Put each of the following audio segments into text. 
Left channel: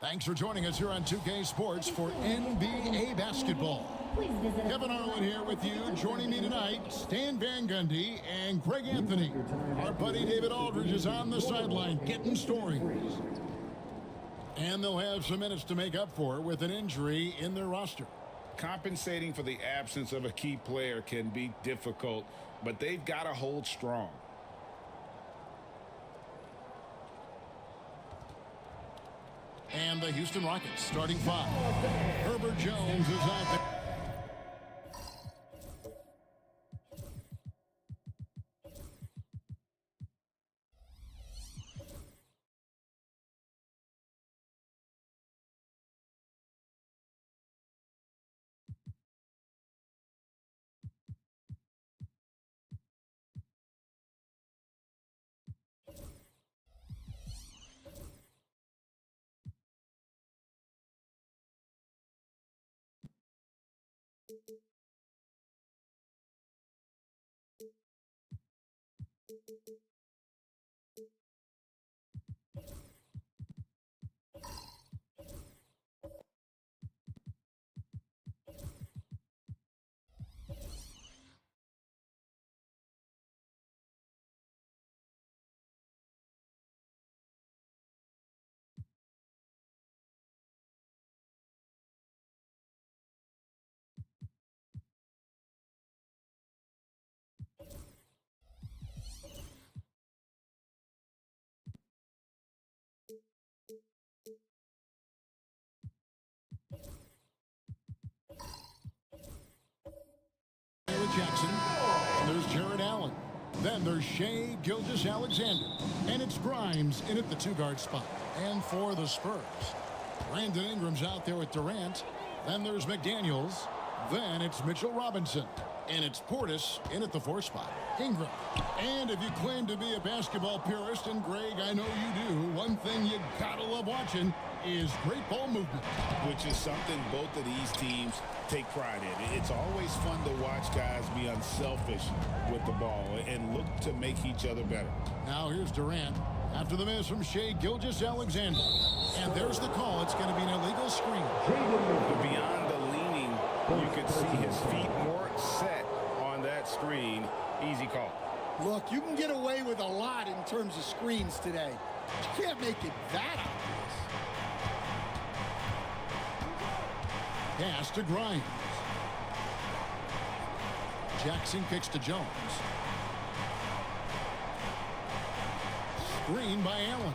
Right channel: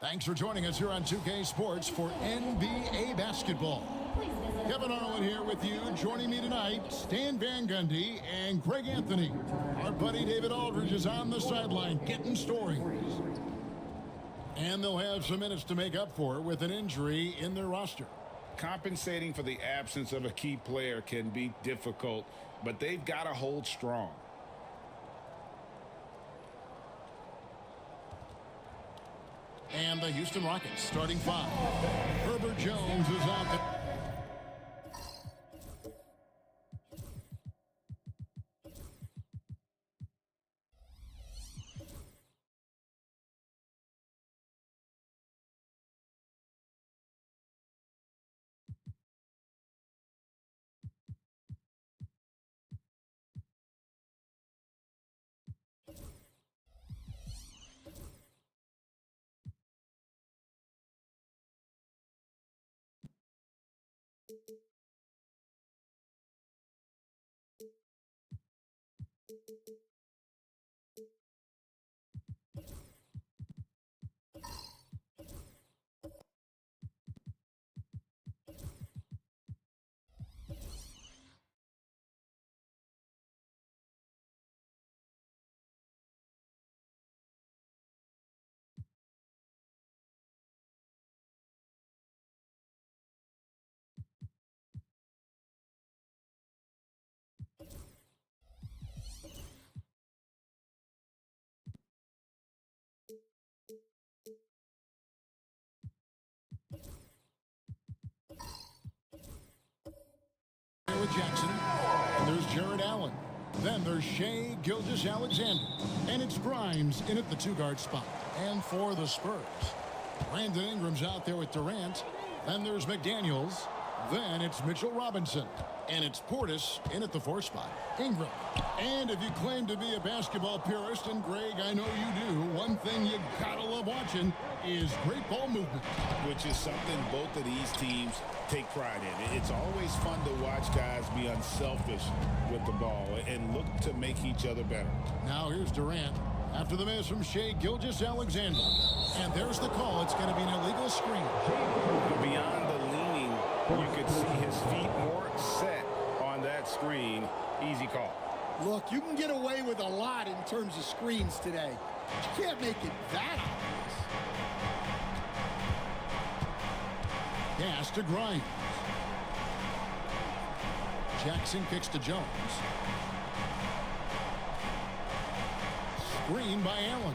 Thanks for joining us here on 2K Sports for NBA basketball. Kevin Harlan here with you. Joining me tonight, Stan Van Gundy and Greg Anthony. Our buddy David Aldridge is on the sideline getting stories. And they'll have some minutes to make up for with an injury in their roster. Compensating for the absence of a key player can be difficult, but they've got to hold strong. And the Houston Rockets starting five. Herbert Jones is out there. With Jackson, and there's Jared Allen. Then there's Shai Gilgeous-Alexander, and it's Grimes in at the two-guard spot. And for the Spurs, Brandon Ingram's out there with Durant. Then there's McDaniels. Then it's Mitchell Robinson, and it's Portis in at the four spot. Ingram. And if you claim to be a basketball purist, and Greg, I know you do, one thing you gotta love watching is great ball movement. Which is something both of these teams take pride in. It's always fun to watch guys be unselfish with the ball and look to make each other better. Now here's Durant after the miss from Shai Gilgeous-Alexander. And there's the call. It's going to be an illegal screen. Beyond the leaning, you could see his feet weren't set on that screen. Easy call. Look, you can get away with a lot in terms of screens today. But you can't make it that obvious. Pass to Grimes. Jackson kicks to Jones. screen by Allen.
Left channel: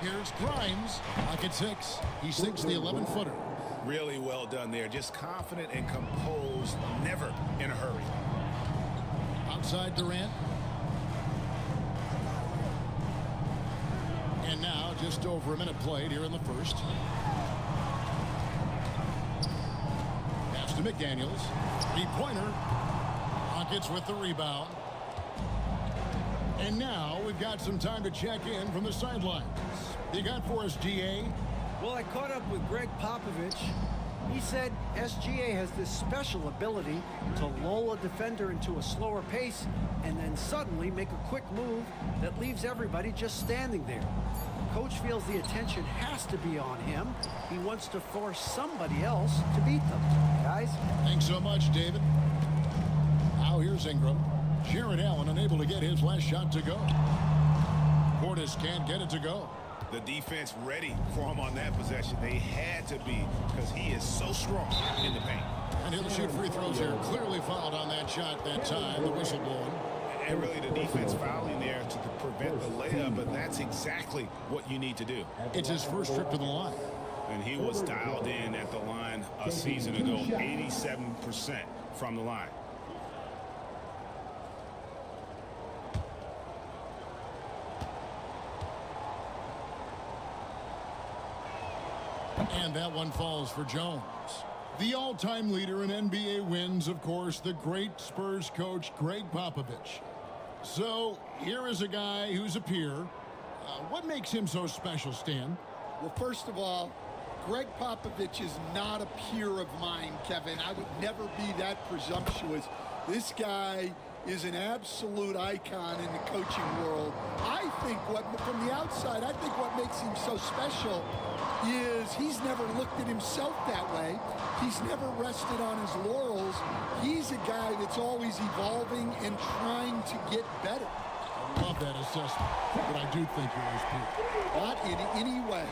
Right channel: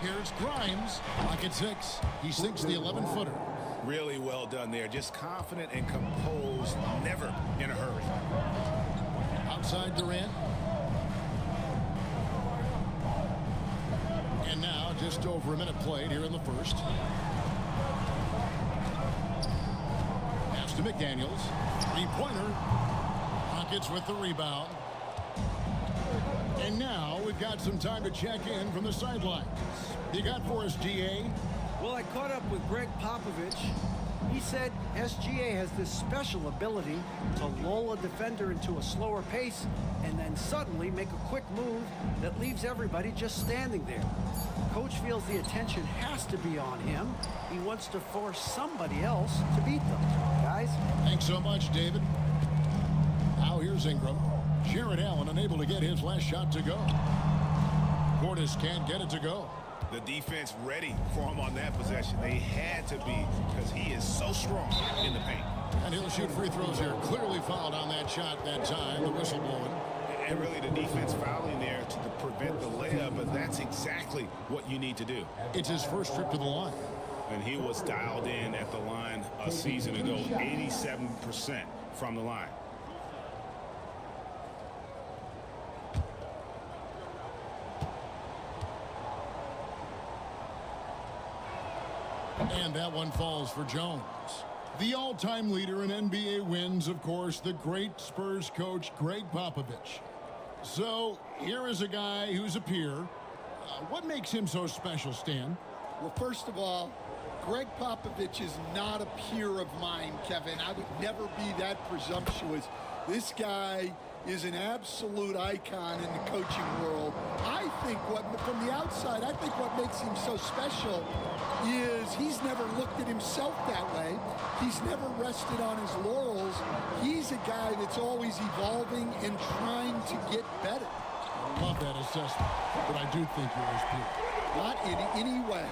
Here's Grimes. Pocket 6. He sinks the 11-footer. Really well done there. Just confident and composed, never in a hurry. Outside Durant. And now just over a minute played here in the first. Pass to McDaniels. Three-pointer. Rockets with the rebound. And now we've got some time to check in from the sidelines. You got for us, GA? Well, I caught up with Greg Popovich. He said SGA has this special ability to lull a defender into a slower pace and then suddenly make a quick move that leaves everybody just standing there. Coach feels the attention has to be on him. He wants to force somebody else to beat them. Guys? Thanks so much, David. Now here's Ingram. Jared Allen unable to get his last shot to go. Portis can't get it to go. The defense ready for him on that possession. They had to be because he is so strong in the paint. And he'll shoot free throws here. Clearly fouled on that shot that time. The whistle blowing. And really the defense fouling there to prevent the layup, but that's exactly what you need to do. It's his first trip to the line. And he was dialed in at the line a season ago, 87% from the line. And that one falls for Jones. The all-time leader in NBA wins, of course, the great Spurs coach, Greg Popovich. So here is a guy who's a peer. What makes him so special, Stan? Well, first of all, Greg Popovich is not a peer of mine, Kevin. I would never be that presumptuous. This guy is an absolute icon in the coaching world. I think from the outside, I think what makes him so special is he's never looked at himself that way. He's never rested on his laurels. He's a guy that's always evolving and trying to get better. I love that assessment, but I do think you're his peer. Not in any way.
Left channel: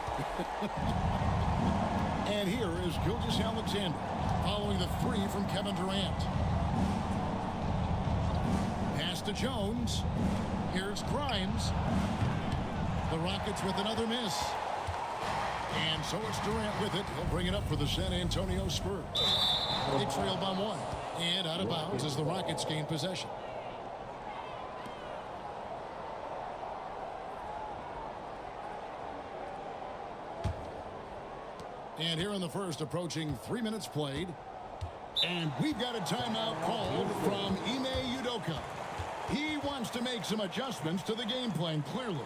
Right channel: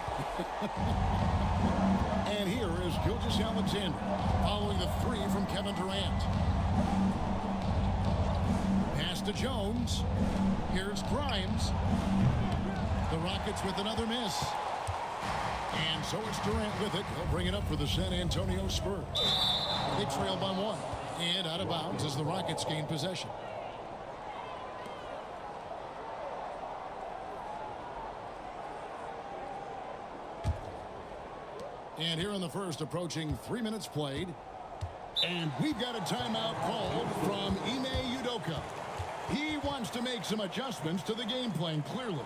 And here is Gilgeous-Alexander following the three from Kevin Durant. Pass to Jones. Here's Grimes. The Rockets with another miss. And so it's Durant with it. He'll bring it up for the San Antonio Spurs. They trail by one. And out of bounds as the Rockets gain possession. And here in the first, approaching 3 minutes played. And we've got a timeout called from Ime Udoka. He wants to make some adjustments to the game plan, clearly.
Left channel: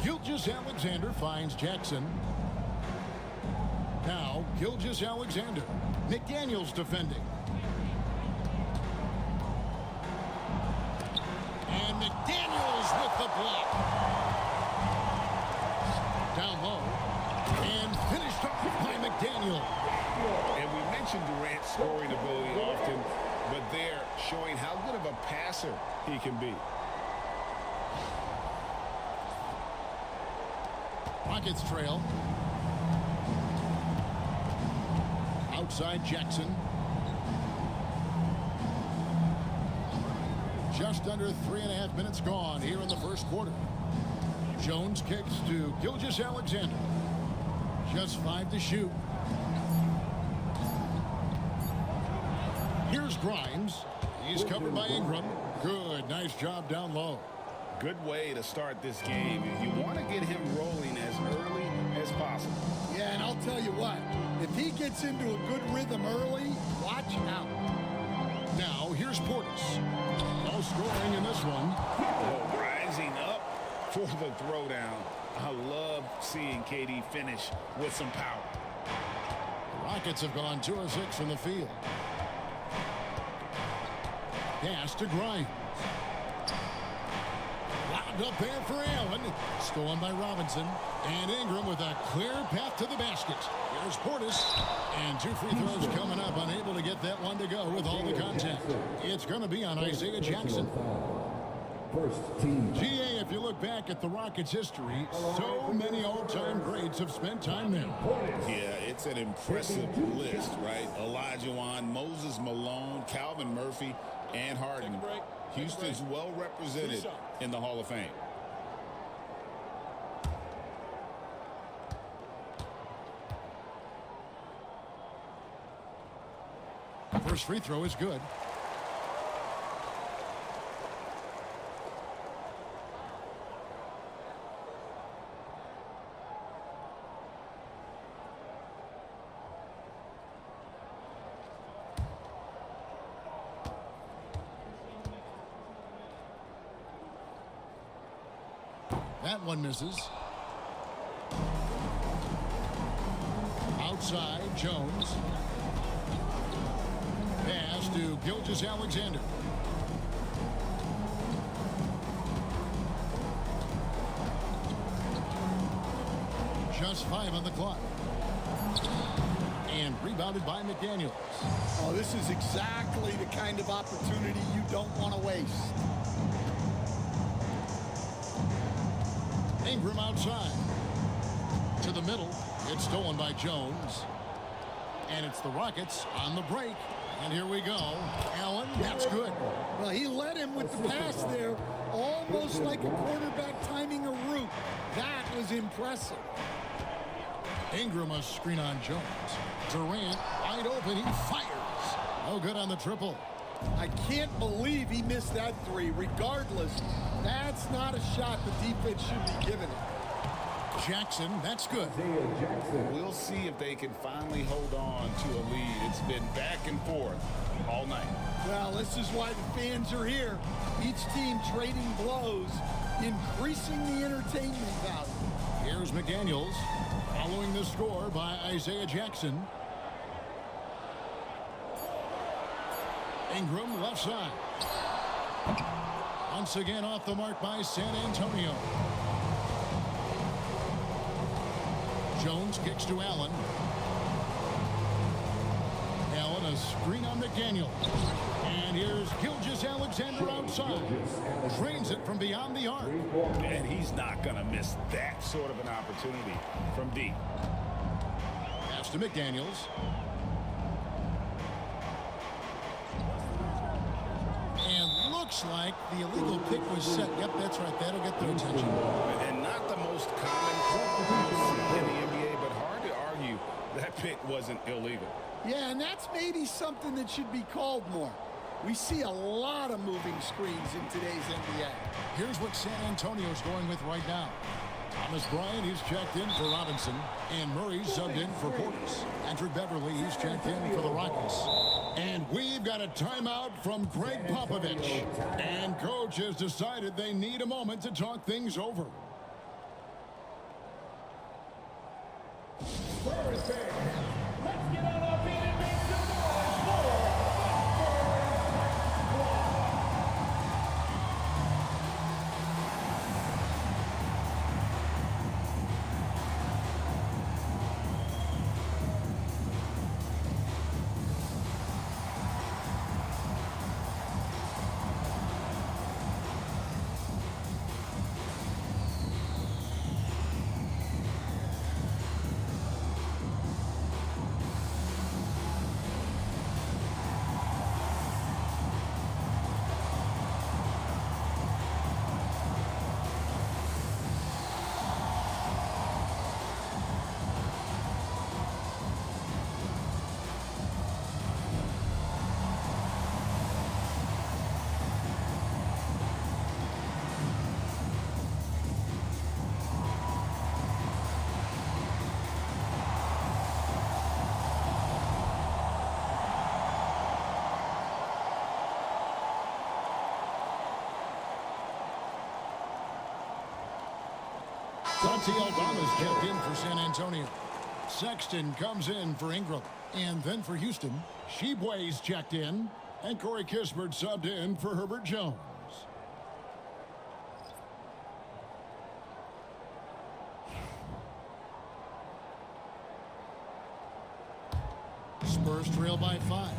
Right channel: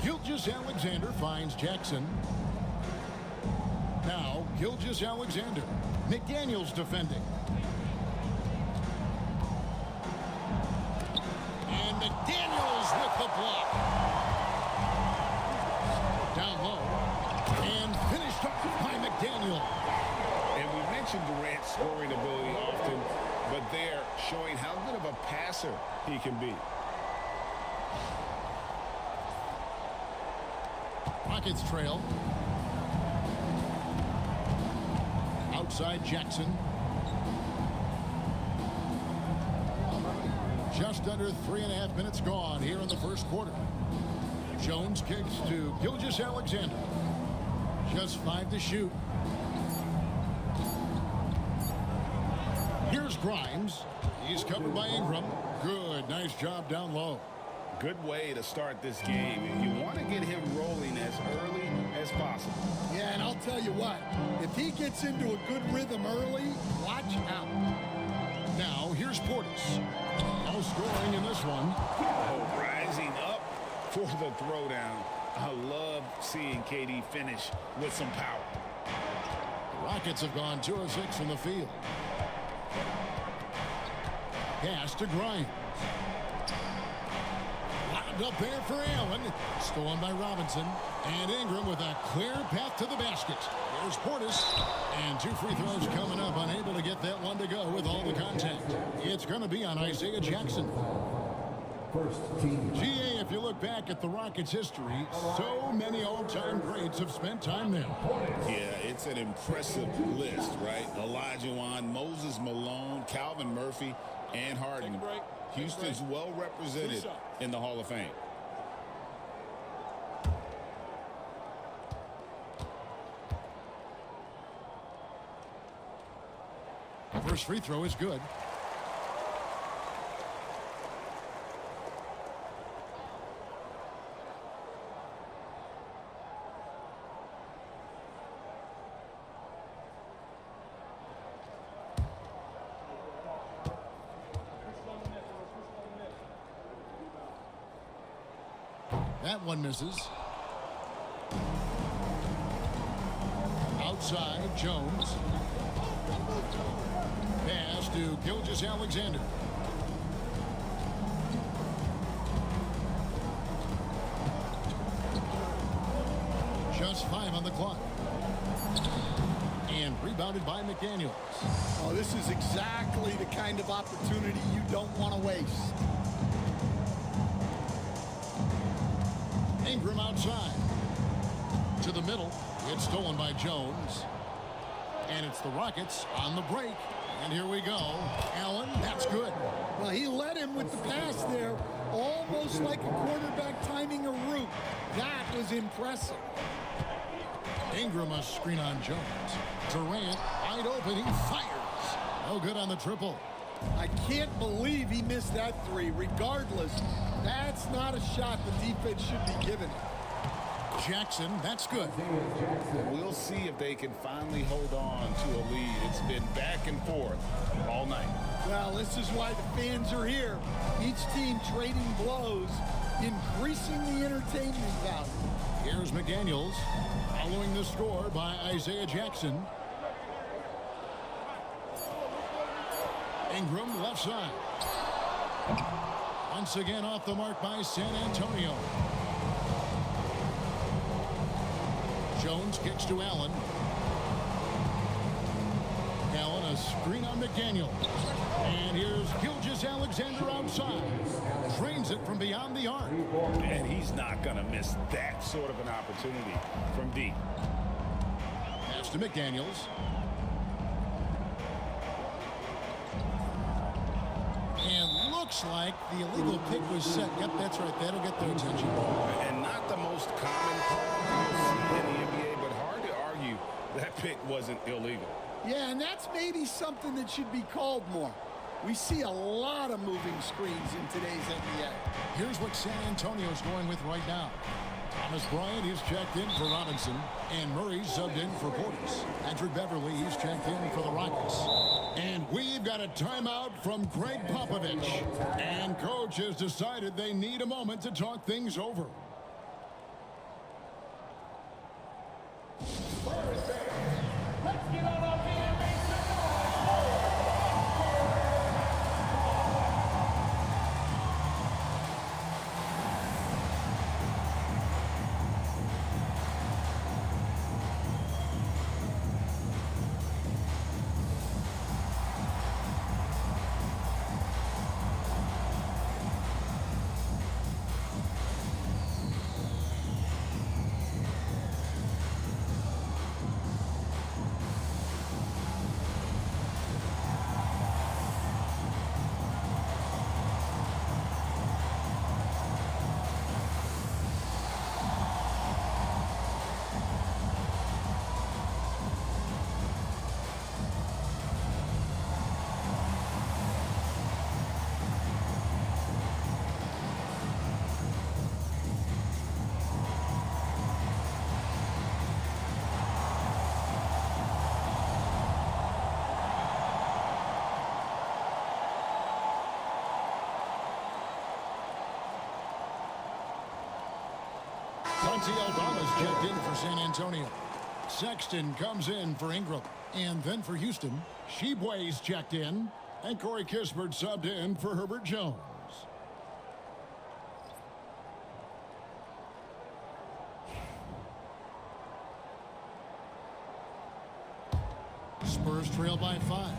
Gilgeous-Alexander finds Jackson. Now, Gilgeous-Alexander. McDaniels defending. And McDaniels with the block. Down low. And finished off by McDaniel. And we mentioned Durant's scoring ability often, but they're showing how good of a passer he can be. Rockets trail. Outside Jackson. Just under 3.5 minutes gone here in the first quarter. Jones kicks to Gilgeous-Alexander. Just 5 to shoot. Here's Grimes. He's covered by Ingram. Good, nice job down low. Good way to start this game. You want to get him rolling as early as possible. Yeah, and I'll tell you what, if he gets into a good rhythm early, watch out. Now, here's Portis. No scoring in this one. Oh, rising up for the throwdown. I love seeing KD finish with some power. The Rockets have gone 2 of 6 from the field. Pass to Grimes. Lobbed up there for Allen. Stolen by Robinson. And Ingram with a clear path to the basket. Here's Portis. And 2 free throws coming up. Unable to get that one to go with all the contact. It's going to be on Isaiah Jackson. GA, if you look back at the Rockets' history, so many all-time greats have spent time there. Yeah, it's an impressive list, right? Olajuwon, Moses Malone, Calvin Murphy, and Harden. Houston's well represented in the Hall of Fame. First free throw is good. That one misses. Outside, Jones. Pass to Gilgeous-Alexander. Just 5 on the clock. And rebounded by McDaniels. Oh, this is exactly the kind of opportunity you don't want to waste. Ingram outside. To the middle. It's stolen by Jones. And it's the Rockets on the break. And here we go. Allen, that's good. Well, he led him with the pass there, almost like a quarterback timing a route. That was impressive. Ingram a screen on Jones. Durant wide open. He fires. No good on the triple. I can't believe he missed that 3. Regardless, that's not a shot the defense should be giving it. Jackson, that's good. We'll see if they can finally hold on to a lead. It's been back and forth all night. Well, this is why the fans are here. Each team trading blows, increasing the entertainment value. Here's McDaniels following the score by Isaiah Jackson. Ingram left side. Once again off the mark by San Antonio. Jones kicks to Allen. Allen a screen on McDaniel. And here's Gilgeous-Alexander outside. Drains it from beyond the arc. And he's not going to miss that sort of an opportunity from deep. Pass to McDaniels. And looks like the illegal pick was set. Yep, that's right. That'll get their attention. And not the most common call you'll see in the NBA, but hard to argue that pick wasn't illegal. Yeah, and that's maybe something that should be called more. We see a lot of moving screens in today's NBA. Here's what San Antonio's going with right now. Thomas Bryant, he's checked in for Robinson. And Murray's subbed in for Portis. Patrick Beverly, he's checked in for the Rockets. And we've got a timeout from Greg Popovich. And coach has decided they need a moment to talk things over. Santi Aldama's checked in for San Antonio. Sexton comes in for Ingram. And then for Houston, Sheboy's checked in. And Corey Kispert subbed in for Herbert Jones. Spurs trail by 5.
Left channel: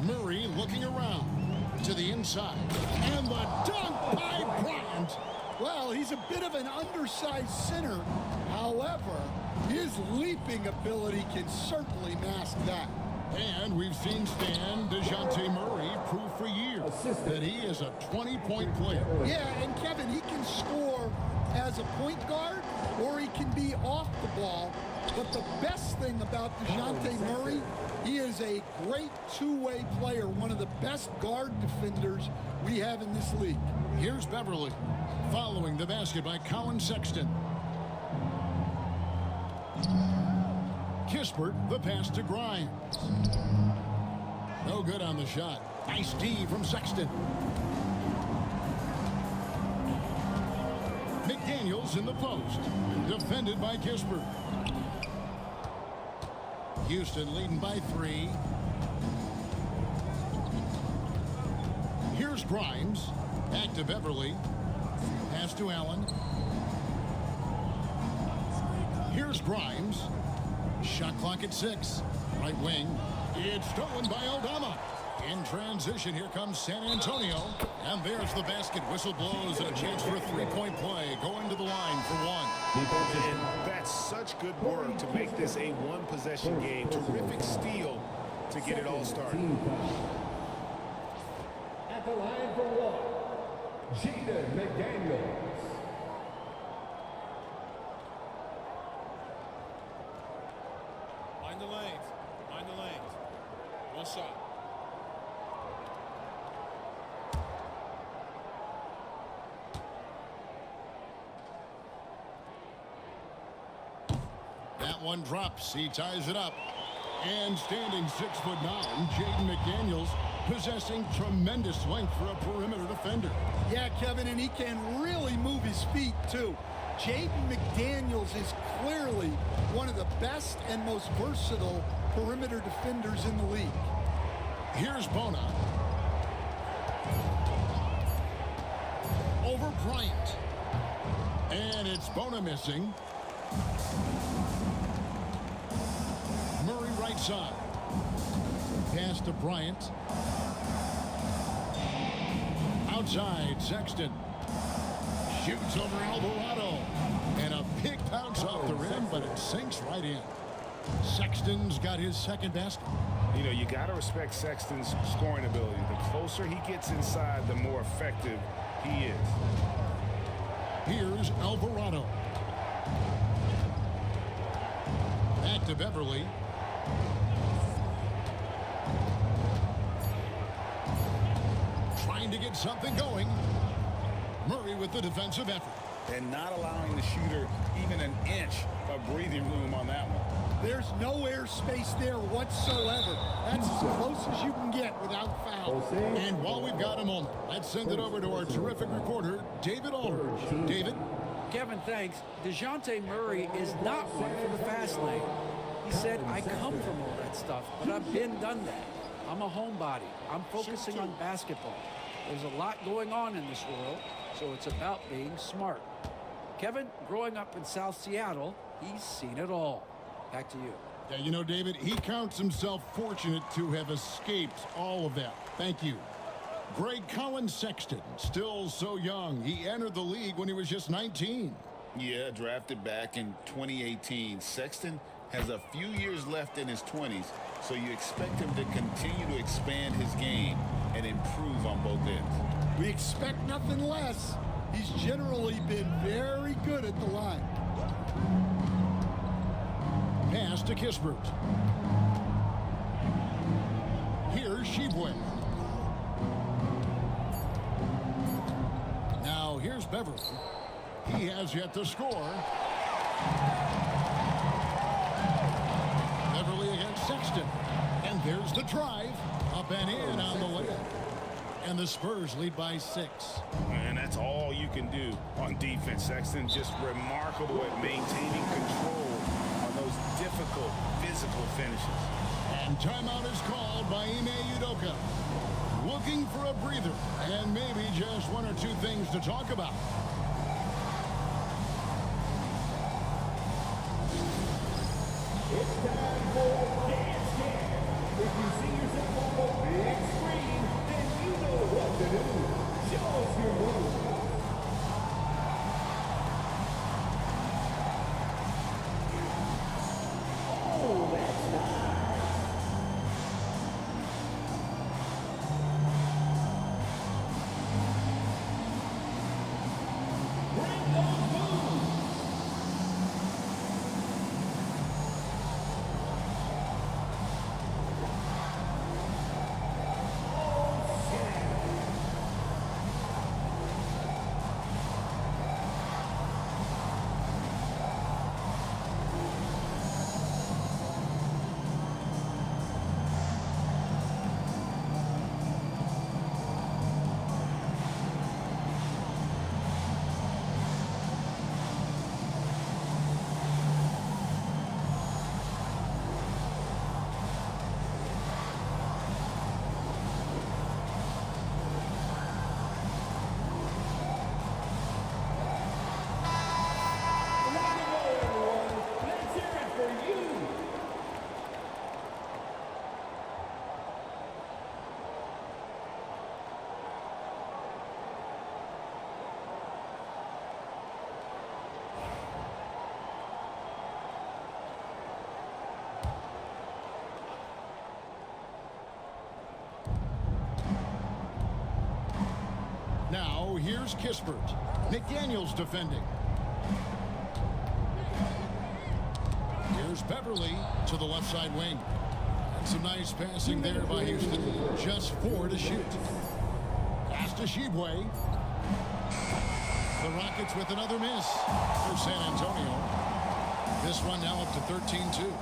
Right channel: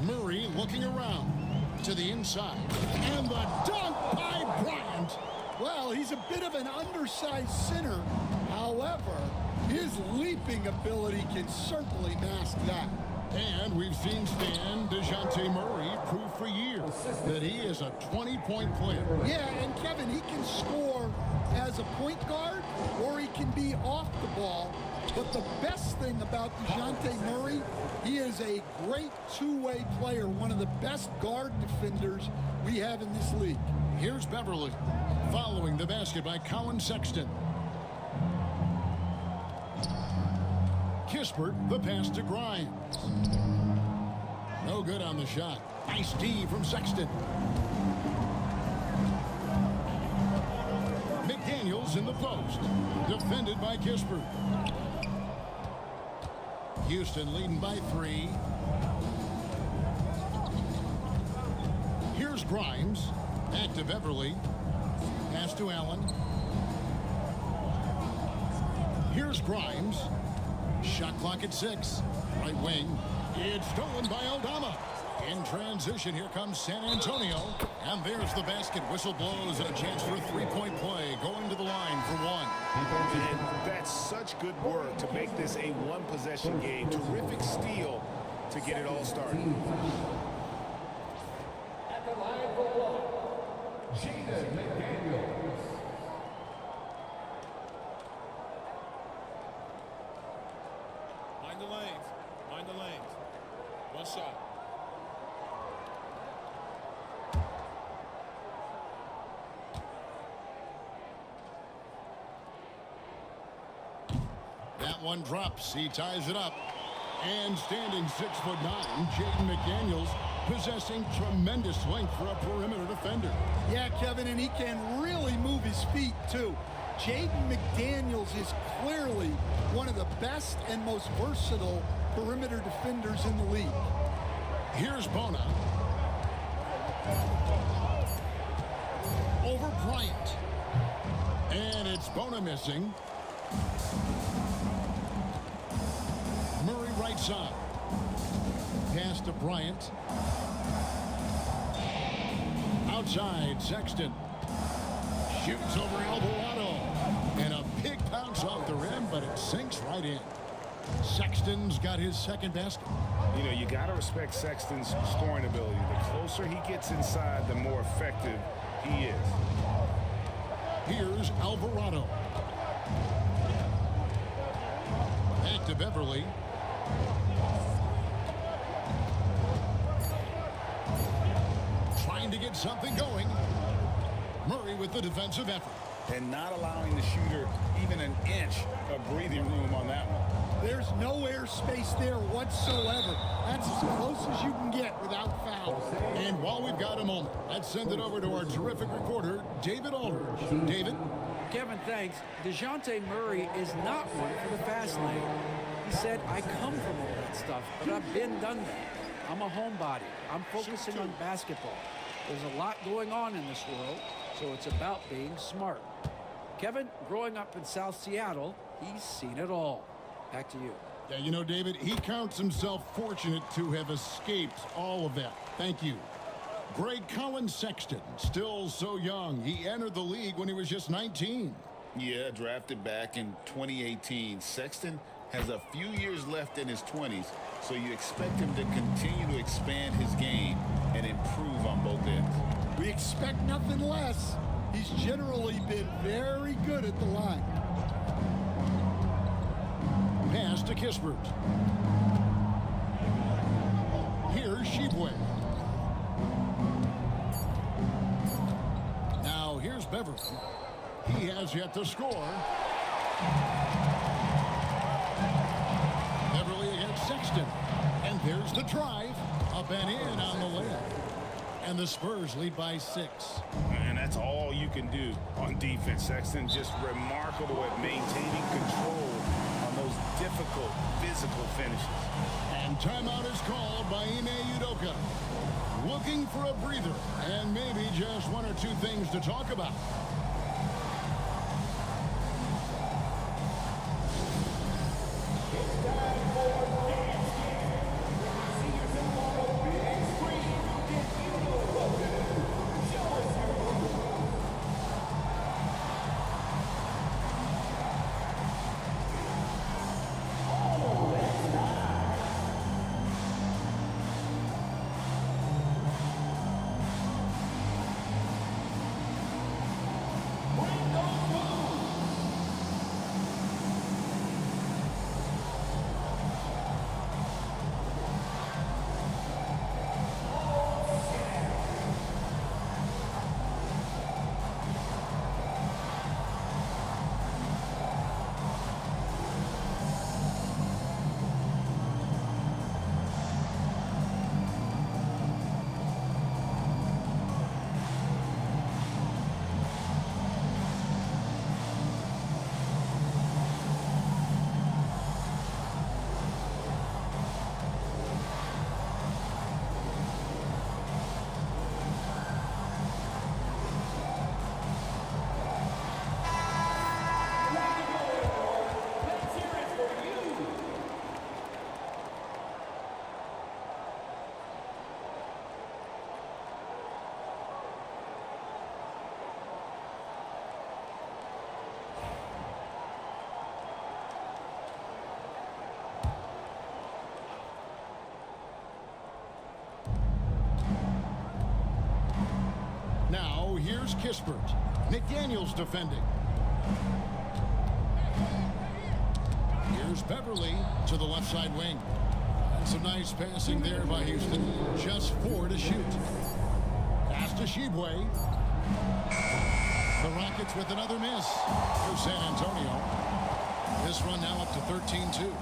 Murray looking around to the inside. And the dunk by Bryant. Well, he's a bit of an undersized center. However, his leaping ability can certainly mask that. And we've seen Stan DeJounte Murray prove for years that he is a 20-point player. Yeah, and Kevin, he can score as a point guard or he can be off the ball. But the best thing about DeJounte Murray, he is a great two-way player, one of the best guard defenders we have in this league. Here's Beverly following the basket by Colin Sexton. Kispert, the pass to Grimes. No good on the shot. Nice D from Sexton. McDaniels in the post. Defended by Kispert. Houston leading by 3. Here's Grimes. Back to Beverly. Pass to Allen. Here's Grimes. Shot clock at 6. Right wing. It's stolen by Aldama. In transition, here comes San Antonio. And there's the basket. Whistle blows and a chance for a three-point play. Going to the line for 1. And that's such good work to make this a one-possession game. Terrific steal to get it all started. At the line for 1, Jaden McDaniels. Mind the lanes. Mind the lanes. One shot. That one drops. He ties it up. And standing 6'9", Jaden McDaniels, possessing tremendous length for a perimeter defender. Yeah, Kevin, and he can really move his feet, too. Jaden McDaniels is clearly one of the best and most versatile perimeter defenders in the league. Here's Bona. Over Bryant. And it's Bona missing. Murray right side. Pass to Bryant. Outside, Sexton. Shoots over Alvarado. And a big bounce off the rim, but it sinks right in. Sexton's got his second basket. You know, you got to respect Sexton's scoring ability. The closer he gets inside, the more effective he is. Here's Alvarado. Back to Beverly. Trying to get something going. Murray with the defensive effort. And not allowing the shooter even an inch of breathing room on that one. There's no airspace there whatsoever. That's as close as you can get without foul. And while we've got a moment, let's send it over to our terrific reporter, David Aldridge. David? Kevin, thanks. DeJounte Murray is not one for the fast lane. He said, I come from all that stuff, but I've done that. I'm a homebody. I'm focusing on basketball. There's a lot going on in this world, so it's about being smart. Kevin, growing up in South Seattle, he's seen it all. Back to you. Yeah, you know, David, he counts himself fortunate to have escaped all of that. Thank you. Greg Colin Sexton, still so young. He entered the league when he was just 19. Yeah, drafted back in 2018. Sexton has a few years left in his 20s, so you expect him to continue to expand his game and improve on both ends. We expect nothing less. He's generally been very good at the line. Pass to Kispert. Here's Sheboy. Now here's Beverly. He has yet to score. Beverly against Sexton. And there's the drive. Up and in on the layup. And the Spurs lead by 6. And that's all you can do on defense, Sexton. Just remarkable at maintaining control on those difficult physical finishes. And timeout is called by Ime Udoka. Looking for a breather and maybe just one or two things to talk about. It's time for Dance Cam. If you see yourself on the big screen, then you know what to do. Show us your move. Oh, that's nice. Bring those moves. Way to go, everyone. Let's hear it for you. Now here's Kispert. McDaniels defending. Here's Beverly to the left side wing. And some nice passing there by Houston. Just 4 to shoot. Pass to Shibwe. The Rockets with another miss for San Antonio. This run now up to 13-2.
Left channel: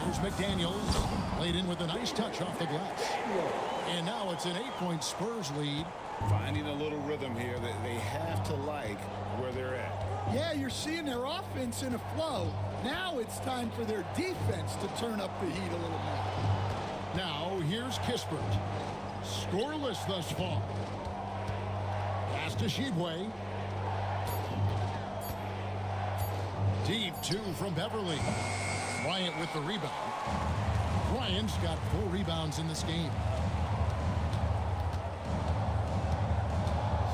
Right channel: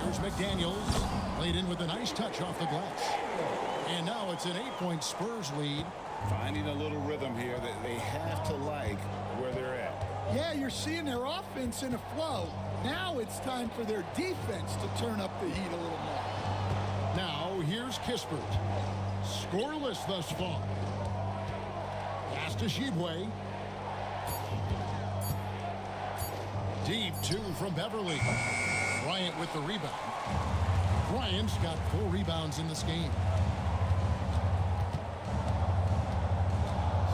Here's McDaniels. Laid in with a nice touch off the glass. And now it's an 8-point Spurs lead. Finding a little rhythm here that they have to like where they're at. Yeah, you're seeing their offense in a flow. Now it's time for their defense to turn up the heat a little more. Now here's Kispert. Scoreless thus far. Pass to Shibwe. Deep 2 from Beverly. Bryant with the rebound. Bryant's got 4 rebounds in this game.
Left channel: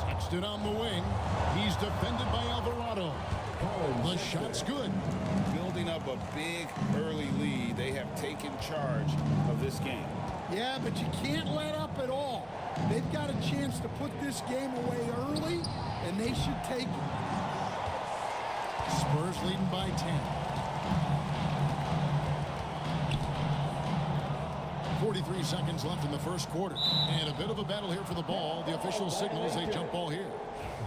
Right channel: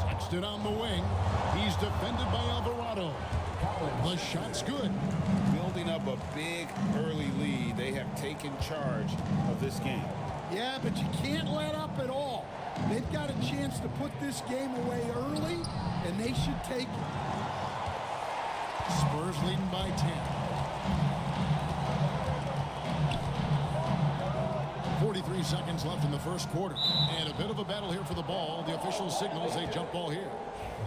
Sexton on the wing. He's defended by Alvarado. The shot's good. Building up a big early lead, they have taken charge of this game. Yeah, but you can't let up at all. They've got a chance to put this game away early, and they should take it. Spurs leading by 10. 43 seconds left in the first quarter. And a bit of a battle here for the ball. The official signals a jump ball here.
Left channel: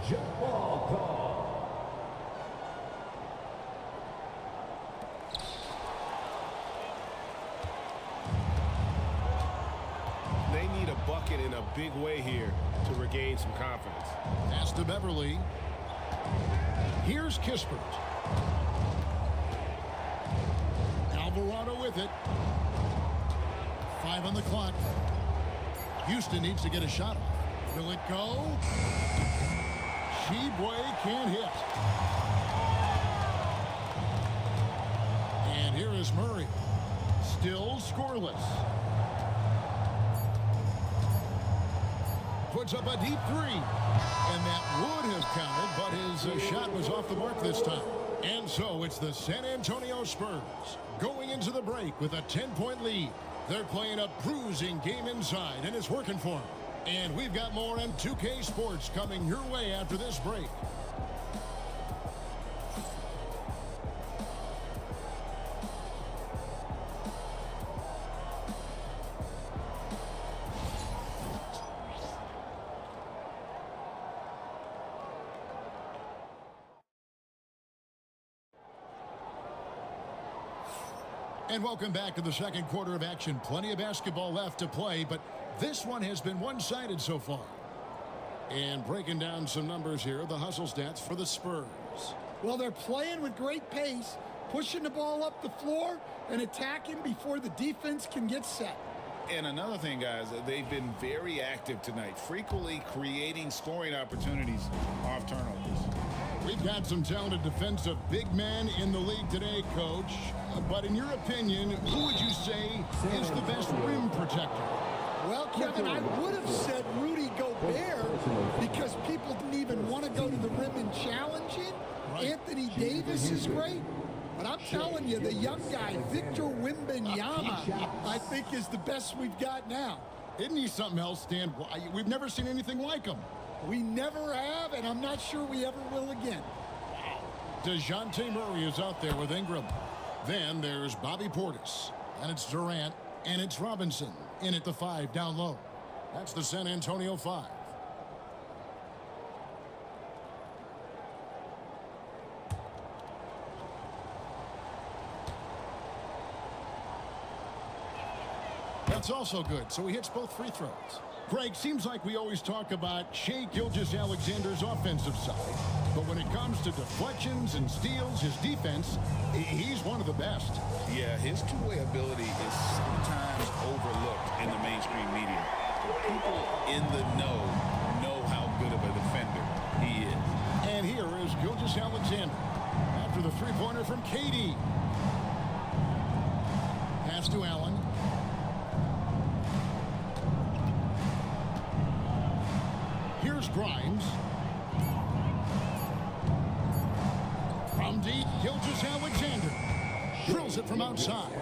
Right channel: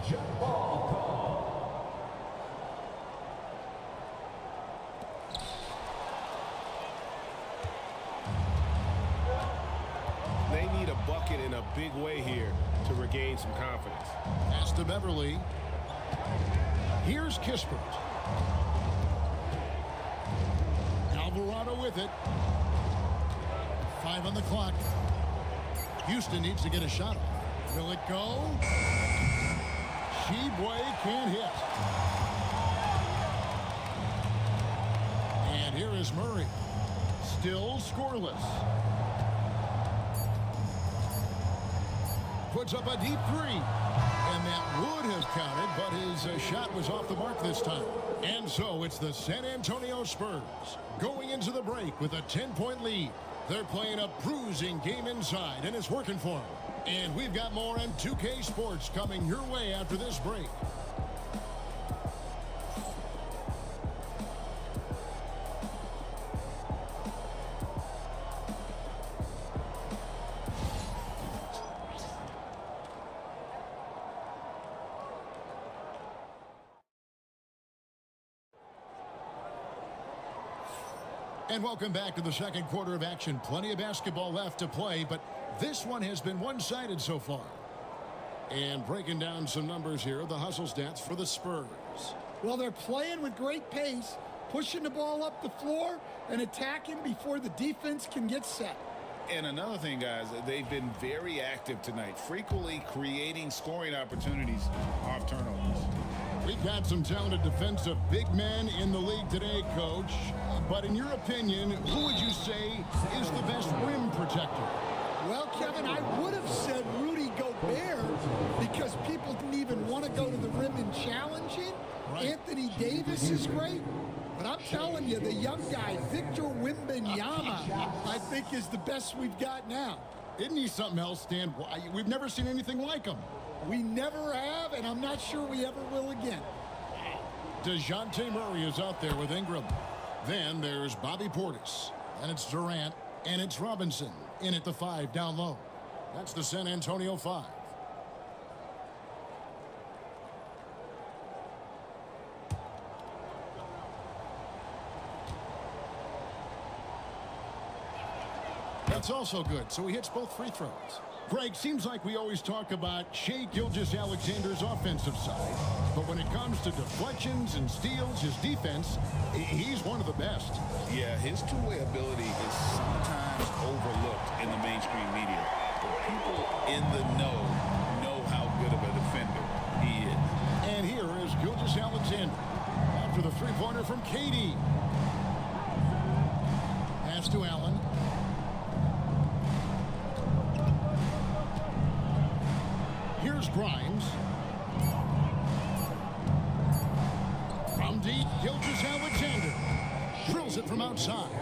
Jump ball call. They need a bucket in a big way here to regain some confidence. Pass to Beverly. Here's Kispert. Alvarado with it. 5 on the clock. Houston needs to get a shot off. Will it go? Shibwe can't hit. And here is Murray. Still scoreless. Puts up a deep 3. And that would have counted, but his shot was off the mark this time. And so it's the San Antonio Spurs going into the break with a 10-point lead. They're playing a bruising game inside, and it's working for them. And we've got more on 2K Sports coming your way after this break. And welcome back to the second quarter of action. Plenty of basketball left to play, but this one has been one-sided so far. And breaking down some numbers here, the hustle stats for the Spurs. Well, they're playing with great pace, pushing the ball up the floor and attacking before the defense can get set. And another thing, guys, they've been very active tonight, frequently creating scoring opportunities off turnovers. We've got some talented defensive big men in the league today, Coach. But in your opinion, who would you say is the best rim protector? Well, Kevin, I would have said Rudy Gobert because people didn't even want to go to the rim and challenge him. Right. Anthony Davis is great. But I'm telling you, the young guy, Victor Wembanyama, I think is the best we've got now. Isn't he something else, Stan? We've never seen anything like him. We never have, and I'm not sure we ever will again. Wow. DeJounte Murray is out there with Ingram. Then there's Bobby Portis. Then it's Durant, and it's Robinson in at the 5 down low. That's the San Antonio 5. That's also good, so he hits both free throws. Greg, seems like we always talk about Shai Gilgeous-Alexander's offensive side, but when it comes to deflections and steals, his defense, he's one of the best. Yeah, his two-way ability is sometimes overlooked in the mainstream media, but people in the know how good of a defender he is. And here is Gilgeous-Alexander after the three-pointer from KD. Pass to Allen. Here's Grimes. From deep, Gilgeous-Alexander drills it from outside.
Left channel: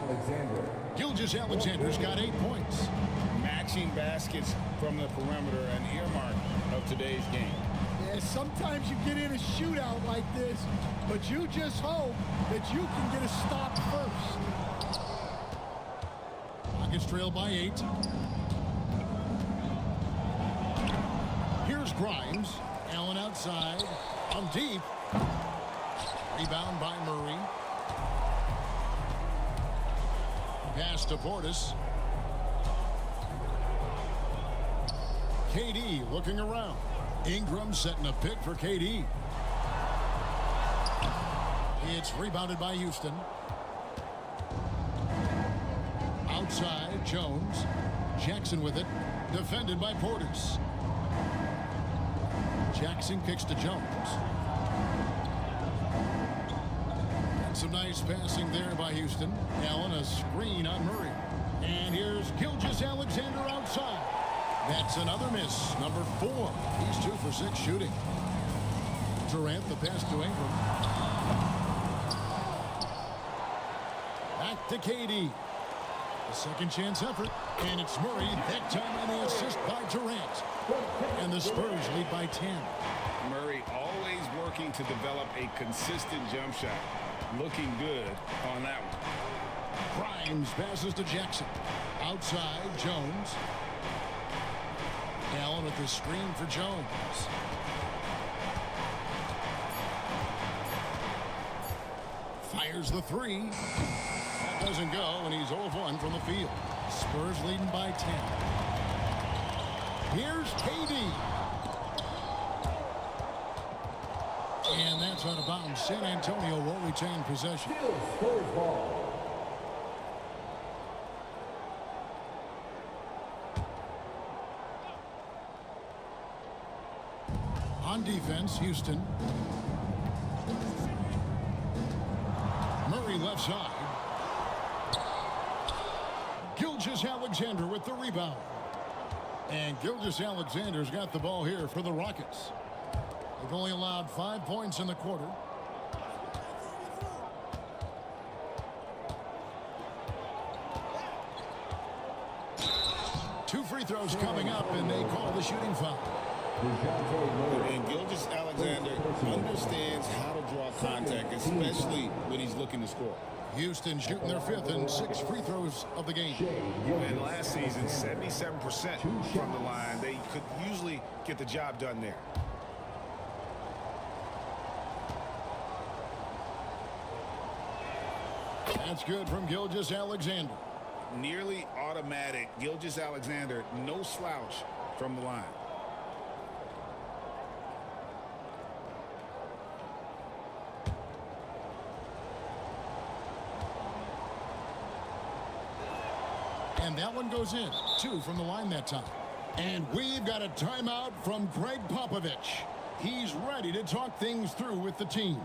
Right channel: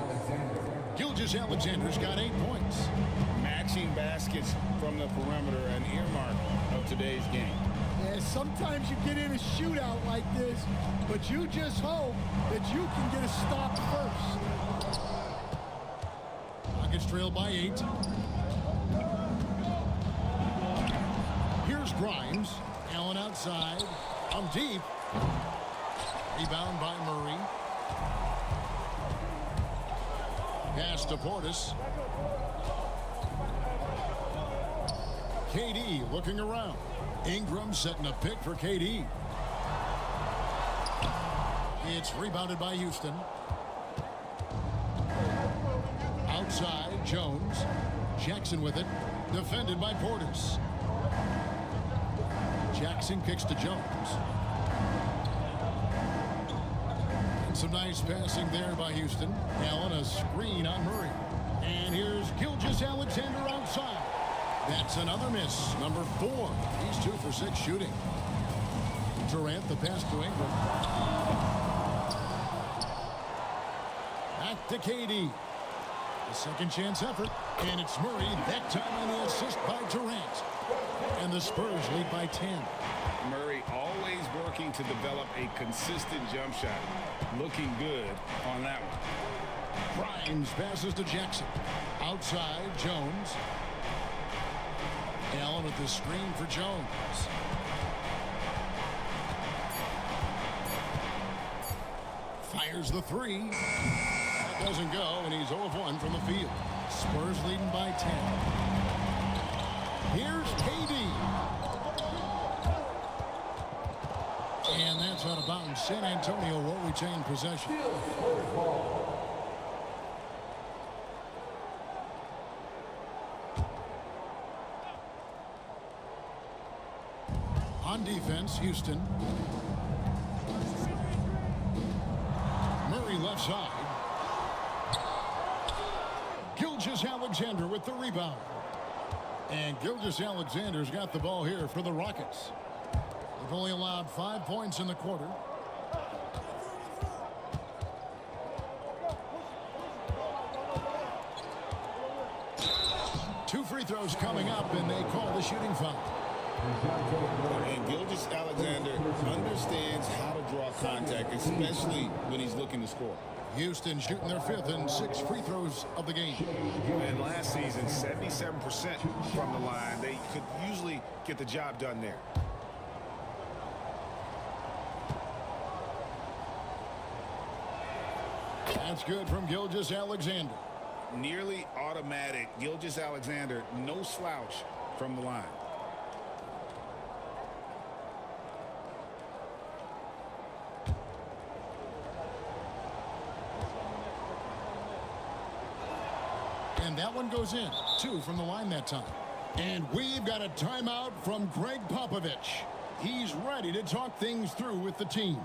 Gilgeous-Alexander's got 8 points. Matching baskets from the perimeter, an earmark of today's game. Yeah, sometimes you get in a shootout like this, but you just hope that you can get a stop first. Rockets trail by 8. Here's Grimes. Allen outside. From deep. Rebound by Murray. Pass to Portis. KD looking around. Ingram setting a pick for KD. It's rebounded by Houston. Outside, Jones. Jackson with it. Defended by Portis. Jackson kicks to Jones. And some nice passing there by Houston. Allen, a screen on Murray. And here's Gilgeous-Alexander outside. That's another miss, number 4. He's 2 for 6 shooting. Durant, the pass to Ingram. Back to KD. A second chance effort. And it's Murray, that time on the assist by Durant. And the Spurs lead by 10. Murray always working to develop a consistent jump shot. Looking good on that one. Grimes passes to Jackson. Outside, Jones. Allen with the screen for Jones. Fires the 3. That doesn't go, and he's 0 of 1 from the field. Spurs leading by 10. Here's KD. And that's out of bounds. San Antonio will retain possession. On defense, Houston. Murray left side. Gilgeous-Alexander with the rebound. And Gilgeous-Alexander's got the ball here for the Rockets. They've only allowed 5 points in the quarter. Two free throws coming up, and they call the shooting foul. And Gilgeous-Alexander understands how to draw contact, especially when he's looking to score. Houston shooting their 5th and 6th free throws of the game. And last season, 77% from the line. They could usually get the job done there. That's good from Gilgeous-Alexander. Nearly automatic. Gilgeous-Alexander, no slouch from the line. And that one goes in. 2 from the line that time. And we've got a timeout from Greg Popovich. He's ready to talk things through with the team.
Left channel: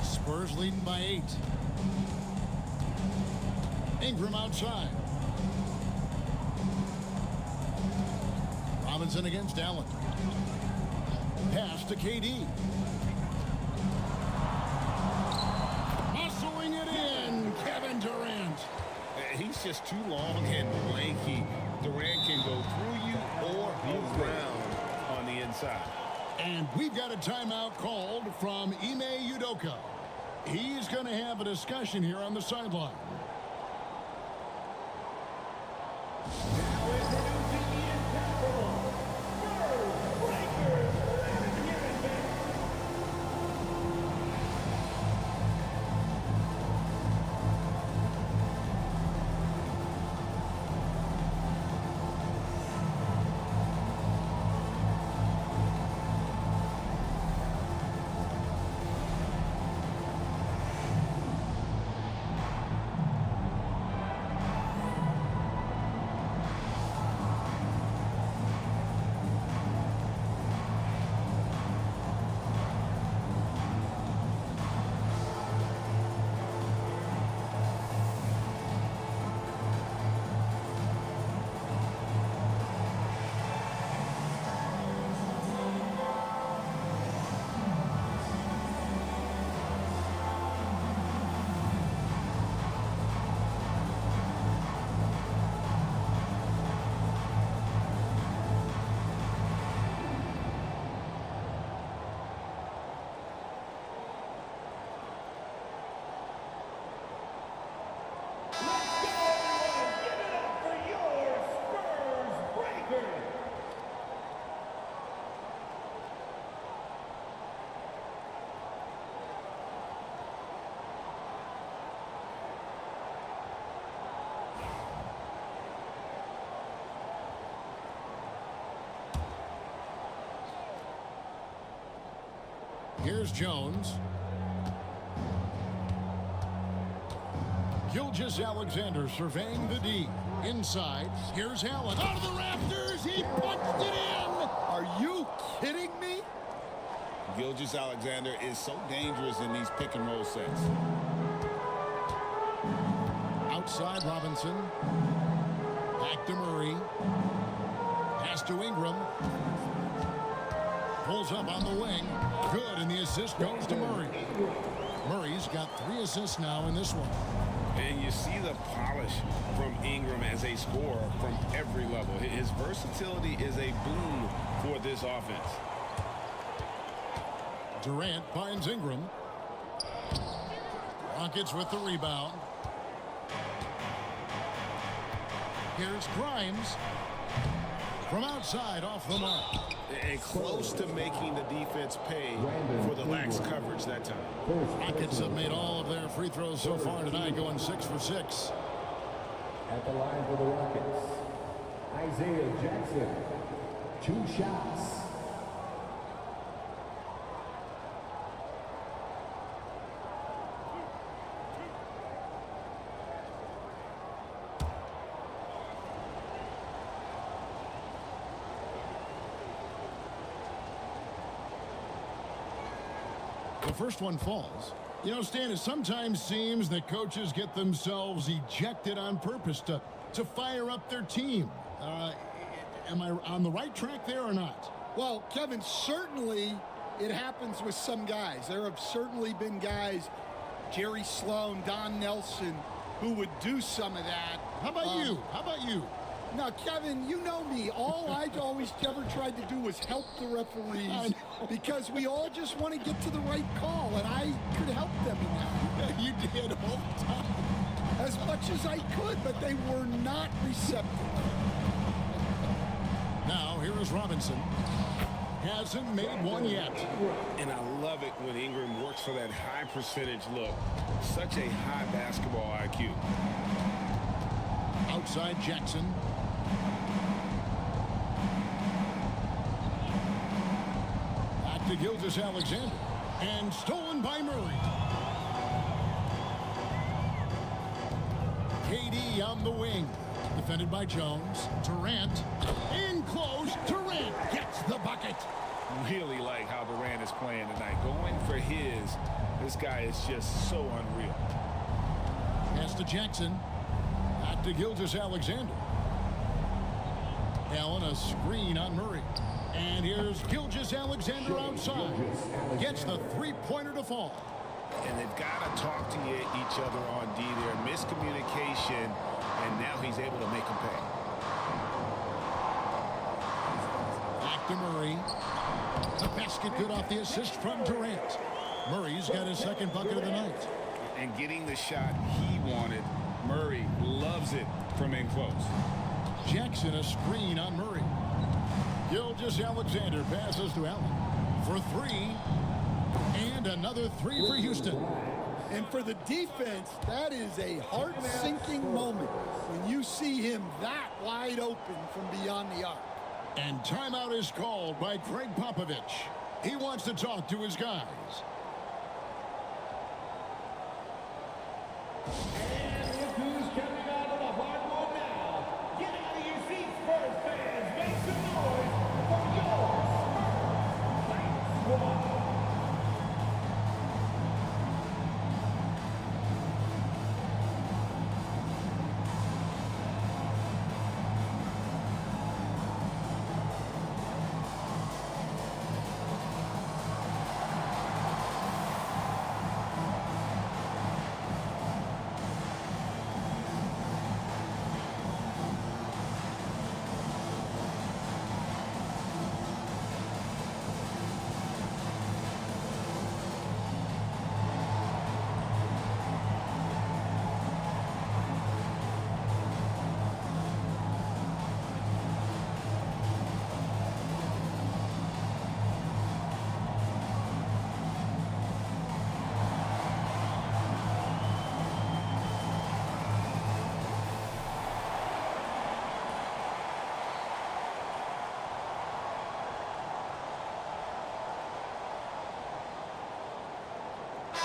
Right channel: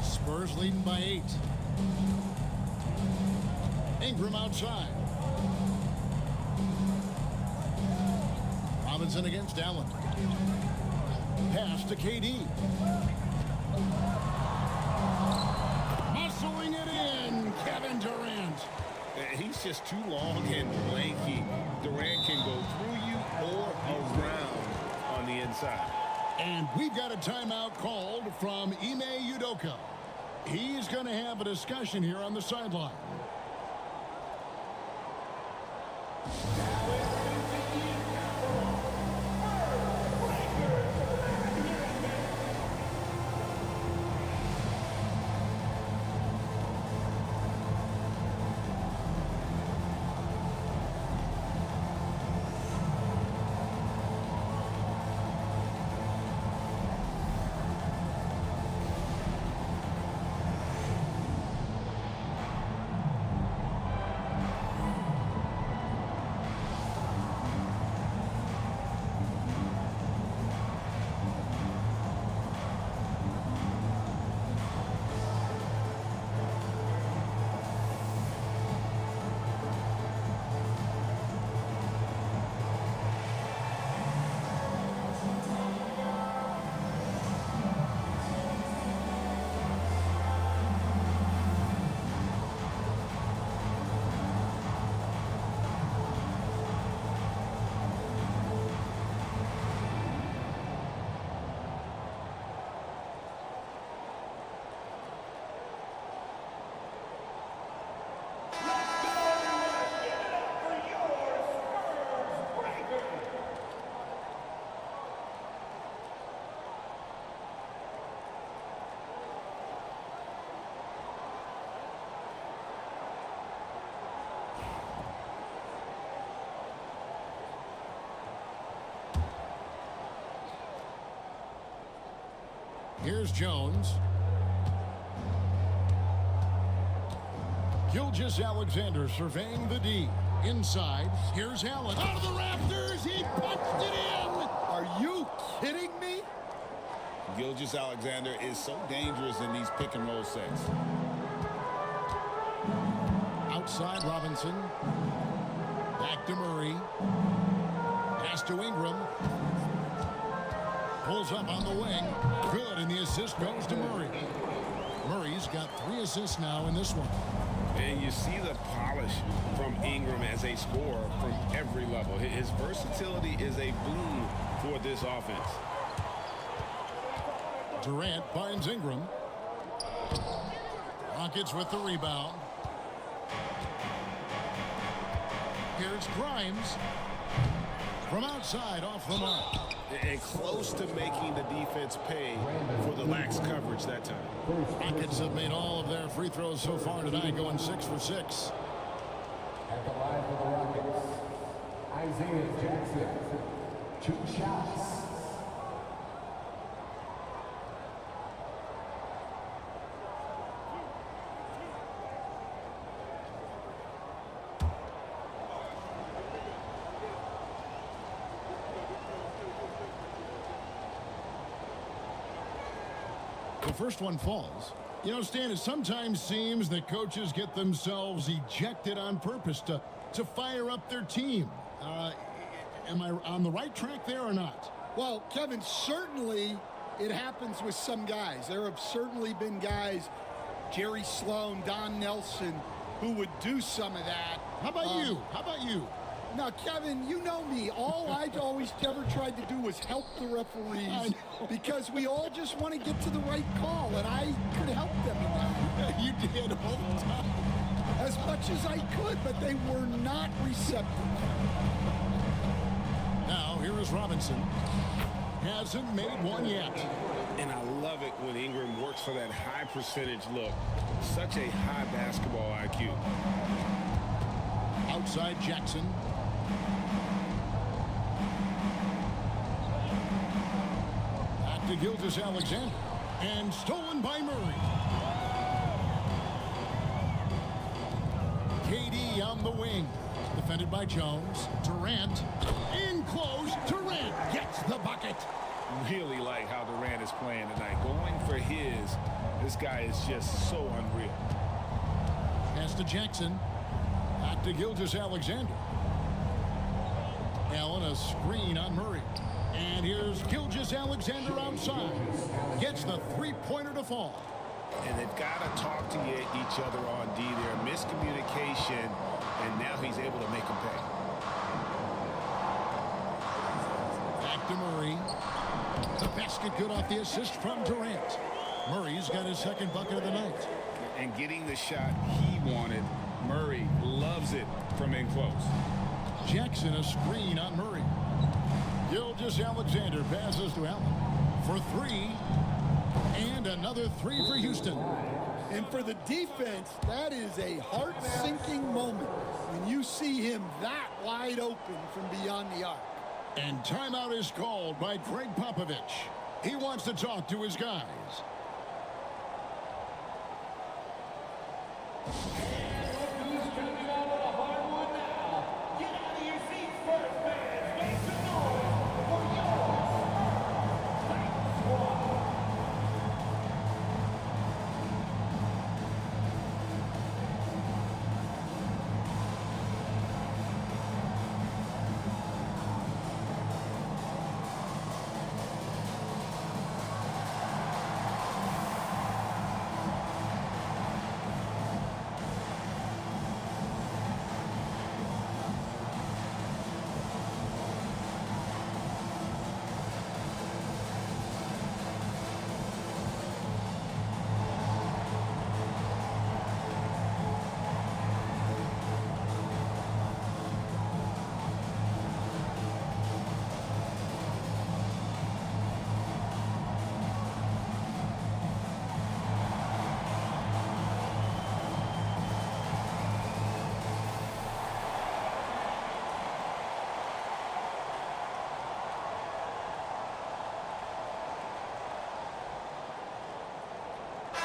Spurs leading by 8. Ingram outside. Robinson against Allen. Pass to KD. Muscling it in, Kevin Durant. He's just too long and lanky. Durant can go through you or around on the inside. And we've got a timeout called from Ime Udoka. He's going to have a discussion here on the sideline. Here's Jones. Gilgeous-Alexander surveying the D. Inside. Here's Allen. Out of the rafters. He punched it in. Are you kidding me? Gilgeous-Alexander is so dangerous in these pick and roll sets. Outside Robinson. Back to Murray. Pass to Ingram. Pulls up on the wing. Good, and the assist goes to Murray. Murray's got 3 assists now in this one. And you see the polish from Ingram as a scorer from every level. His versatility is a boon for this offense. Durant finds Ingram. Rockets with the rebound. Here's Grimes. From outside, off the mark. and close to making the defense pay for the lax coverage that time. Rockets have made all of their free throws so far tonight, going 6 for 6. At the line for the Rockets, Isaiah Jackson. 2 shots. The first one falls. You know, Stan, it sometimes seems that coaches get themselves ejected on purpose to fire up their team. Am I on the right track there or not? Well, Kevin, certainly it happens with some guys. There have certainly been guys, Jerry Sloan, Don Nelson, who would do some of that. How about you? How about you? Now, Kevin, you know me. All I always ever tried to do was help the referees because we all just want to get to the right call, and I could help them in that. You did all the time. As much as I could, but they were not receptive. Now, here is Robinson. Hasn't made one yet. And I love it when Ingram works for that high percentage look. Such a high basketball IQ. Outside Jackson. Back to Gilgeous-Alexander. And stolen by Murray. KD on the wing. Defended by Jones. Durant. In close. Durant gets the bucket. Really like how Durant is playing tonight. Going for his. This guy is just so unreal. Pass to Jackson. Back to Gilgeous-Alexander. Allen, a screen on Murray. And here's Gilgeous-Alexander outside. Gets the three-pointer to fall. And they've got to talk to each other on D there. Miscommunication, and now he's able to make them pay. Back to Murray. The basket good off the assist from Durant. Murray's got his second bucket of the night. And getting the shot he wanted. Murray loves it from in close. Jackson, a screen on Murray. Gilgeous-Alexander passes to Allen for three. And another three for Houston. And for the defense, that is a heart-sinking moment when you see him that wide open from beyond the arc. And timeout is called by Greg Popovich. He wants to talk to his guys. And look who's coming onto the hardwood now. Get out of your seats, Spurs fans. Make some noise for your Spurs Hype Squad.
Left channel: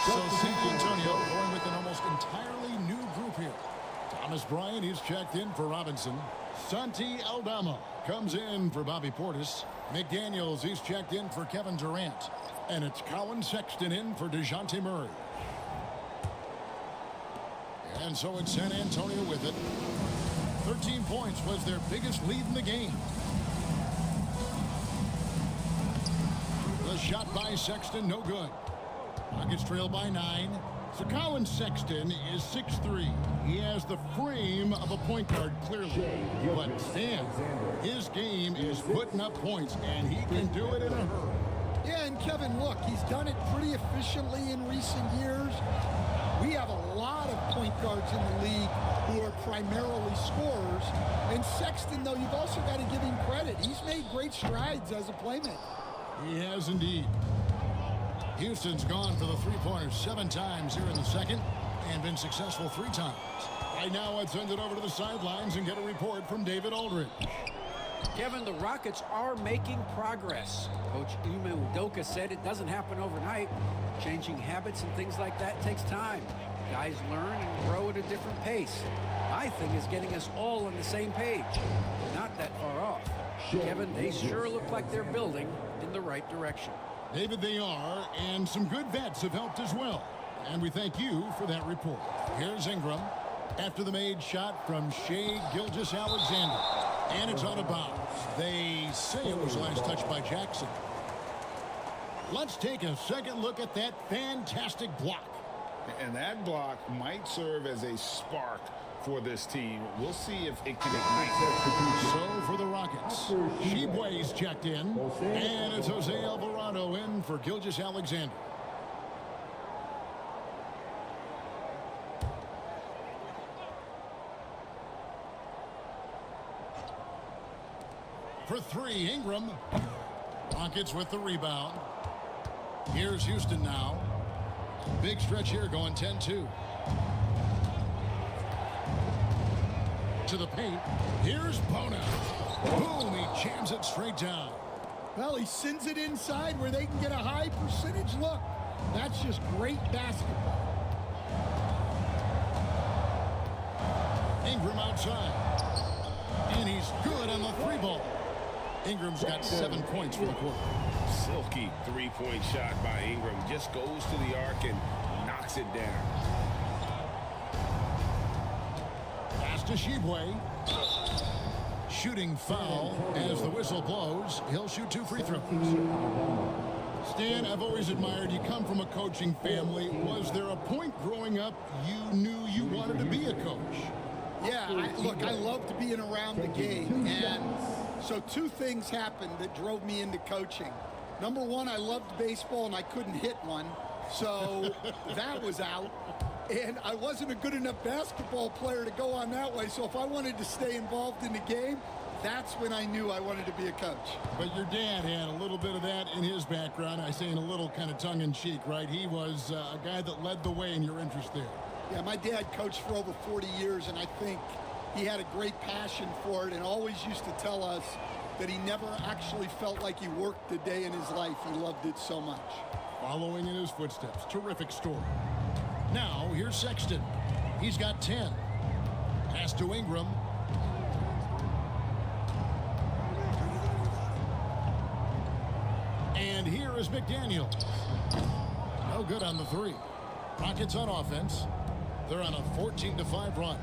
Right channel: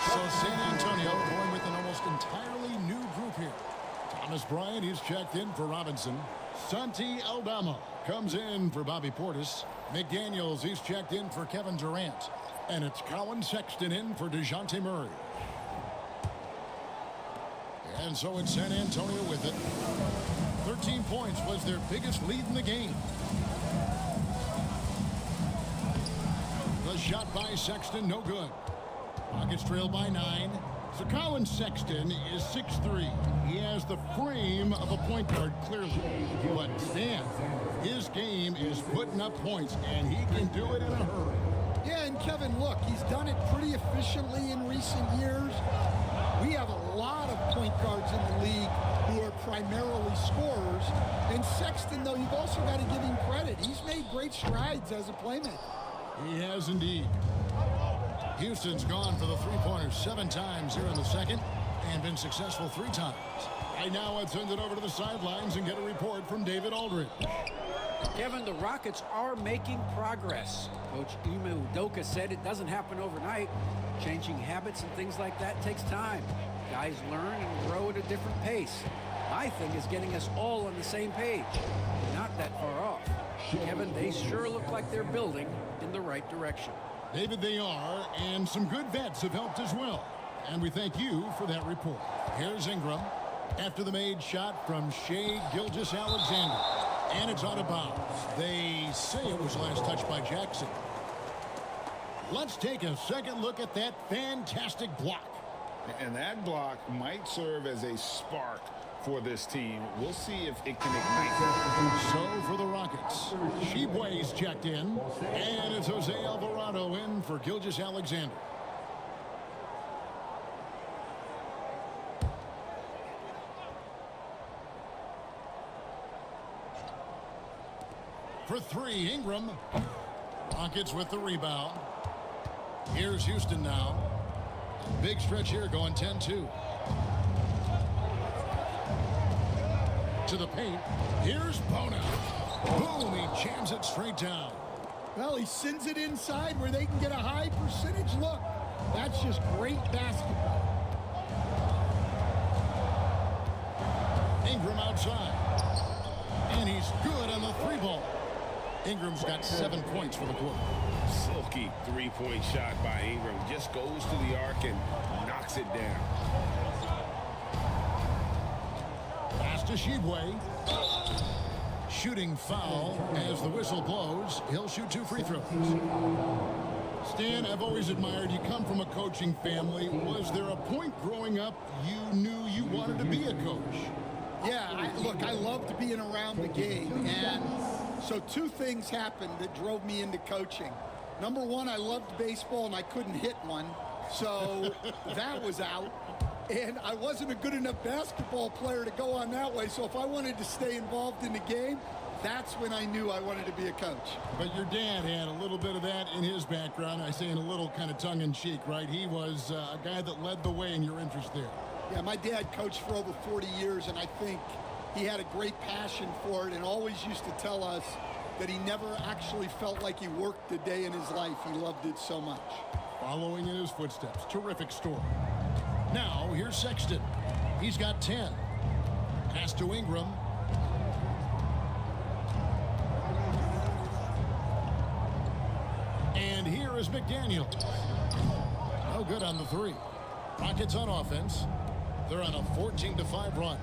So San Antonio going with an almost entirely new group here. Thomas Bryant, he's checked in for Robinson. Santi Aldama comes in for Bobby Portis. McDaniels, he's checked in for Kevin Durant. And it's Colin Sexton in for DeJounte Murray. And so it's San Antonio with it. 13 points was their biggest lead in the game. The shot by Sexton, no good. Rockets trail by 9. So Colin Sexton is 6'3". He has the frame of a point guard, clearly. But Stan, his game is putting up points, and he can do it in a hurry. Yeah, and Kevin, look, he's done it pretty efficiently in recent years. We have a lot of point guards in the league who are primarily scorers. And Sexton, though, you've also got to give him credit. He's made great strides as a playmaker. He has indeed. Houston's gone for the three-pointers 7 times here in the second and been successful 3 times. Right now, let's send it over to the sidelines and get a report from David Aldridge. Kevin, the Rockets are making progress. Coach Ime Udoka said it doesn't happen overnight. Changing habits and things like that takes time. Guys learn and grow at a different pace. My thing is getting us all on the same page. We're not that far off. Kevin, they sure look like they're building in the right direction. David, they are, and some good vets have helped as well. And we thank you for that report. Here's Ingram after the made shot from Shai Gilgeous-Alexander. And it's out of bounds. They say it was last touched by Jackson. Let's take a second look at that fantastic block. And that block might serve as a spark for this team. We'll see if it can ignite them. So for the Rockets, Shibwe's checked in, and it's Jose Alvarado in for Gilgeous-Alexander. For 3, Ingram. Rockets with the rebound. Here's Houston now. A big stretch here going 10-2. To the paint. Here's Bona. Boom, he jams it straight down. Well, he sends it inside where they can get a high percentage look. That's just great basketball. Ingram outside. And he's good on the 3-ball. Ingram's got 7 points for the quarter. Silky three-point shot by Ingram. Just goes to the arc and knocks it down. Pass to Shibwe. Shooting foul as the whistle blows. He'll shoot 2 free throws. Stan, I've always admired you. Come from a coaching family. Was there a point growing up you knew you wanted to be a coach? Yeah, look, I loved being around the game. And so 2 things happened that drove me into coaching. Number 1, I loved baseball and I couldn't hit one. So that was out. And I wasn't a good enough basketball player to go on that way. So if I wanted to stay involved in the game, that's when I knew I wanted to be a coach. But your dad had a little bit of that in his background. I say in a little kind of tongue-in-cheek, right? He was a guy that led the way in your interest there. Yeah, my dad coached for over 40 years, and I think he had a great passion for it and always used to tell us that he never actually felt like he worked a day in his life. He loved it so much. Following in his footsteps. Terrific story. Now, here's Sexton. He's got 10. Pass to Ingram. And here is McDaniel. No good on the 3. Rockets on offense. They're on a 14-5 run.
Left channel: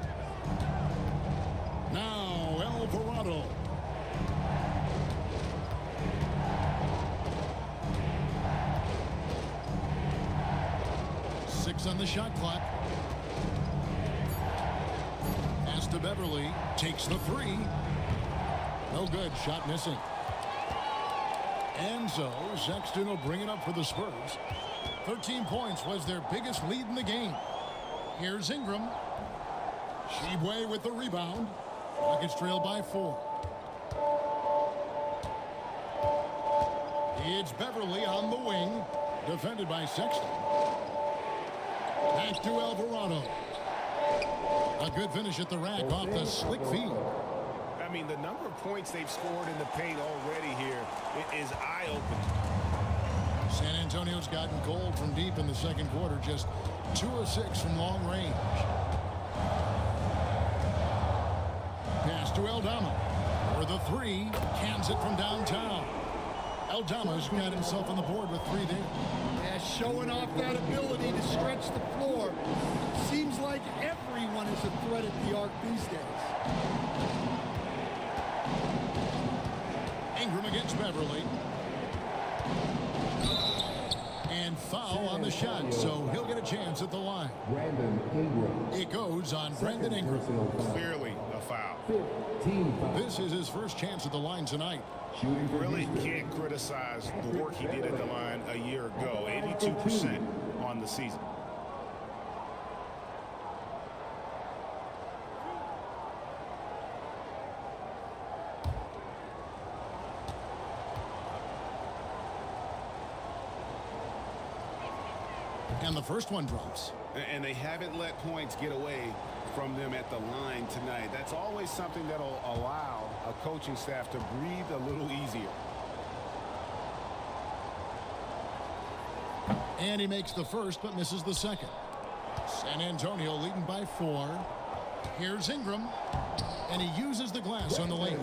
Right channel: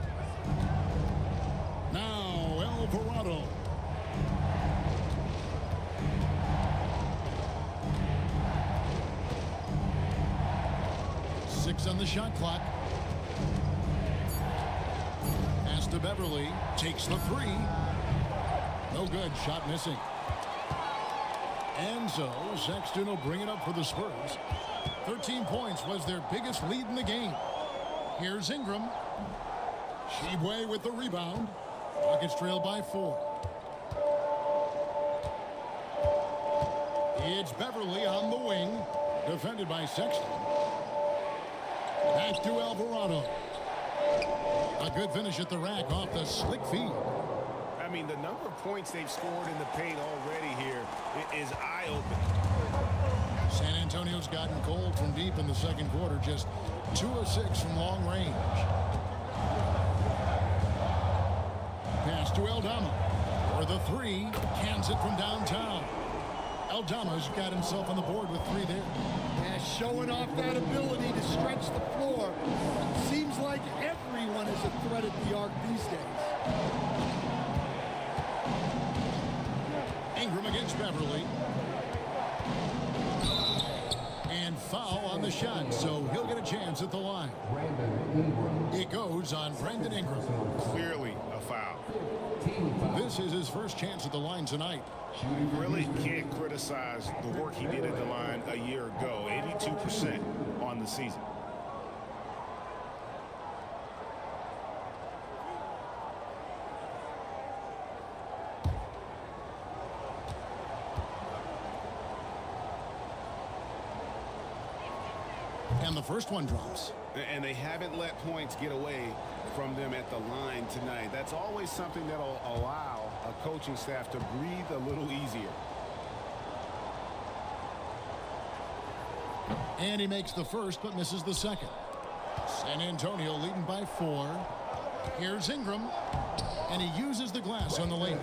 Now, Alvarado. Six on the shot clock. Pass to Beverly. Takes the 3. No good. Shot missing. And so Sexton will bring it up for the Spurs. 13 points was their biggest lead in the game. Here's Ingram. Shibwe with the rebound. Rockets trail by 4. It's Beverly on the wing. Defended by Sexton. Back to Alvarado. A good finish at the rack off the slick feed. I mean, the number of points they've scored in the paint already here is eye-opening. San Antonio's gotten cold from deep in the second quarter. Just 2 of 6 from long range. Pass to Aldama. For the 3. Cans it from downtown. Aldama's got himself on the board with 3 there. Yeah, showing off that ability to stretch the floor. Seems like everyone is a threat at the arc these days. Ingram against Beverly. And foul on the shot, so he'll get a chance at the line. It goes on Brandon Ingram. Clearly a foul. This is his first chance at the line tonight. Really can't criticize the work he did at the line a year ago. 82% on the season. And the first one drops. And they haven't let points get away from them at the line tonight. That's always something that'll allow a coaching staff to breathe a little easier. And he makes the first but misses the second. San Antonio leading by 4. Here's Ingram. And he uses the glass on the layup.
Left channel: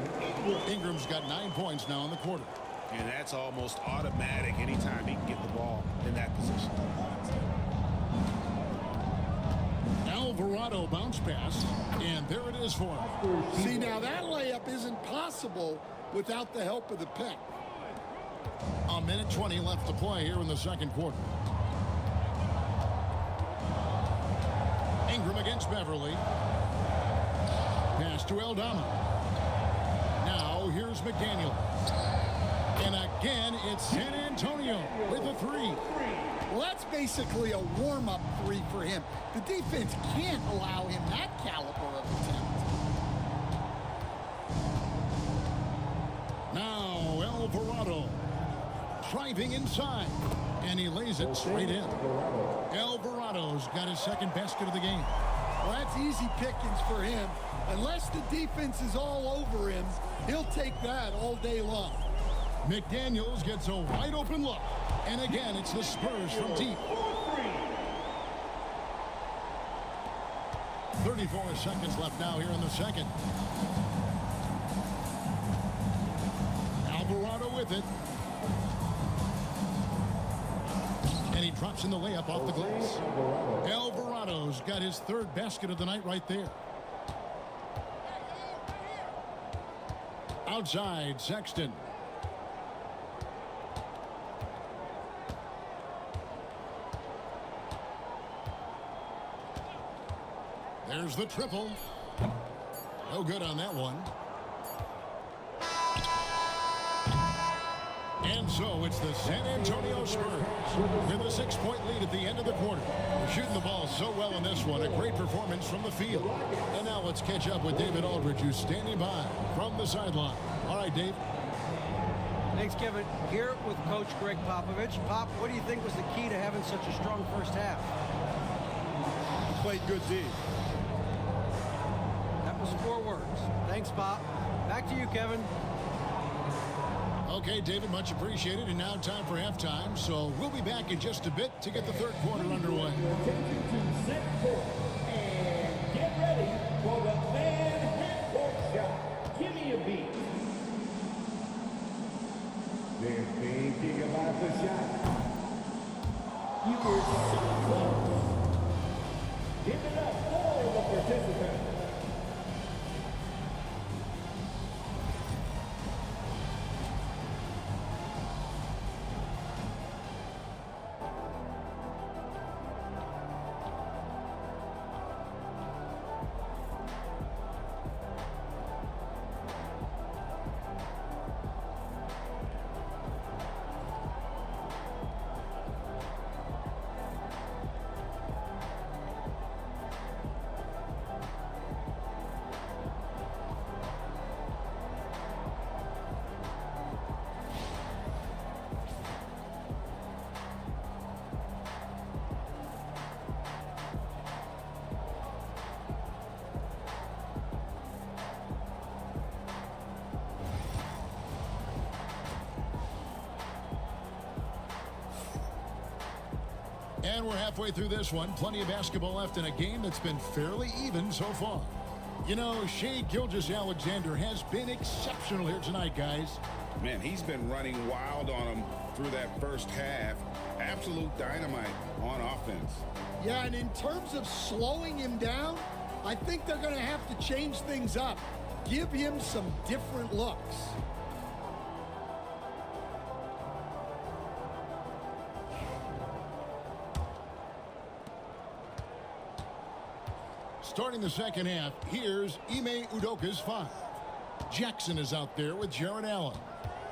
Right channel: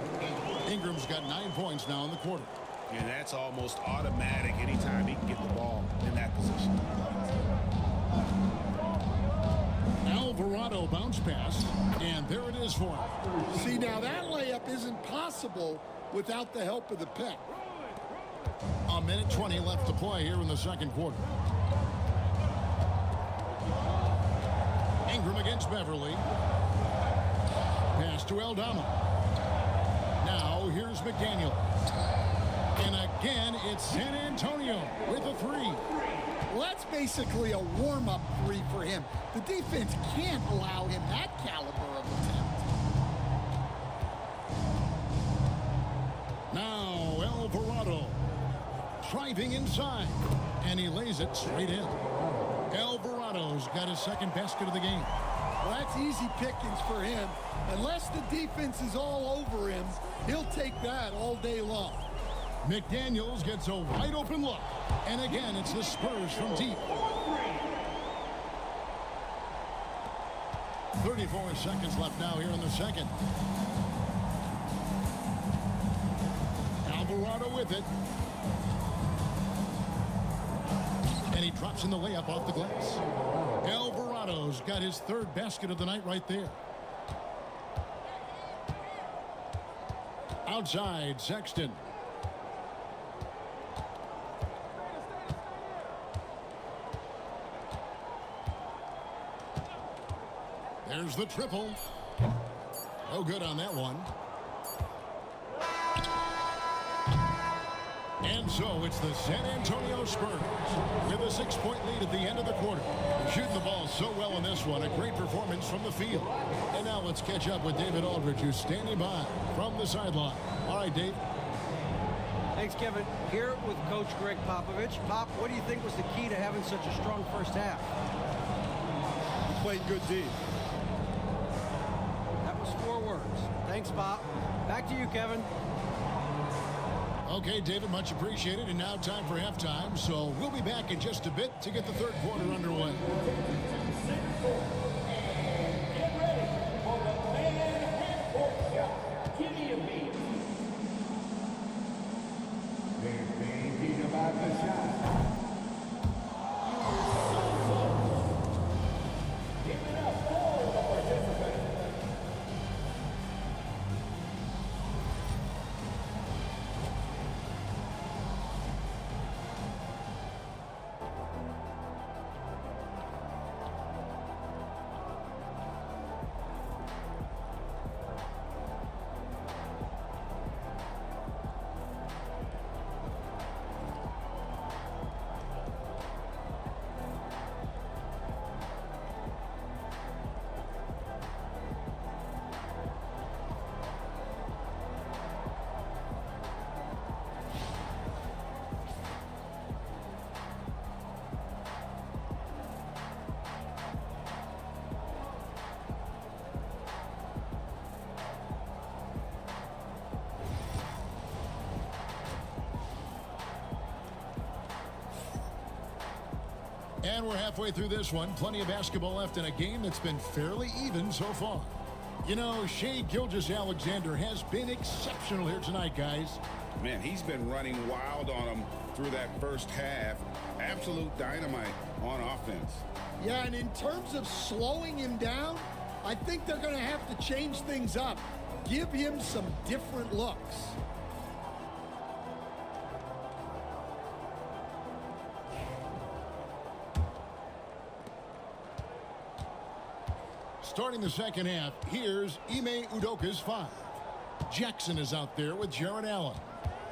Ingram's got 9 points now in the quarter. And that's almost automatic anytime he can get the ball in that position. Alvarado bounce pass, and there it is for him. See, now that layup isn't possible without the help of the pick. A minute 20 left to play here in the second quarter. Ingram against Beverly. Pass to Aldama. Now here's McDaniel. And again, it's San Antonio with a 3. Well, that's basically a warm-up 3 for him. The defense can't allow him that caliber of attempt. Now Alvarado driving inside, and he lays it straight in. Alvarado's got his second basket of the game. Well, that's easy pickings for him. Unless the defense is all over him, he'll take that all day long. McDaniels gets a wide open look. And again, it's the Spurs from deep. 34 seconds left now here in the second. Alvarado with it. And he drops in the layup off the glass. Alvarado's got his third basket of the night right there. Outside, Sexton. There's the triple. No good on that one. And so it's the San Antonio Spurs with a 6-point lead at the end of the quarter. They're shooting the ball so well in this one. A great performance from the field. And now let's catch up with David Aldridge, who's standing by from the sideline. All right, Dave. Thanks, Kevin. Here with Coach Greg Popovich. Pop, what do you think was the key to having such a strong first half? We played good D. That was 4 words. Thanks, Pop. Back to you, Kevin. Okay, David, much appreciated. And now time for halftime. So we'll be back in just a bit to get the third quarter underway. And get ready for the fan head-court shot. Give me a beat. They're thinking about the shot. You were so close. Give it up for the participants. And we're halfway through this one. Plenty of basketball left in a game that's been fairly even so far. You know, Shai Gilgeous-Alexander has been exceptional here tonight, guys. Man, he's been running wild on them through that first half. Absolute dynamite on offense. Yeah, and in terms of slowing him down, I think they're going to have to change things up. Give him some different looks. Starting the second half, here's Ime Udoka's 5. Jackson is out there with Jared Allen.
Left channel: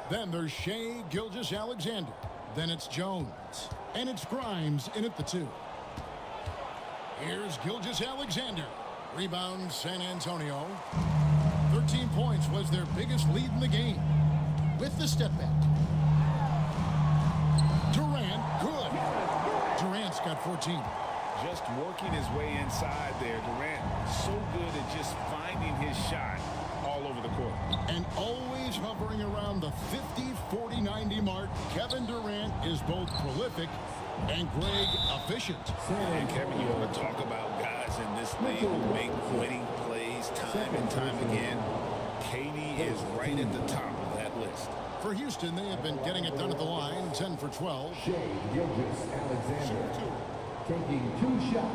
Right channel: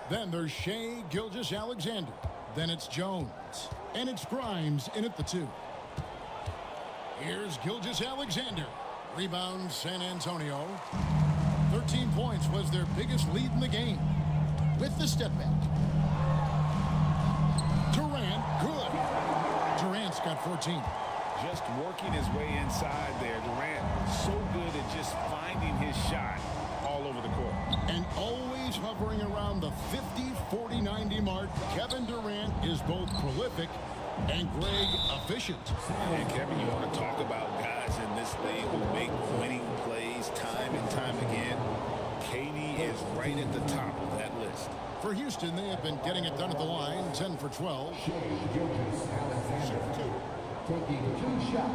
Then there's Shai Gilgeous-Alexander. Then it's Jones. And it's Grimes in at the 2. Here's Gilgeous-Alexander. Rebound San Antonio. 13 points was their biggest lead in the game. With the step back. Durant, good. Durant's got 14. Just working his way inside there. Durant so good at just finding his shot all over the court. And always hovering around the 50, 40, 90 mark, Kevin Durant is both prolific and Greg efficient. And Kevin, you want to talk about guys in this league who make winning plays time and time again? KD is right at the top of that list. For Houston, they have been getting it done at the line, 10 for 12. Shea Gilgeous-Alexander taking 2 shots.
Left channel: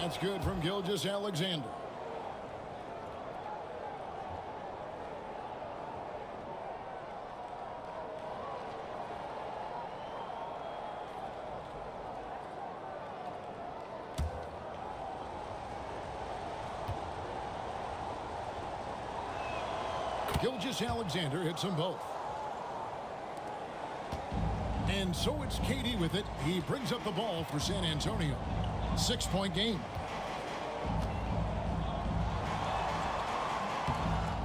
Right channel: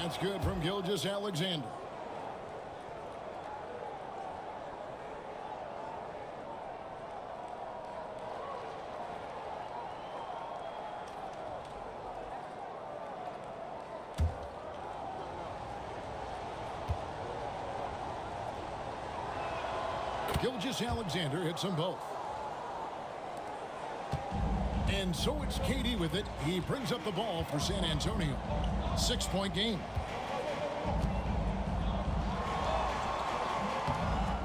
That's good from Gilgeous-Alexander. Gilgeous-Alexander hits them both. And so it's KD with it. He brings up the ball for San Antonio. 6-point game.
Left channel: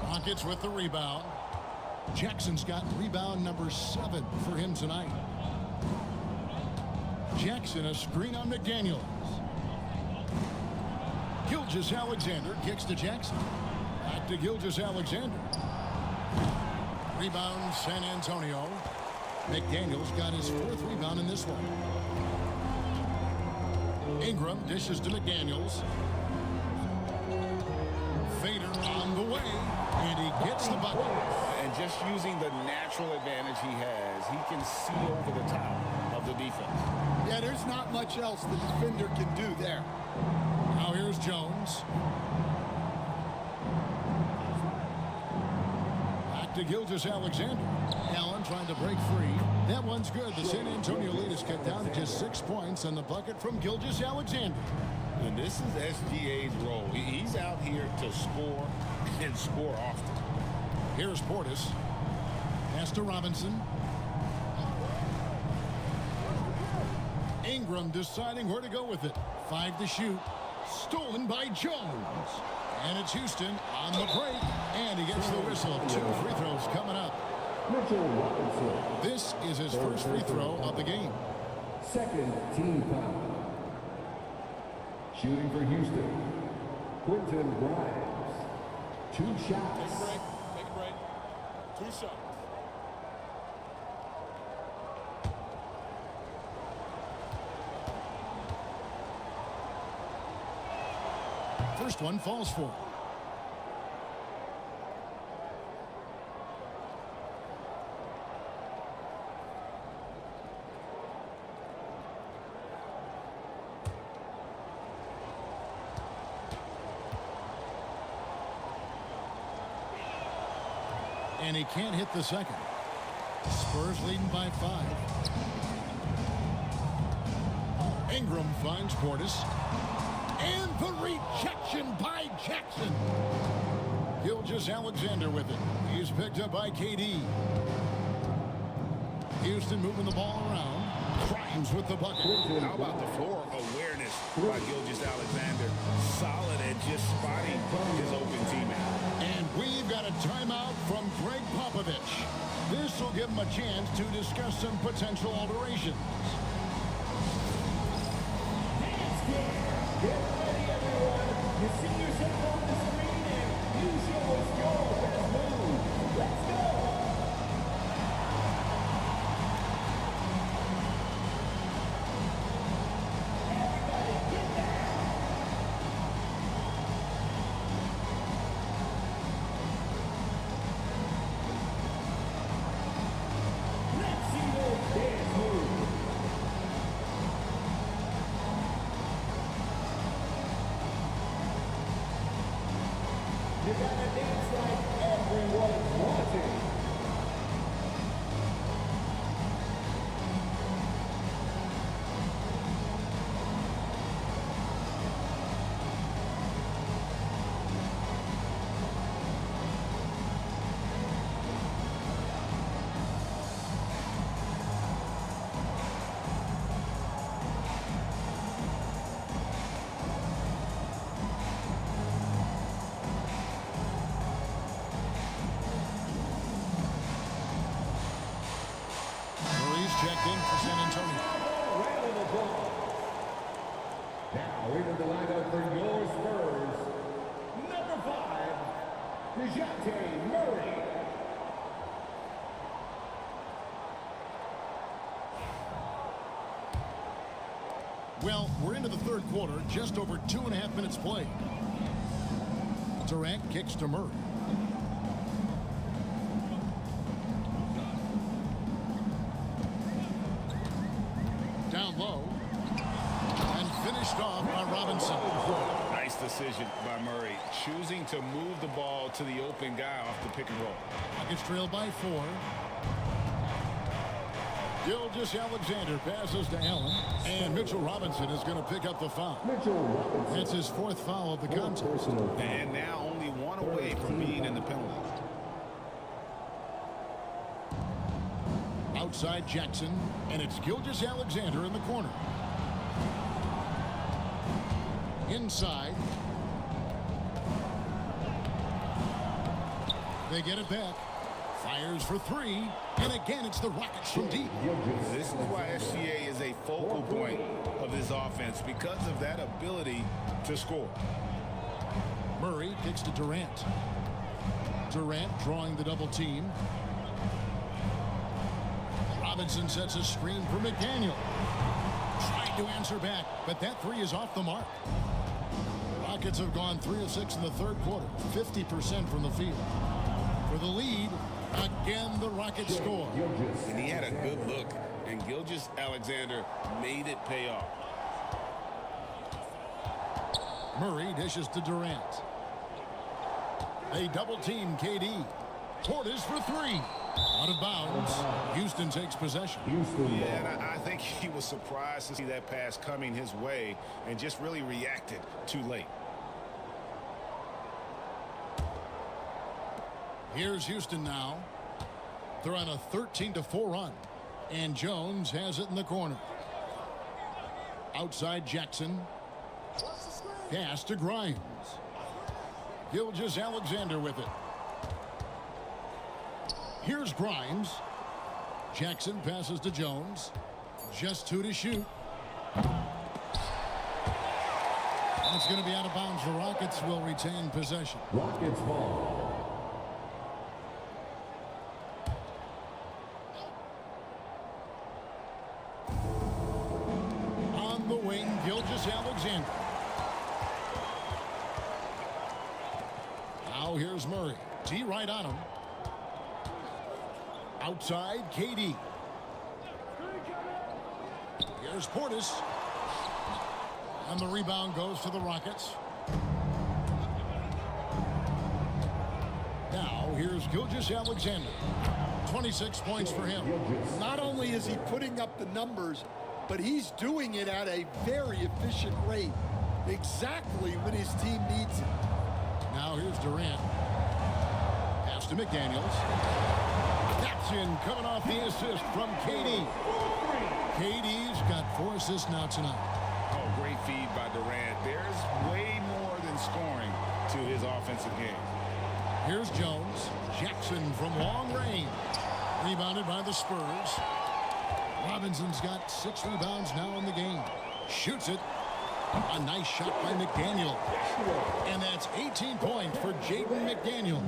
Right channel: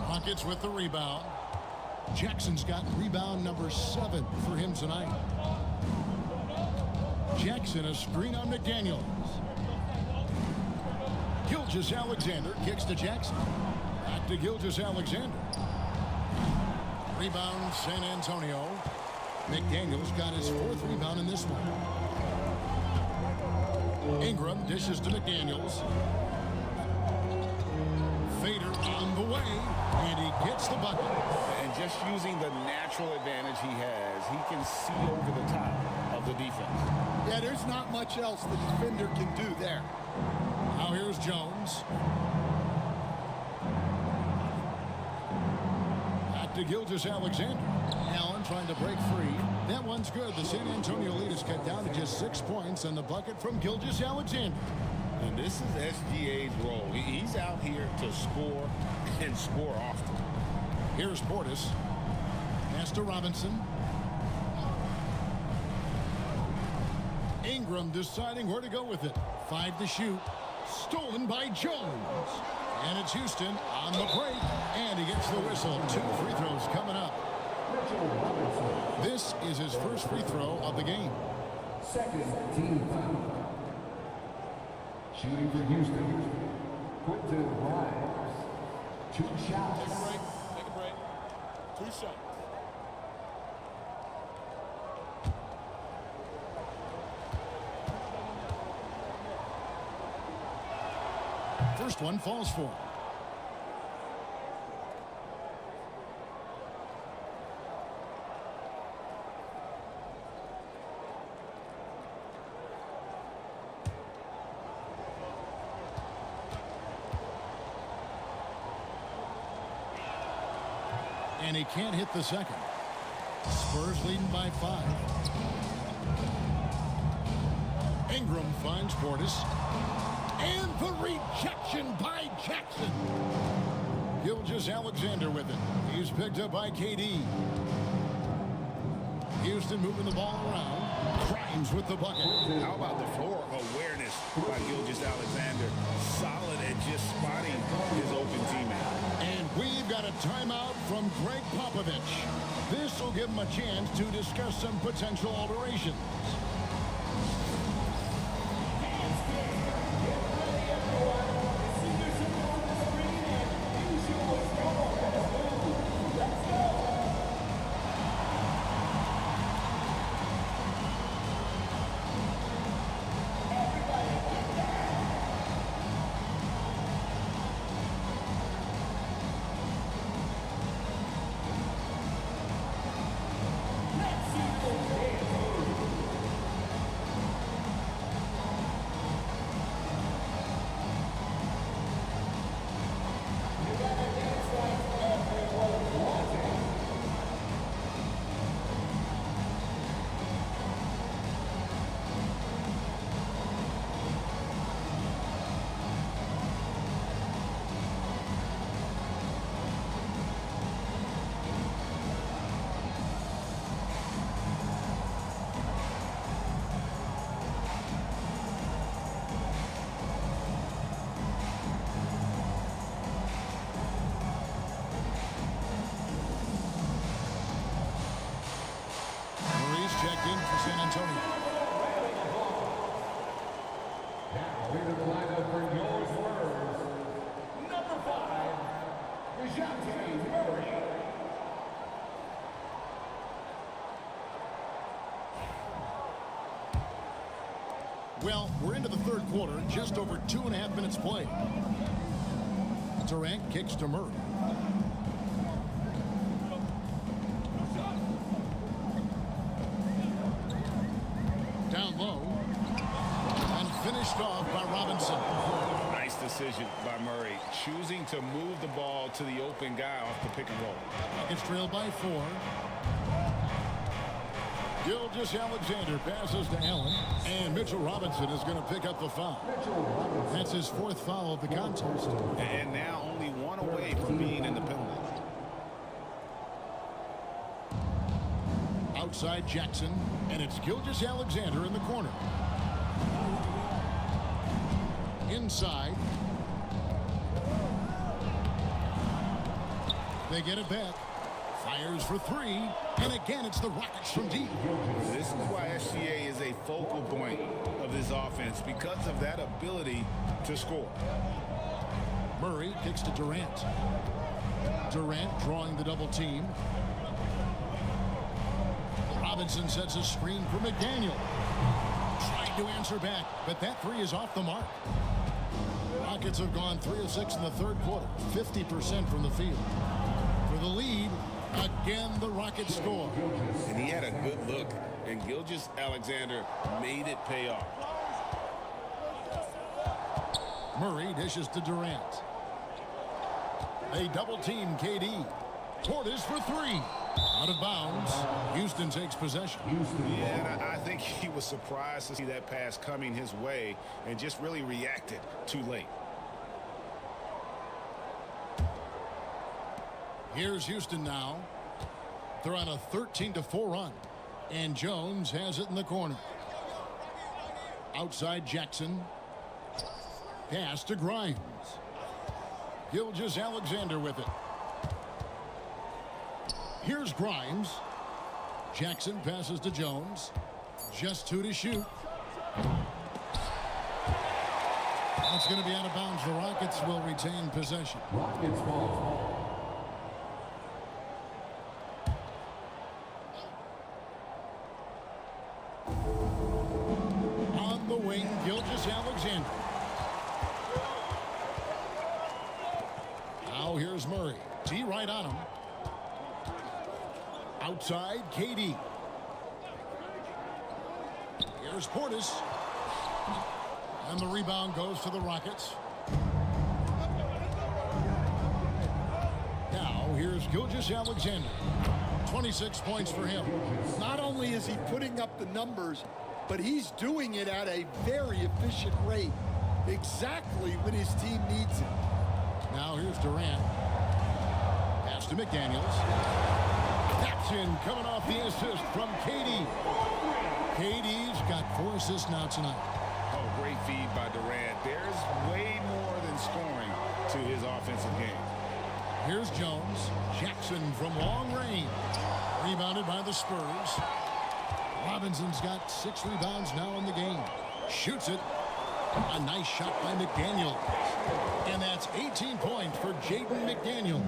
Rockets with the rebound. Jackson's got rebound number 7 for him tonight. Jackson a screen on McDaniels. Gilgeous-Alexander kicks to Jackson. Back to Gilgeous-Alexander. Rebound San Antonio. McDaniels got his 4th rebound in this one. Ingram dishes to McDaniels. Fader on the way, and he gets the bucket. And just using the natural advantage he has, he can see over the top of the defense. Yeah, there's not much else the defender can do there. Now here's Jones. Back to Gilgeous-Alexander. Allen trying to break free. That one's good. The San Antonio lead is cut down to just 6 points on the bucket from Gilgeous-Alexander. And this is SGA's role. He's out here to score and score often. Here's Portis. Pass to Robinson. Ingram deciding where to go with it. 5 to shoot. Stolen by Jones. And it's Houston on the break. And he gets the whistle. 2 free throws coming up. Mitchell Robinson, This is his first free throw of the game. 2nd team foul. Shooting for Houston, Quentin Grimes. 2 shots. Take a break. Take a break. 2 shots. First one falls for him. And he can't hit the second. Spurs leading by 5. Ingram finds Portis. And the rejection by Jackson. Gilgeous-Alexander with it. He's picked up by KD. Houston moving the ball around. Grimes with the bucket. How about the floor awareness by Gilgeous-Alexander? Solid at just spotting his open teammate. And we've got a timeout from Greg Popovich. This will give him a chance to discuss some potential alterations. Get ready, everyone. You see yourself on the screen and you show us your best move. Let's go. Everybody get down. Let's see those dance moves. checked in for San Antonio. Now into the lineup for your Spurs, number 5, Bs10 Rd. Well, we're into the third quarter, just over 2.5 minutes played. Durant kicks to Murray. Down low. And finished off by Robinson. Nice decision by Murray, choosing to move the ball to the open guy off the pick and roll. Rockets trail by 4. Gilgeous-Alexander passes to Allen, and Mitchell Robinson is going to pick up the foul. That's his 4th foul of the contest. And now only one away from being in the penalty. Outside Jackson, and it's Gilgeous-Alexander in the corner. Inside. They get it back. Fires for 3. And again, it's the Rockets from deep. This is why SGA is a focal point of this offense, because of that ability to score. Murray kicks to Durant. Durant drawing the double team. Robinson sets a screen for McDaniel. Tried to answer back, but that 3 is off the mark. Rockets have gone 3 of 6 in the third quarter, 50% from the field. For the lead, again the Rockets score. And he had a good look, and Gilgeous-Alexander made it pay off. Murray dishes to Durant. They double team KD. Portis for 3. Out of bounds. Houston takes possession. Yeah, and I think he was surprised to see that pass coming his way and just really reacted too late. Here's Houston now. They're on a 13-4 run. And Jones has it in the corner. Outside Jackson. Pass to Grimes. Gilgeous-Alexander with it. Here's Grimes. Jackson passes to Jones. Just 2 to shoot. That's going to be out of bounds. The Rockets will retain possession. Rockets ball. On the wing, Gilgeous-Alexander. Now here's Murray. T right on him. Outside, KD. Here's Portis. And the rebound goes to the Rockets. Now, here's Gilgeous-Alexander. 26 points for him. Not only is he putting up the numbers, but he's doing it at a very efficient rate. Exactly when his team needs it. Now, here's Durant. Pass to McDaniels. Taps in, coming off the assist from KD. KD's got 4 assists now tonight. Oh, great feed by Durant. There's way more than scoring to his offensive game. Here's Jones. Jackson from long range. Rebounded by the Spurs. Robinson's got 6 rebounds now in the game. Shoots it. A nice shot by McDaniel. And that's 18 points for Jaden McDaniel.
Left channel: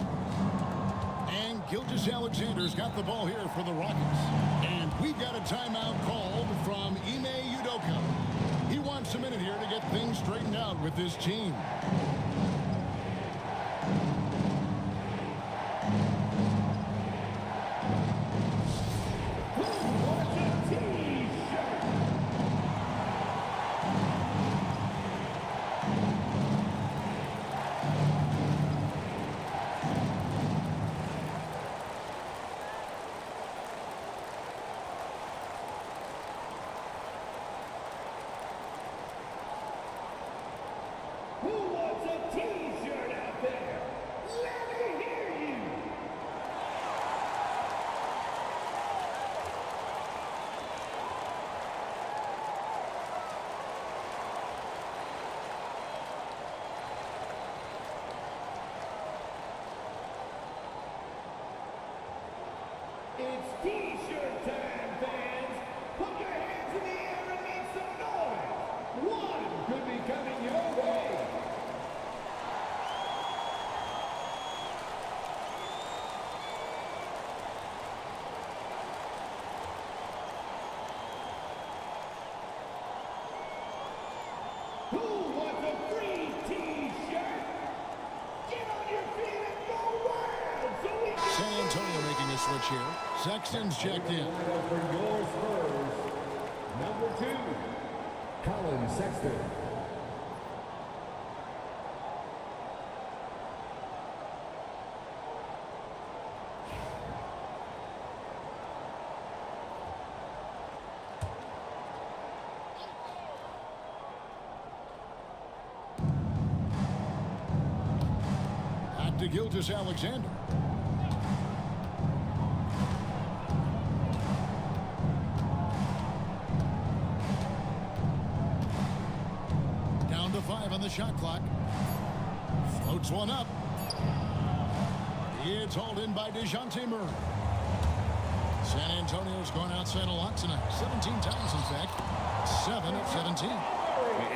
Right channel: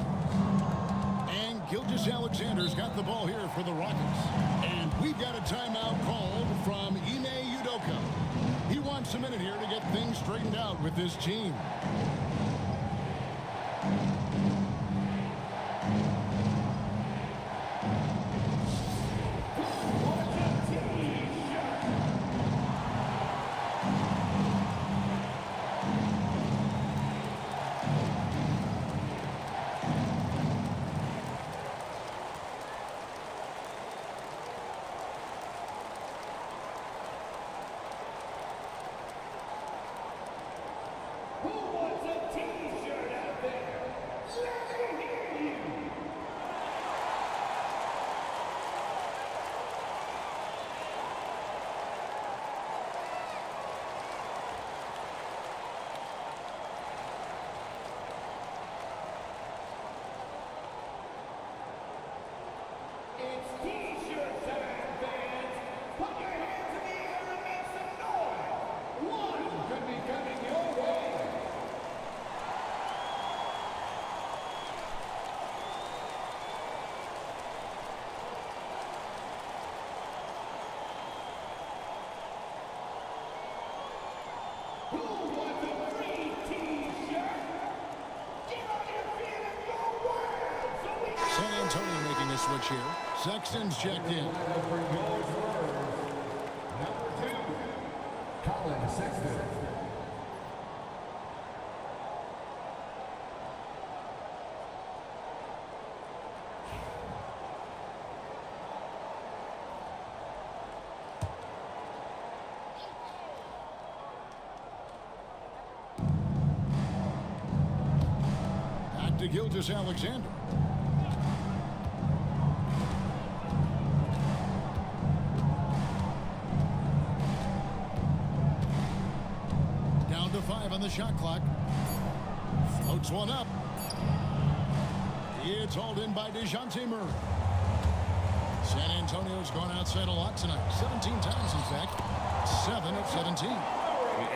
And Gilgeous-Alexander's got the ball here for the Rockets. And we've got a timeout called from Ime Udoka. He wants a minute here to get things straightened out with his team. San Antonio making a switch here. Sexton's checked in. For your Spurs, number 2, Colin Sexton. Back to Gilgeous-Alexander. Down to 5 on the shot clock. Floats one up. It's hauled in by DeJounte Murray. San Antonio's gone outside a lot tonight. 17 times, in fact. 7 of 17.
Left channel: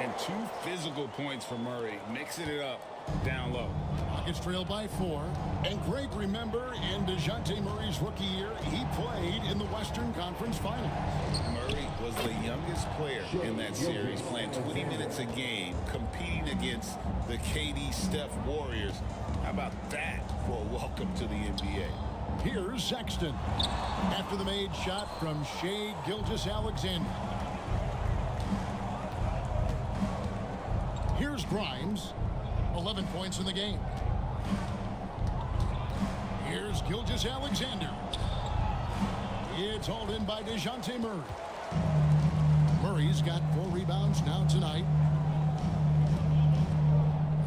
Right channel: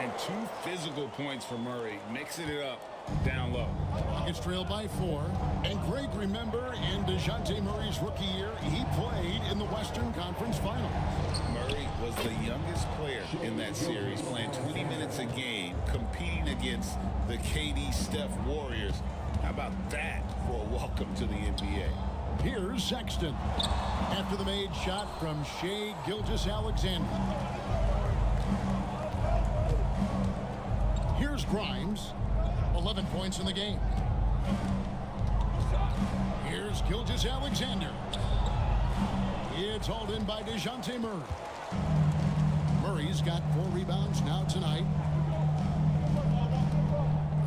And 2 physical points for Murray, mixing it up down low. Rockets trail by 4. And Greg, remember, in DeJounte Murray's rookie year, he played in the Western Conference Finals. Murray was the youngest player in that series, playing 20 minutes a game, competing against the KD Steph Warriors. How about that for a welcome to the NBA? Here's Sexton. After the made shot from Shai Gilgeous-Alexander. Here's Grimes. 11 points in the game. Here's Gilgeous-Alexander. It's hauled in by DeJounte Murray. Murray's got 4 rebounds now tonight.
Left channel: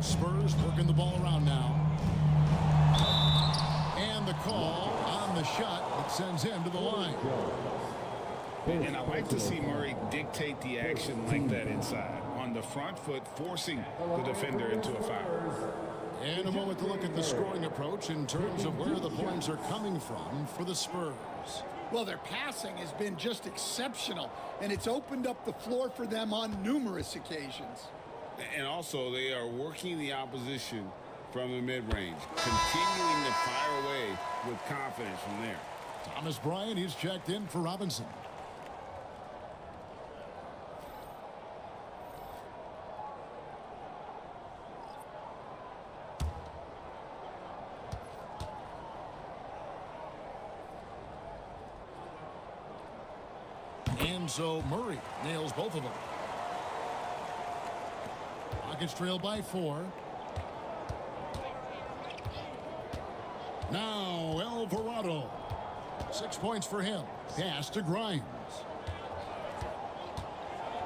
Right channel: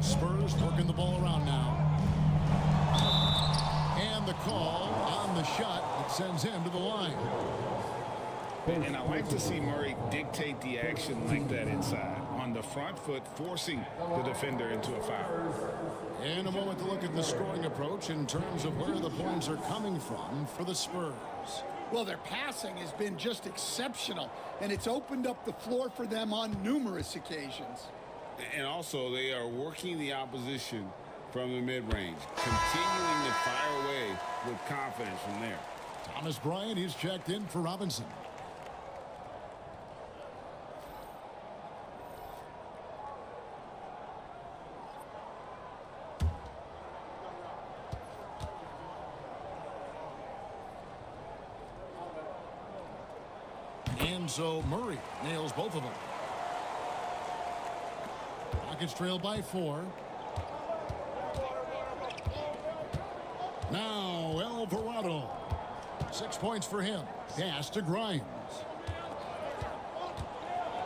Spurs working the ball around now. And the call on the shot that sends him to the line. And I like to see Murray dictate the action like that inside. On the front foot, forcing the defender into a foul. And a moment to look at the scoring approach in terms of where the points are coming from for the Spurs. Well, their passing has been just exceptional, and it's opened up the floor for them on numerous occasions. And also, they are working the opposition from the mid-range, continuing to fire away with confidence from there. Thomas Bryant, he's checked in for Robinson. And so Murray nails both of them. Rockets trail by 4. Now Alvarado. 6 points for him. Pass to Grimes.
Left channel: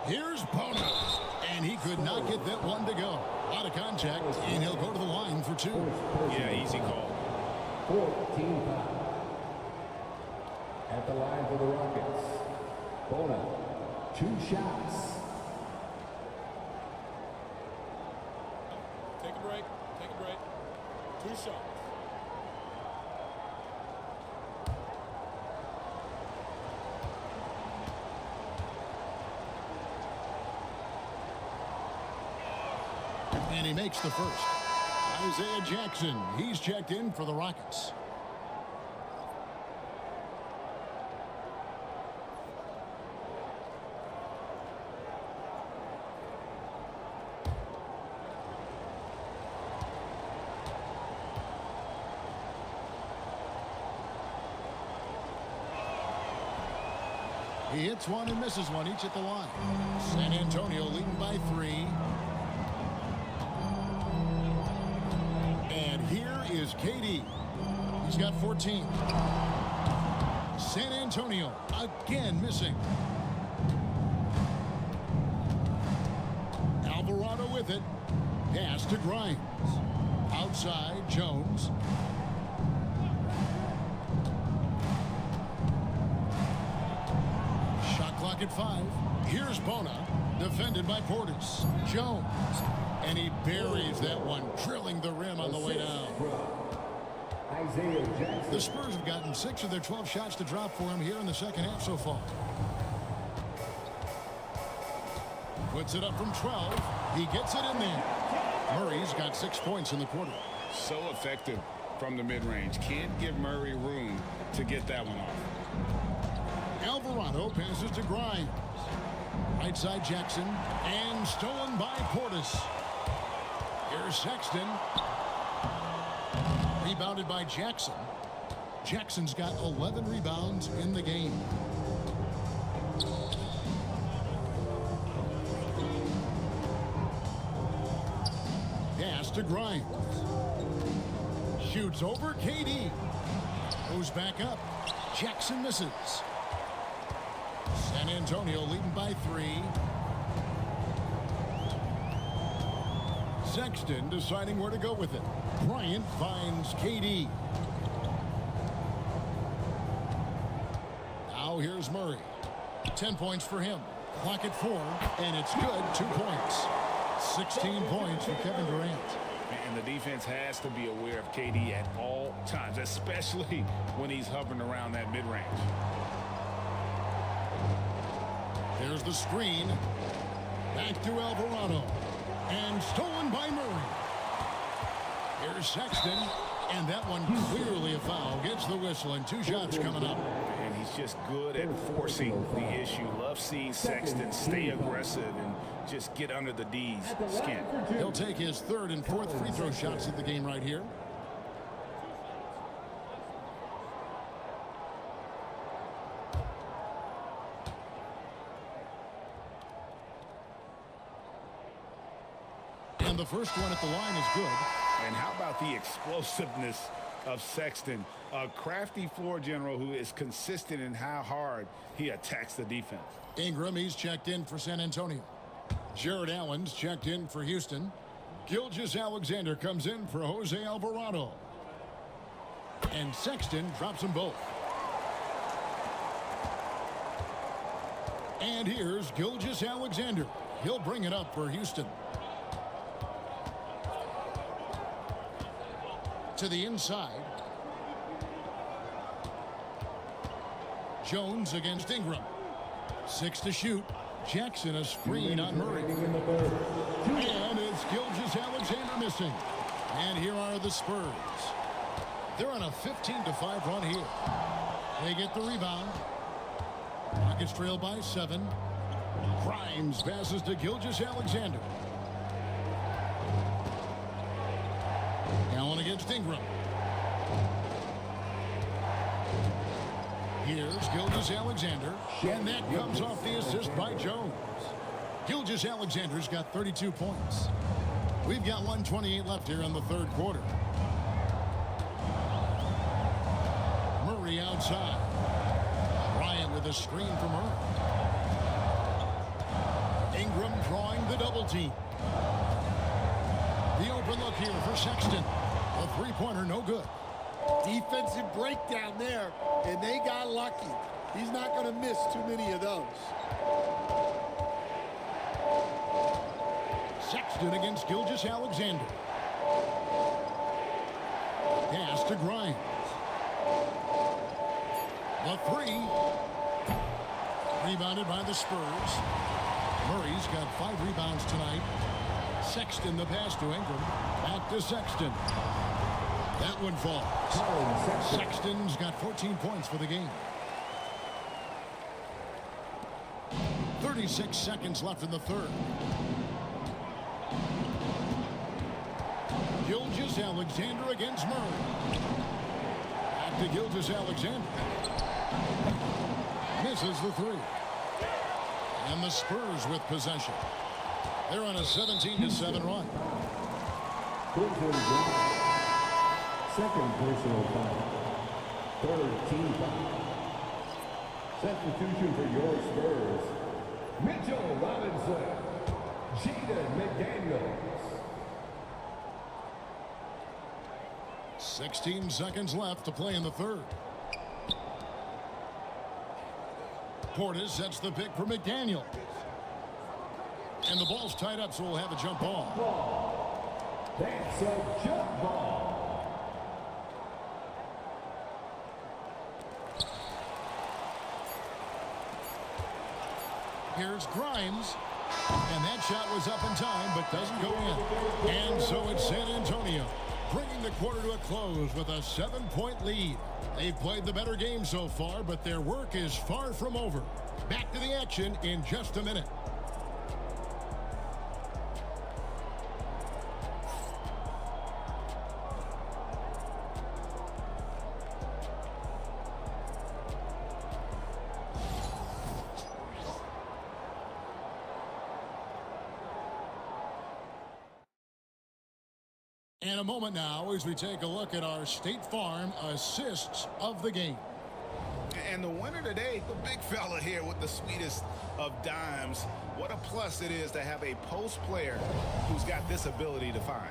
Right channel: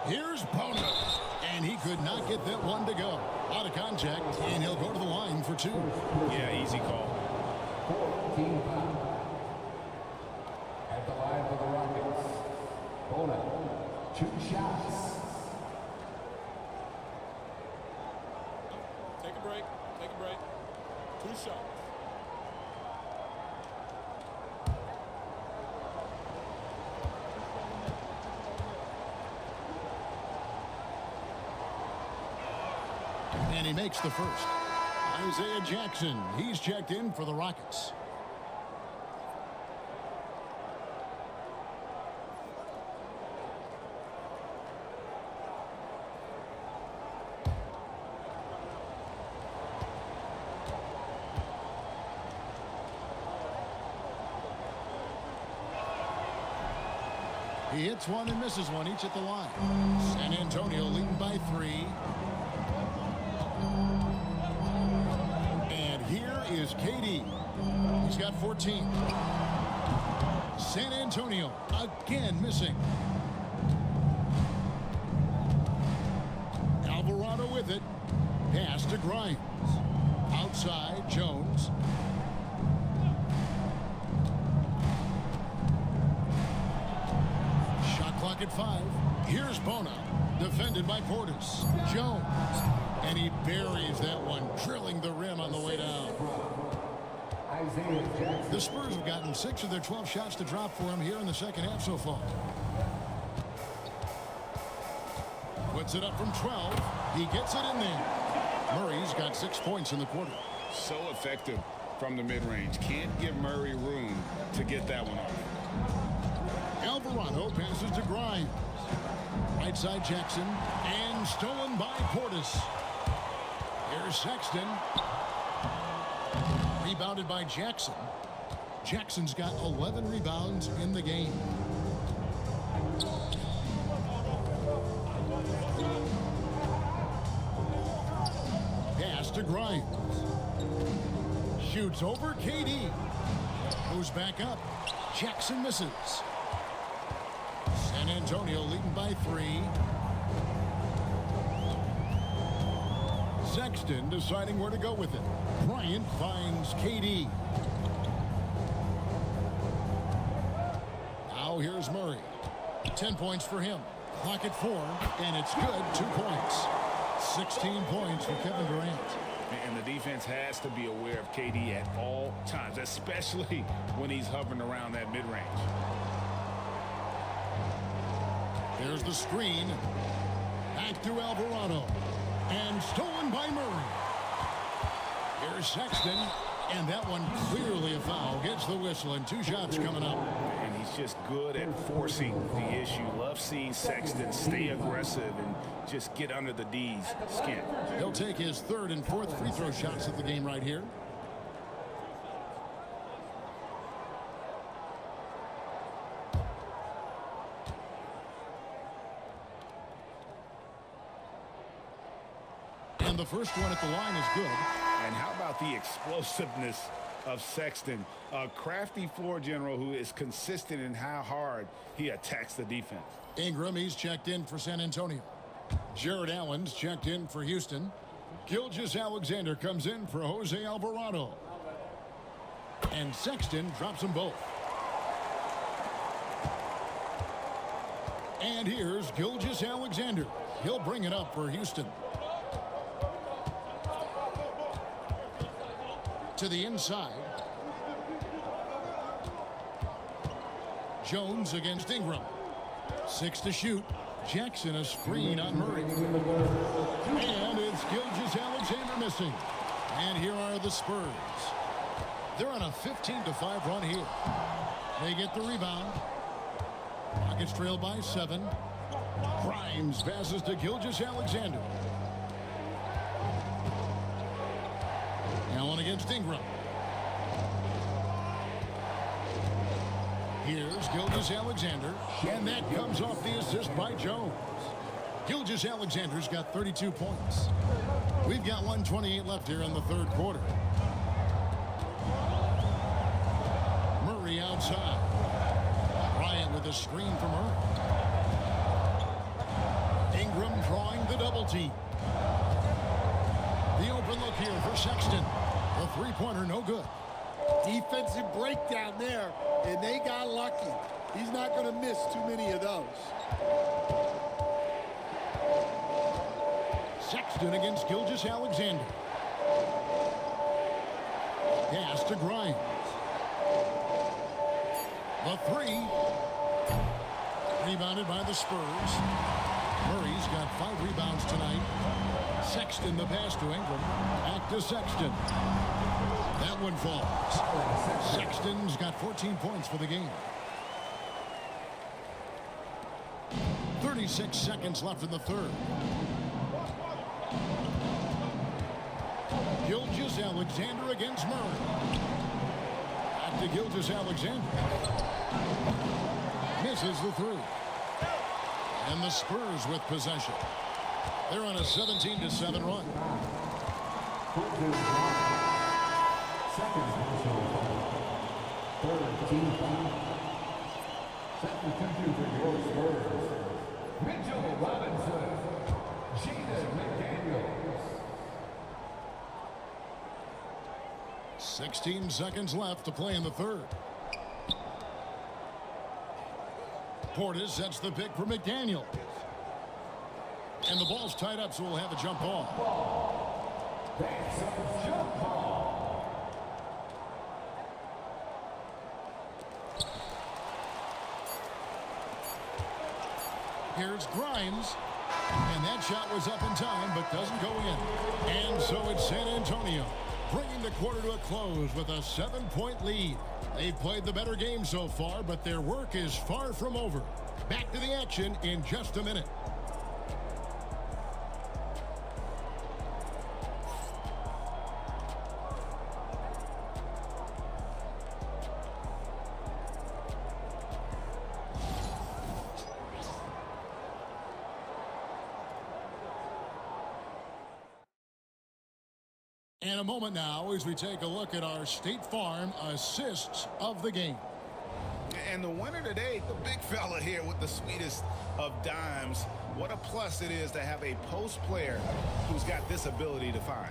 Here's Bono. And he could not get that one to go. A lot of contact, and he'll go to the line for 2. Yeah, easy call. 14 foul. At the line for the Rockets, Bona, 2 shots. Take a break. Take a break. 2 shots. And he makes the first. Isaiah Jackson, he's checked in for the Rockets. He hits one and misses one, each at the line. San Antonio leading by 3. And here is KD. He's got 14. San Antonio again missing. Alvarado with it. Pass to Grimes. Outside, Jones. Shot clock at 5. Here's Bona, defended by Portis. Jones. And he buries that one, drilling the rim on the way down. The Spurs have gotten 6 of their 12 shots to drop for him here in the second half so far. Puts it up from 12. He gets it in there. Murray's got 6 points in the quarter. So effective from the mid-range. Can't give Murray room to get that one off. Alvarado passes to Grimes. Right side Jackson. And stolen by Portis. Here's Sexton. Rebounded by Jackson. Jackson's got 11 rebounds in the game. Pass to Grimes. Shoots over KD. Goes back up. Jackson misses. San Antonio leading by 3. Sexton deciding where to go with it. Bryant finds KD. Now here's Murray. 10 points for him. Clock at 4, and it's good. 2 points. 16 points for Kevin Durant. And the defense has to be aware of KD at all times, especially when he's hovering around that mid-range. There's the screen. Back to Alvarado. And stolen by Murray. Here's Sexton. And that one clearly a foul. Gets the whistle, and 2 shots coming up. And he's just good at forcing the issue. Love seeing Sexton stay aggressive and just get under the D's skin. He'll take his 3rd and 4th free throw shots of the game right here. And the first one at the line is good. And how about the explosiveness of Sexton, a crafty floor general who is consistent in how hard he attacks the defense. Ingram, he's checked in for San Antonio. Jared Allen's checked in for Houston. Gilgeous-Alexander comes in for Jose Alvarado. And Sexton drops them both. And here's Gilgeous-Alexander. He'll bring it up for Houston. To the inside. Jones against Ingram. 6 to shoot. Jackson a screen on Murray. And it's Gilgeous-Alexander missing. And here are the Spurs. They're on a 15-5 run here. They get the rebound. Rockets trail by 7. Grimes passes to Gilgeous-Alexander. Allen against Ingram. Here's Gilgeous-Alexander, and that comes off the assist by Jones. Gilgeous-Alexander's got 32 points. We've got 1:28 left here in the 3rd quarter. Murray outside. Bryant with a screen for Murray. Ingram drawing the double team. The open look here for Sexton. The 3-pointer no good. Defensive breakdown there, and they got lucky. He's not going to miss too many of those. Sexton against Gilgeous-Alexander. Pass to Grimes. The 3. Rebounded by the Spurs. Murray's got 5 rebounds tonight. Sexton the pass to Ingram. Back to Sexton. That one falls. Sexton's got 14 points for the game. 36 seconds left in the 3rd. Gilgeous-Alexander against Murray. Back to Gilgeous-Alexander. Misses the 3. And the Spurs with possession. They're on a 17-7 run. Second personal foul. 3rd team foul. Substitution for your Spurs. Mitchell Robinson. Jaden McDaniels. 16 seconds left to play in the 3rd. Portis sets the pick for McDaniel. And the ball's tied up, so we'll have a jump ball. That's a jump ball. Here's Grimes. And that shot was up in time, but doesn't go in. And so it's San Antonio, bringing the quarter to a close with a 7-point lead. They've played the better game so far, but their work is far from over. Back to the action in just a minute. And a moment now as we take a look at our State Farm assists of the game. And the winner today, the big fella here with the sweetest of dimes. What a plus it is to have a post player who's got this ability to find.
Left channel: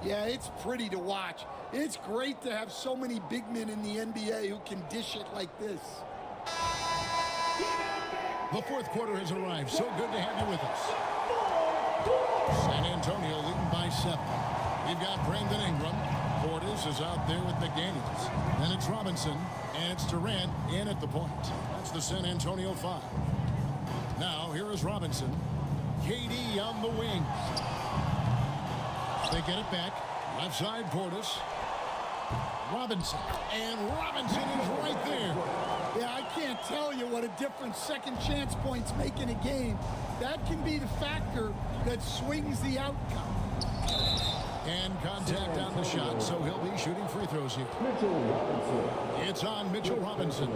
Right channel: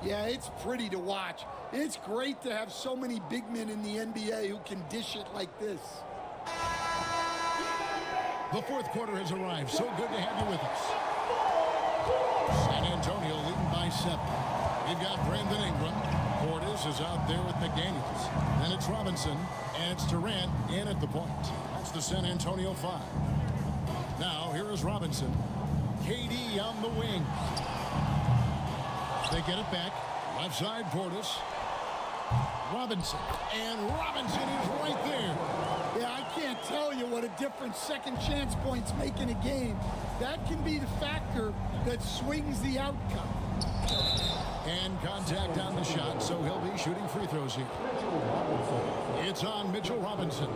Yeah, it's pretty to watch. It's great to have so many big men in the NBA who can dish it like this. The fourth quarter has arrived. So good to have you with us. San Antonio leading by 7. We've got Brandon Ingram. Portis is out there with McDaniels. Then it's Robinson, and it's Durant in at the point. That's the San Antonio 5. Now, here is Robinson. KD on the wing. They get it back. Left side, Portis. Robinson. And Robinson is right there. Yeah, I can't tell you what a difference second chance points make in a game. That can be the factor that swings the outcome. And contact on the shot, so he'll be shooting free throws here. It's on Mitchell Robinson.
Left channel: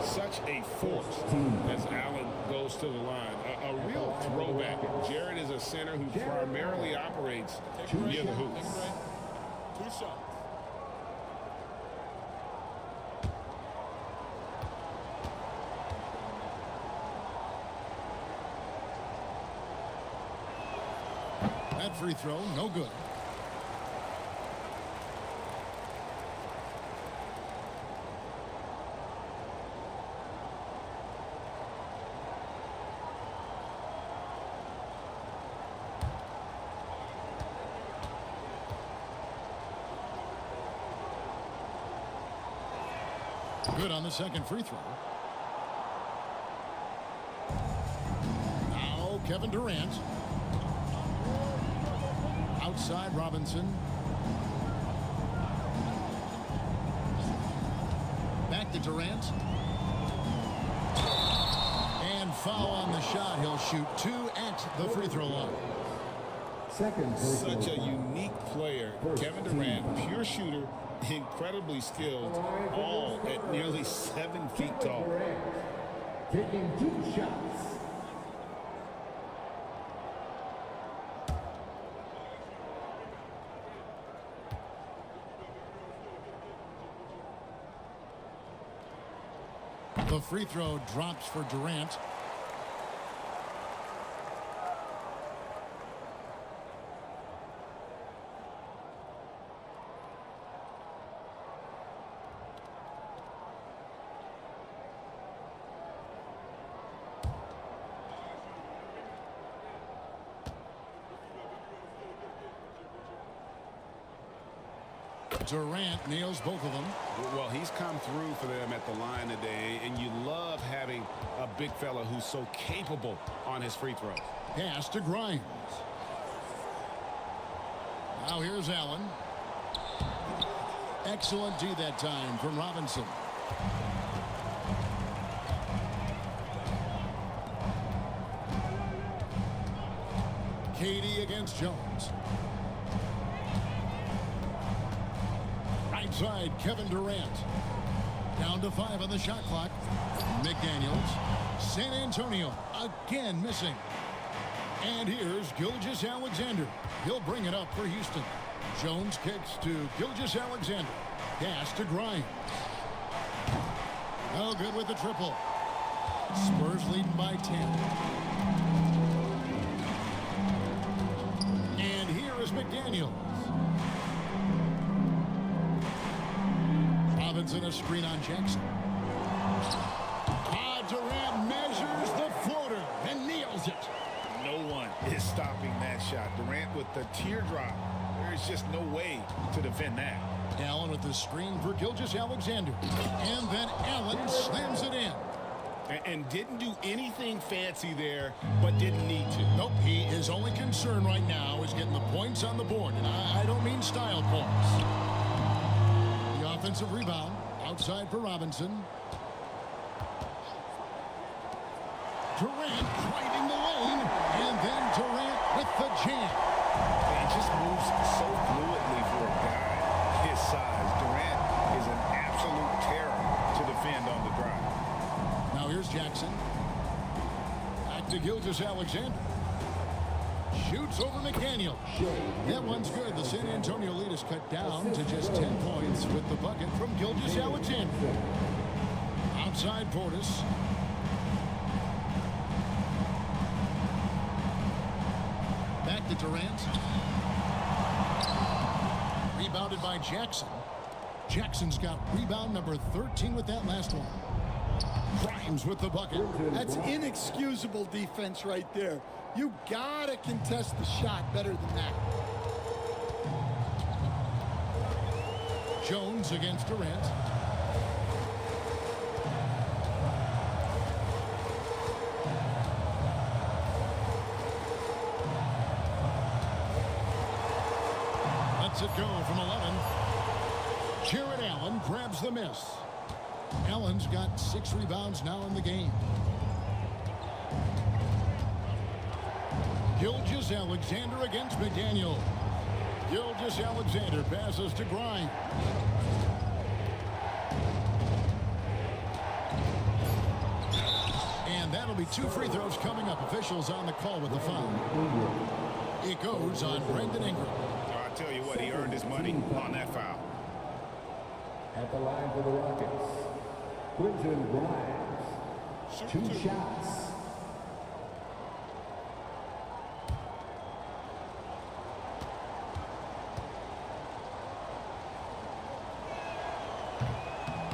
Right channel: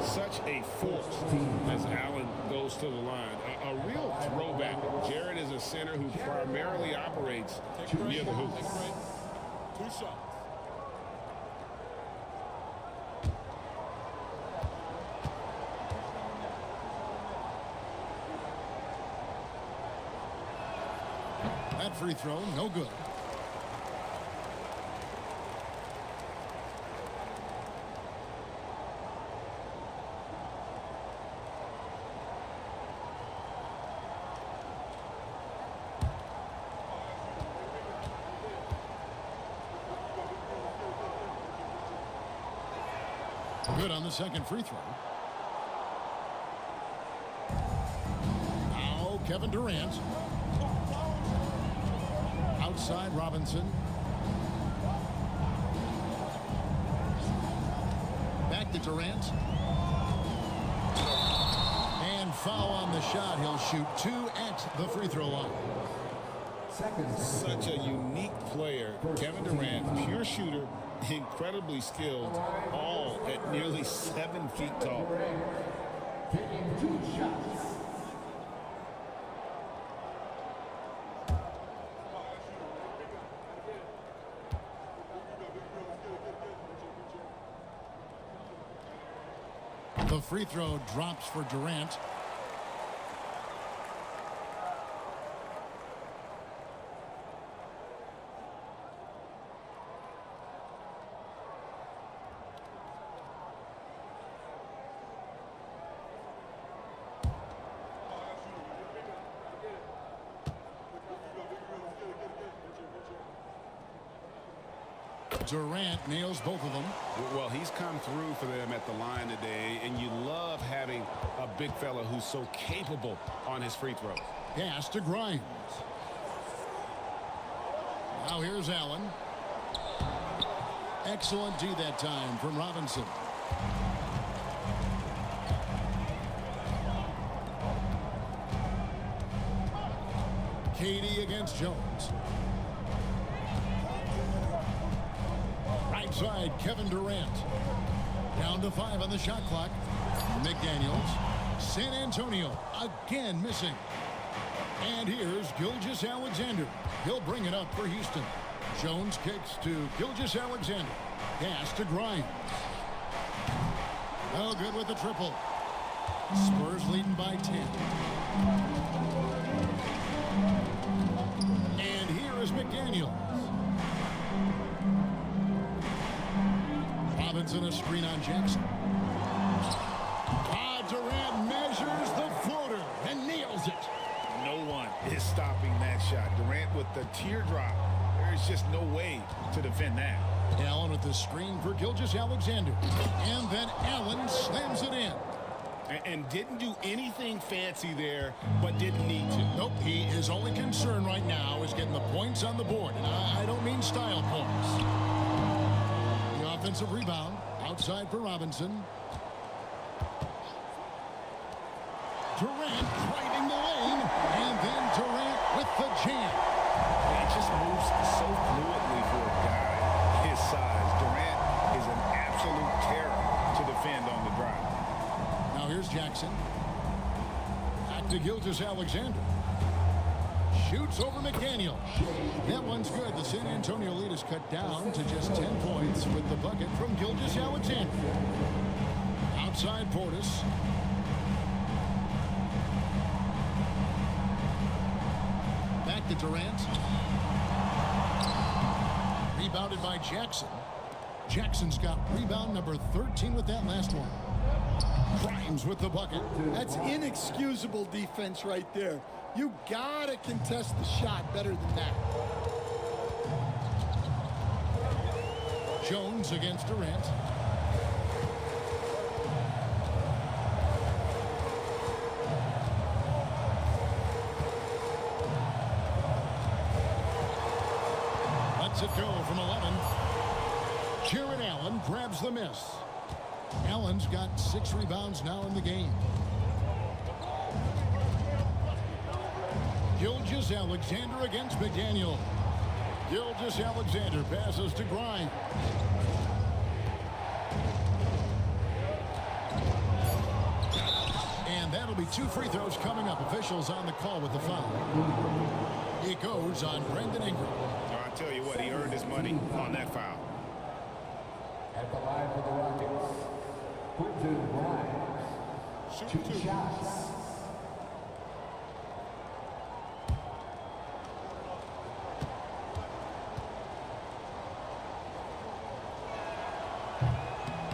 Such a force as Allen goes to the line. A real throwback. Jared is a center who primarily operates near the hoop. Take a break. 2 shots. That free throw, no good. Good on the second free throw. Now Kevin Durant. Outside Robinson. Back to Durant. And foul on the shot. He'll shoot 2 at the free throw line. Such a unique player. Kevin Durant, pure shooter, incredibly skilled, all at nearly 7 feet tall. Taking 2 shots. The free throw drops for Durant. Durant nails both of them. Well, he's come through for them at the line today, and you love having a big fella who's so capable on his free throws. Pass to Grimes. Now here's Allen. Excellent D that time from Robinson. KD against Jones. Right side, Kevin Durant. Down to 5 on the shot clock. McDaniels. San Antonio again missing. And here's Gilgeous-Alexander. He'll bring it up for Houston. Jones kicks to Gilgeous-Alexander. Pass to Grimes. No good with the triple. Spurs leading by 10. And here is McDaniels. Robinson a screen on Jackson. Durant measures the floater and nails it. No one is stopping that shot. Durant with the teardrop. There is just no way to defend that. Allen with the screen for Gilgeous-Alexander. And then Allen slams it in. And didn't do anything fancy there, but didn't need to. Nope, his only concern right now is getting the points on the board. And I don't mean style points. The offensive rebound outside for Robinson. Durant driving the lane, and then Durant with the jam. It just moves so fluidly for a guy his size. Durant is an absolute terror to defend on the drive. Now here's Jackson. Back to Gilgeous-Alexander. shoots over McDaniel. That one's good. The San Antonio lead is cut down to just 10 points with the bucket from Gilgeous-Alexander. Outside Portis. Back to Durant. Rebounded by Jackson. Jackson's got rebound number 13 with that last one. Grimes with the bucket. That's inexcusable defense right there. You gotta contest the shot better than that. Jones against Durant. Lets it go from 11. Jared Allen grabs the miss. Allen's got 6 rebounds now in the game. Gilgeous-Alexander against McDaniel. Gilgeous-Alexander passes to Grimes. And that'll be 2 free throws coming up. Officials on the call with the foul. It goes on Brandon Ingram. I tell you what, he earned his money on that foul. At the line for the Rockets, Quentin Grimes. Two shots.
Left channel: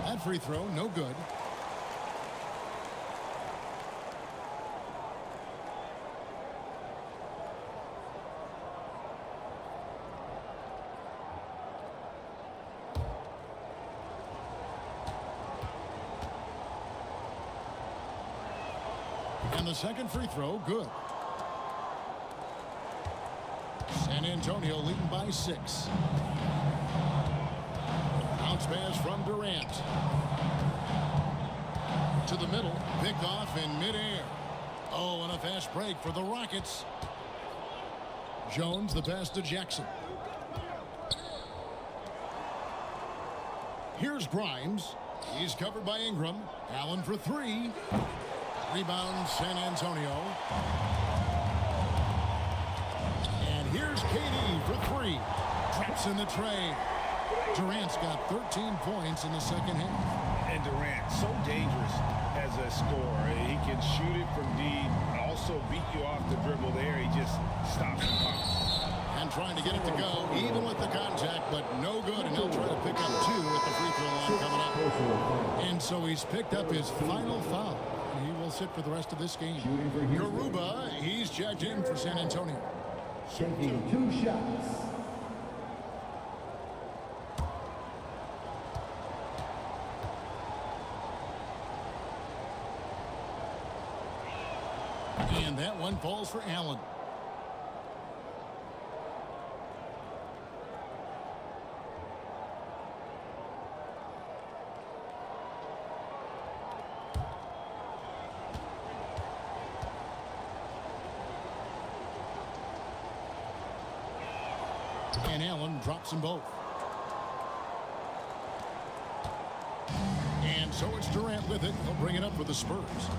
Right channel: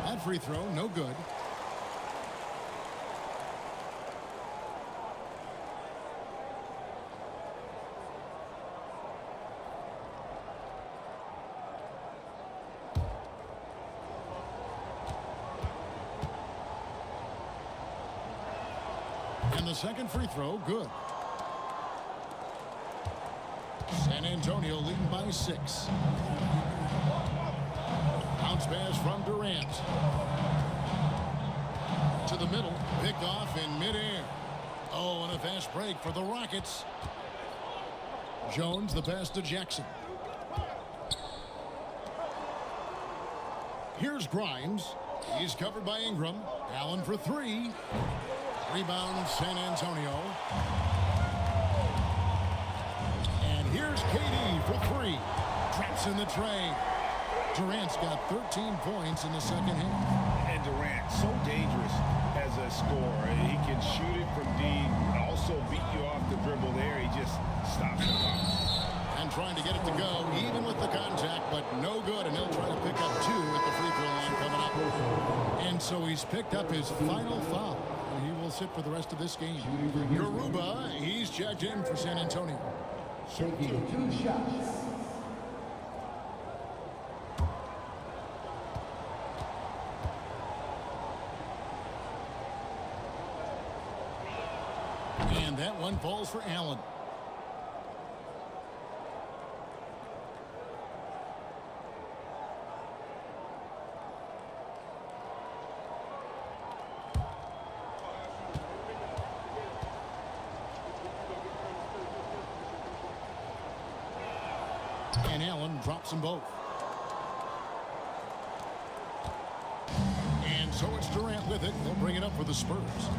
That free throw, no good. And the second free throw, good. San Antonio leading by 6. Bounce pass from Durant. To the middle, picked off in midair. Oh, and a fast break for the Rockets. Jones, the pass to Jackson. Here's Grimes. He's covered by Ingram. Allen for 3. Rebound, San Antonio. And here's KD for 3. Drops in the tray. Durant's got 13 points in the second half. And Durant, so dangerous as a scorer. He can shoot it from deep, also beat you off the dribble there. He just stops and pops. And trying to get it to go, even with the contact, but no good. And he'll try to pick up 2 at the free throw line coming up. And so he's picked up his final foul. And he will sit for the rest of this game. Garuba, he's checked in for San Antonio. Taking 2 shots. And that one falls for Allen. And Allen drops them both. And so it's Durant with it. He'll bring it up for the Spurs.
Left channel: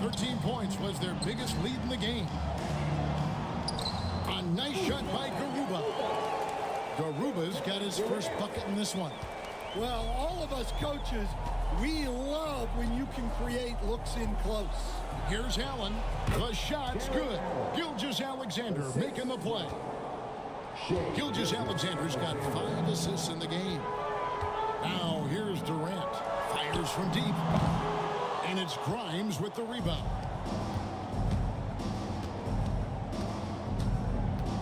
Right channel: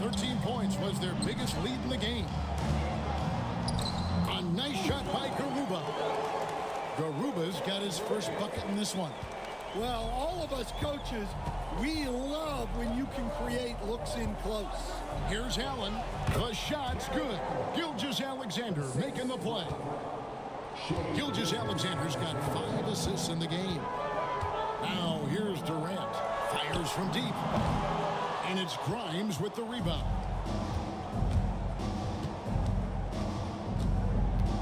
13 points was their biggest lead in the game. A nice shot by Garuba. Garuba's got his first bucket in this one. Well, all of us coaches, we love when you can create looks in close. Here's Allen. The shot's good. Gilgeous-Alexander making the play. Gilgeous-Alexander's got 5 assists in the game. Now here's Durant. Fires from deep. And it's Grimes with the rebound.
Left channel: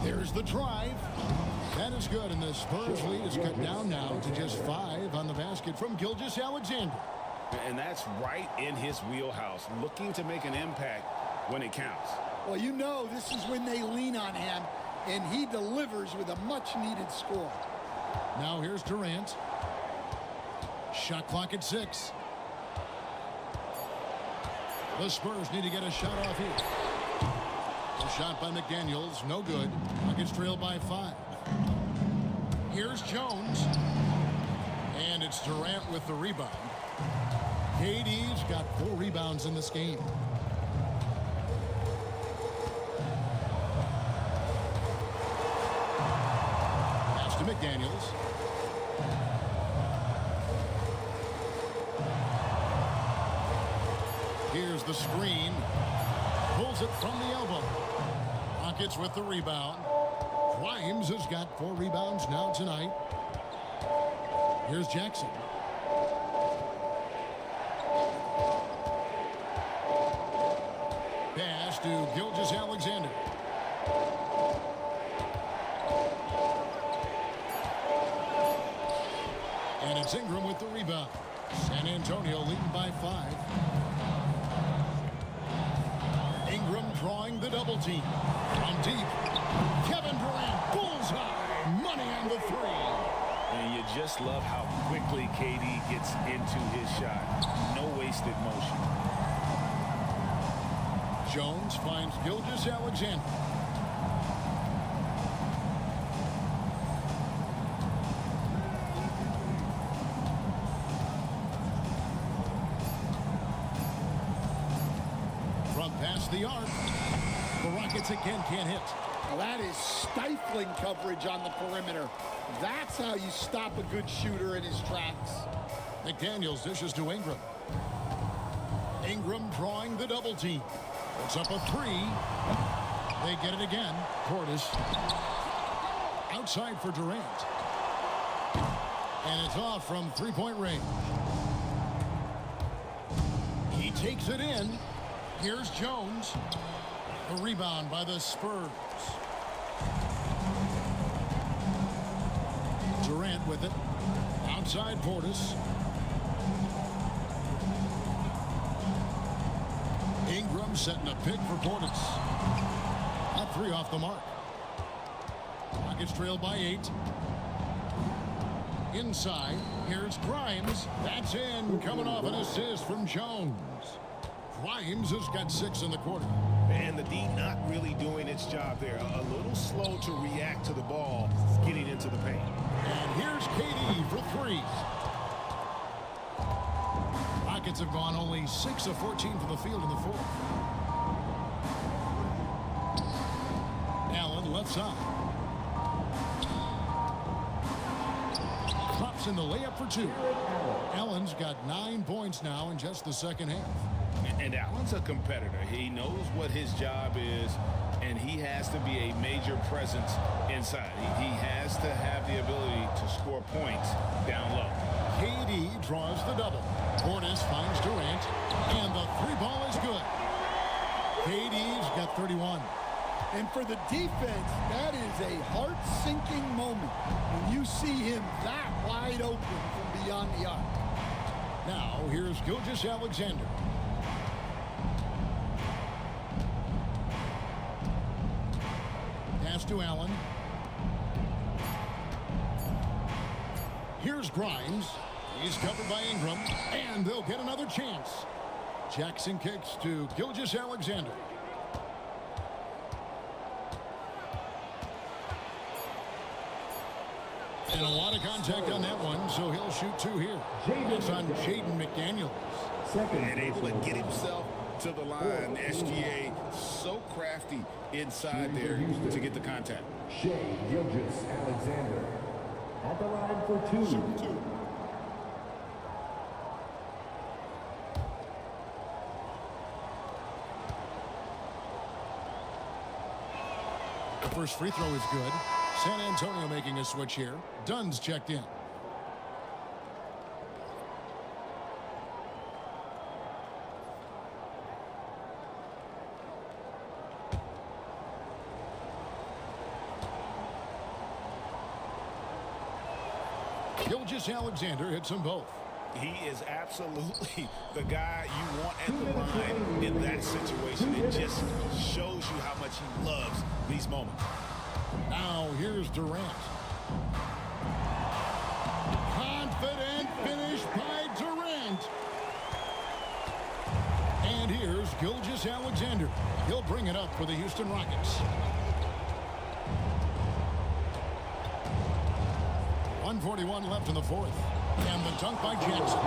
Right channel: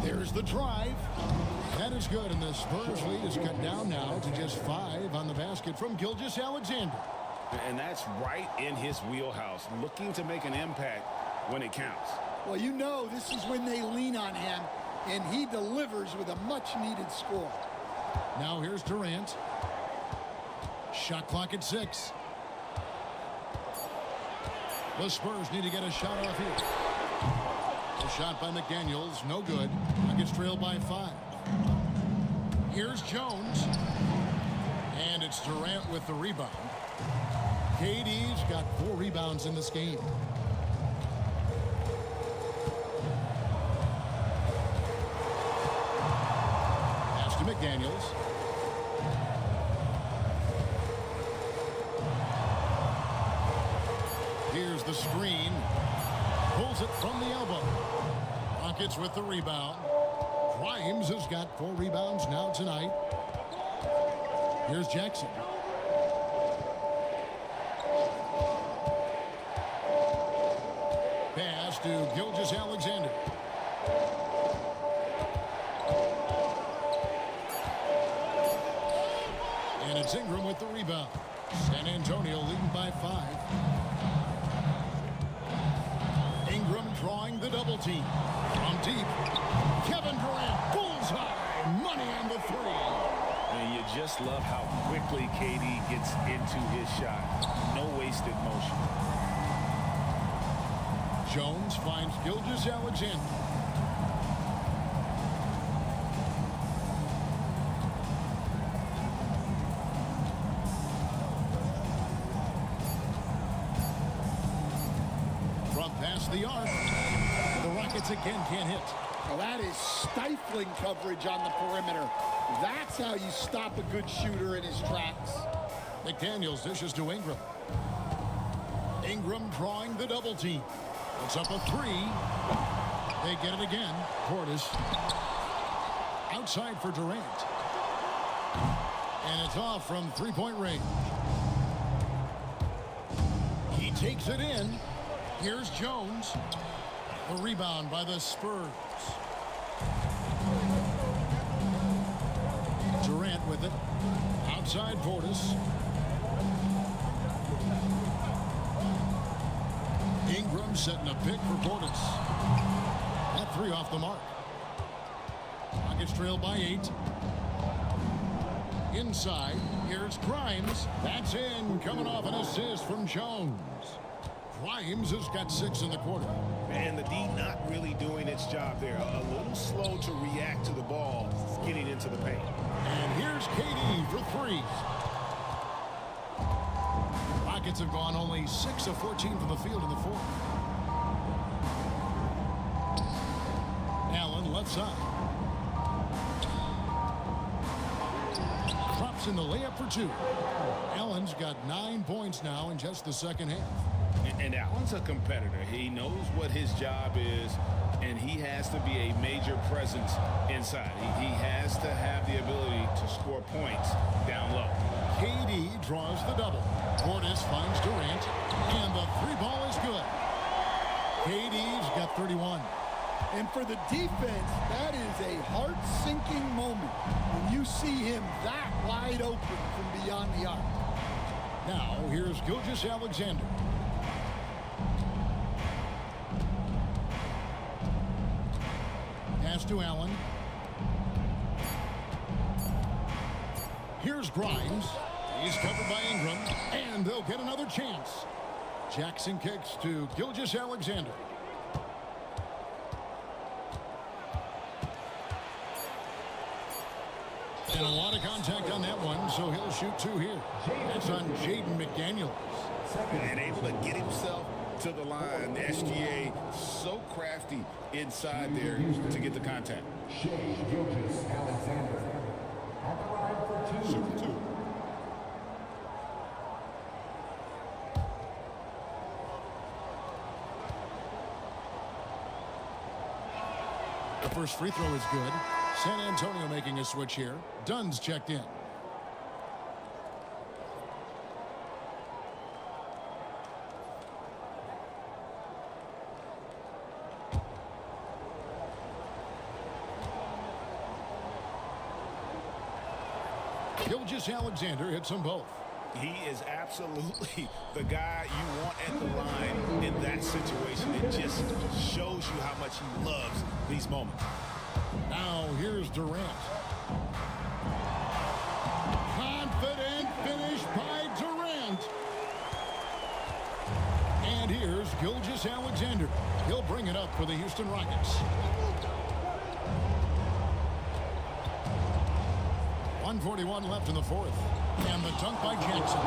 There's the drive. That is good, and the Spurs lead is cut down now to just 5 on the basket from Gilgeous-Alexander. And that's right in his wheelhouse, looking to make an impact when it counts. Well, you know this is when they lean on him, and he delivers with a much-needed score. Now here's Durant. Shot clock at 6. The Spurs need to get a shot off here. The shot by McDaniels, no good. Rockets trail by 5. Here's Jones. And it's Durant with the rebound. KD's got 4 rebounds in this game. to McDaniels. Here's the screen. Pulls it from the elbow. Rockets with the rebound. Grimes has got 4 rebounds now tonight. Here's Jackson. Pass to Gilgeous-Alexander. And it's Ingram with the rebound. San Antonio leading by 5. Ingram drawing the double team. From deep, Kevin Durant, bullseye, money on the 3. And you just love how quickly KD gets into his shot. No wasted motion. Jones finds Gilgeous-Alexander. From past the arc, the Rockets again can't hit. Well, that is stifling coverage on the perimeter. That's how you stop a good shooter in his tracks. McDaniels dishes to Ingram. Ingram drawing the double team. Puts up a 3. They get it again. Portis. Outside for Durant. And it's off from 3-point range. He takes it in. Here's Jones. The rebound by the Spurs. Durant with it. Outside Portis. Ingram setting a pick for Portis. That 3 off the mark. Rockets trail by 8. Inside, here's Grimes. That's in, coming off an assist from Jones. Grimes has got 6 in the quarter. And the D not really doing its job there. A little slow to react to the ball getting into the paint. And here's KD for 3. Rockets have gone only 6 of 14 from the field in the 4th. Allen left side. Drops in the layup for 2. Allen's got 9 points now in just the second half. And Allen's a competitor. He knows what his job is, and he has to be a major presence inside. He has to have the ability to score points down low. KD draws the double. Portis finds Durant, and the 3-ball is good. KD's got 31. And for the defense, that is a heart-sinking moment when you see him that wide open from beyond the arc. Now, here's Gilgeous-Alexander. Pass to Allen. Here's Grimes. He's covered by Ingram, and they'll get another chance. Jackson kicks to Gilgeous-Alexander. And a lot of contact on that one, so he'll shoot 2 here. That's on Jaden McDaniels. And able to get himself to the line. SGA so crafty inside there to get the contact. Shea Gilgeous-Alexander at the line for 2. Shooting 2. The first free throw is good. San Antonio making a switch here. Dunn's checked in. Gilgeous-Alexander hits them both. He is absolutely the guy you want at the line in that situation. It just shows you how much he loves these moments. Now here's Durant. Confident finish by Durant. And here's Gilgeous-Alexander. He'll bring it up for the Houston Rockets. 1:41 left in the 4th. And the dunk by Jackson.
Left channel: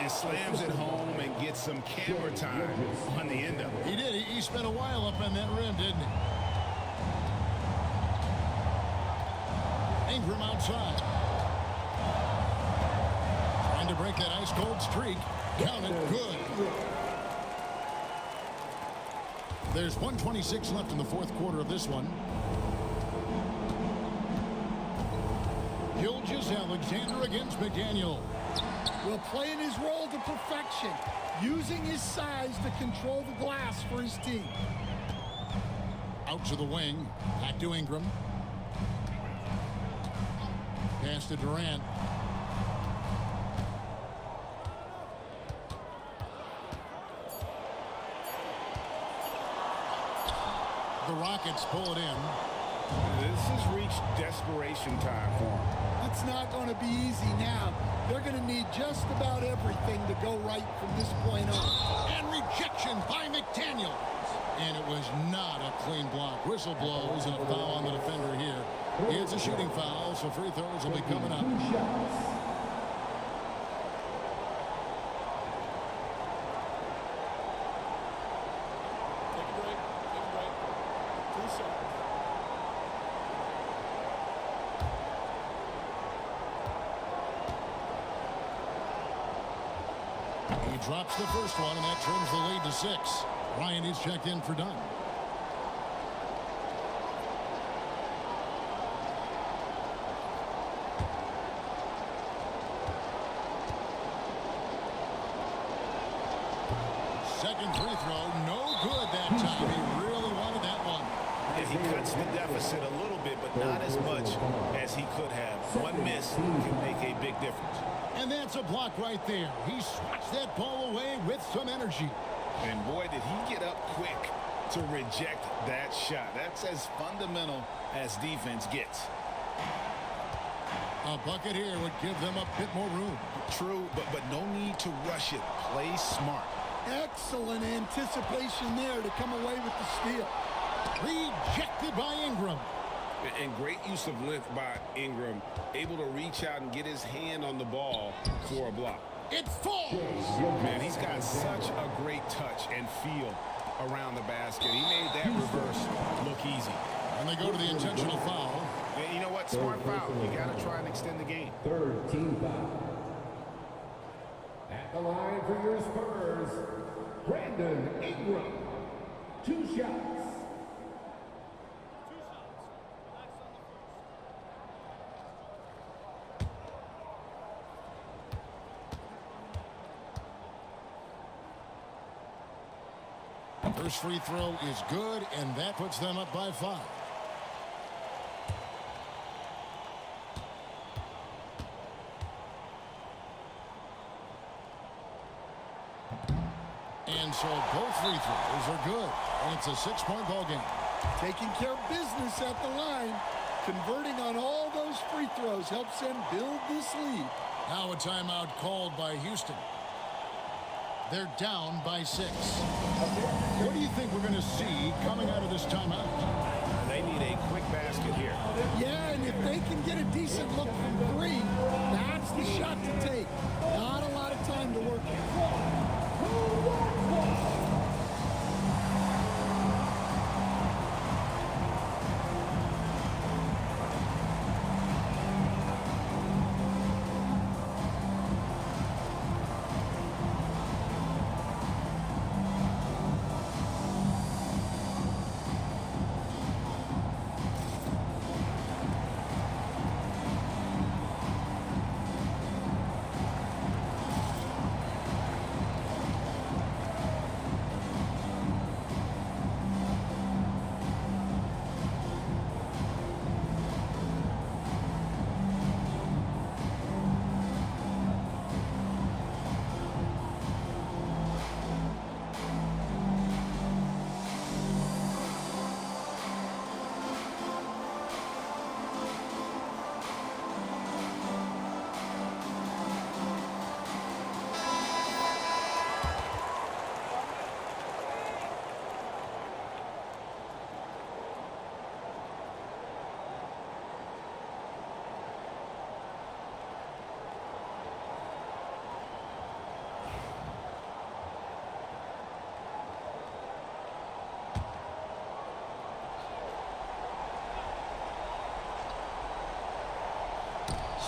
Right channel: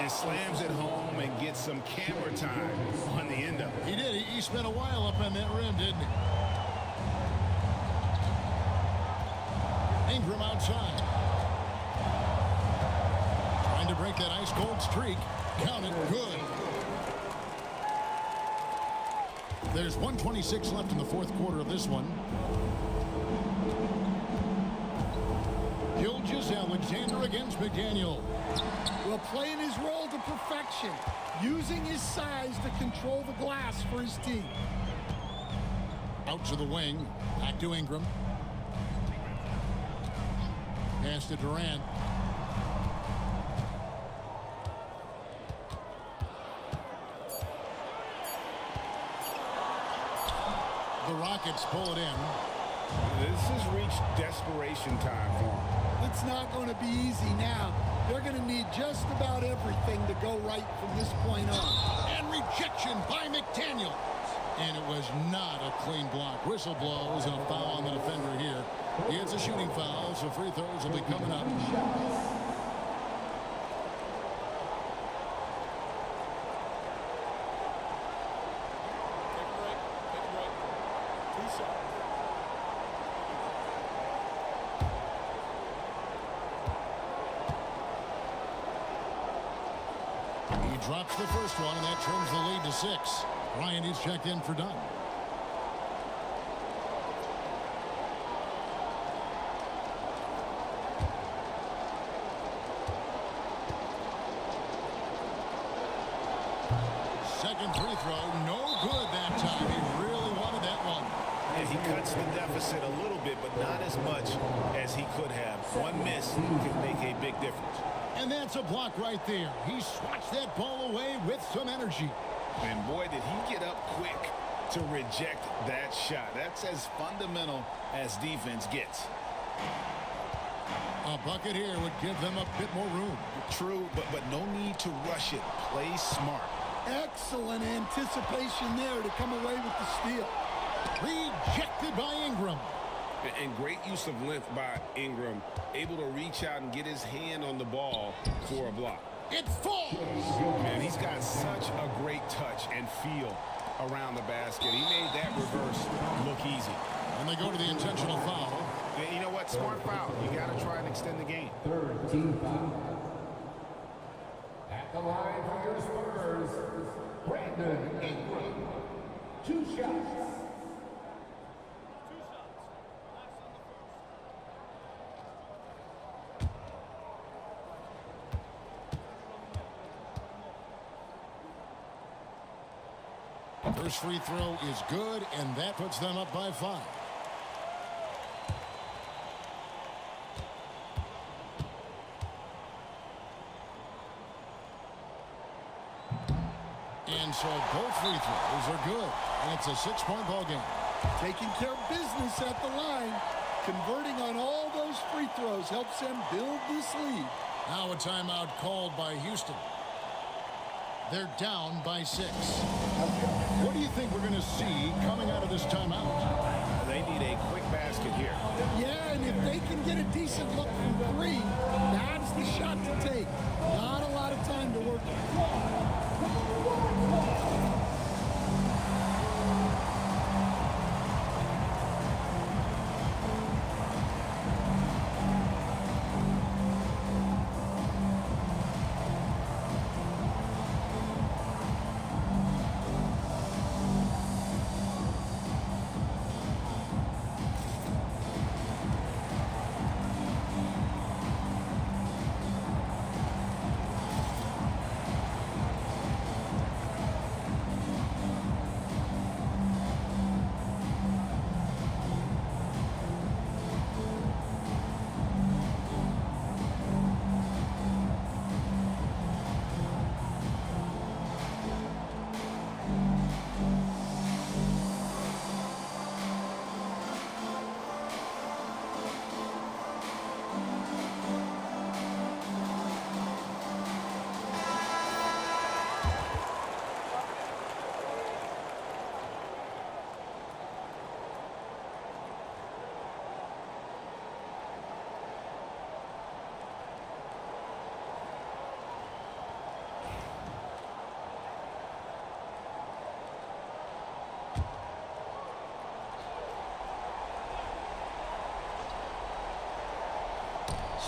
And slams it home and gets some camera time on the end of it. He did. He spent a while up on that rim, didn't he? Ingram outside. Trying to break that ice-cold streak. Count it. Good. There's 1:26 left in the fourth quarter of this one. Gilgeous-Alexander against McDaniel. Well, playing his role to perfection, using his size to control the glass for his team. Out to the wing. Back to Ingram. Pass to Durant. The Rockets pull it in. This has reached desperation time for him. It's not going to be easy now. They're going to need just about everything to go right from this point on. And rejection by McDaniel. And it was not a clean block. Whistle blows and a foul on the defender here. It's a shooting foul, so free throws will be coming up. Take a break. Take a break. 2 shots. He drops the first one, and that trims the lead to 6. Ryan is checked in for Dunn. Second free throw, no good that time. He really wanted that one. Yeah, he cuts the deficit a little bit, but not as much as he could have. One miss can make a big difference. And that's a block right there. He swats that ball away with some energy. And boy, did he get up quick to reject that shot. That's as fundamental as defense gets. A bucket here would give them a bit more room. True, but no need to rush it. Play smart. Excellent anticipation there to come away with the steal. Rejected by Ingram. And great use of length by Ingram. Able to reach out and get his hand on the ball for a block. It falls. Man, he's got such a great touch and feel around the basket. He made that reverse look easy. And they go to the intentional foul. And you know what? Smart foul. You got to try and extend the game. Third team foul. At the line for your Spurs, Brandon Ingram. 2 shots. 2 shots. Relax on the first. First free throw is good, and that puts them up by 5. And so both free throws are good, and it's a 6-point ball game. Taking care of business at the line. Converting on all those free throws helps them build this lead. Now a timeout called by Houston. They're down by 6. What do you think we're going to see coming out of this timeout? They need a quick basket here. Yeah, and if they can get a decent look from 3, that's the shot to take. Not a lot of time to work with.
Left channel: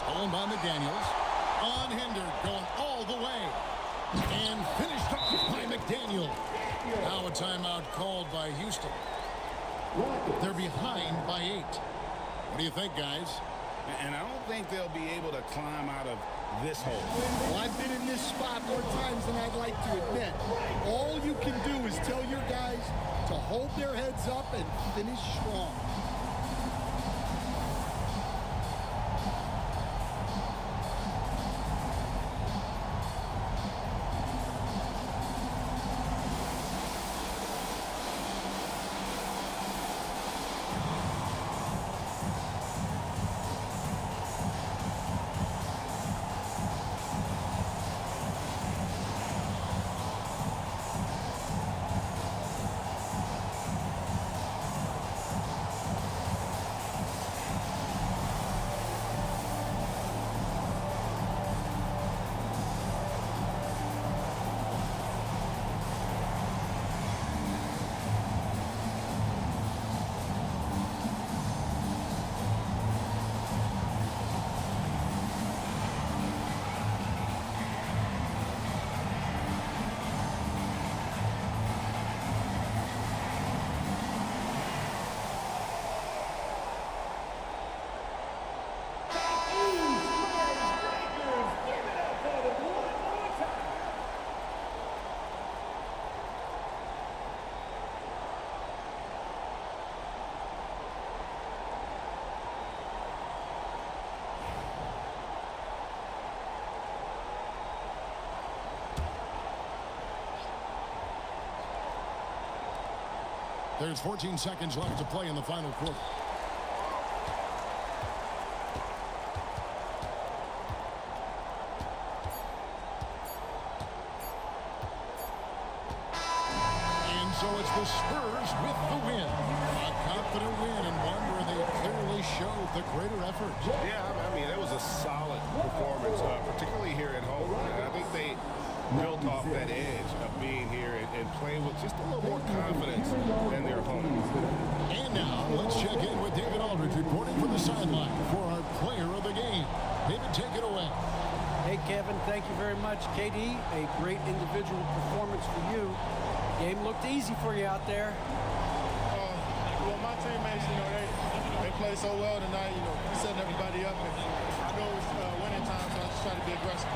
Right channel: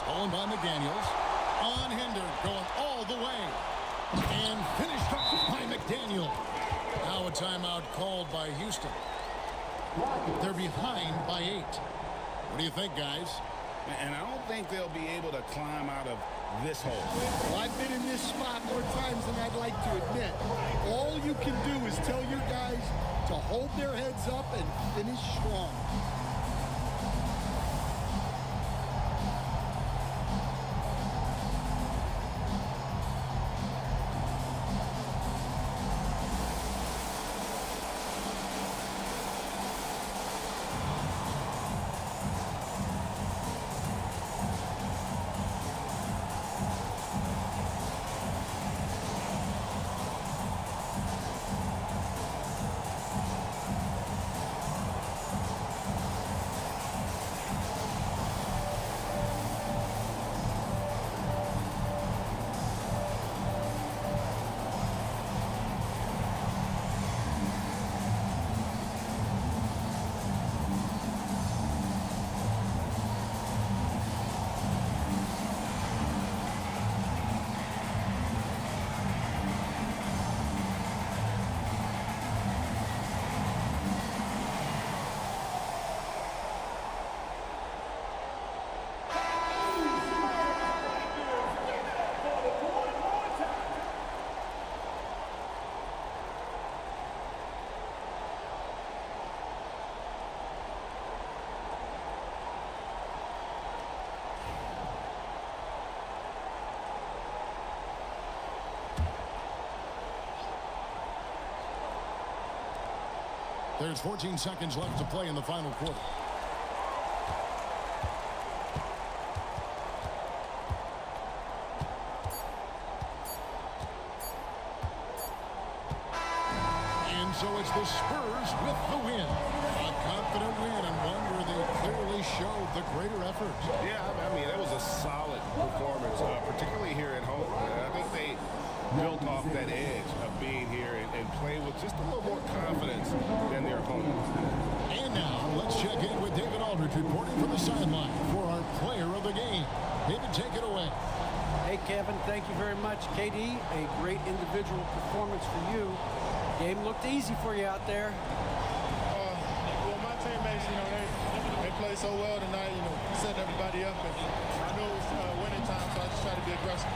Stolen by McDaniels. Unhindered, going all the way. And finished off by McDaniel. Now a timeout called by Houston. They're behind by 8. What do you think, guys? And I don't think they'll be able to climb out of this hole. Well, I've been in this spot more times than I'd like to admit. All you can do is tell your guys to hold their heads up and finish strong. There's 14 seconds left to play in the final quarter. And so it's the Spurs with the win. A confident win and one where they clearly showed the greater effort. Yeah, I mean, it was a solid performance, particularly here at home. I think they built off that edge of being here and play with just a little more confidence than their opponent. And now let's check in with David Aldridge reporting from the sideline for our player of the game. David, take it away. Hey, Kevin, thank you very much. KD, a great individual performance for you. Game looked easy for you out there. Well, my teammates, they played so well tonight, setting everybody up. And I know it was winning time, so I just try to be aggressive.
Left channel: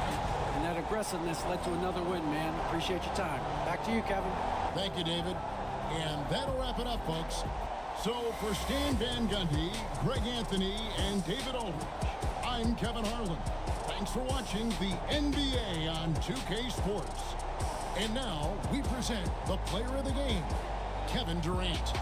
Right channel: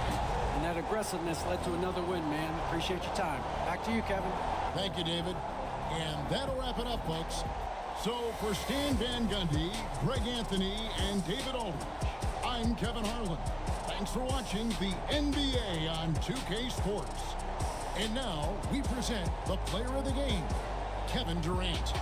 And that aggressiveness led to another win, man. Appreciate your time. Back to you, Kevin. Thank you, David. And that'll wrap it up, folks. So for Stan Van Gundy, Greg Anthony, and David Aldridge, I'm Kevin Harlan. Thanks for watching the NBA on 2K Sports. And now we present the player of the game, Kevin Durant.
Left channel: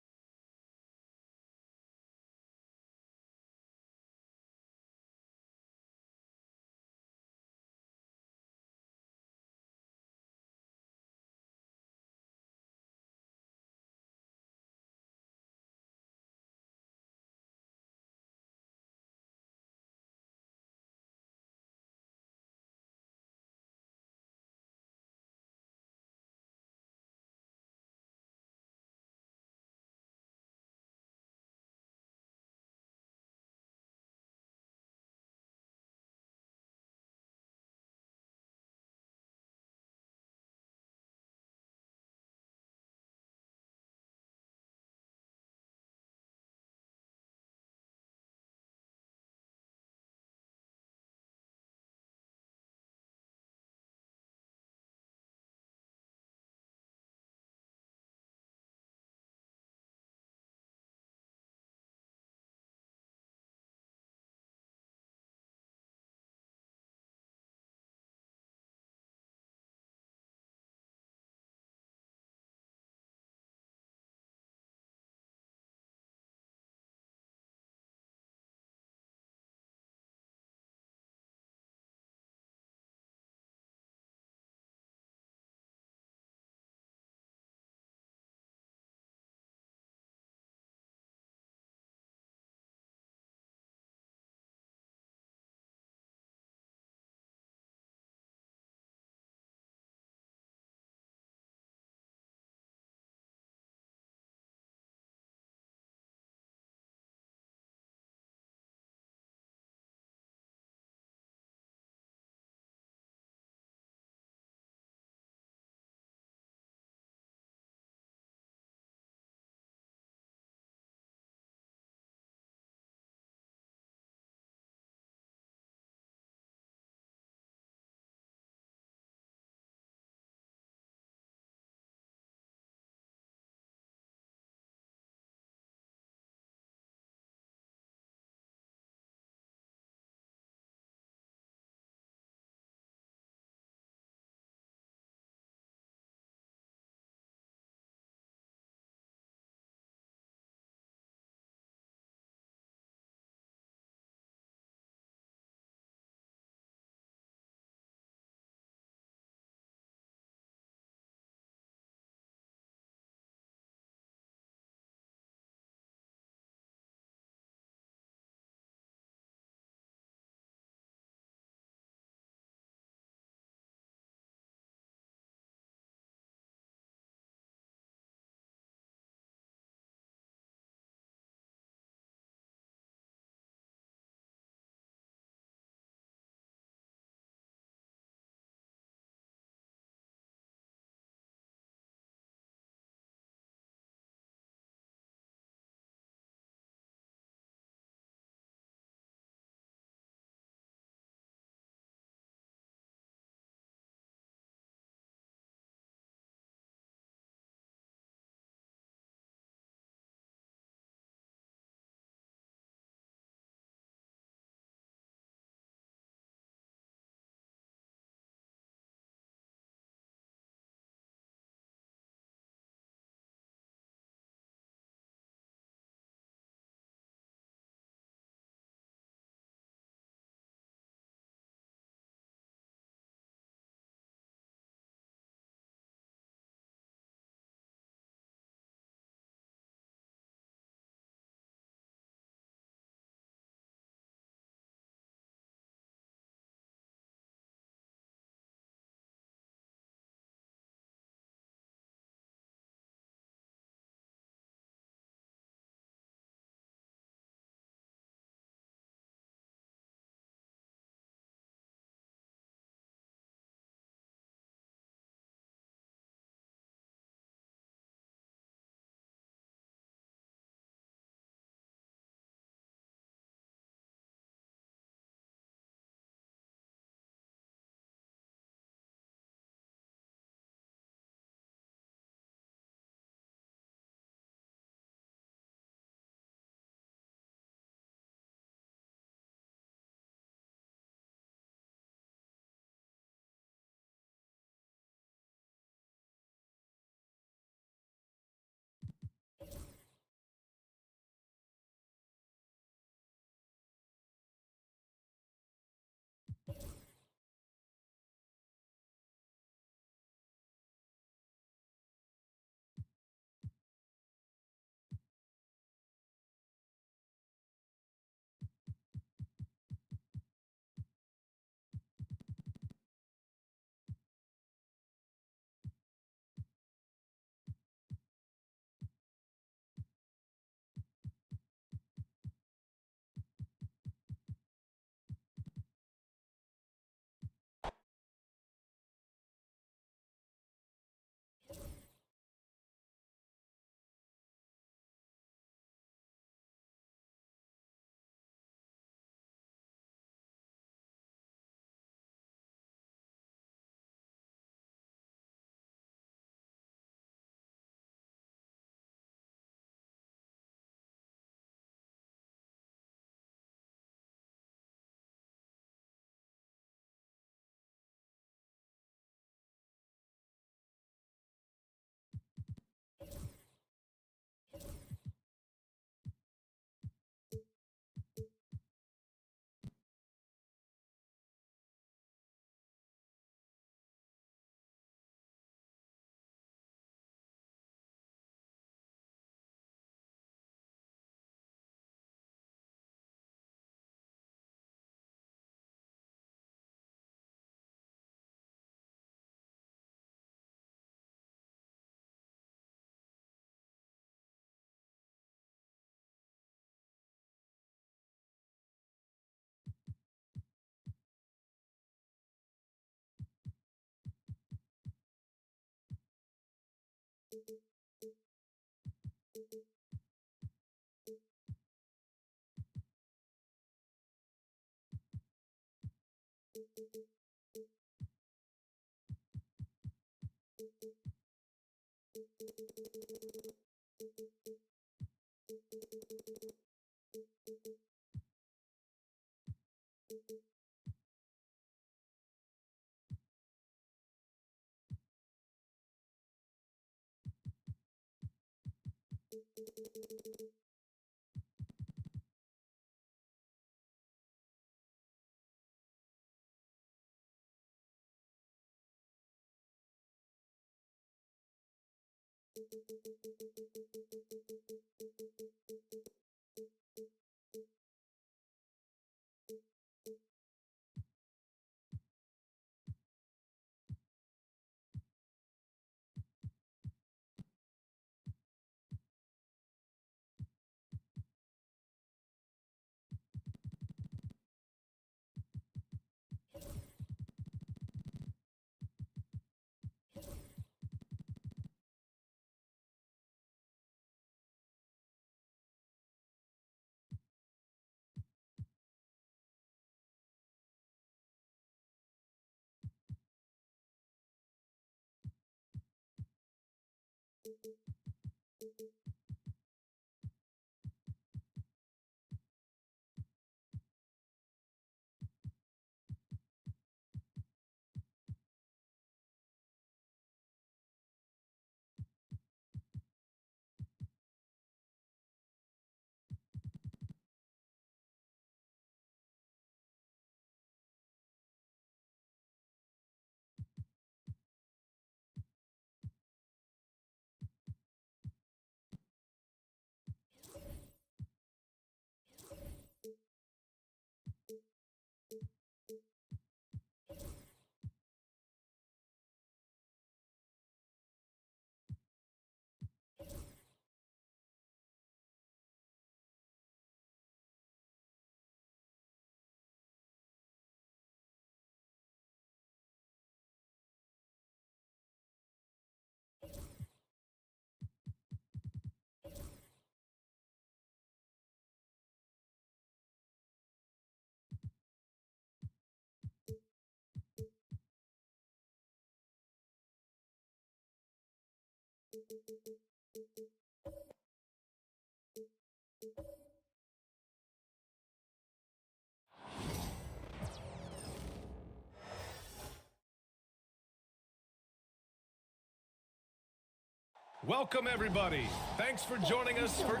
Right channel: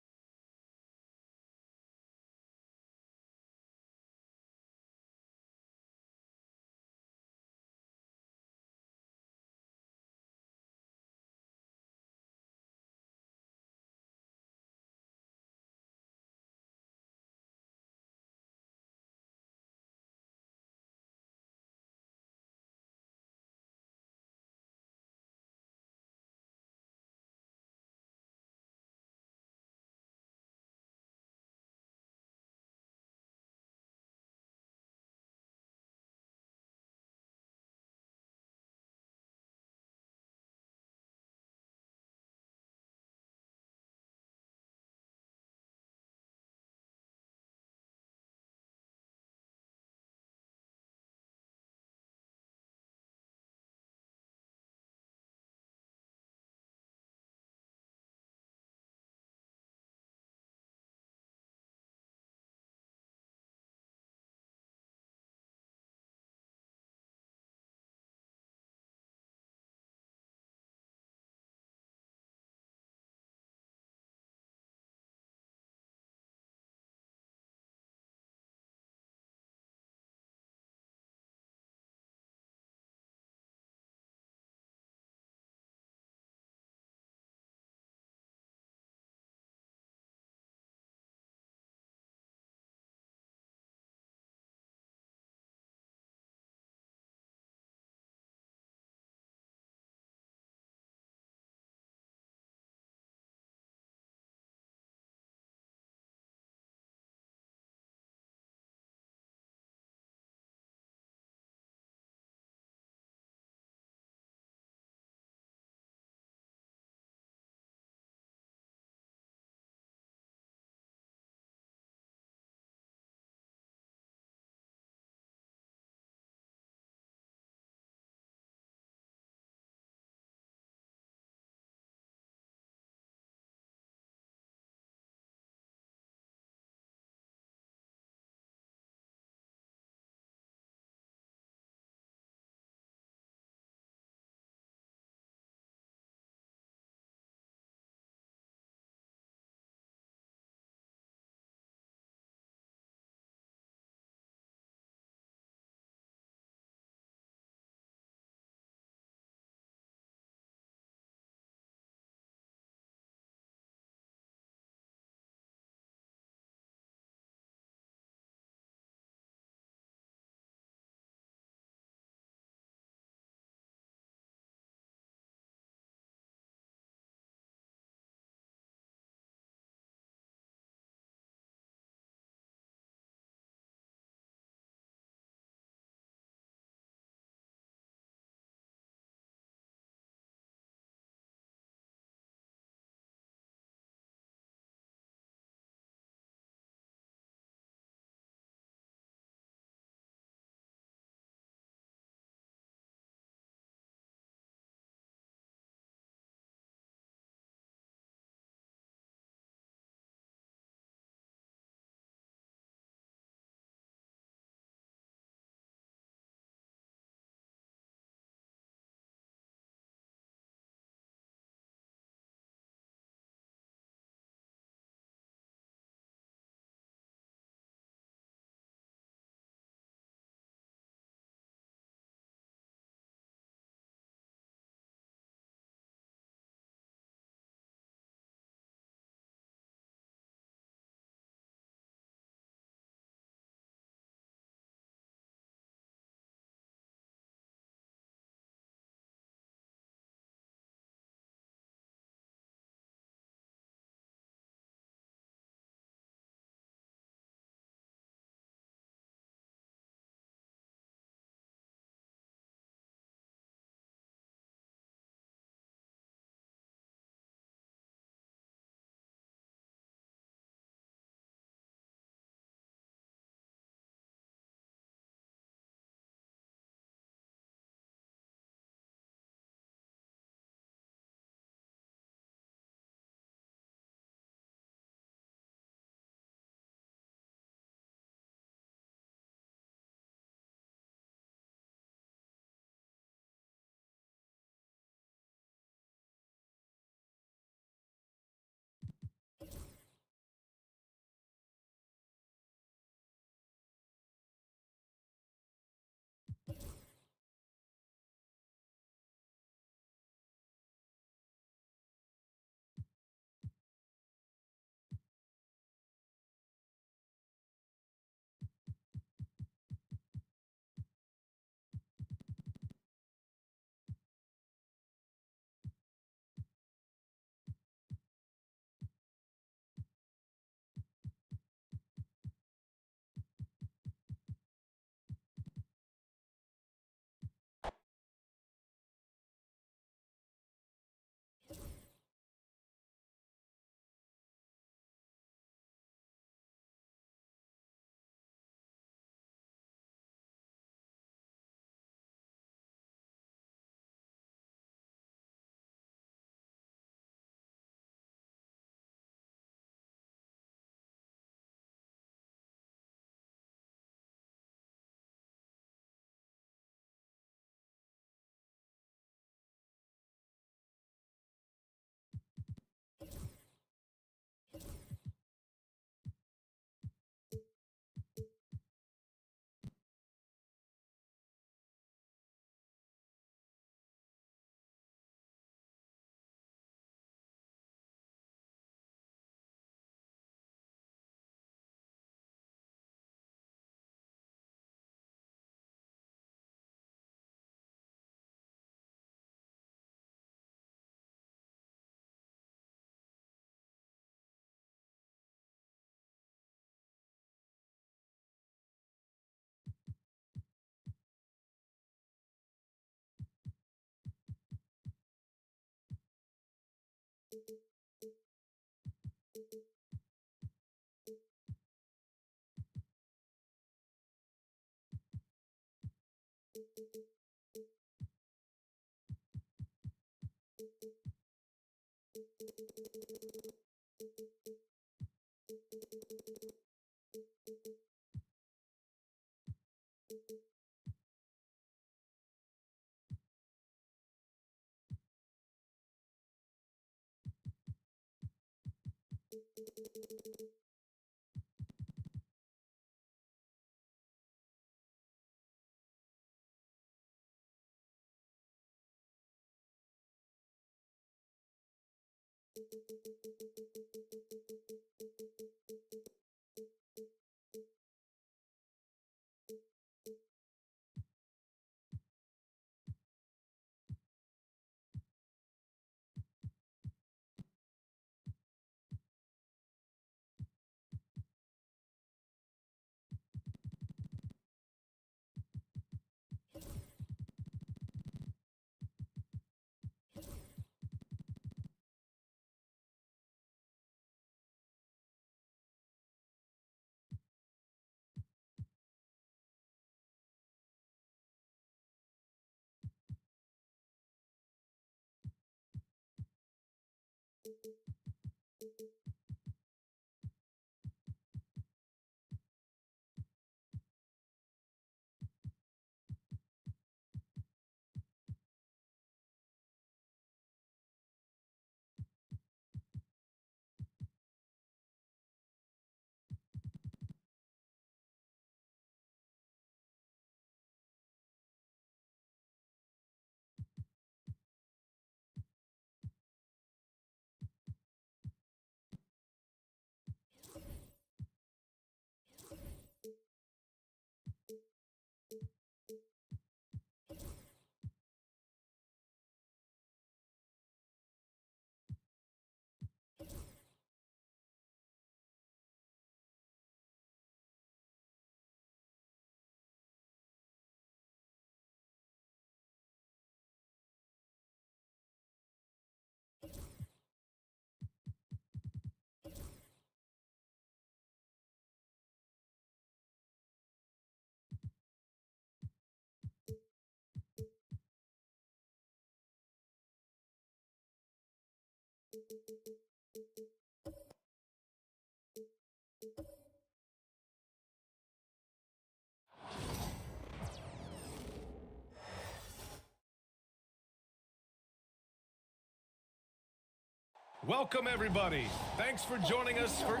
Welcome, everybody. Thanks for joining us for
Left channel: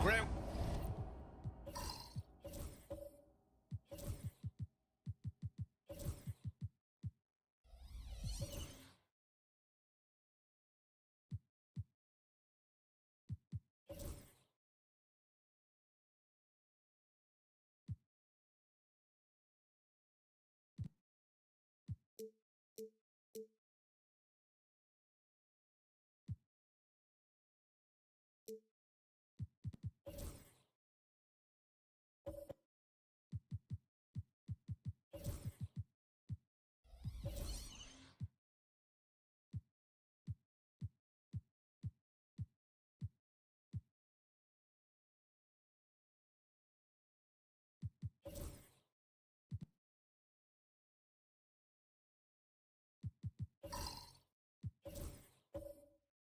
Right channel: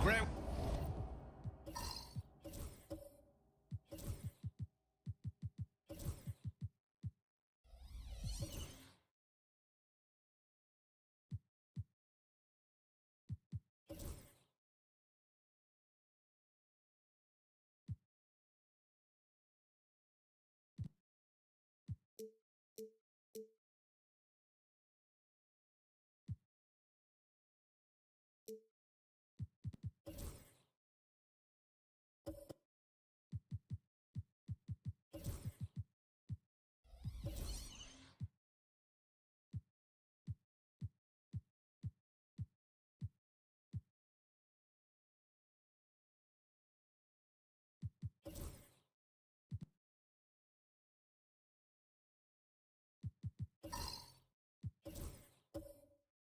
Grant.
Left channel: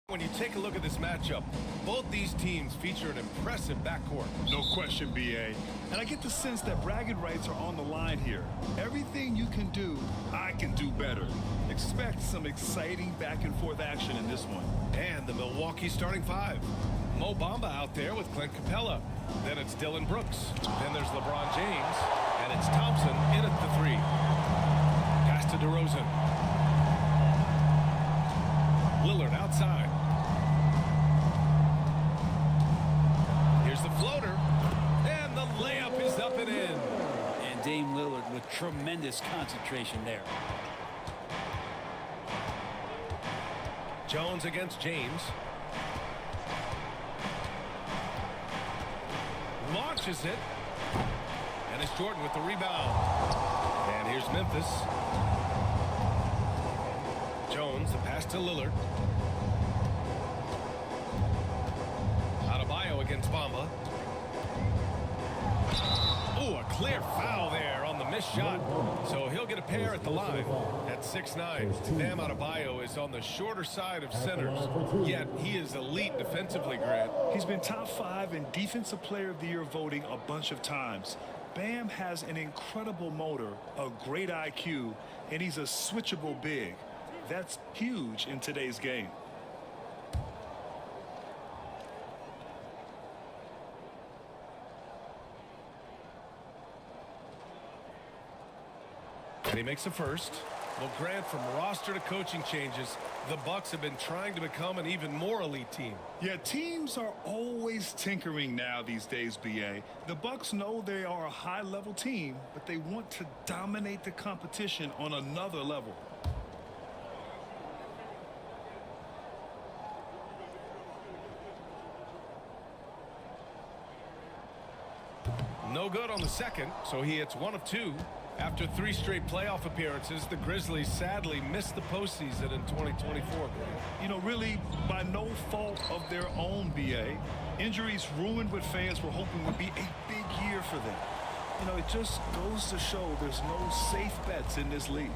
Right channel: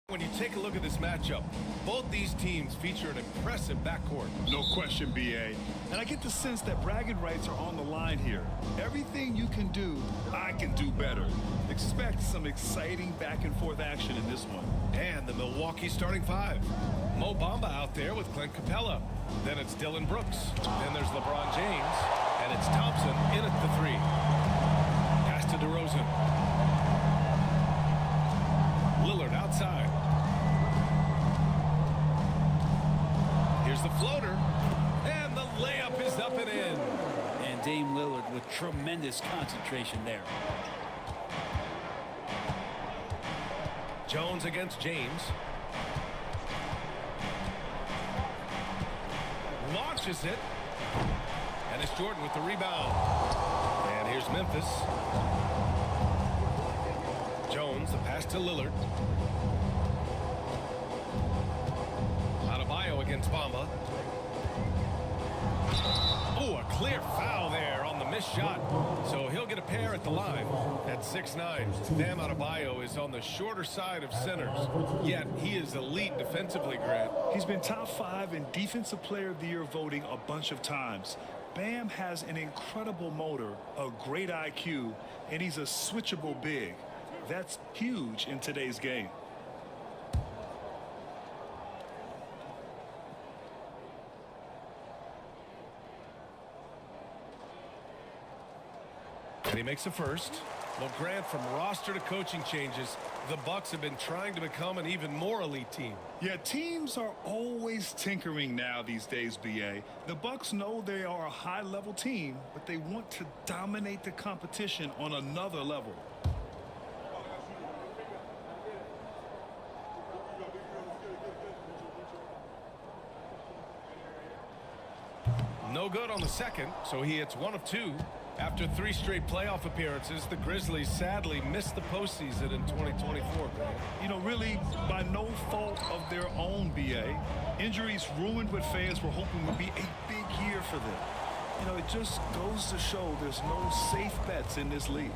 When you take a look at this matchup, both these teams feature an impressive backcourt. No question, BA. And I get the sense that bragging rights are on the line here. Everything you can do, I can do better. Expect some exciting back-and-forth action in this one. And the Milwaukee starting five. Mo Bamba out there with Clint Capella. Then it's Dylan Brooks. Then there's LeBron James. And it's Thompson in at the three. Pass to DeRozan. Lillard outside. Here's the floater. And the layup is up and in. And Dame Lillard with tremendous concentration there. Jones against James. Launches it. And it's Jordan with the rebound. And here's Memphis. Jones, the pass to Lillard. Adebayo against Bamba. Oh, a clear foul there on the missed shot. So he'll get a pair at the line. At 6'9", Bam Adebayo is on the shorter side of centers. Yet he is elite defensively, Grant. He's been top 5 in Defensive Player of the Year voting a bunch of times. Bam has an incredible motor, a great IQ, and he's a switchable big. That's huge in today's game. And he makes a first. Well, Grant, from roster to coaching changes, the Bucks have been trying to become an even more elite team. Yeah, teams are always tinkering now these days, BA. The Bucks know they are a high-level team, but they want to dominate the competition on another level. No good on the second, so he hits 1 of 2. After 3 straight playoff appearances, the Grizzlies sadly missed the postseason in 2024, Grant. You know, really by no fault of their own, BA. Injuries ruined what fans were hoping would be a big year for them. You know, it just goes to show there's no safe bets in this league.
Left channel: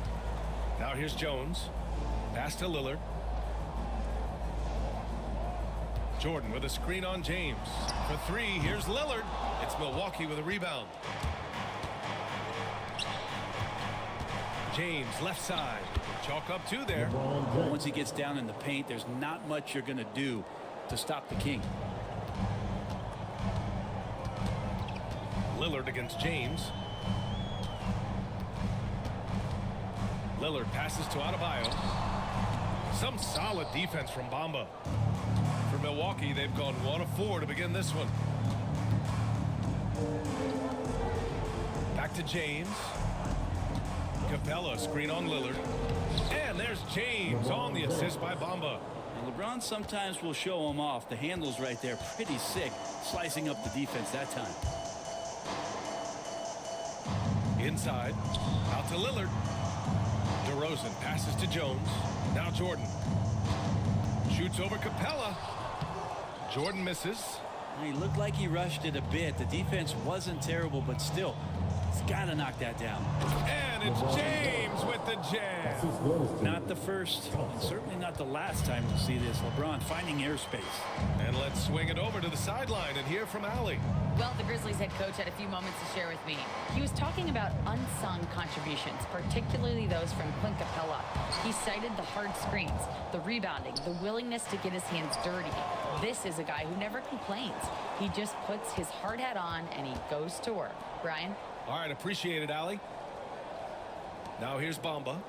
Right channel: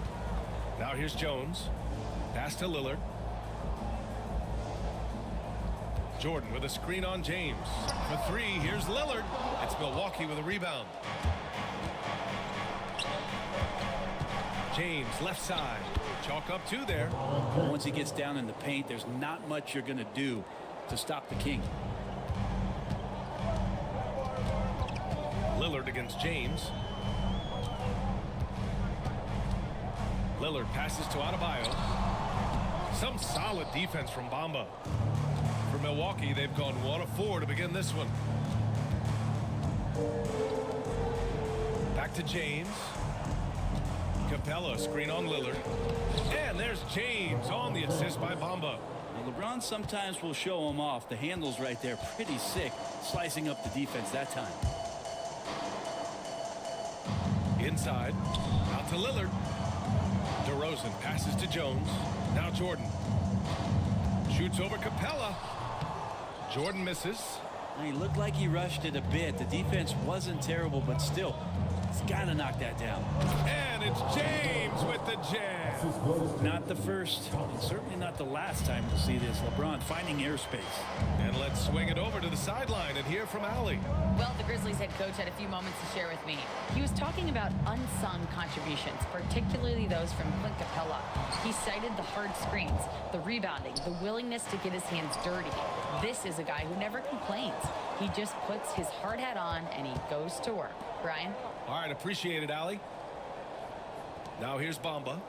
Now here's Jones. Pass to Lillard. Jordan with a screen on James. For 3, here's Lillard. It's Milwaukee with a rebound. James, left side. Chalk up 2 there. Once he gets down in the paint, there's not much you're going to do to stop the King. Lillard against James. Lillard passes to Adebayo. Some solid defense from Bamba. For Milwaukee, they've gone 1 of 4 to begin this one. Back to James. Capella, screen on Lillard. And there's James on the assist by Bamba. Now, LeBron sometimes will show him off. The handle's right there, pretty sick, slicing up the defense that time. Inside, out to Lillard. DeRozan passes to Jones. Now Jordan. Shoots over Capella. Jordan misses. Now, he looked like he rushed it a bit. The defense wasn't terrible, but still, he's got to knock that down. And it's James with the jam. Not the first, and certainly not the last time we'll see this. LeBron finding airspace. And let's swing it over to the sideline and hear from Allie. Well, the Grizzlies head coach had a few moments to share with me. He was talking about unsung contributions, particularly those from Clint Capella. He cited the hard screens, the rebounding, the willingness to get his hands dirty. This is a guy who never complains. He just puts his hard hat on and he goes to work. Brian? All right, appreciate it, Allie. Now here's Bamba.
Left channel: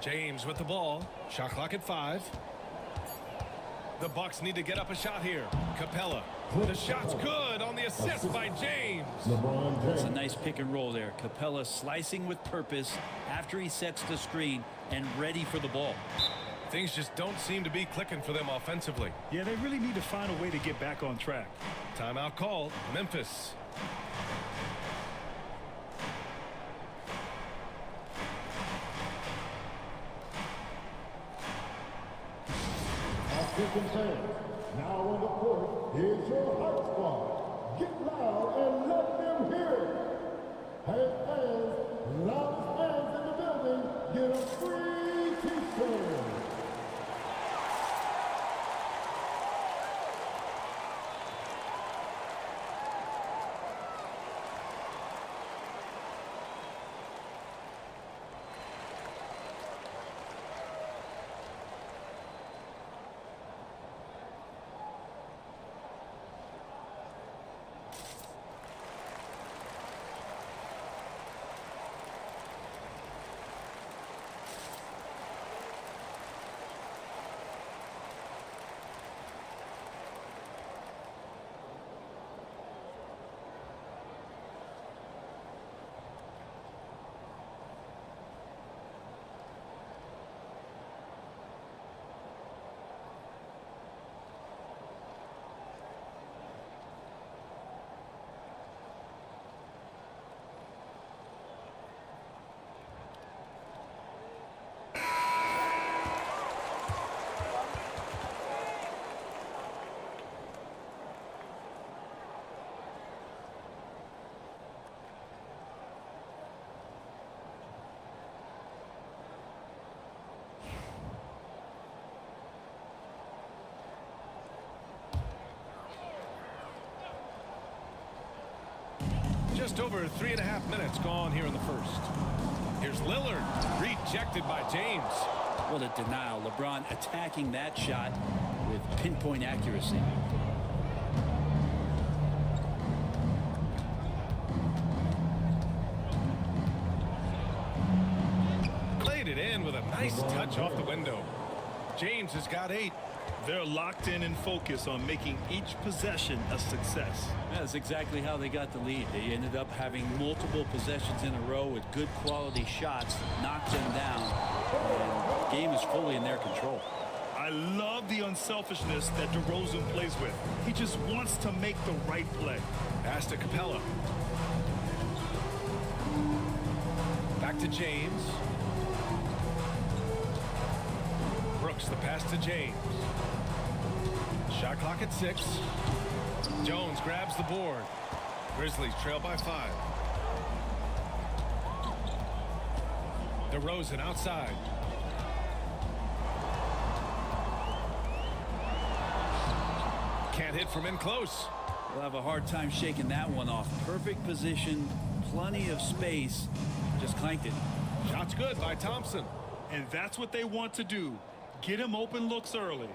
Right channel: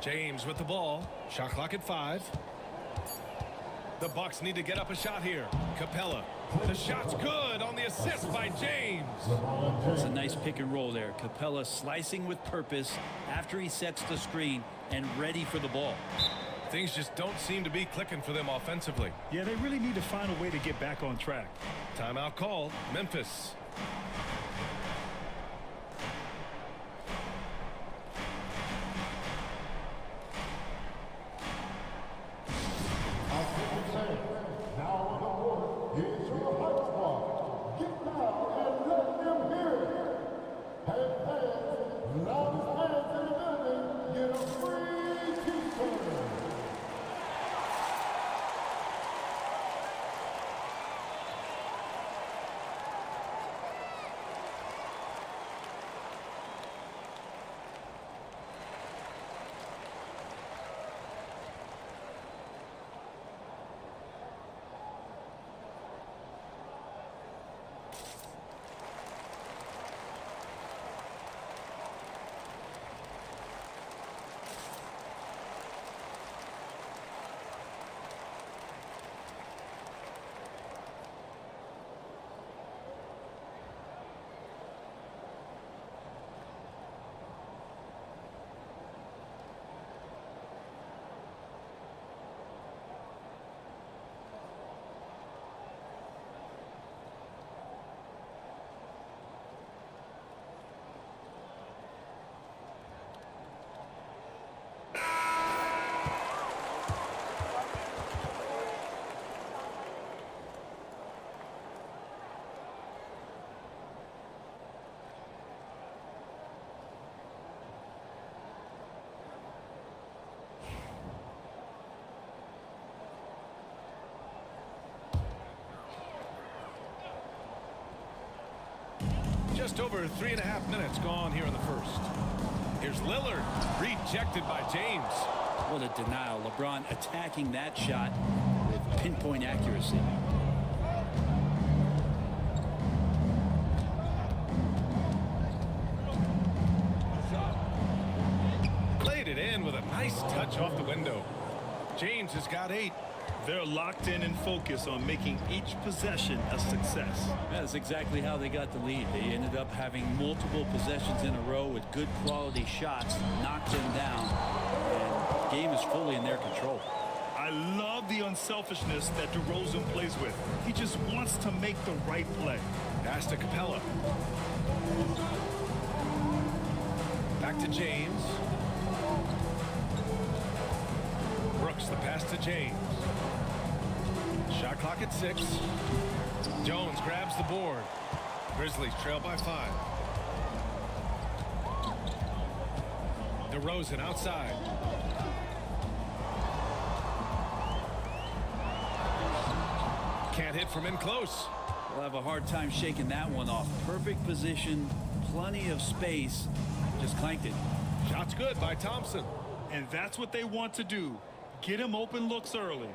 James with the ball. Shot clock at 5. The Bucks need to get up a shot here. Capella. The shot's good on the assist by James. It's a nice pick and roll there. Capella slicing with purpose after he sets the screen and ready for the ball. Things just don't seem to be clicking for them offensively. Yeah, they really need to find a way to get back on track. Timeout called. Memphis. Now on the court is your hype squad. Get loud and let them hear it. And fans, loudest fans in the building, get a free t-shirt. Just over 3.5 minutes gone here in the first. Here's Lillard, rejected by James. What a denial. LeBron attacking that shot with pinpoint accuracy. Laid it in with a nice touch off the window. James has got 8. They're locked in and focused on making each possession a success. That's exactly how they got the lead. They ended up having multiple possessions in a row with good quality shots, knocked them down, and the game is fully in their control. I love the unselfishness that DeRozan plays with. He just wants to make the right play. Pass to Capella. Back to James. Brooks, the pass to James. Shot clock at 6. Jones grabs the board. Grizzlies trail by 5. DeRozan outside. Can't hit from in close. They'll have a hard time shaking that one off. Perfect position, plenty of space. Just clanked it. Shot's good by Thompson. And that's what they want to do. Get him open looks early.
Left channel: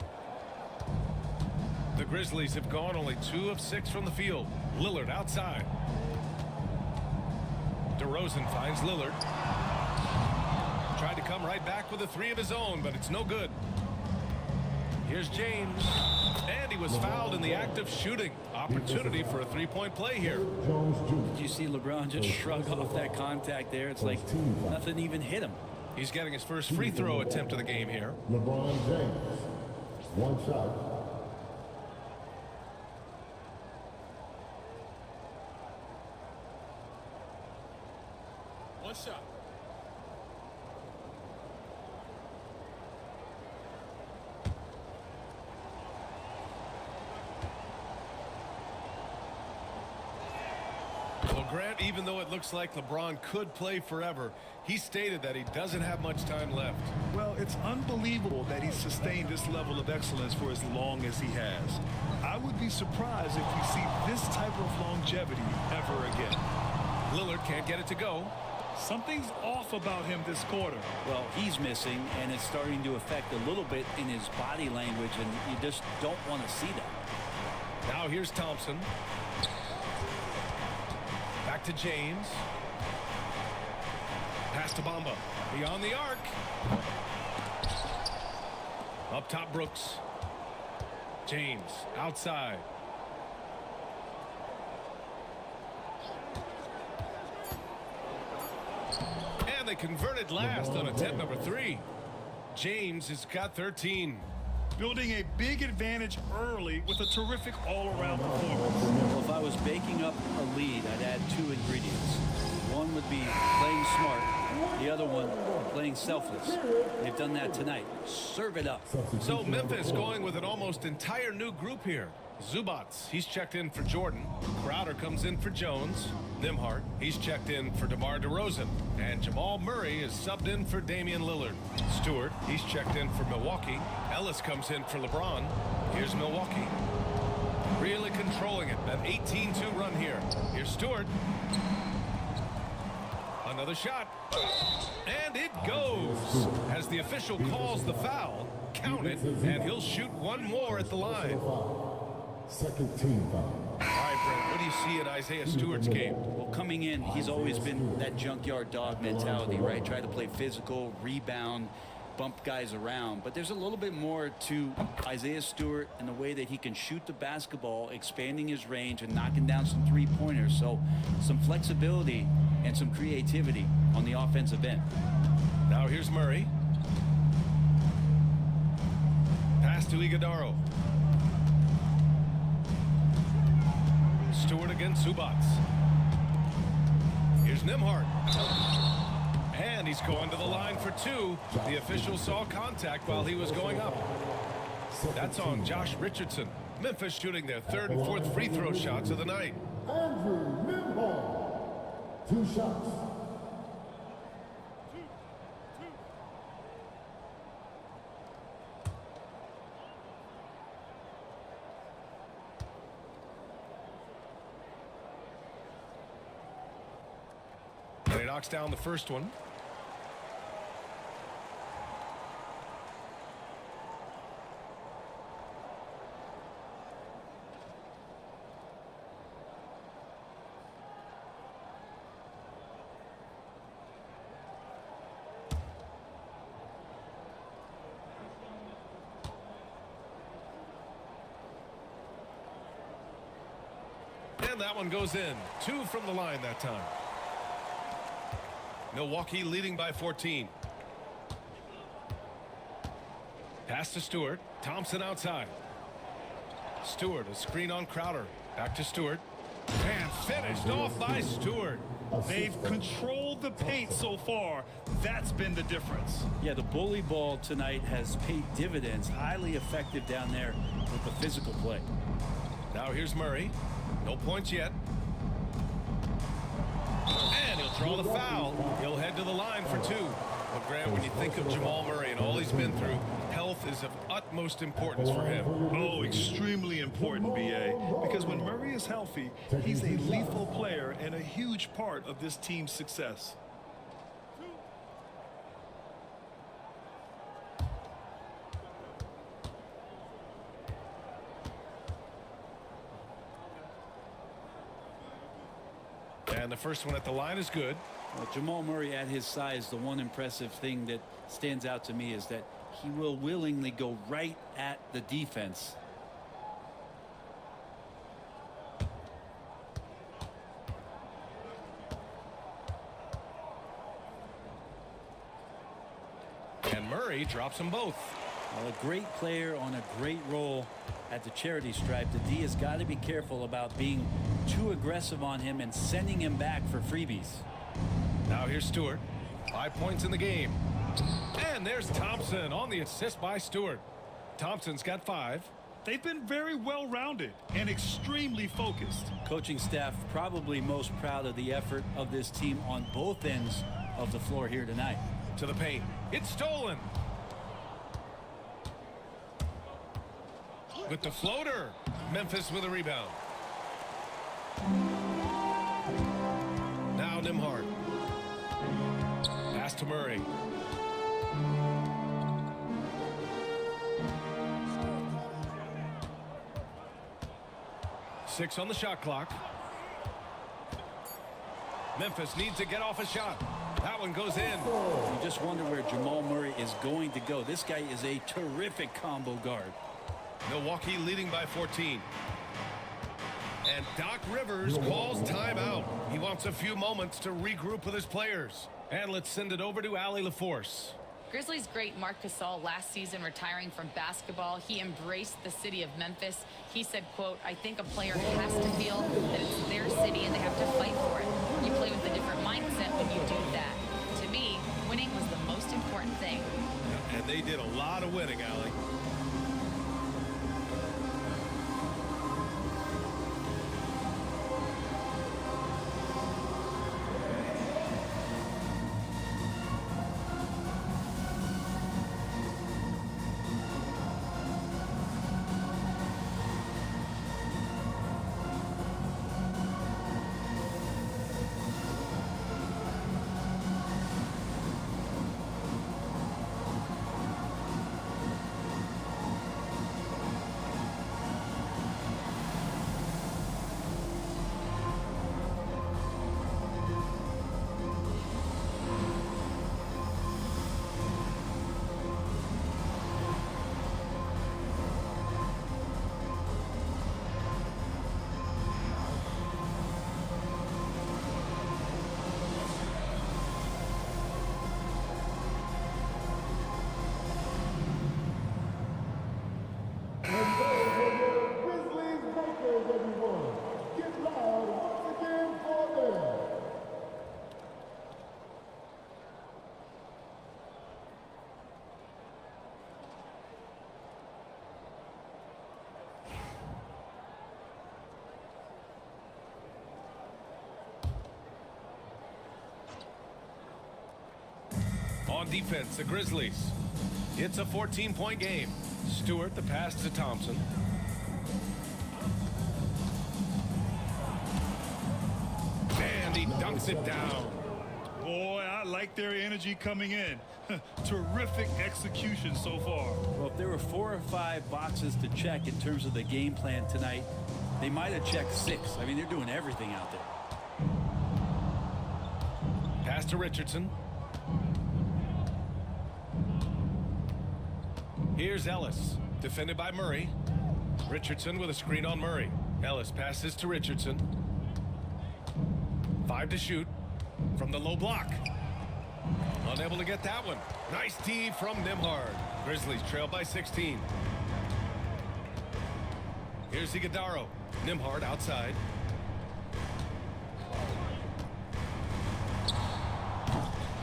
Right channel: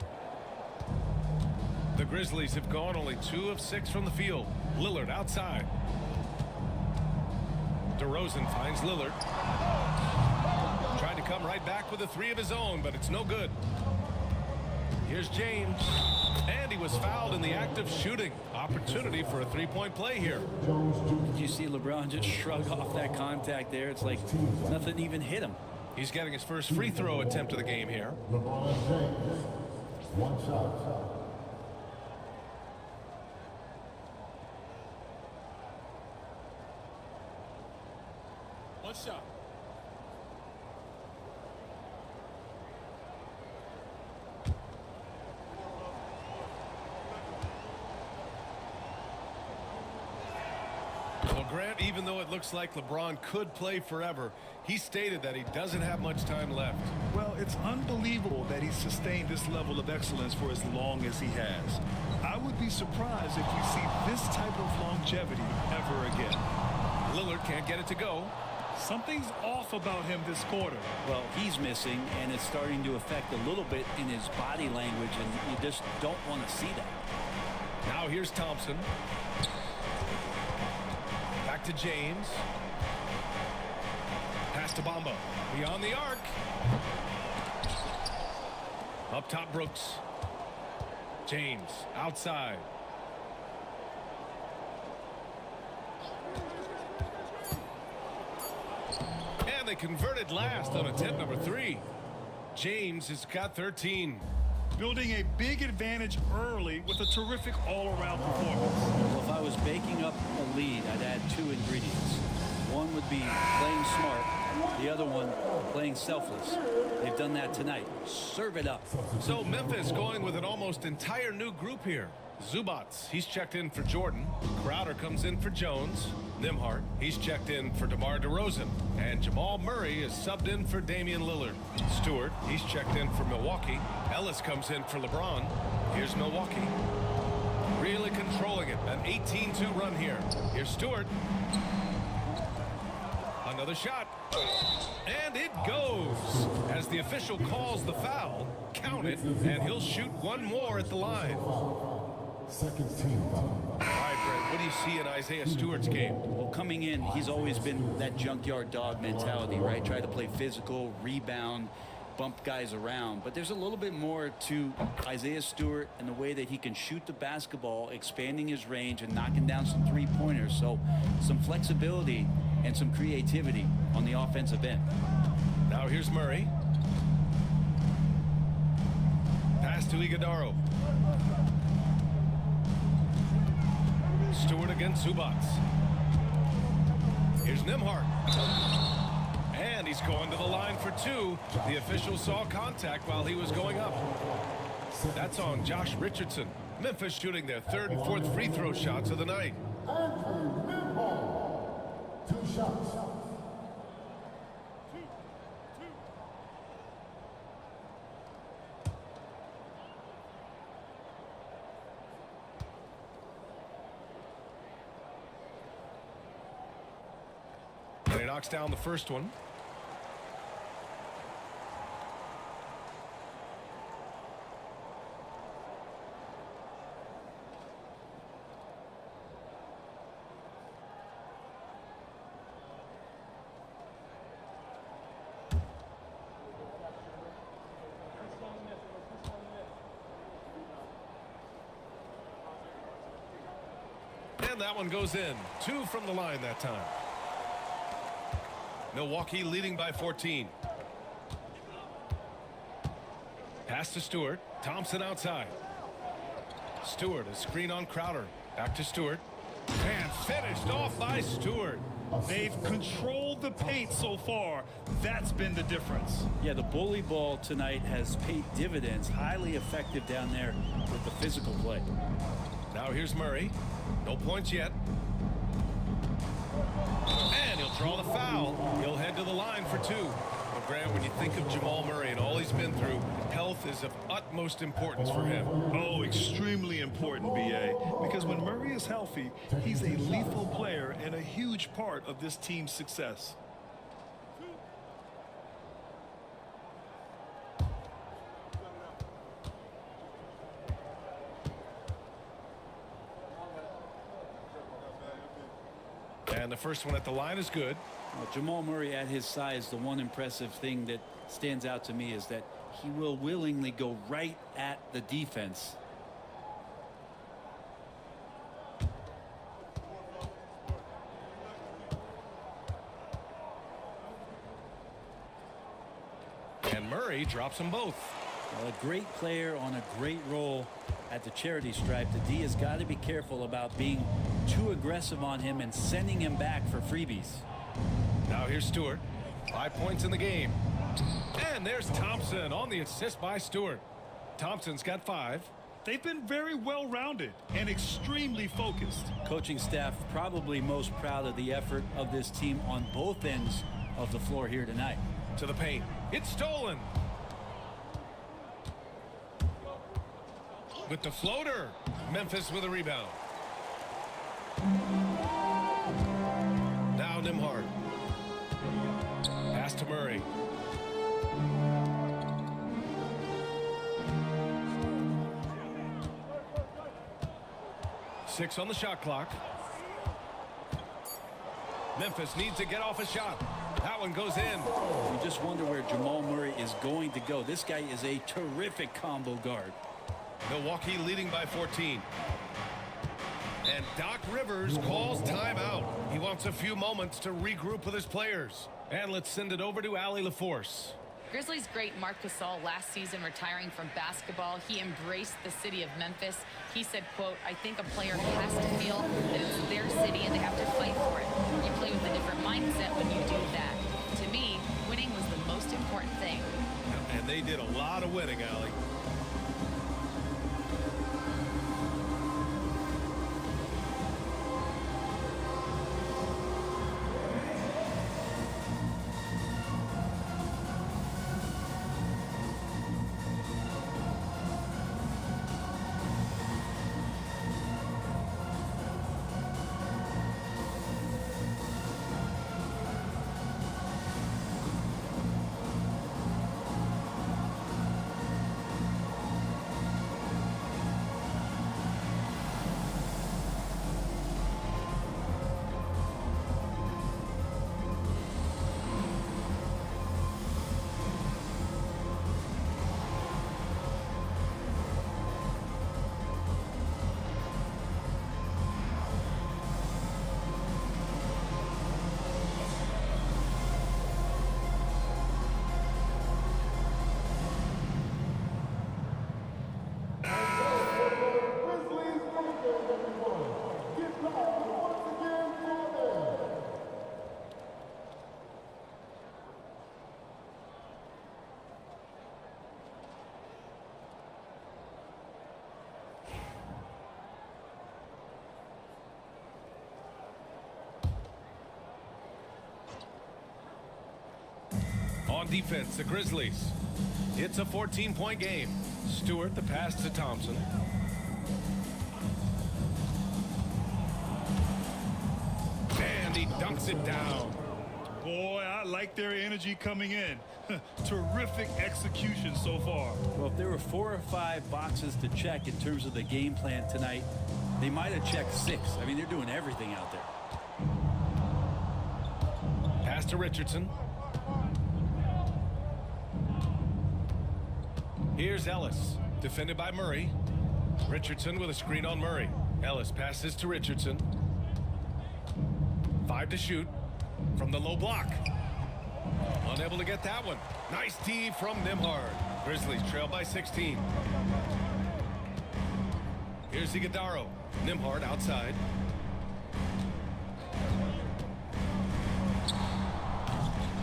The Grizzlies have gone only 2 of 6 from the field. Lillard outside. DeRozan finds Lillard. Tried to come right back with a 3 of his own, but it's no good. Here's James. And he was fouled in the act of shooting. Opportunity for a 3-point play here. Did you see LeBron just shrug off that contact there? It's like nothing even hit him. He's getting his first free throw attempt of the game here. LeBron James. 1 shot. One shot. Well, Grant, even though it looks like LeBron could play forever, he stated that he doesn't have much time left. Well, it's unbelievable that he's sustained this level of excellence for as long as he has. I would be surprised if we see this type of longevity ever again. Lillard can't get it to go. Something's off about him this quarter. Well, he's missing, and it's starting to affect a little bit in his body language, and you just don't want to see that. Now here's Thompson. Back to James. Pass to Bamba. Beyond the arc. Up top, Brooks. James outside. And they converted last on attempt number 3. James has got 13. Building a big advantage early with a terrific all-around performance. Well, if I was baking up a lead, I'd add 2 ingredients. One would be playing smart. The other one, playing selfless. They've done that tonight. Serve it up. So Memphis going with an almost entire new group here. Zubats, he's checked in for Jordan. Crowder comes in for Jones. Nimhart, he's checked in for DeMar DeRozan. And Jamal Murray is subbed in for Damian Lillard. Stewart, he's checked in for Milwaukee. Ellis comes in for LeBron. Here's Milwaukee. Really controlling it. An 18-2 run here. Here's Stewart. Another shot. And it goes. As the official calls the foul, count it, and he'll shoot one more at the line. Second team foul. All right, Brent, what do you see in Isaiah Stewart's game? Well, coming in, he's always been that junkyard dog mentality, right? Try to play physical, rebound, bump guys around. But there's a little bit more to Isaiah Stewart and the way that he can shoot the basketball, expanding his range and knocking down some three-pointers. So some flexibility and some creativity on the offensive end. Now here's Murray. Pass to Iguodaro. Stewart against Zubats. Here's Nimhart. And he's going to the line for 2. The official saw contact while he was going up. That's on Josh Richardson. Memphis shooting their 3rd and 4th free throw shots of the night. Andrew Nimhall. 2 shots. knocks down the first one. And that one goes in. 2 from the line that time. Milwaukee leading by 14. Pass to Stewart. Thompson outside. Stewart, a screen on Crowder. Back to Stewart. And finished off by Stewart. They've controlled the paint so far. That's been the difference. Yeah, the bully ball tonight has paid dividends. Highly effective down there with the physical play. Now here's Murray. No points yet. And he'll draw the foul. He'll head to the line for 2. Well, Grant, when you think of Jamal Murray and all he's been through, health is of utmost importance for him. Oh, extremely important, BA. Because when Murray is healthy, he's a lethal player and a huge part of this team's success. And the first one at the line is good. Well, Jamal Murray at his size, the one impressive thing that stands out to me is that he will willingly go right at the defense. And Murray drops them both. Well, a great player on a great role at the charity stripe. The D has got to be careful about being too aggressive on him and sending him back for freebies. Now here's Stewart. 5 points in the game. And there's Thompson on the assist by Stewart. Thompson's got 5. They've been very well-rounded and extremely focused. Coaching staff probably most proud of the effort of this team on both ends of the floor here tonight. To the paint. It's stolen. With the floater. Memphis with a rebound. Now Nimhard. Pass to Murray. Six on the shot clock. Memphis needs to get off a shot. That one goes in. You just wonder where Jamal Murray is going to go. This guy is a terrific combo guard. Milwaukee leading by 14. And Doc Rivers calls timeout. He wants a few moments to regroup with his players. And let's send it over to Allie LaForce. Grizzlies great Marc Gasol last season retiring from basketball. He embraced the city of Memphis. He said, quote, "I think a player has to feel that it's their city and they have to fight for it. You play with a different mindset when you do that." To me, winning was the most important thing. And they did a lot of winning, Allie. Grizzlies breakers, everyone. Get loud once again for them. On defense, the Grizzlies. It's a 14-point game. Stewart, the pass to Thompson. And he dunks it down. Boy, I like their energy coming in. Terrific execution so far. Well, if there were 4 or 5 boxes to check in terms of the game plan tonight, they might have checked 6. I mean, they're doing everything out there. Pass to Richardson. Here's Ellis, defended by Murray. Richardson with a screen on Murray. Ellis passes to Richardson. 5 to shoot from the low block. Unable to get that one. Nice D from Nembhard. Grizzlies trail by 16. Here's Iguodaro. Nembhard outside.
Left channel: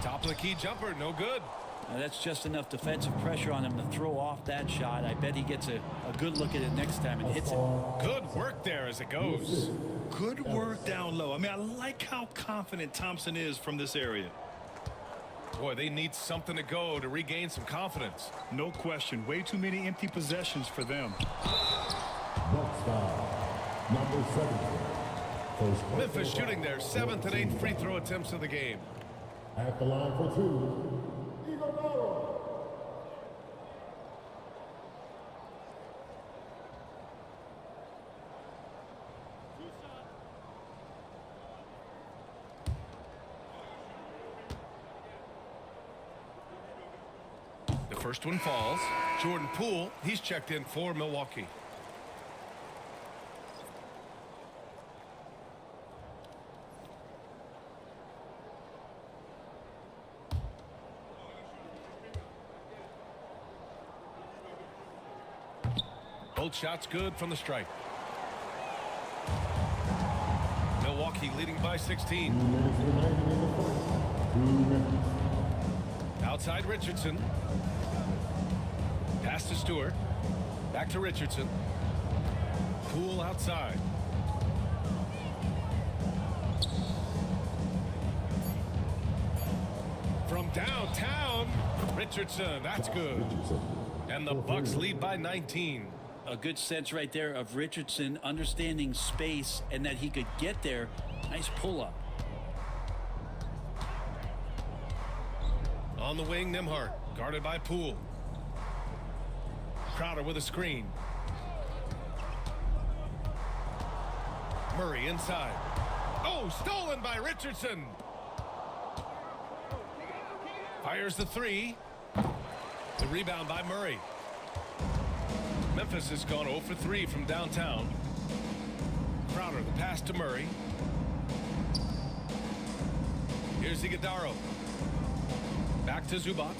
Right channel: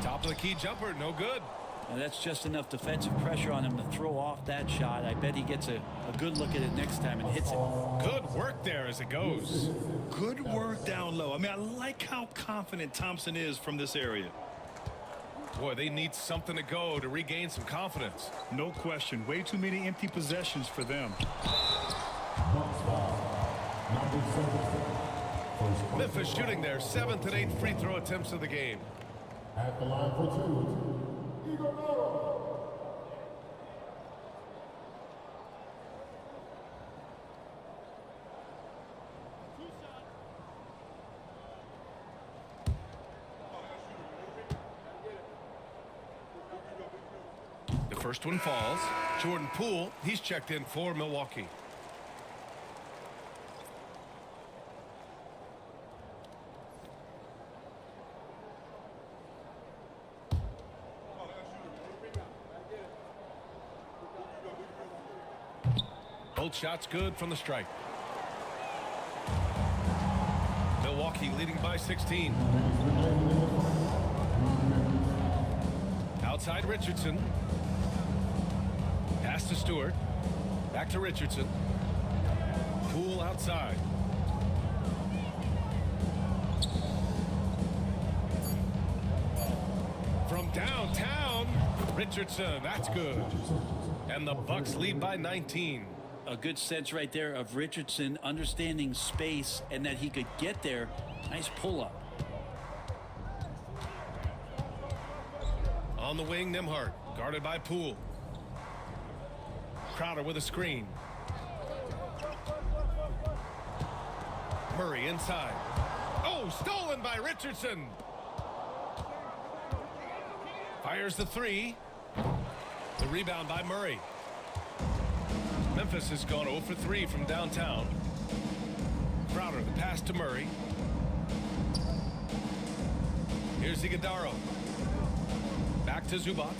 Top of the key jumper, no good. Now that's just enough defensive pressure on him to throw off that shot. I bet he gets a good look at it next time and hits it. Good work there as it goes. Good work down low. I mean, I like how confident Thompson is from this area. Boy, they need something to go to regain some confidence. No question. Way too many empty possessions for them. Bucks foul. Number 7. Memphis shooting their 7th and 8th free throw attempts of the game. At the line for 2, Iguodala. The first one falls. Jordan Poole, he's checked in for Milwaukee. Both shots good from the stripe. Milwaukee leading by 16. Outside Richardson. Pass to Stewart. Back to Richardson. Poole outside. From downtown, Richardson, that's good. And the Bucks lead by 19. A good sense right there of Richardson understanding space and that he could get there. Nice pull-up. On the wing, Nembhard, guarded by Poole. Crowder with a screen. Murray inside. Oh, stolen by Richardson. Fires the 3. The rebound by Murray. Memphis has gone 0 for 3 from downtown. Crowder, the pass to Murray. Here's Iguodaro. Back to Zubac.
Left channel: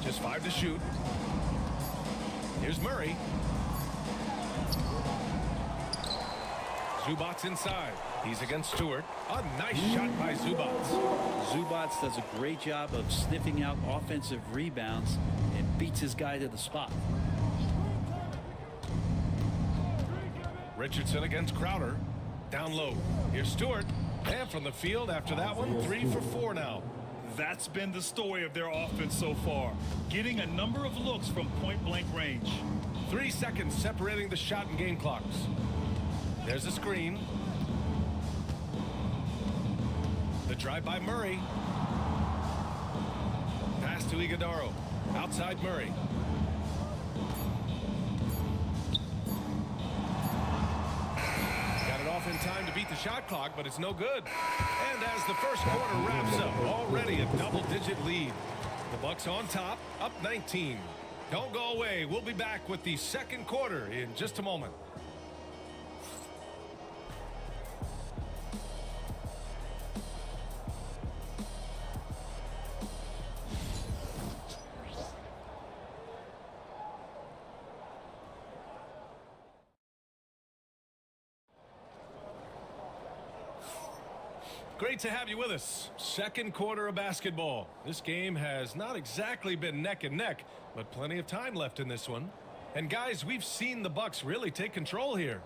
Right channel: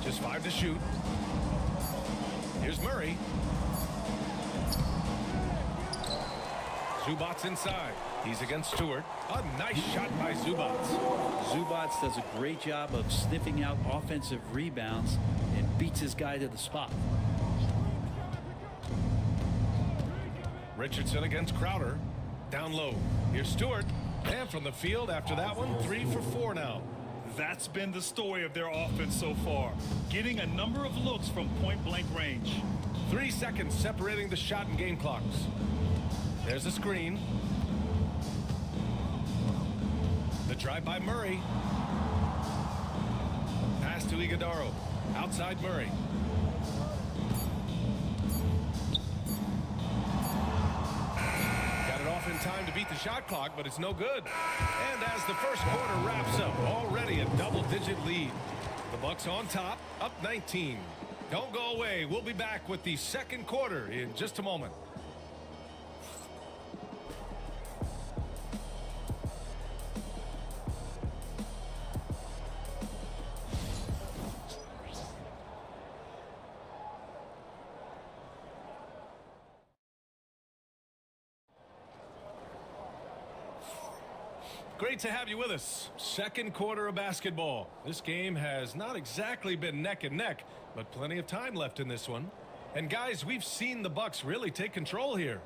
Just 5 to shoot. Here's Murray. Zubac inside. He's against Stewart. A nice shot by Zubac. Zubac does a great job of sniffing out offensive rebounds and beats his guy to the spot. Richardson against Crowder. Down low. Here's Stewart. And from the field after that one, 3 for 4 now. That's been the story of their offense so far. Getting a number of looks from point-blank range. 3 seconds separating the shot and game clocks. There's a screen. The drive by Murray. Pass to Iguodaro. Outside Murray. Got it off in time to beat the shot clock, but it's no good. And as the first quarter wraps up, already a double-digit lead. The Bucks on top, up 19. Don't go away. We'll be back with the second quarter in just a moment. Great to have you with us. Second quarter of basketball. This game has not exactly been neck and neck, but plenty of time left in this one. And guys, we've seen the Bucks really take control here.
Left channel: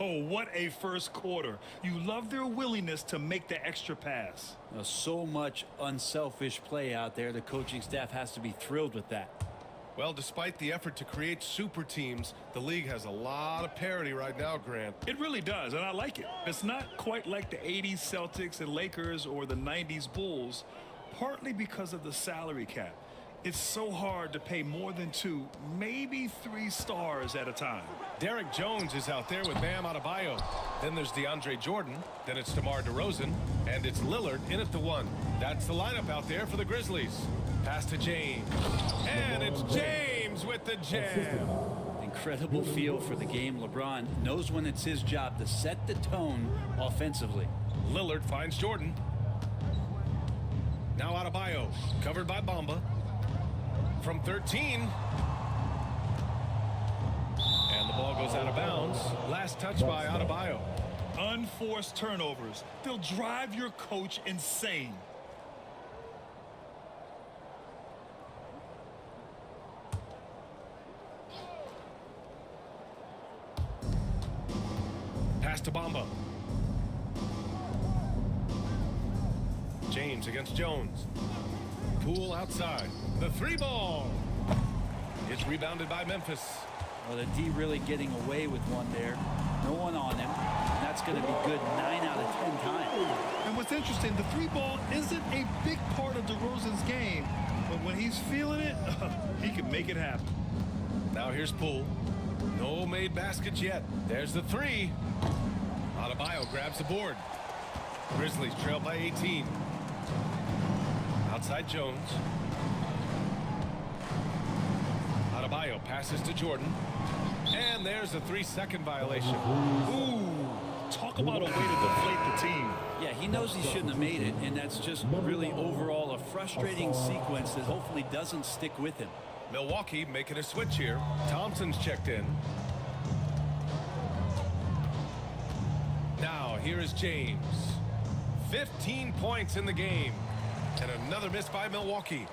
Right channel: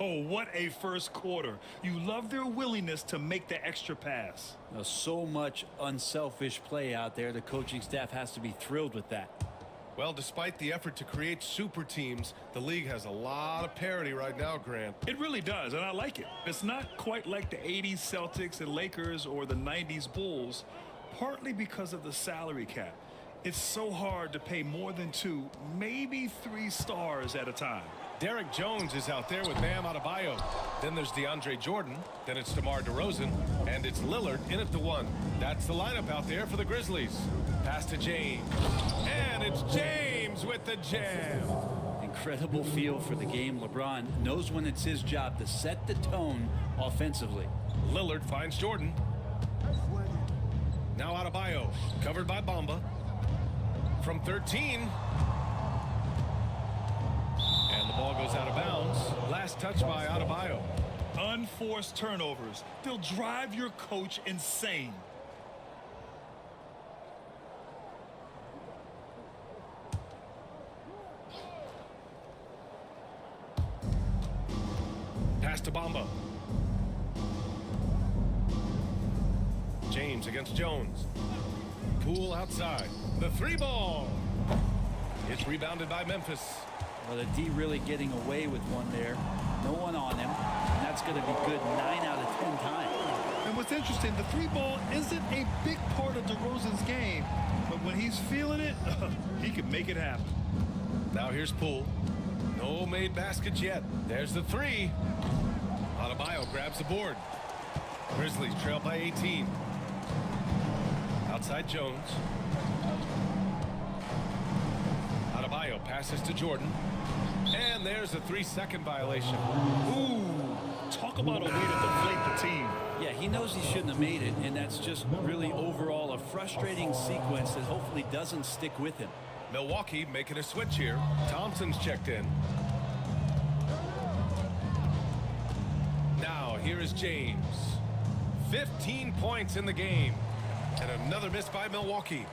Oh, what a first quarter. You love their willingness to make the extra pass. So much unselfish play out there. The coaching staff has to be thrilled with that. Well, despite the effort to create super teams, the league has a lot of parity right now, Grant. It really does, and I like it. It's not quite like the 80s Celtics and Lakers or the 90s Bulls, partly because of the salary cap. It's so hard to pay more than 2, maybe 3 stars at a time. Derek Jones is out there with Bam Adebayo. Then there's DeAndre Jordan. Then it's DeMar DeRozan. And it's Lillard in at the 1. That's the lineup out there for the Grizzlies. Pass to James. And it's James with the jam. Incredible feel for the game. LeBron knows when it's his job to set the tone offensively. Lillard finds Jordan. Now Adebayo, covered by Bamba. From 13. And the ball goes out of bounds. Last touch by Adebayo. Unforced turnovers. They'll drive your coach insane. Pass to Bamba. James against Jones. Poole outside. The 3 ball. It's rebounded by Memphis. Well, the D really getting away with one there. No one on him. And that's going to be good 9 out of 10 times. And what's interesting, the 3 ball isn't a big part of DeRozan's game, but when he's feeling it, he can make it happen. Now here's Poole. No made baskets yet. There's the 3. Adebayo grabs the board. Grizzlies trail by 18. Outside Jones. Adebayo passes to Jordan. And there's a 3-second violation. Ooh, talk about a way to deflate the team. Yeah, he knows he shouldn't have made it, and that's just really overall a frustrating sequence that hopefully doesn't stick with him. Milwaukee making a switch here. Thompson's checked in. Now here is James. 15 points in the game. And another miss by Milwaukee.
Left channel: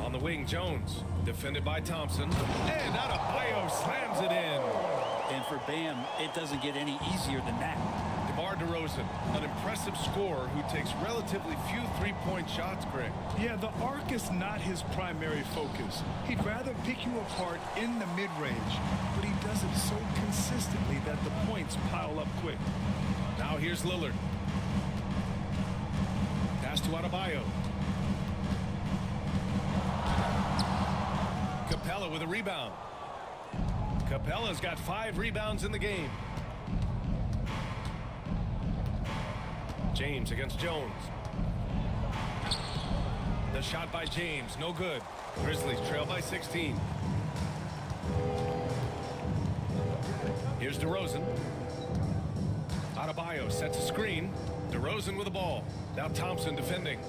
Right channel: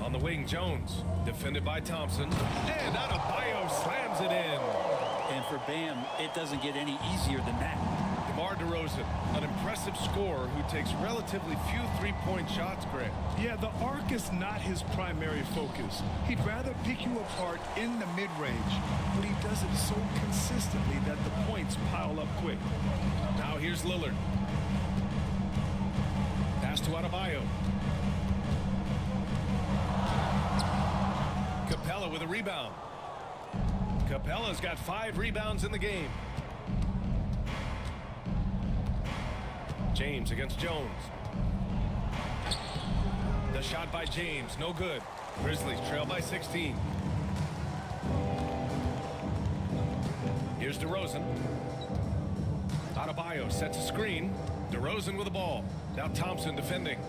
On the wing, Jones. Defended by Thompson. And Adebayo slams it in. And for Bam, it doesn't get any easier than that. DeMar DeRozan, an impressive scorer who takes relatively few three-point shots, Grant. Yeah, the arc is not his primary focus. He'd rather pick you apart in the mid-range, but he does it so consistently that the points pile up quick. Now here's Lillard. Pass to Adebayo. Capella with a rebound. Capella's got 5 rebounds in the game. James against Jones. The shot by James, no good. Grizzlies trail by 16. Here's DeRozan. Adebayo sets a screen. DeRozan with the ball. Now Thompson defending.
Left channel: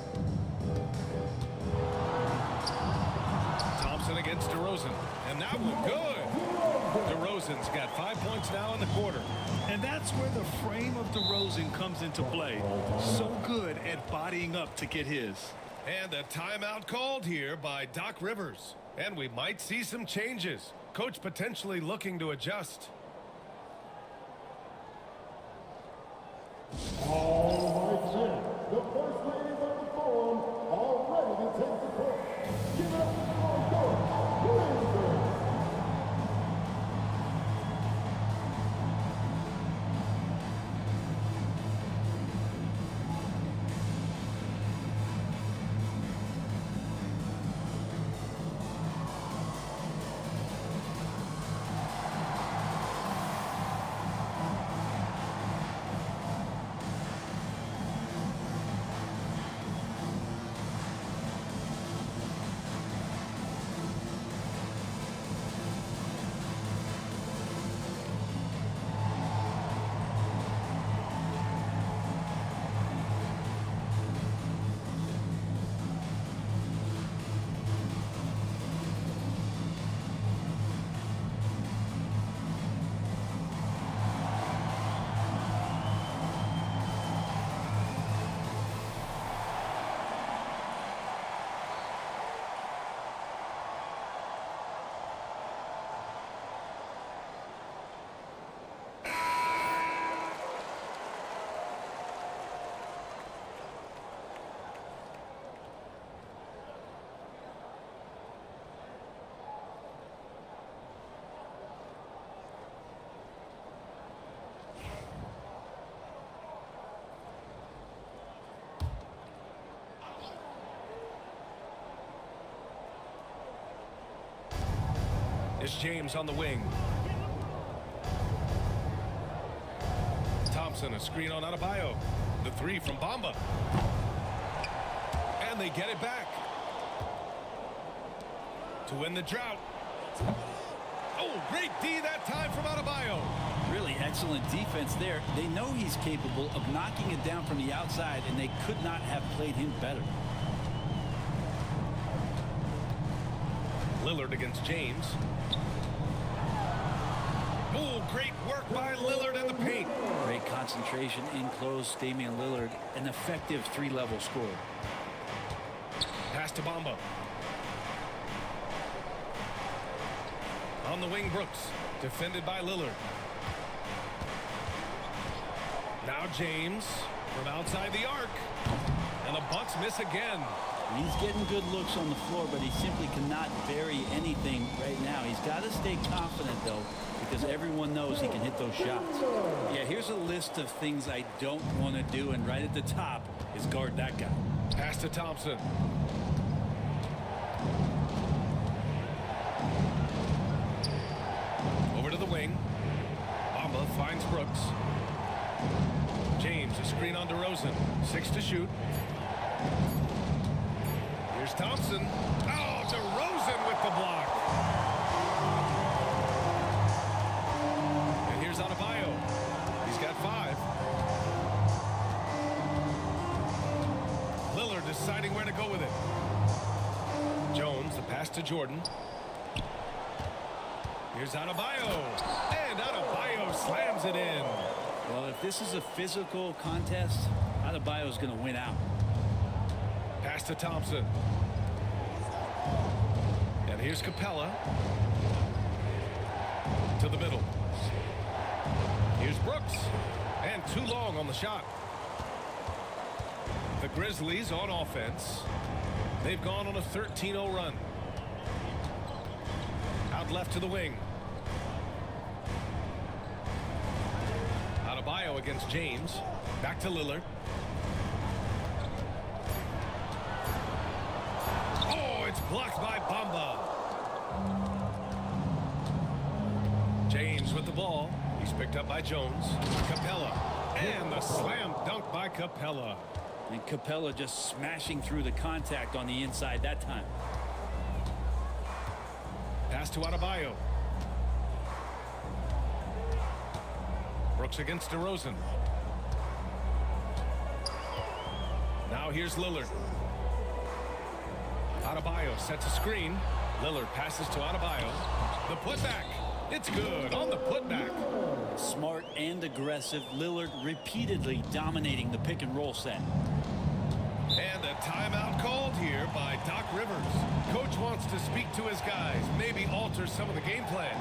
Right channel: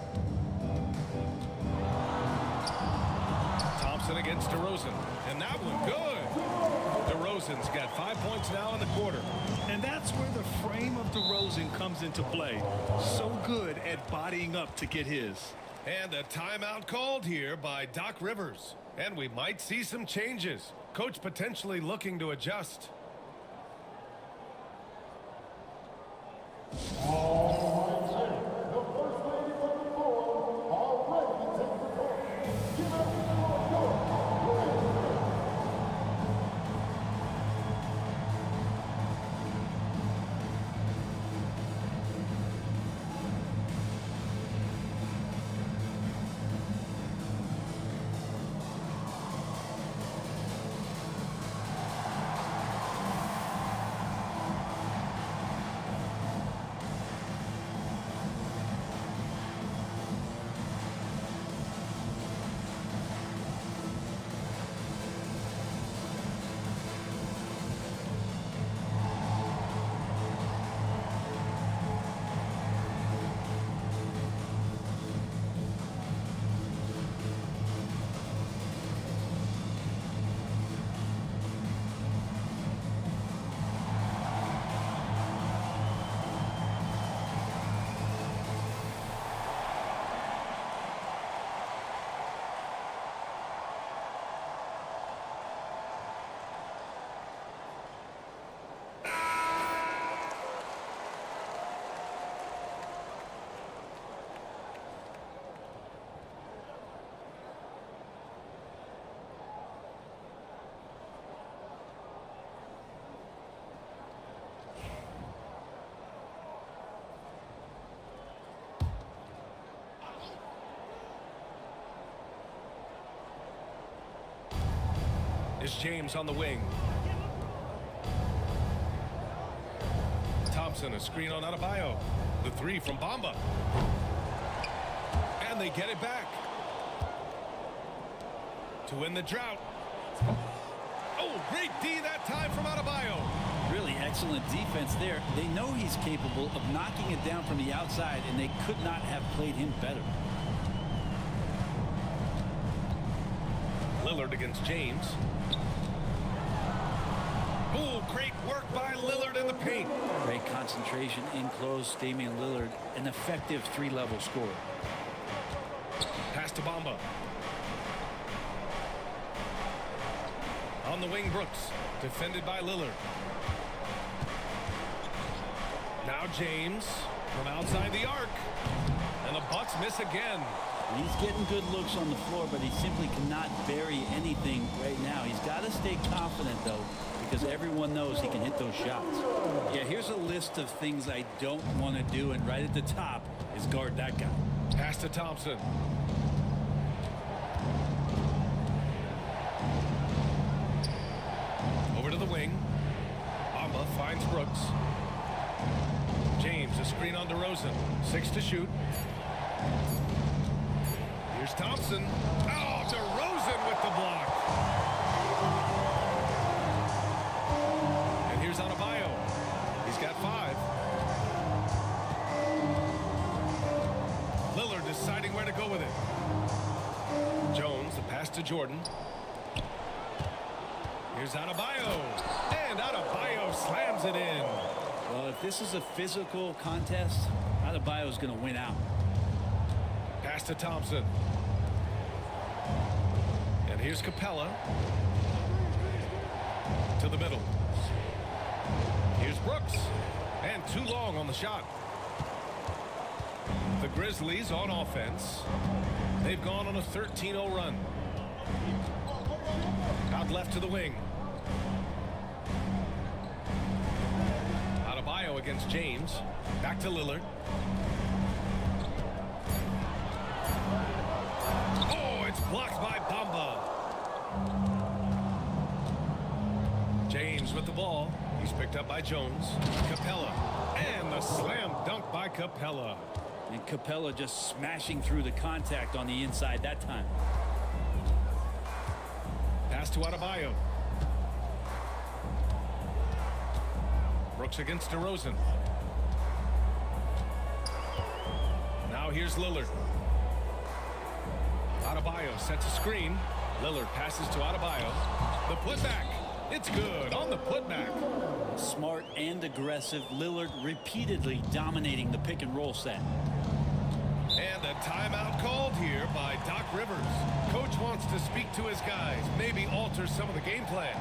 Thompson against DeRozan. And that one good. DeRozan's got 5 points now in the quarter. And that's where the frame of DeRozan comes into play. So good at bodying up to get his. And a timeout called here by Doc Rivers. And we might see some changes. Coach potentially looking to adjust. All right, then. The first ladies of the forum are ready to take the court. Give it up for your Grizzlies. is James on the wing. Thompson, a screen on Adebayo. The three from Bamba. And they get it back. To win the drought. Oh, great D that time from Adebayo. Really excellent defense there. They know he's capable of knocking it down from the outside, and they could not have played him better. Lillard against James. Oh, great work by Lillard in the paint. Great concentration in close. Damian Lillard, an effective three-level scorer. Pass to Bamba. On the wing, Brooks. Defended by Lillard. Now James from outside the arc. And the Bucks miss again. He's getting good looks on the floor, but he simply cannot bury anything right now. He's got to stay confident, though, because everyone knows he can hit those shots. Yeah, here's a list of things I don't want to do, and right at the top is guard that guy. Pass to Thompson. Over to the wing. Bamba finds Brooks. James, a screen on DeRozan. 6 to shoot. Here's Thompson. Oh, DeRozan with the block. And here's Adebayo. He's got 5. Lillard deciding where to go with it. Jones, the pass to Jordan. Here's Adebayo. And Adebayo slams it in. Well, if this is a physical contest, Adebayo is going to win out. Pass to Thompson. And here's Capella. To the middle. Here's Brooks. And too long on the shot. The Grizzlies on offense. They've gone on a 13-0 run. Out left to the wing. Adebayo against James. Back to Lillard. Oh, it's blocked by Bamba. James with the ball. He's picked up by Jones. Capella. And the slam dunk by Capella. And Capella just smashing through the contact on the inside that time. Pass to Adebayo. Brooks against DeRozan. Now here's Lillard. Adebayo sets a screen. Lillard passes to Adebayo. The putback. It's good on the putback. Smart and aggressive. Lillard repeatedly dominating the pick and roll set. And a timeout called here by Doc Rivers. Coach wants to speak to his guys, maybe alter some of the game plan.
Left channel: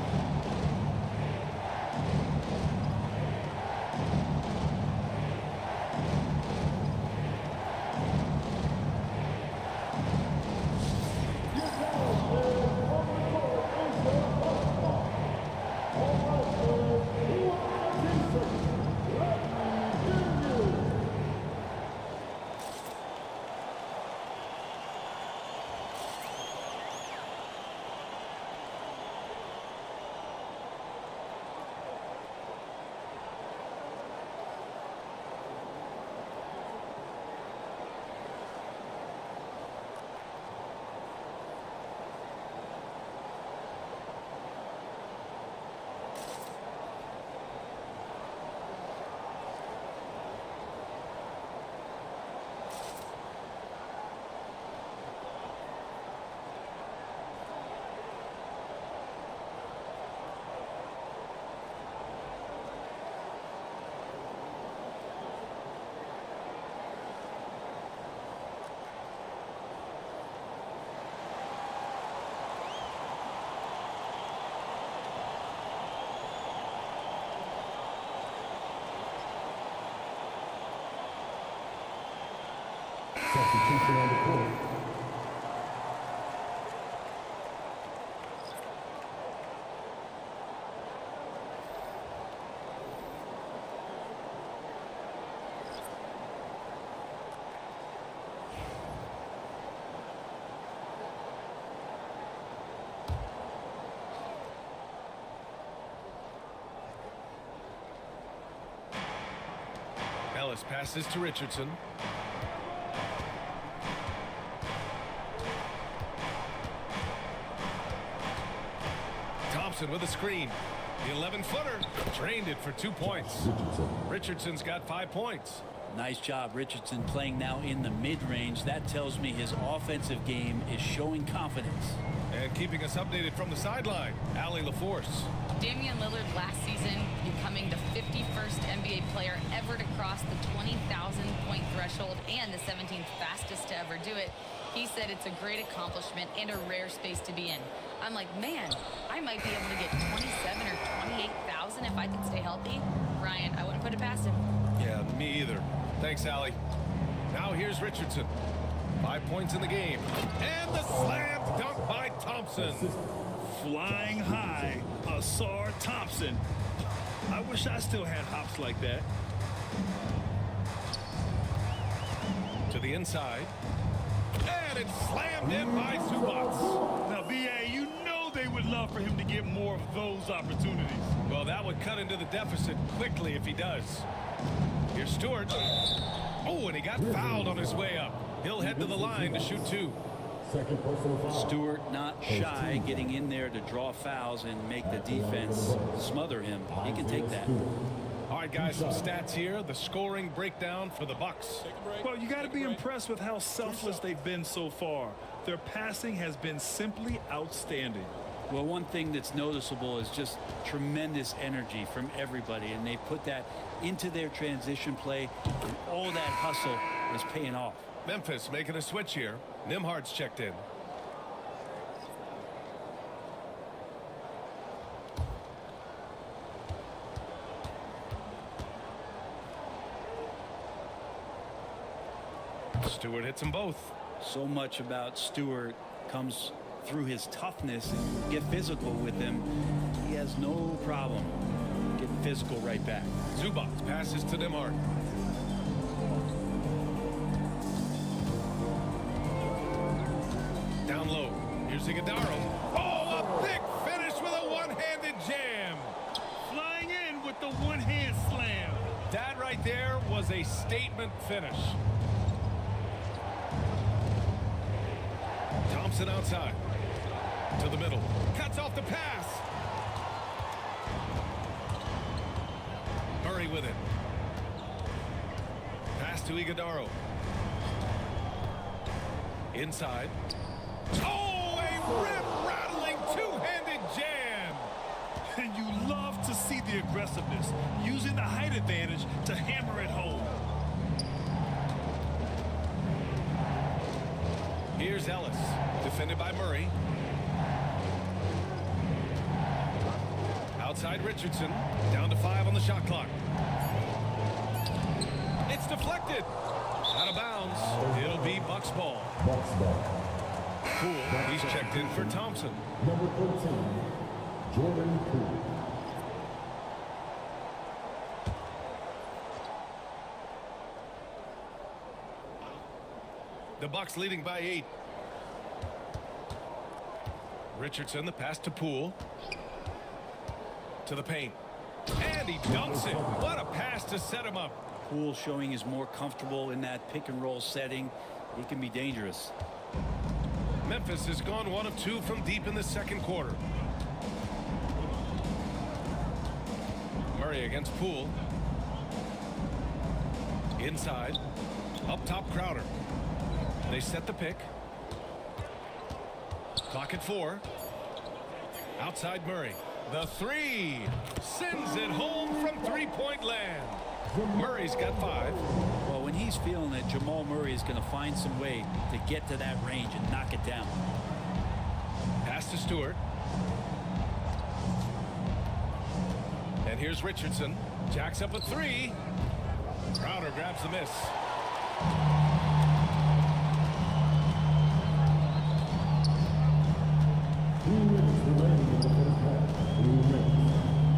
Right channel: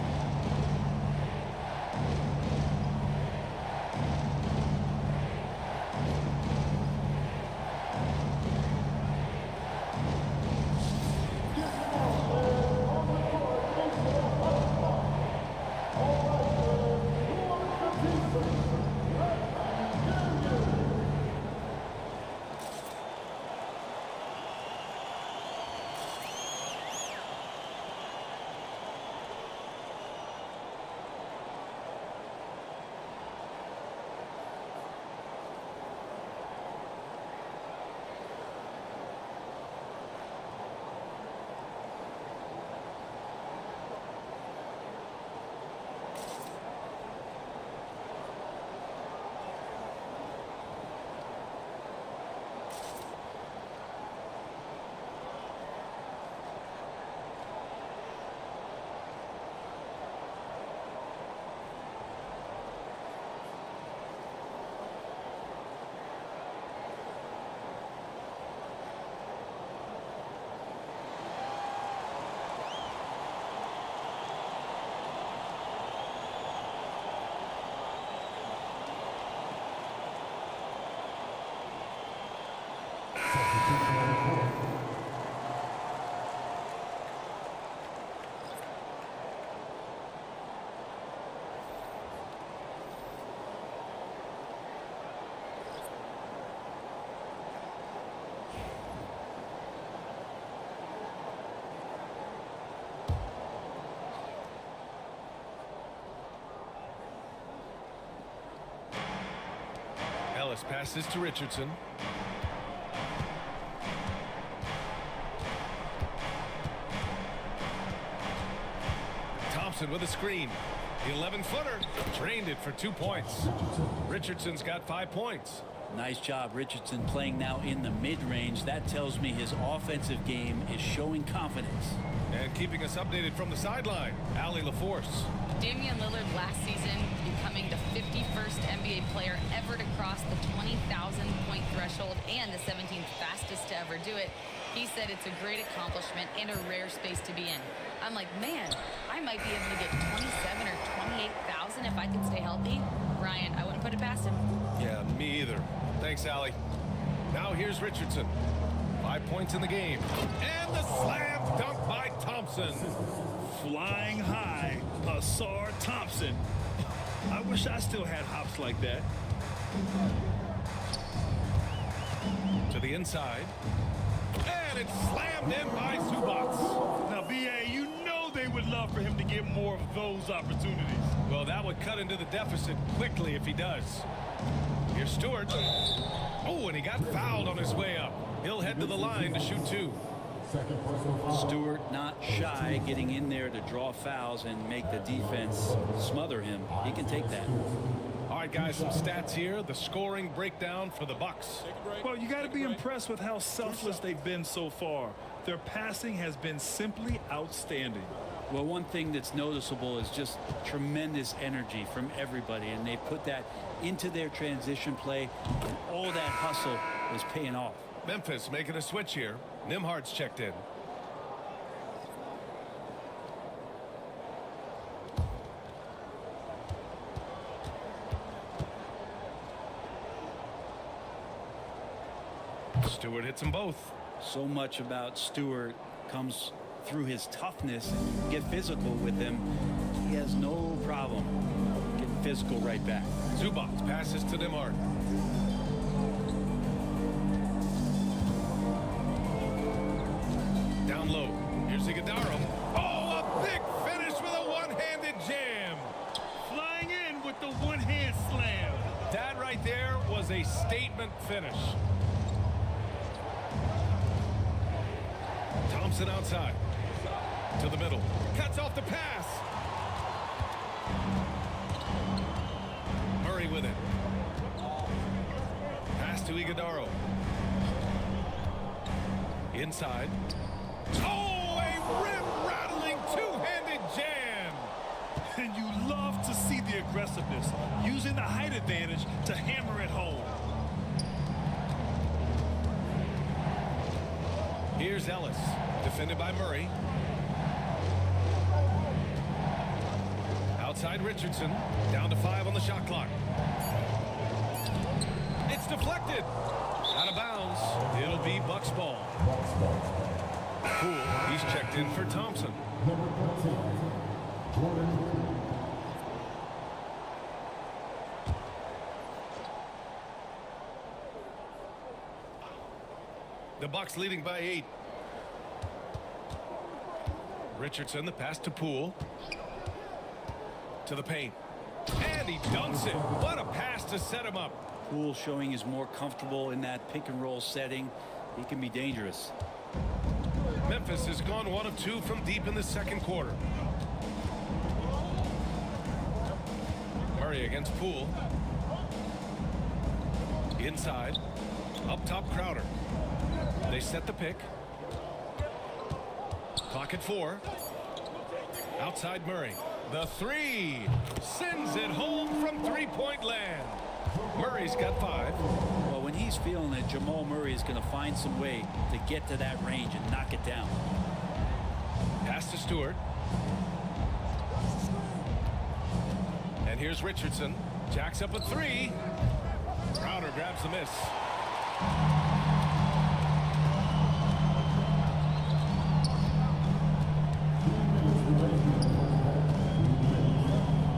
Substitution on the court. Ellis passes to Richardson. Thompson with a screen. The 11-footer drained it for 2 points. Richardson's got 5 points. Nice job, Richardson, playing now in the mid-range. That tells me his offensive game is showing confidence. And keeping us updated from the sideline, Allie LaForce. Damian Lillard last season becoming the 51st NBA player ever to cross the 20,000 point threshold and the 17th fastest to ever do it. He said it's a great accomplishment and a rare space to be in. I'm like, man, I might be able to get 27 or 28,000 if I could stay healthy. Ryan, I wouldn't put it past him. Yeah, me either. Thanks, Allie. Now here's Richardson. 5 points in the game. And the slam dunk by Thompson. Flying high, Asar Thompson. I wish I still had hops like that. To the inside. And it's slammed in by Zubac. Now, BA, you know they would love for him to get more of those opportunities. Well, that would cut into the deficit quickly if he does. Here's Stewart. Oh, and he got fouled on his way up. He'll head to the line to shoot 2. Stewart not shy, getting in there to draw fouls and make the defense smother him. He can take that. All right, guys, some stats here. The scoring breakdown for the Bucks. Well, you got to be impressed with how selfless they've been so far. Their passing has been simply outstanding. Well, one thing that's noticeable is just tremendous energy from everybody, and they put that into their transition play, and all that hustle is paying off. Memphis making a switch here. Nimhard's checked in. Stewart hits them both. So much about Stewart comes through his toughness, and you get physical with him. He has no problem getting physical right back. Zubac passes to Nimhard. Down low. Here's Iguodaro. Oh, a big finish with a one-handed jam. Flying in with the one-hand slam. That right there was a statement finish. Thompson outside. To the middle. Cuts off the pass. Murray with it. Pass to Iguodaro. Inside. Oh, a rim-rattling two-handed jam. And you love to see the aggressiveness, using the height advantage to hammer it home. Here's Ellis, defended by Murray. Outside Richardson, down to 5 on the shot clock. It's deflected. Out of bounds. It'll be Bucks ball. Poole, he's checked in for Thompson. Number 13, Jordan Poole. The Bucks leading by 8. Richardson, the pass to Poole. To the paint. And he dunks it. What a pass to set him up. Poole showing he's more comfortable in that pick and roll setting. He can be dangerous. Memphis has gone 1 of 2 from deep in the second quarter. Murray against Poole. Inside. Up top, Crowder. They set the pick. Clock at 4. Outside Murray. The 3. Sends it home from three-point land. Murray's got 5. Well, when he's feeling it, Jamal Murray is going to find some way to get to that range and knock it down. Pass to Stewart. And here's Richardson. Jacks up a 3. Crowder grabs the miss.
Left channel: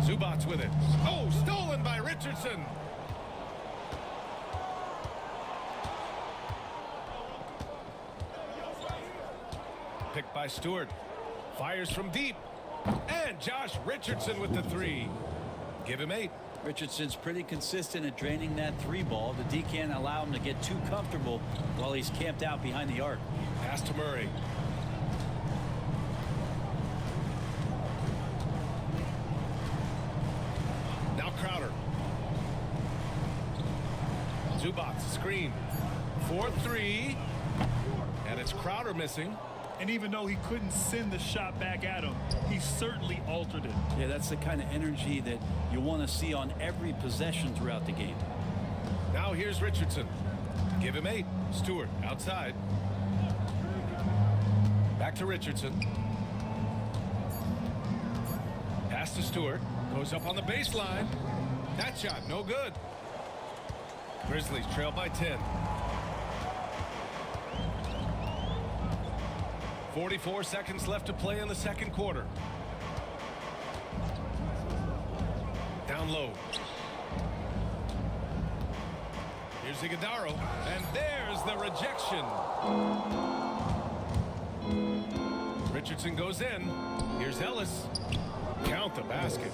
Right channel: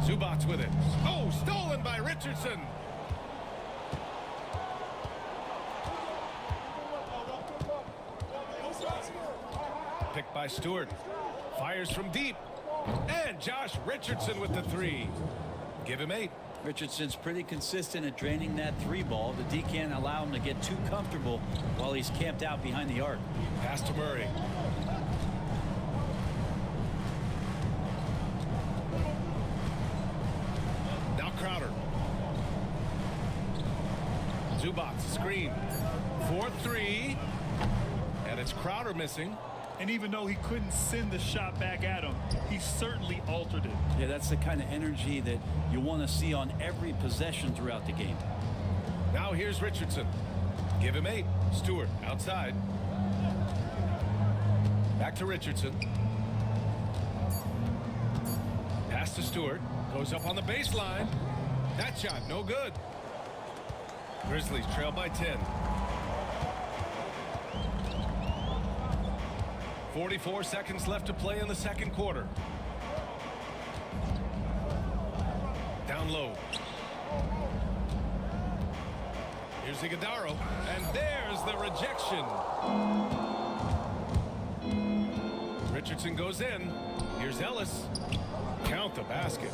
Zubac with it. Oh, stolen by Richardson. Picked by Stewart. Fires from deep. And Josh Richardson with the 3. Give him 8. Richardson's pretty consistent at draining that 3 ball. The D can't allow him to get too comfortable while he's camped out behind the arc. Pass to Murray. Now Crowder. Zubats screen. 4-3. And it's Crowder missing. And even though he couldn't send the shot back at him, he certainly altered it. Yeah, that's the kind of energy that you want to see on every possession throughout the game. Now here's Richardson. Give him 8. Stewart outside. Back to Richardson. Pass to Stewart. Goes up on the baseline. That shot, no good. Grizzlies trail by 10. 44 seconds left to play in the second quarter. Down low. Here's Iguodaro, and there's the rejection. Richardson goes in. Here's Ellis. Count the basket.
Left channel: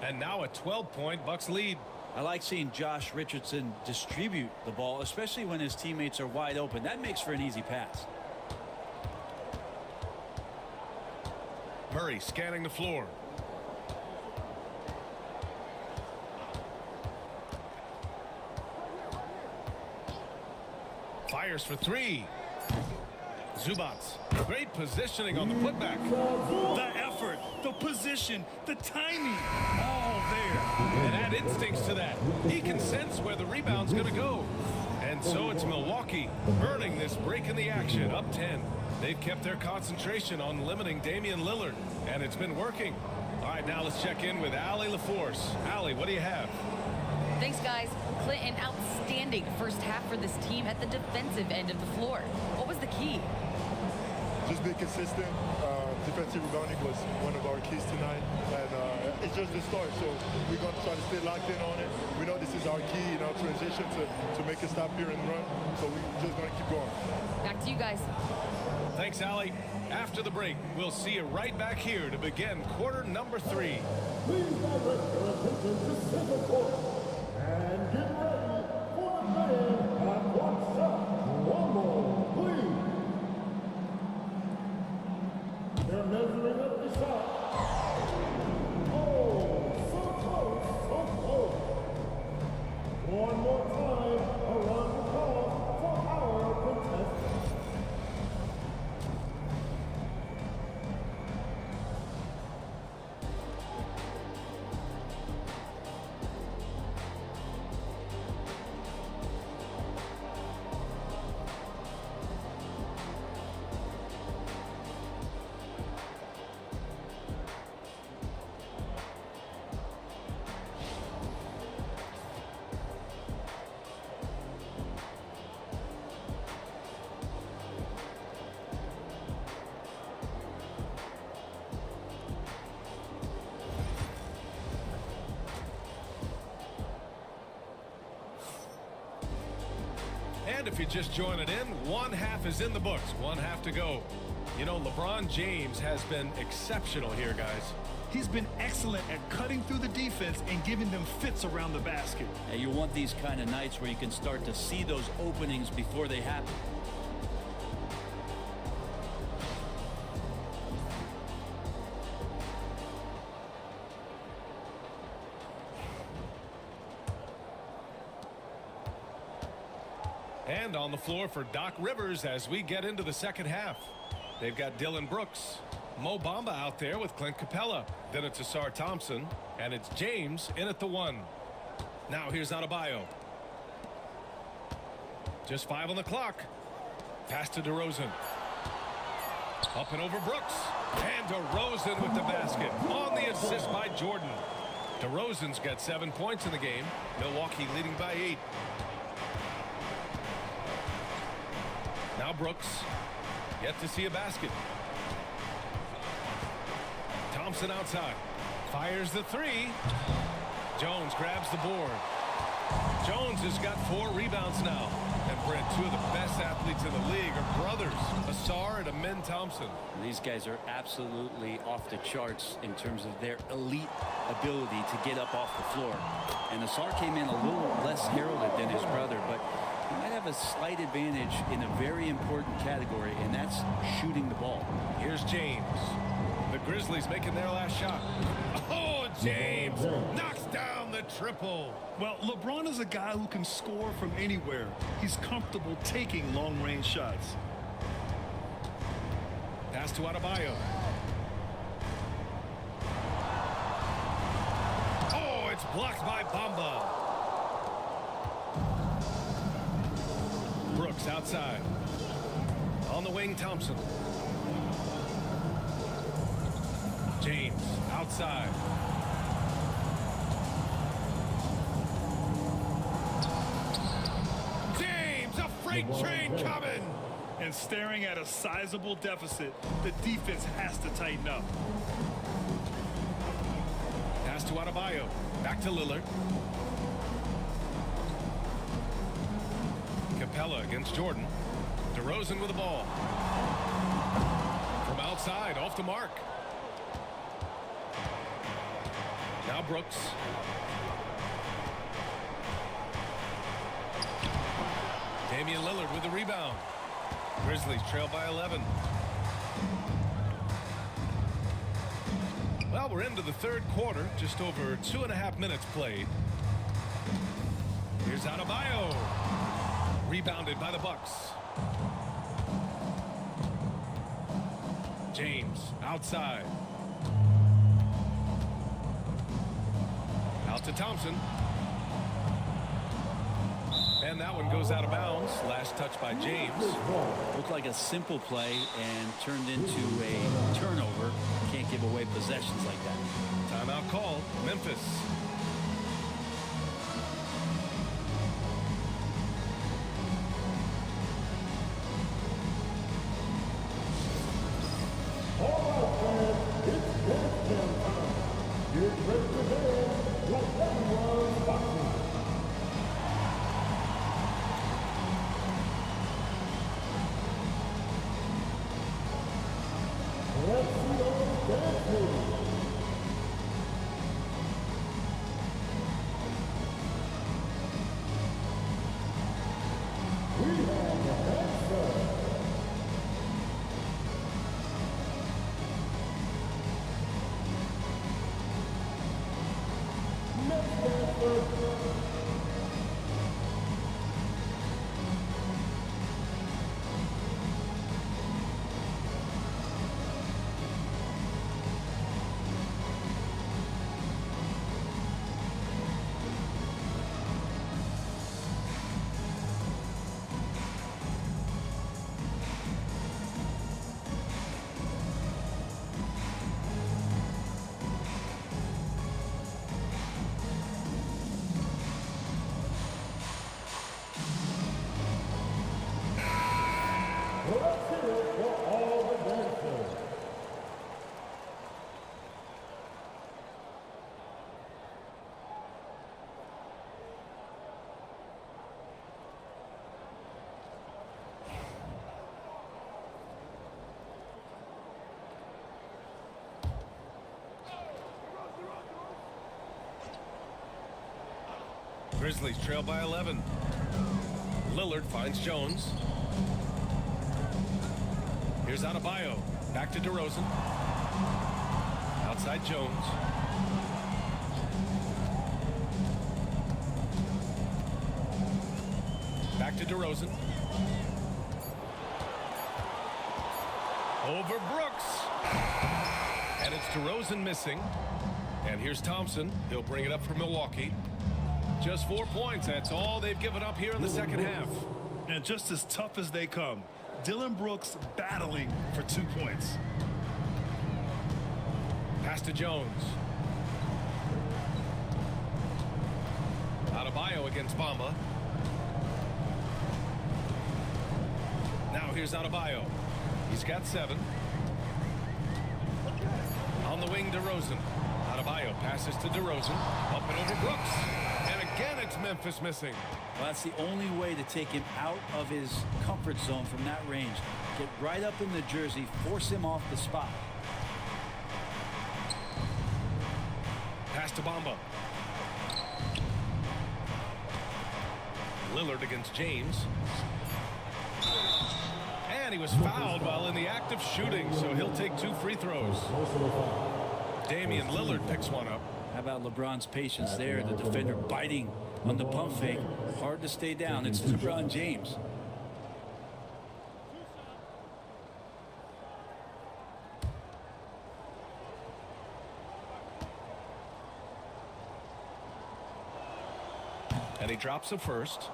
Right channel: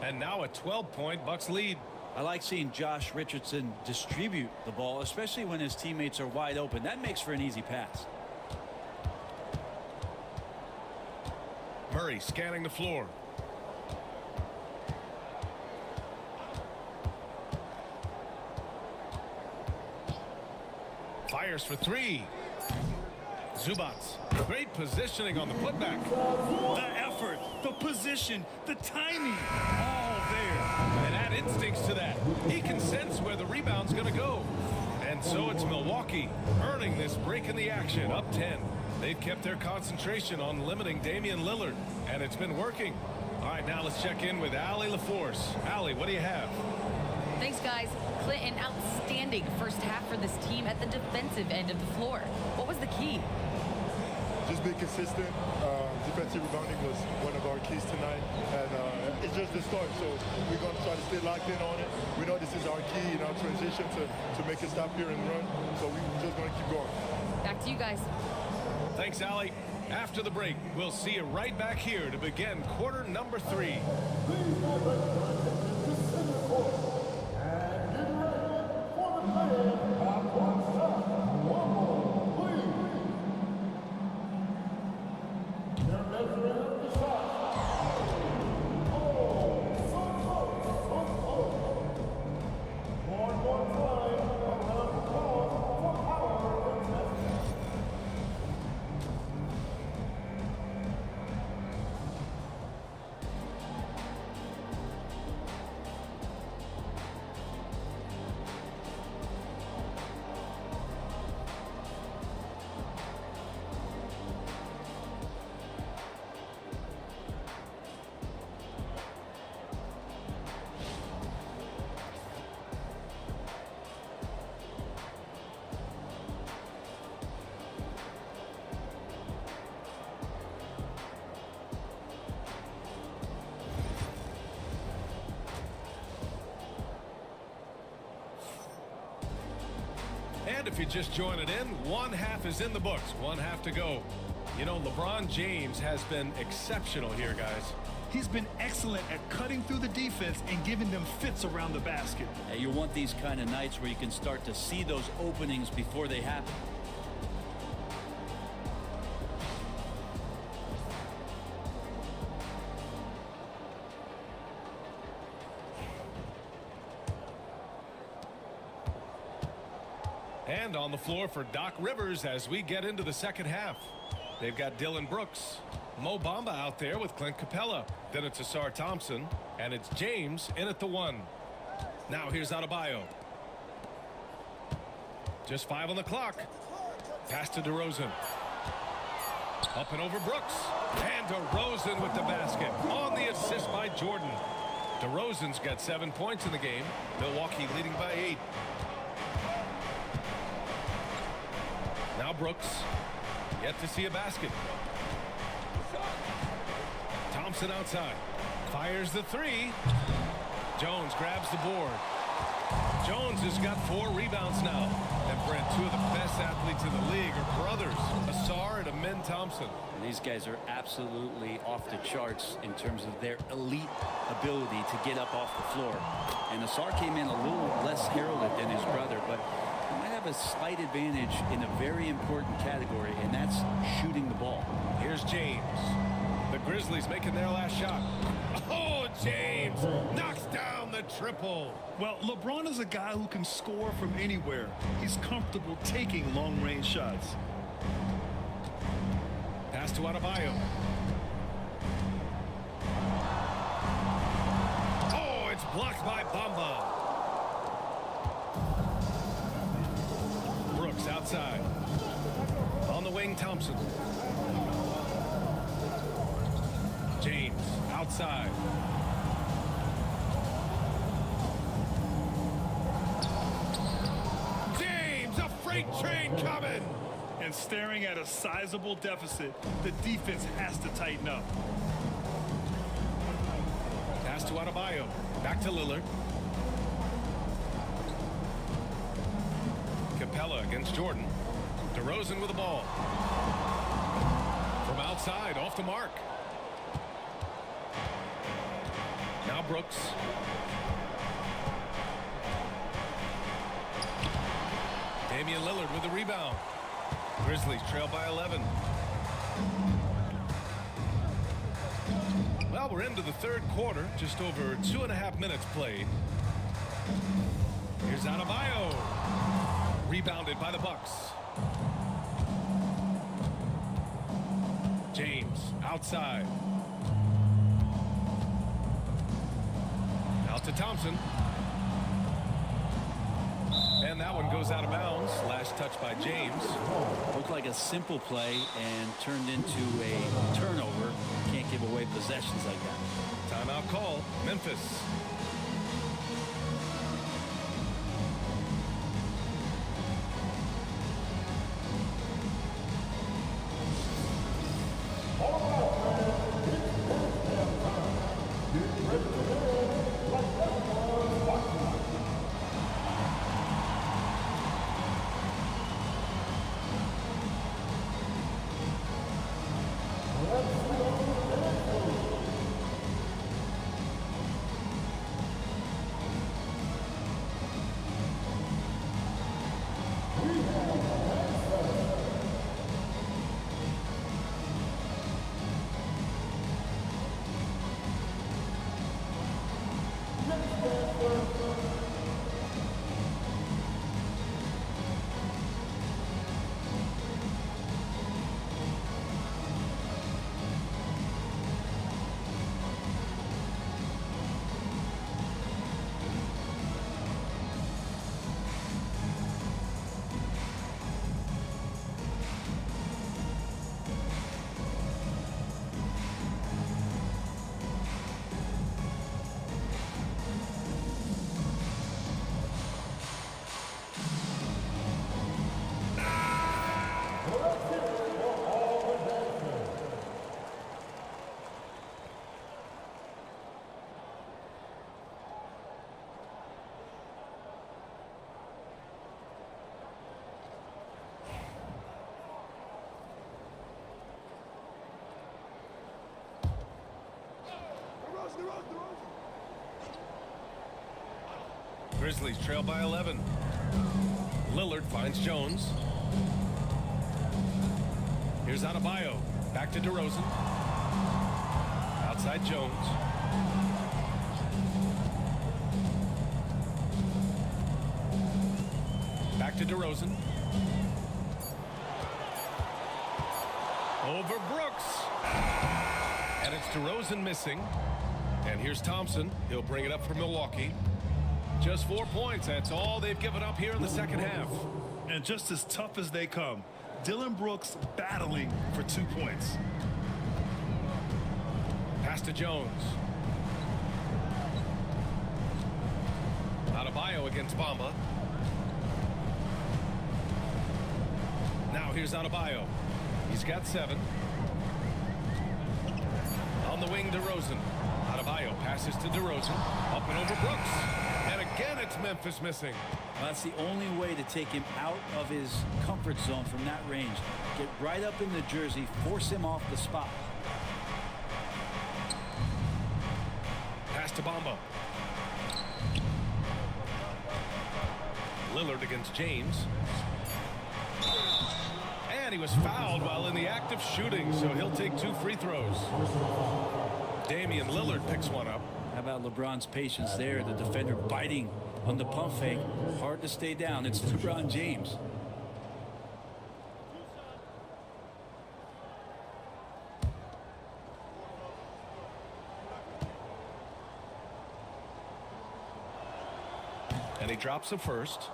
And now a 12-point Bucks lead. I like seeing Josh Richardson distribute the ball, especially when his teammates are wide open. That makes for an easy pass. Murray scanning the floor. Fires for 3. Zubats. Great positioning on the putback. The effort, the position, the timing, all there. And add instincts to that. He can sense where the rebound's going to go. And so it's Milwaukee earning this break in the action, up 10. They've kept their concentration on limiting Damian Lillard, and it's been working. All right, now let's check in with Allie LaForce. Allie, what do you have? Thanks, guys. Clint, an outstanding first half for this team at the defensive end of the floor. What was the key? Just be consistent. Defensive rebounding was one of our keys tonight, and it's just the start. So we're going to try to stay locked in on it. We know this is our key in our transition to make it stop here and run. So we're just going to keep going. Back to you guys. Thanks, Allie. After the break, we'll see you right back here to begin quarter number 3. Please direct your attention to center court and get ready for the fan half-court shot. Rumble, please. They're measuring up the shot. Oh, so close, so close. One more time, a round of applause for our contestants. And if you're just joining in, one half is in the books, one half to go. You know, LeBron James has been exceptional here, guys. He's been excellent at cutting through the defense and giving them fits around the basket. You want these kind of nights where you can start to see those openings before they happen. And on the floor for Doc Rivers as we get into the second half. They've got Dylan Brooks, Mo Bamba out there with Clint Capella. Then it's Asar Thompson, and it's James in at the 1. Now here's Adebayo. Just 5 on the clock. Pass to DeRozan. Up and over Brooks. And DeRozan with the basket on the assist by Jordan. DeRozan's got 7 points in the game. Milwaukee leading by 8. Now Brooks, yet to see a basket. Thompson outside, fires the 3. Jones grabs the board. Jones has got 4 rebounds now, And Brent, two of the best athletes in the league are brothers, Asar and Amin Thompson. These guys are absolutely off the charts in terms of their elite ability to get up off the floor. And Asar came in a little less heralded than his brother, but he might have a slight advantage in a very important category, and that's shooting the ball. Here's James. The Grizzlies making their last shot. Oh, James knocks down the triple. Well, LeBron is a guy who can score from anywhere. He's comfortable taking long-range shots. Pass to Adebayo. Oh, it's blocked by Bamba. Brooks outside. On the wing, Thompson. James outside. James, a freight train coming. And staring at a sizable deficit, the defense has to tighten up. Pass to Adebayo. Back to Lillard. Capella against Jordan. DeRozan with the ball. From outside, off the mark. Now Brooks. Damian Lillard with the rebound. Grizzlies trail by 11. Well, we're into the third quarter. Just over 2.5 minutes played. Here's Adebayo. Rebounded by the Bucks. James outside. Out to Thompson. And that one goes out of bounds. Last touch by James. Looked like a simple play and turned into a turnover. Can't give away possessions like that. Timeout called. Memphis. All right, fans, it's Bs10 time. Get ready to dance like everyone is watching. Let's see those dance moves. We have the handstand. Let's hear it for all the dancers. Grizzlies trail by 11. Lillard finds Jones. Here's Adebayo. Back to DeRozan. Outside Jones. Back to DeRozan. Over Brooks. And it's DeRozan missing. And here's Thompson. He'll bring it up for Milwaukee. Just 4 points. That's all they've given up here in the second half. And just as tough as they come, Dillon Brooks battling for 2 points. Pass to Jones. Adebayo against Bamba. Now here's Adebayo. He's got 7. On the wing, DeRozan. Adebayo passes to DeRozan. Up and over Brooks. And again, it's Memphis missing. Well, that's the only way to take him out of his comfort zone from that range. Get right up in the jersey, force him off the spot. Pass to Bamba. Lillard against James. And he was fouled while in the act of shooting, so he'll take 2 free throws. Damian Lillard picks one up. How about LeBron's patience there? The defender biting on the pump fake. Hard to stay down. It's LeBron James. And he drops the first.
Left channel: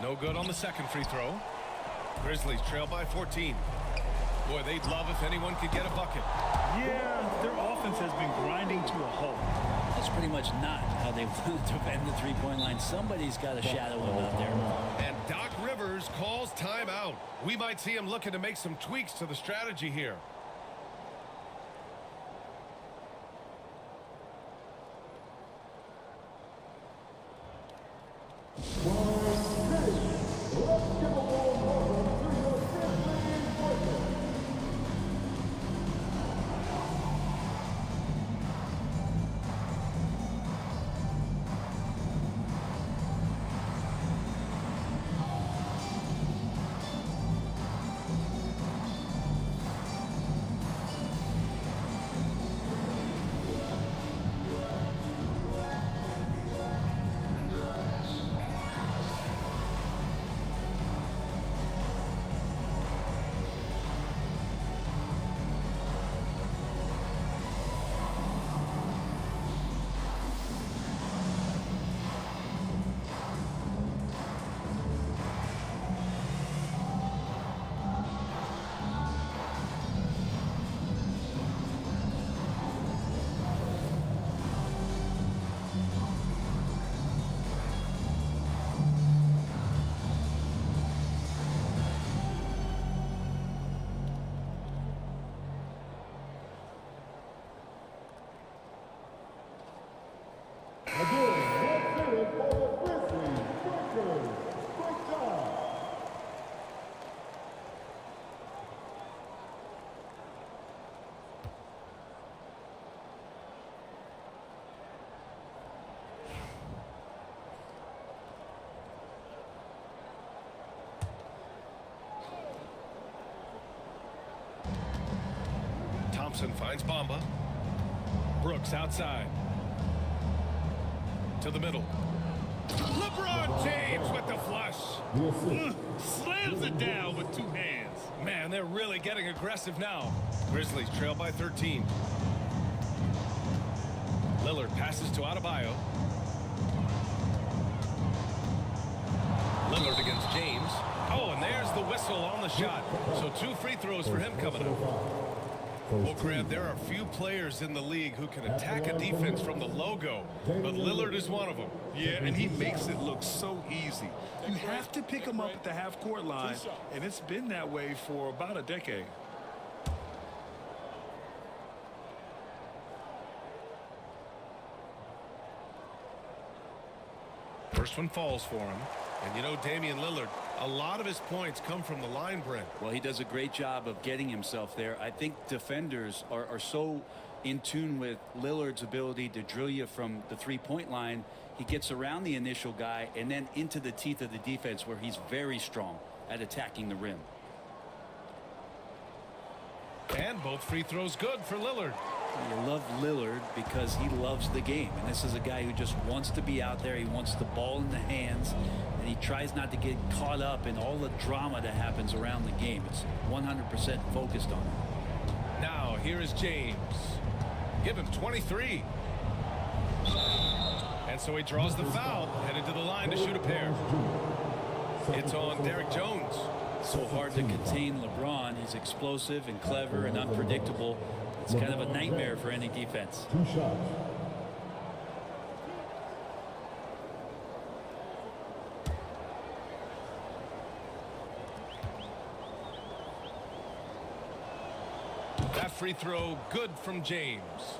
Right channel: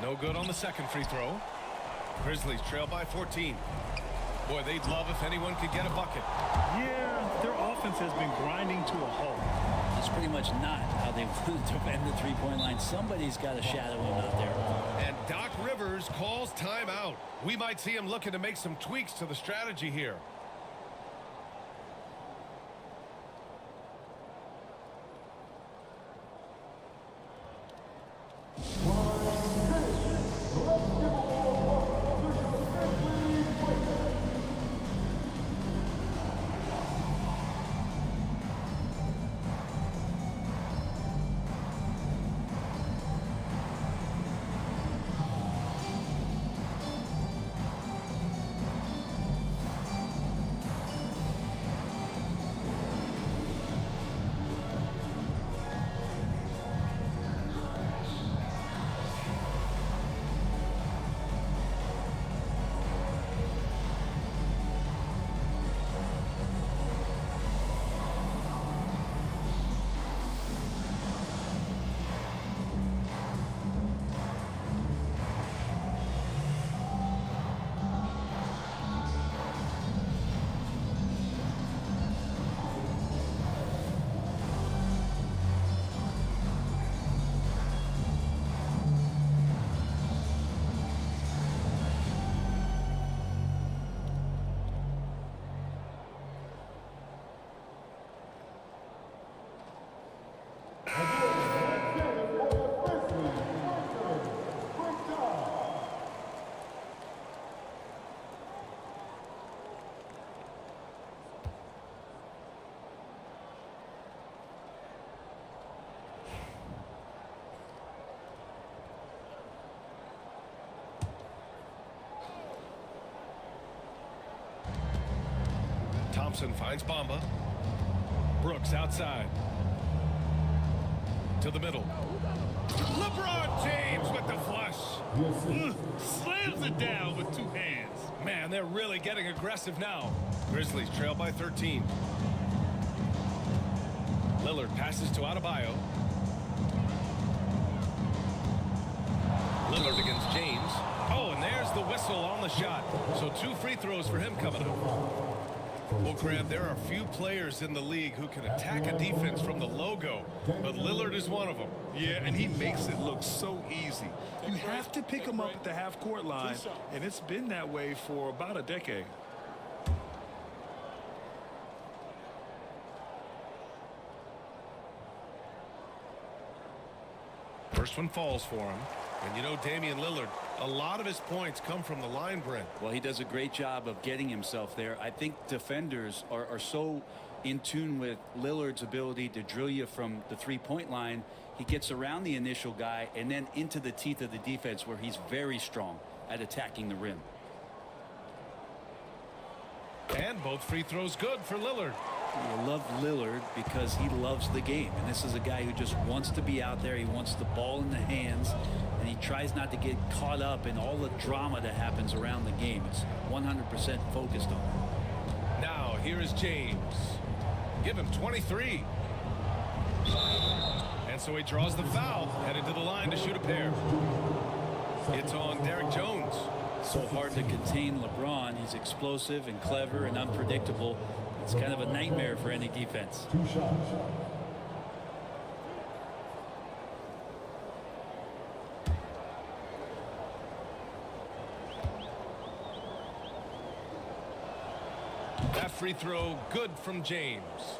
No good on the second free throw. Grizzlies trail by 14. Boy, they'd love if anyone could get a bucket. Yeah, their offense has been grinding to a halt. That's pretty much not how they want to defend the three-point line. Somebody's got to shadow him out there. And Doc Rivers calls timeout. We might see him looking to make some tweaks to the strategy here. Thompson finds Bamba. Brooks outside. To the middle. LeBron James with the flush. Slams it down with 2 hands. Man, they're really getting aggressive now. Grizzlies trail by 13. Lillard passes to Adebayo. Lillard against James. Oh, and there's the whistle on the shot. So 2 free throws for him coming up. Well, Grant, there are few players in the league who can attack a defense from the logo, but Lillard is one of them. Yeah, and he makes it look so easy. You have to pick him up at the half-court line, and it's been that way for about a decade. First one falls for him. And you know, Damian Lillard, a lot of his points come from the line, Brent. Well, he does a great job of getting himself there. I think defenders are so in tune with Lillard's ability to drill you from the three-point line. He gets around the initial guy and then into the teeth of the defense where he's very strong at attacking the rim. And both free throws good for Lillard. You love Lillard because he loves the game. And this is a guy who just wants to be out there. He wants the ball in the hands. And he tries not to get caught up in all the drama that happens around the game. It's 100% focused on it. Now, here is James. Give him 23. And so he draws the foul, headed to the line to shoot a pair. It's on Derek Jones. So hard to contain LeBron. He's explosive and clever and unpredictable. It's kind of a nightmare for any defense. 2 shots. free throw good from James.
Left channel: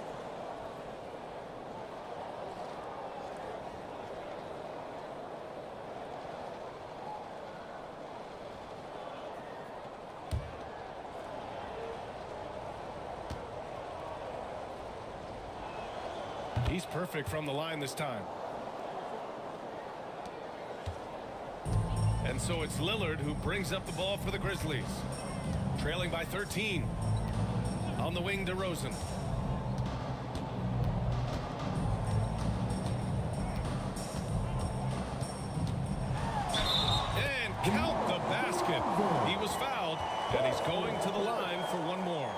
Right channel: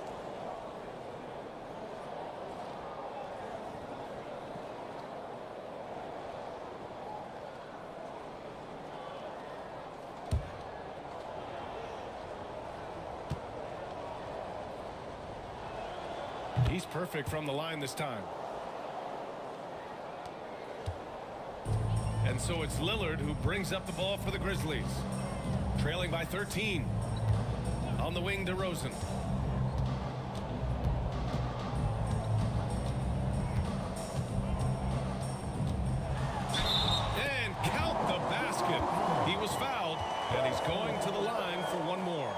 He's perfect from the line this time. And so it's Lillard who brings up the ball for the Grizzlies. Trailing by 13. On the wing, DeRozan. And count the basket. He was fouled, and he's going to the line for one more.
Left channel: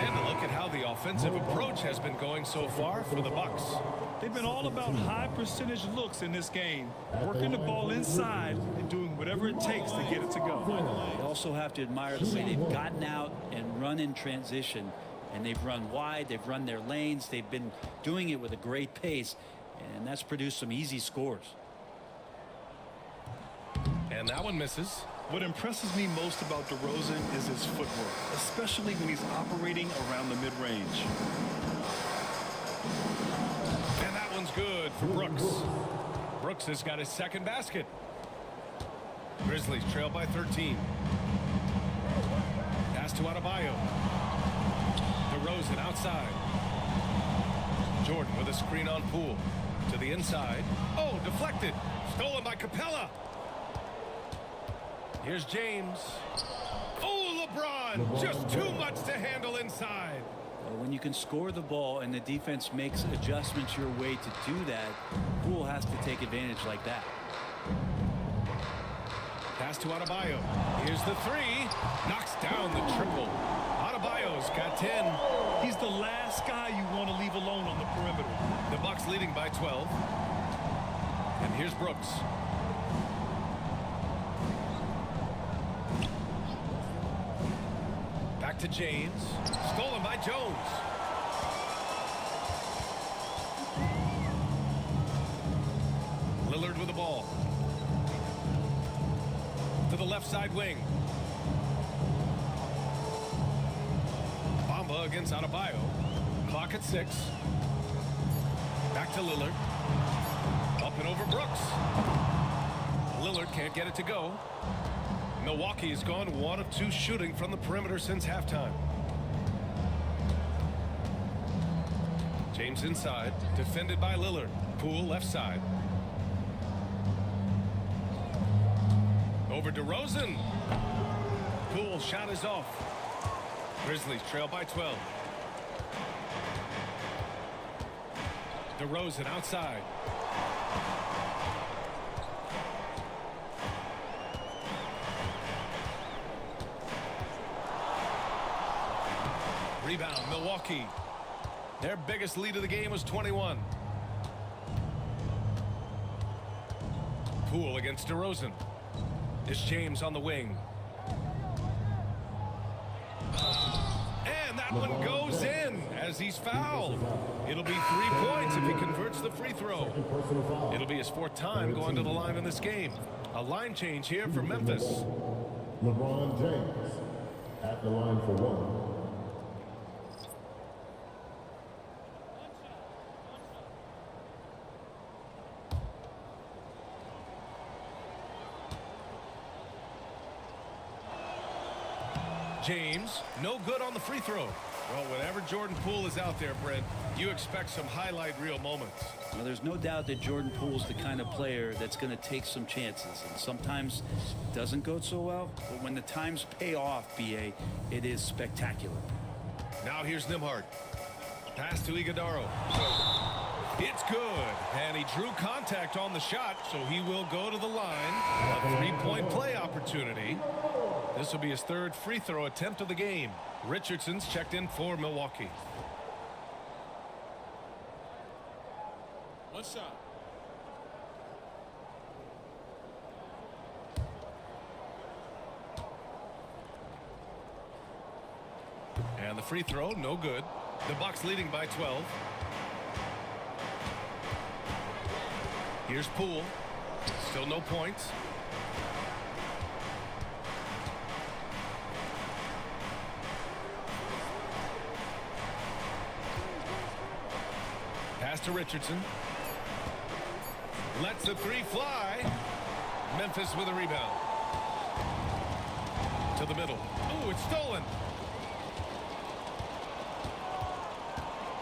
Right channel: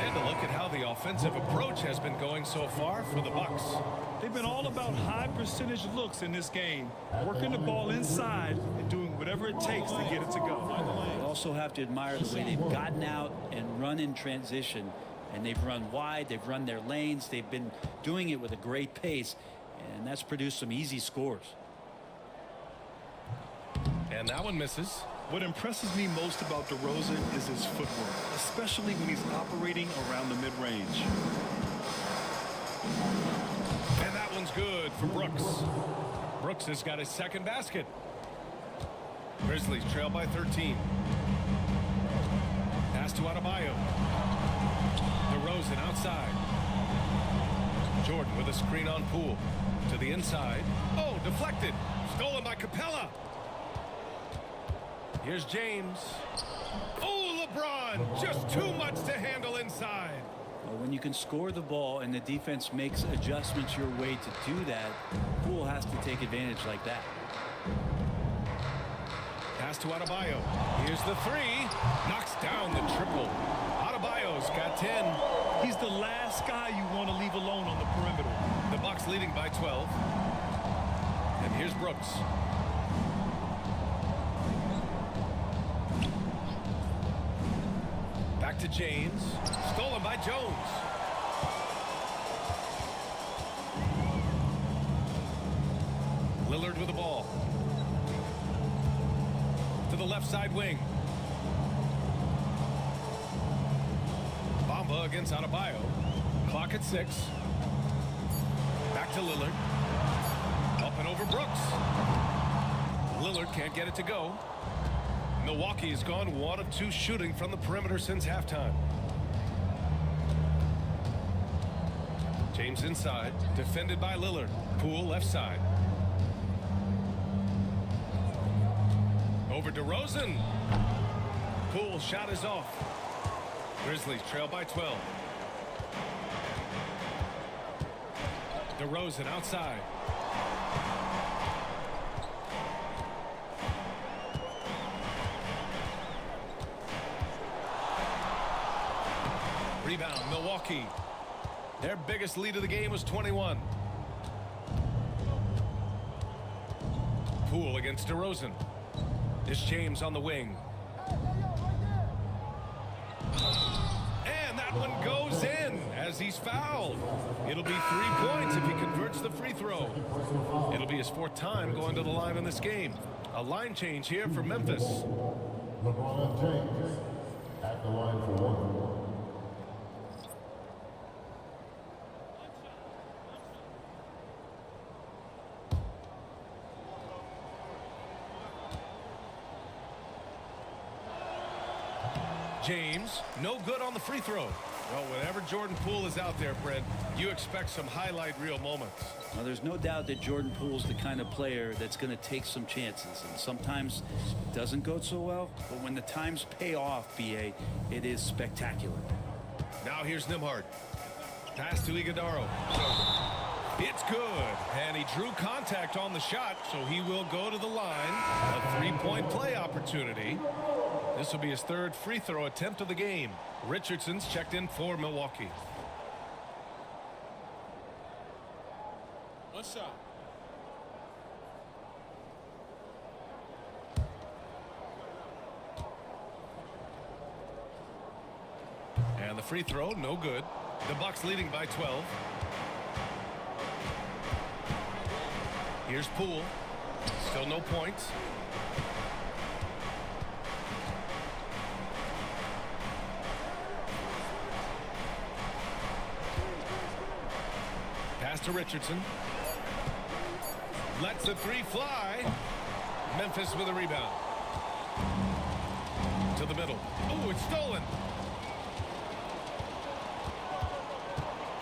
And a look at how the offensive approach has been going so far for the Bucks. They've been all about high percentage looks in this game, working the ball inside and doing whatever it takes to get it to go. They also have to admire the way they've gotten out and run in transition. And they've run wide, they've run their lanes, they've been doing it with a great pace, and that's produced some easy scores. And that one misses. What impresses me most about DeRozan is his footwork, especially when he's operating around the mid-range. And that one's good for Brooks. Brooks has got his second basket. Grizzlies trail by 13. Pass to Adebayo. DeRozan outside. Jordan with a screen on Poole. To the inside. Oh, deflected. Stolen by Capella. Here's James. Oh, LeBron. Just too much to handle inside. When you can score the ball and the defense makes adjustments your way to do that, Poole has to take advantage like that. Pass to Adebayo. Here's the three. Knocks down the triple. Adebayo's got 10. He's the last guy you want to leave alone on the perimeter. The Bucks leading by 12. And here's Brooks. Back to James. Stolen by Jones. Lillard with the ball. To the left side wing. Bamba against Adebayo. Clock at 6. Back to Lillard. Up and over Brooks. Lillard can't get it to go. Milwaukee has gone 1 of 2 shooting from the perimeter since halftime. James inside, defended by Lillard. Poole left side. Over DeRozan. Poole shot is off. Grizzlies trail by 12. DeRozan outside. Rebound, Milwaukee. Their biggest lead of the game was 21. Poole against DeRozan. It's James on the wing. And that one goes in as he's fouled. It'll be 3 points if he converts the free throw. It'll be his 4th time going to the line in this game. A line change here for Memphis. LeBron James at the line for 1. James, no good on the free throw. Well, whenever Jordan Poole is out there, Brent, you expect some highlight reel moments. Well, there's no doubt that Jordan Poole's the kind of player that's going to take some chances, and sometimes it doesn't go so well, but when the times pay off, BA, it is spectacular. Now here's Nembhard. Pass to Iguodala. It's good, and he drew contact on the shot, so he will go to the line. A 3-point play opportunity. This will be his 3rd free throw attempt of the game. Richardson's checked in for Milwaukee. One shot. And the free throw, no good. The Bucks leading by 12. Here's Poole. Still no points. Pass to Richardson. Lets the three fly. Memphis with a rebound. To the middle. Oh, it's stolen.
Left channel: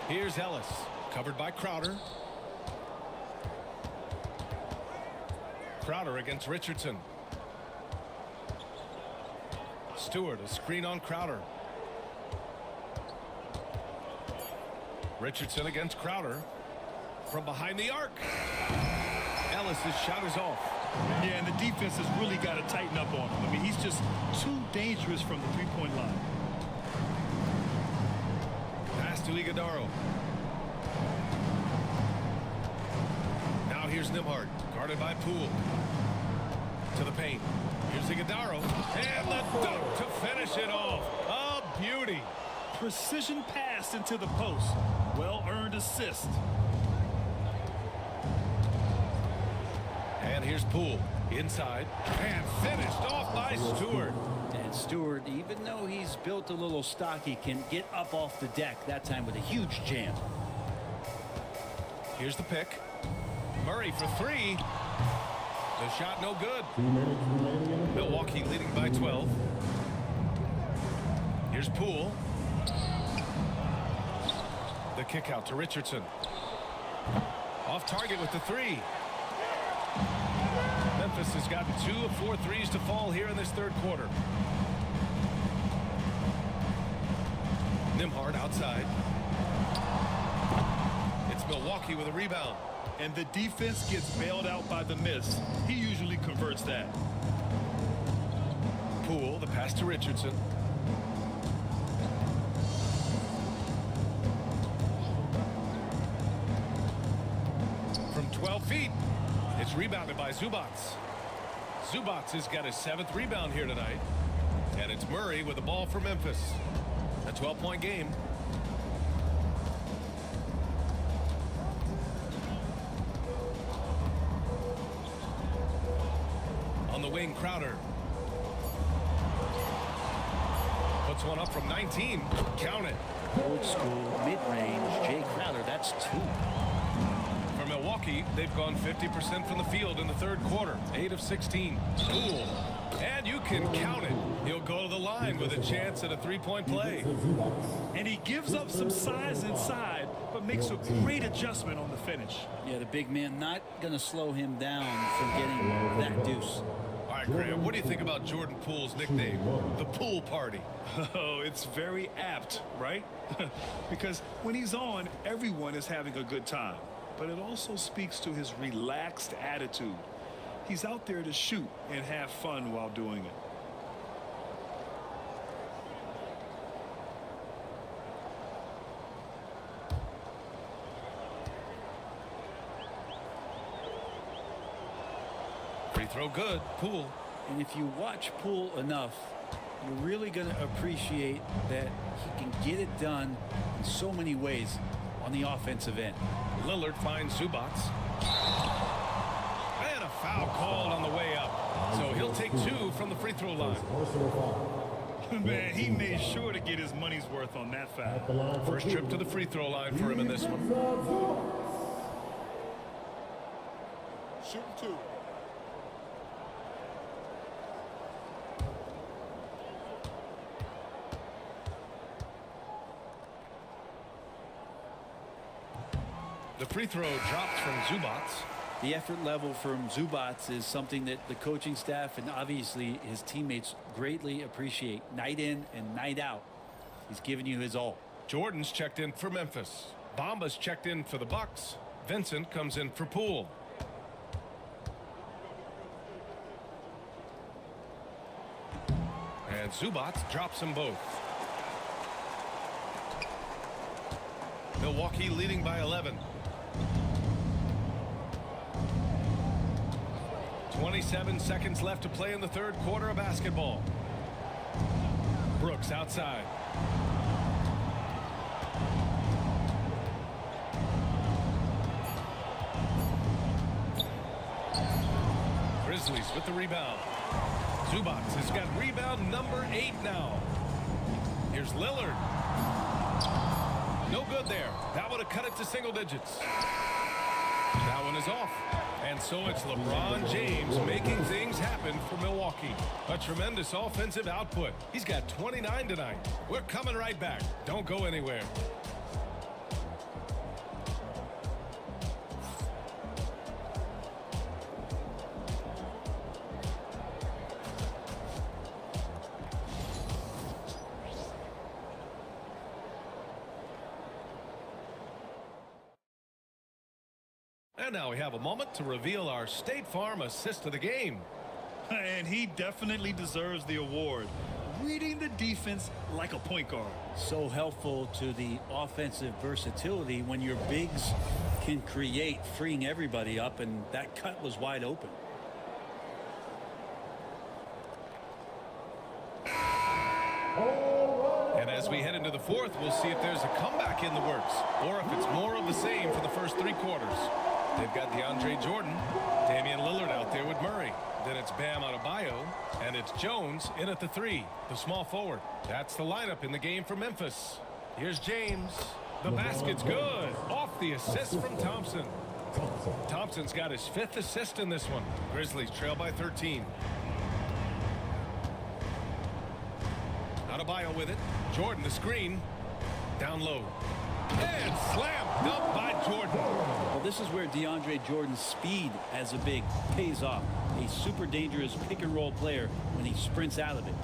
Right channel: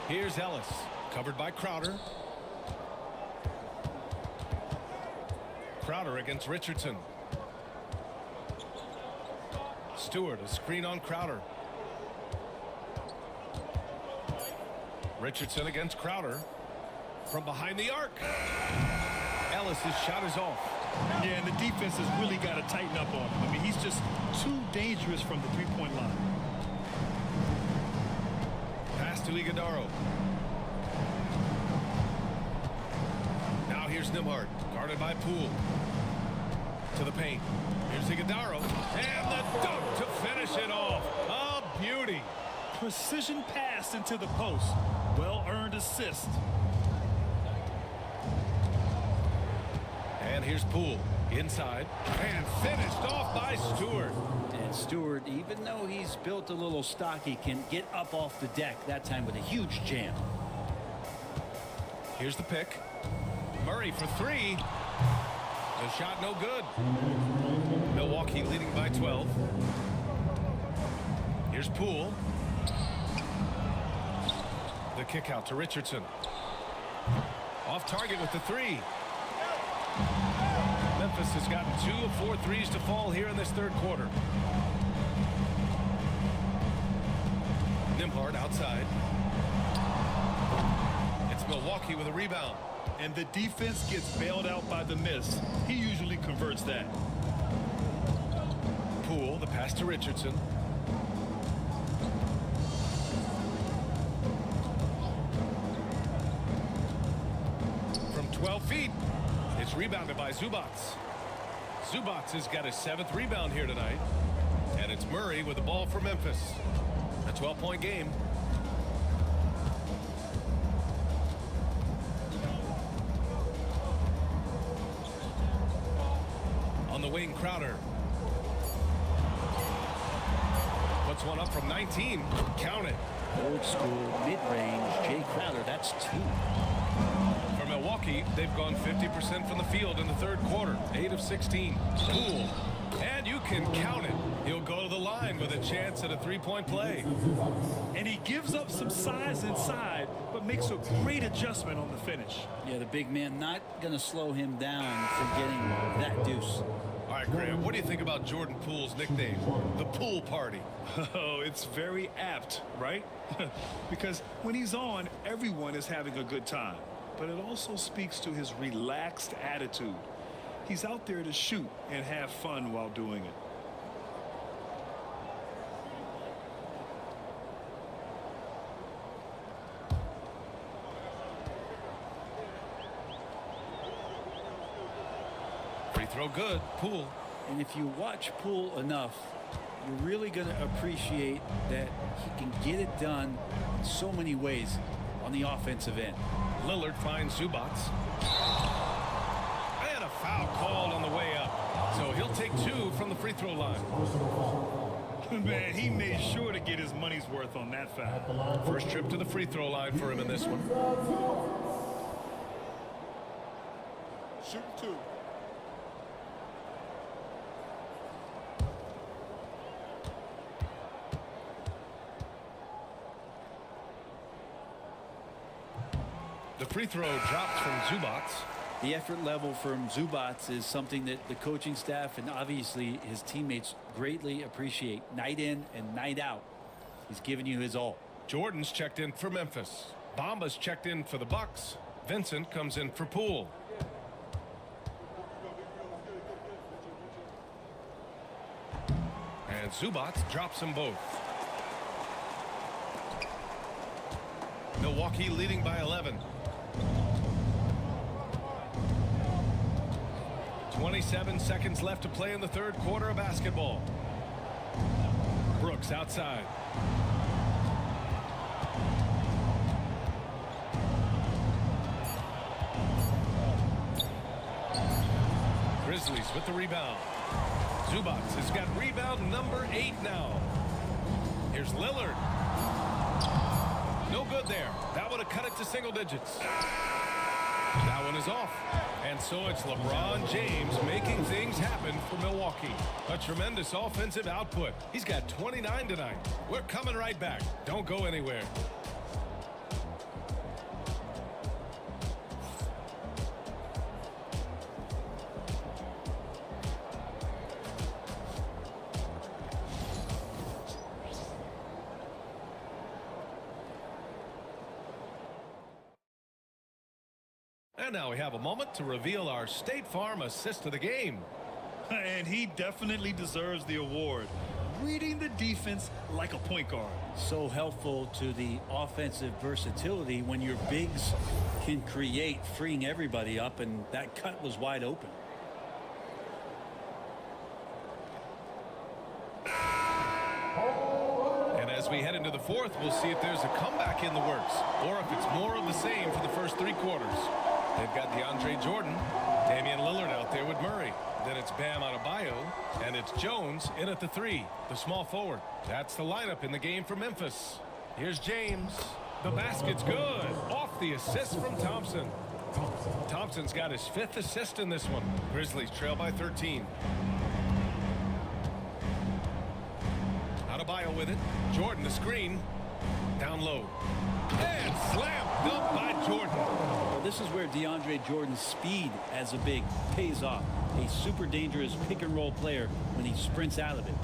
Here's Ellis. Covered by Crowder. Crowder against Richardson. Stewart, a screen on Crowder. Richardson against Crowder. From behind the arc. Ellis's shot is off. Yeah, and the defense has really got to tighten up on him. I mean, he's just too dangerous from the three-point line. Pass to Iguodaro. Now here's Nembhard, guarded by Poole. To the paint. Here's Iguodaro. And the dunk to finish it off. A beauty. Precision pass into the post. Well-earned assist. And here's Poole. Inside. And finished off by Stewart. And Stewart, even though he's built a little stocky, can get up off the deck, that time with a huge jam. Here's the pick. Murray for three. The shot no good. Milwaukee leading by 12. Here's Poole. The kick out to Richardson. Off target with the three. Memphis has gotten 2 of 4 threes to fall here in this third quarter. Nembhard outside. It's Milwaukee with a rebound. And the defense gets bailed out by the miss. He usually converts that. Poole, the pass to Richardson. From 12 feet, it's rebounded by Zubats. Zubats has got his 7th rebound here tonight. And it's Murray with the ball for Memphis. A 12-point game. On the wing, Crowder. Puts one up from 19. Count it. Old school, mid-range, Jay Crowder, that's 2. For Milwaukee, they've gone 50% from the field in the third quarter. 8 of 16. Poole. And you can count it. He'll go to the line with a chance at a three-point play. And he gives up some size inside, but makes a great adjustment on the finish. Yeah, the big man not going to slow him down from getting that deuce. All right, Graham, what do you think about Jordan Poole's nickname, the Pool Party? Oh, it's very apt, right? Because when he's on, everyone is having a good time. But it also speaks to his relaxed attitude. He's out there to shoot and have fun while doing it. Free throw good. Poole. And if you watch Poole enough, you're really going to appreciate that he can get it done in so many ways on the offensive end. Lillard finds Zubats. And a foul called on the way up. So he'll take 2 from the free throw line. Man, he made sure to get his money's worth on that foul. First trip to the free throw line for him in this one. Shooting 2. The free throw drops from Zubats. The effort level from Zubats is something that the coaching staff and obviously his teammates greatly appreciate. Night in and night out, he's giving you his all. Jordan's checked in for Memphis. Bamba's checked in for the Bucks. Vincent comes in for Poole. And Zubats drops them both. Milwaukee leading by 11. 27 seconds left to play in the third quarter of basketball. Brooks outside. Grizzlies with the rebound. Zubats has got rebound number 8 now. Here's Lillard. No good there. That would have cut it to single digits. That one is off. And so it's LeBron James making things happen for Milwaukee. A tremendous offensive output. He's got 29 tonight. We're coming right back. Don't go anywhere. And now we have a moment to reveal our State Farm assist of the game. And he definitely deserves the award. Reading the defense like a point guard. So helpful to the offensive versatility when your bigs can create, freeing everybody up, and that cut was wide open. And as we head into the fourth, we'll see if there's a comeback in the works or if it's more of the same for the first three quarters. They've got DeAndre Jordan, Damian Lillard out there with Murray. Then it's Bam Adebayo, and it's Jones in at the three, the small forward. That's the lineup in the game for Memphis. Here's James. The basket's good. Off the assist from Thompson. Thompson's got his fifth assist in this one. Grizzlies trail by 13. Adebayo with it. Jordan the screen. Down low. And slam dunk by Jordan. Well, this is where DeAndre Jordan's speed as a big pays off. A super dangerous pick and roll player when he sprints out of it.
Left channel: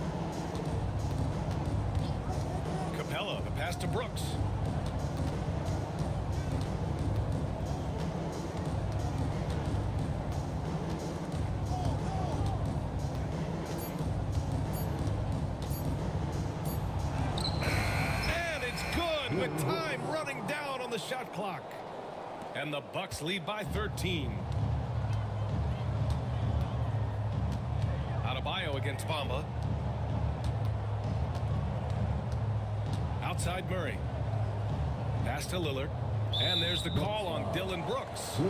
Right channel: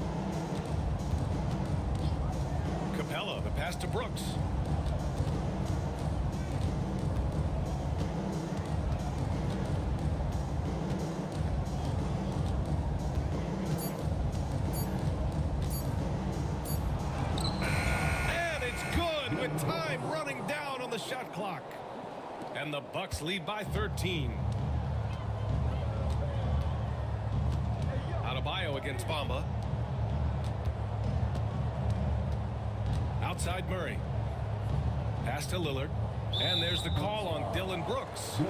Capella, the pass to Brooks. And it's good with time running down on the shot clock. And the Bucks lead by 13. Adebayo against Bamba. Outside Murray. Pass to Lillard. And there's the call on Dylan Brooks.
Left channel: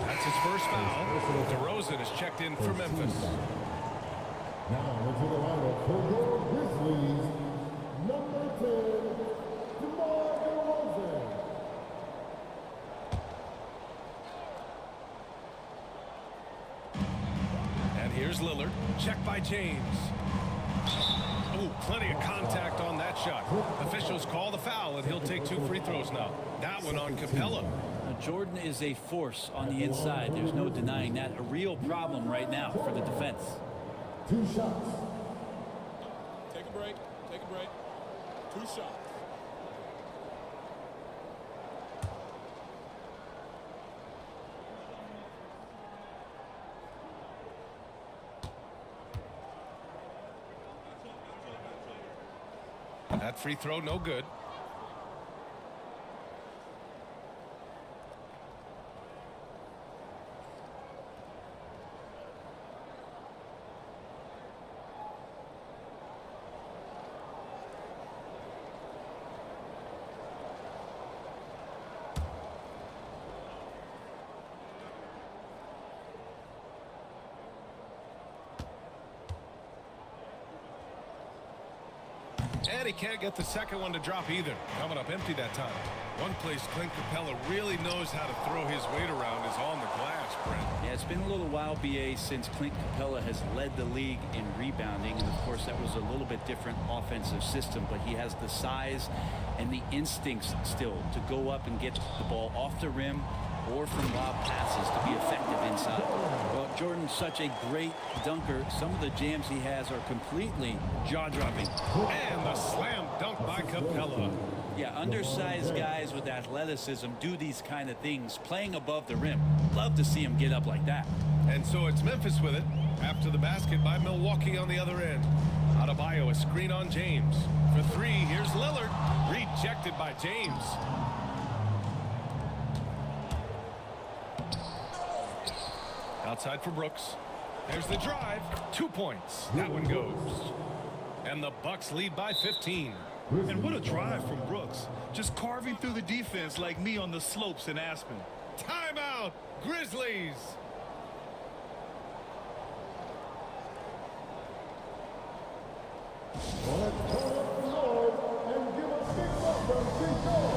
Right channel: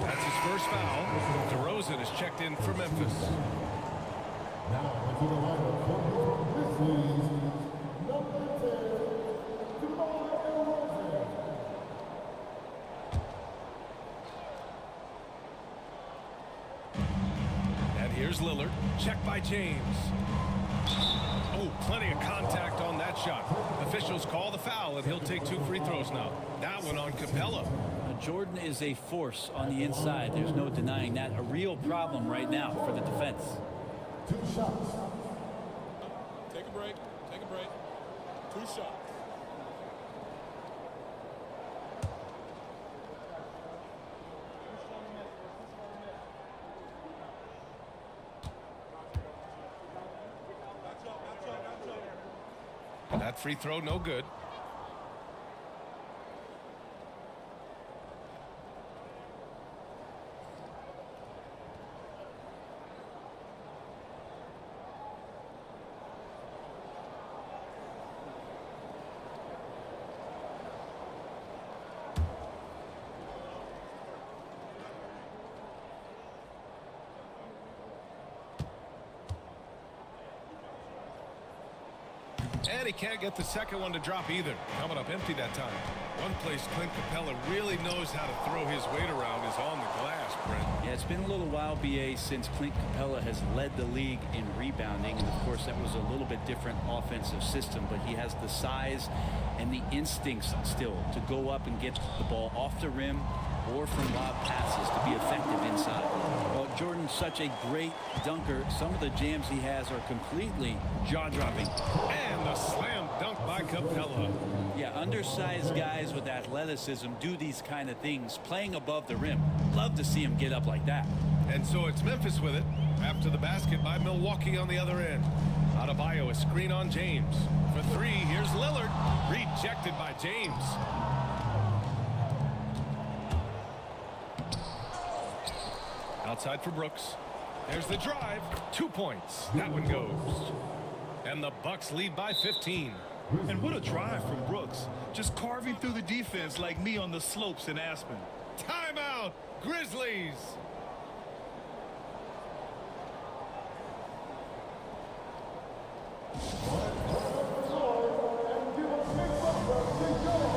That's his first foul. DeRozan is checked in for Memphis. Now into the lineup for your Grizzlies, number 10, DeRozan. And here's Lillard. Check by James. Oh, plenty of contact on that shot. Officials call the foul, and he'll take 2 free throws now. That one on Capella. Now, Jordan is a force on the inside. There's no denying that. A real problem right now for the defense. 2 shots. Take a break. Take a break. 2 shots. That free throw, no good. And he can't get the second one to drop either. Coming up empty that time. One place Clint Capella really knows how to throw his weight around is on the glass, Brent. Yeah, it's been a little while, BA, since Clint Capella has led the league in rebounding. And, of course, that was a little bit different offensive system. But he has the size and the instincts still to go up and get the ball off the rim or from lob passes to be effective inside. Well, Jordan's such a great dunker. Some of the jams he has are completely jaw-dropping. And the slam dunk by Capella. Yeah, undersized guys with athleticism do these kind of things, playing above the rim. Love to see him get up like that. And so it's Memphis with it after the basket by Milwaukee on the other end. Adebayo, a screen on James. For 3, here's Lillard. Rejected by James. Outside for Brooks. There's the drive. 2 points. That one goes. And the Bucks lead by 15. And what a drive from Brooks. Just carving through the defense like me on the slopes in Aspen. Timeout, Grizzlies. And give a big welcome to your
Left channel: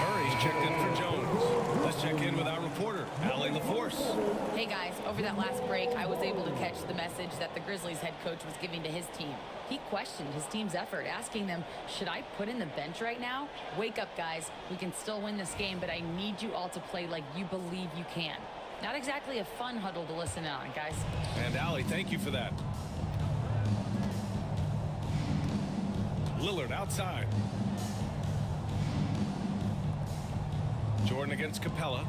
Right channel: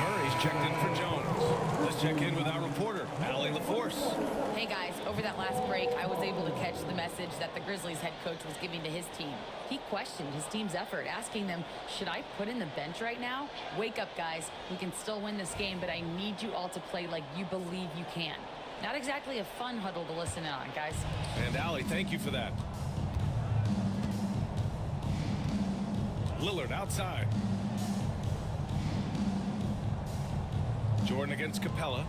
Murray's checked in for Jones. Let's check in with our reporter, Allie LaForce. Hey guys, over that last break, I was able to catch the message that the Grizzlies head coach was giving to his team. He questioned his team's effort, asking them, should I put in the bench right now? Wake up, guys. We can still win this game, but I need you all to play like you believe you can. Not exactly a fun huddle to listen in on, guys. And Allie, thank you for that. Lillard outside. Jordan against Capella.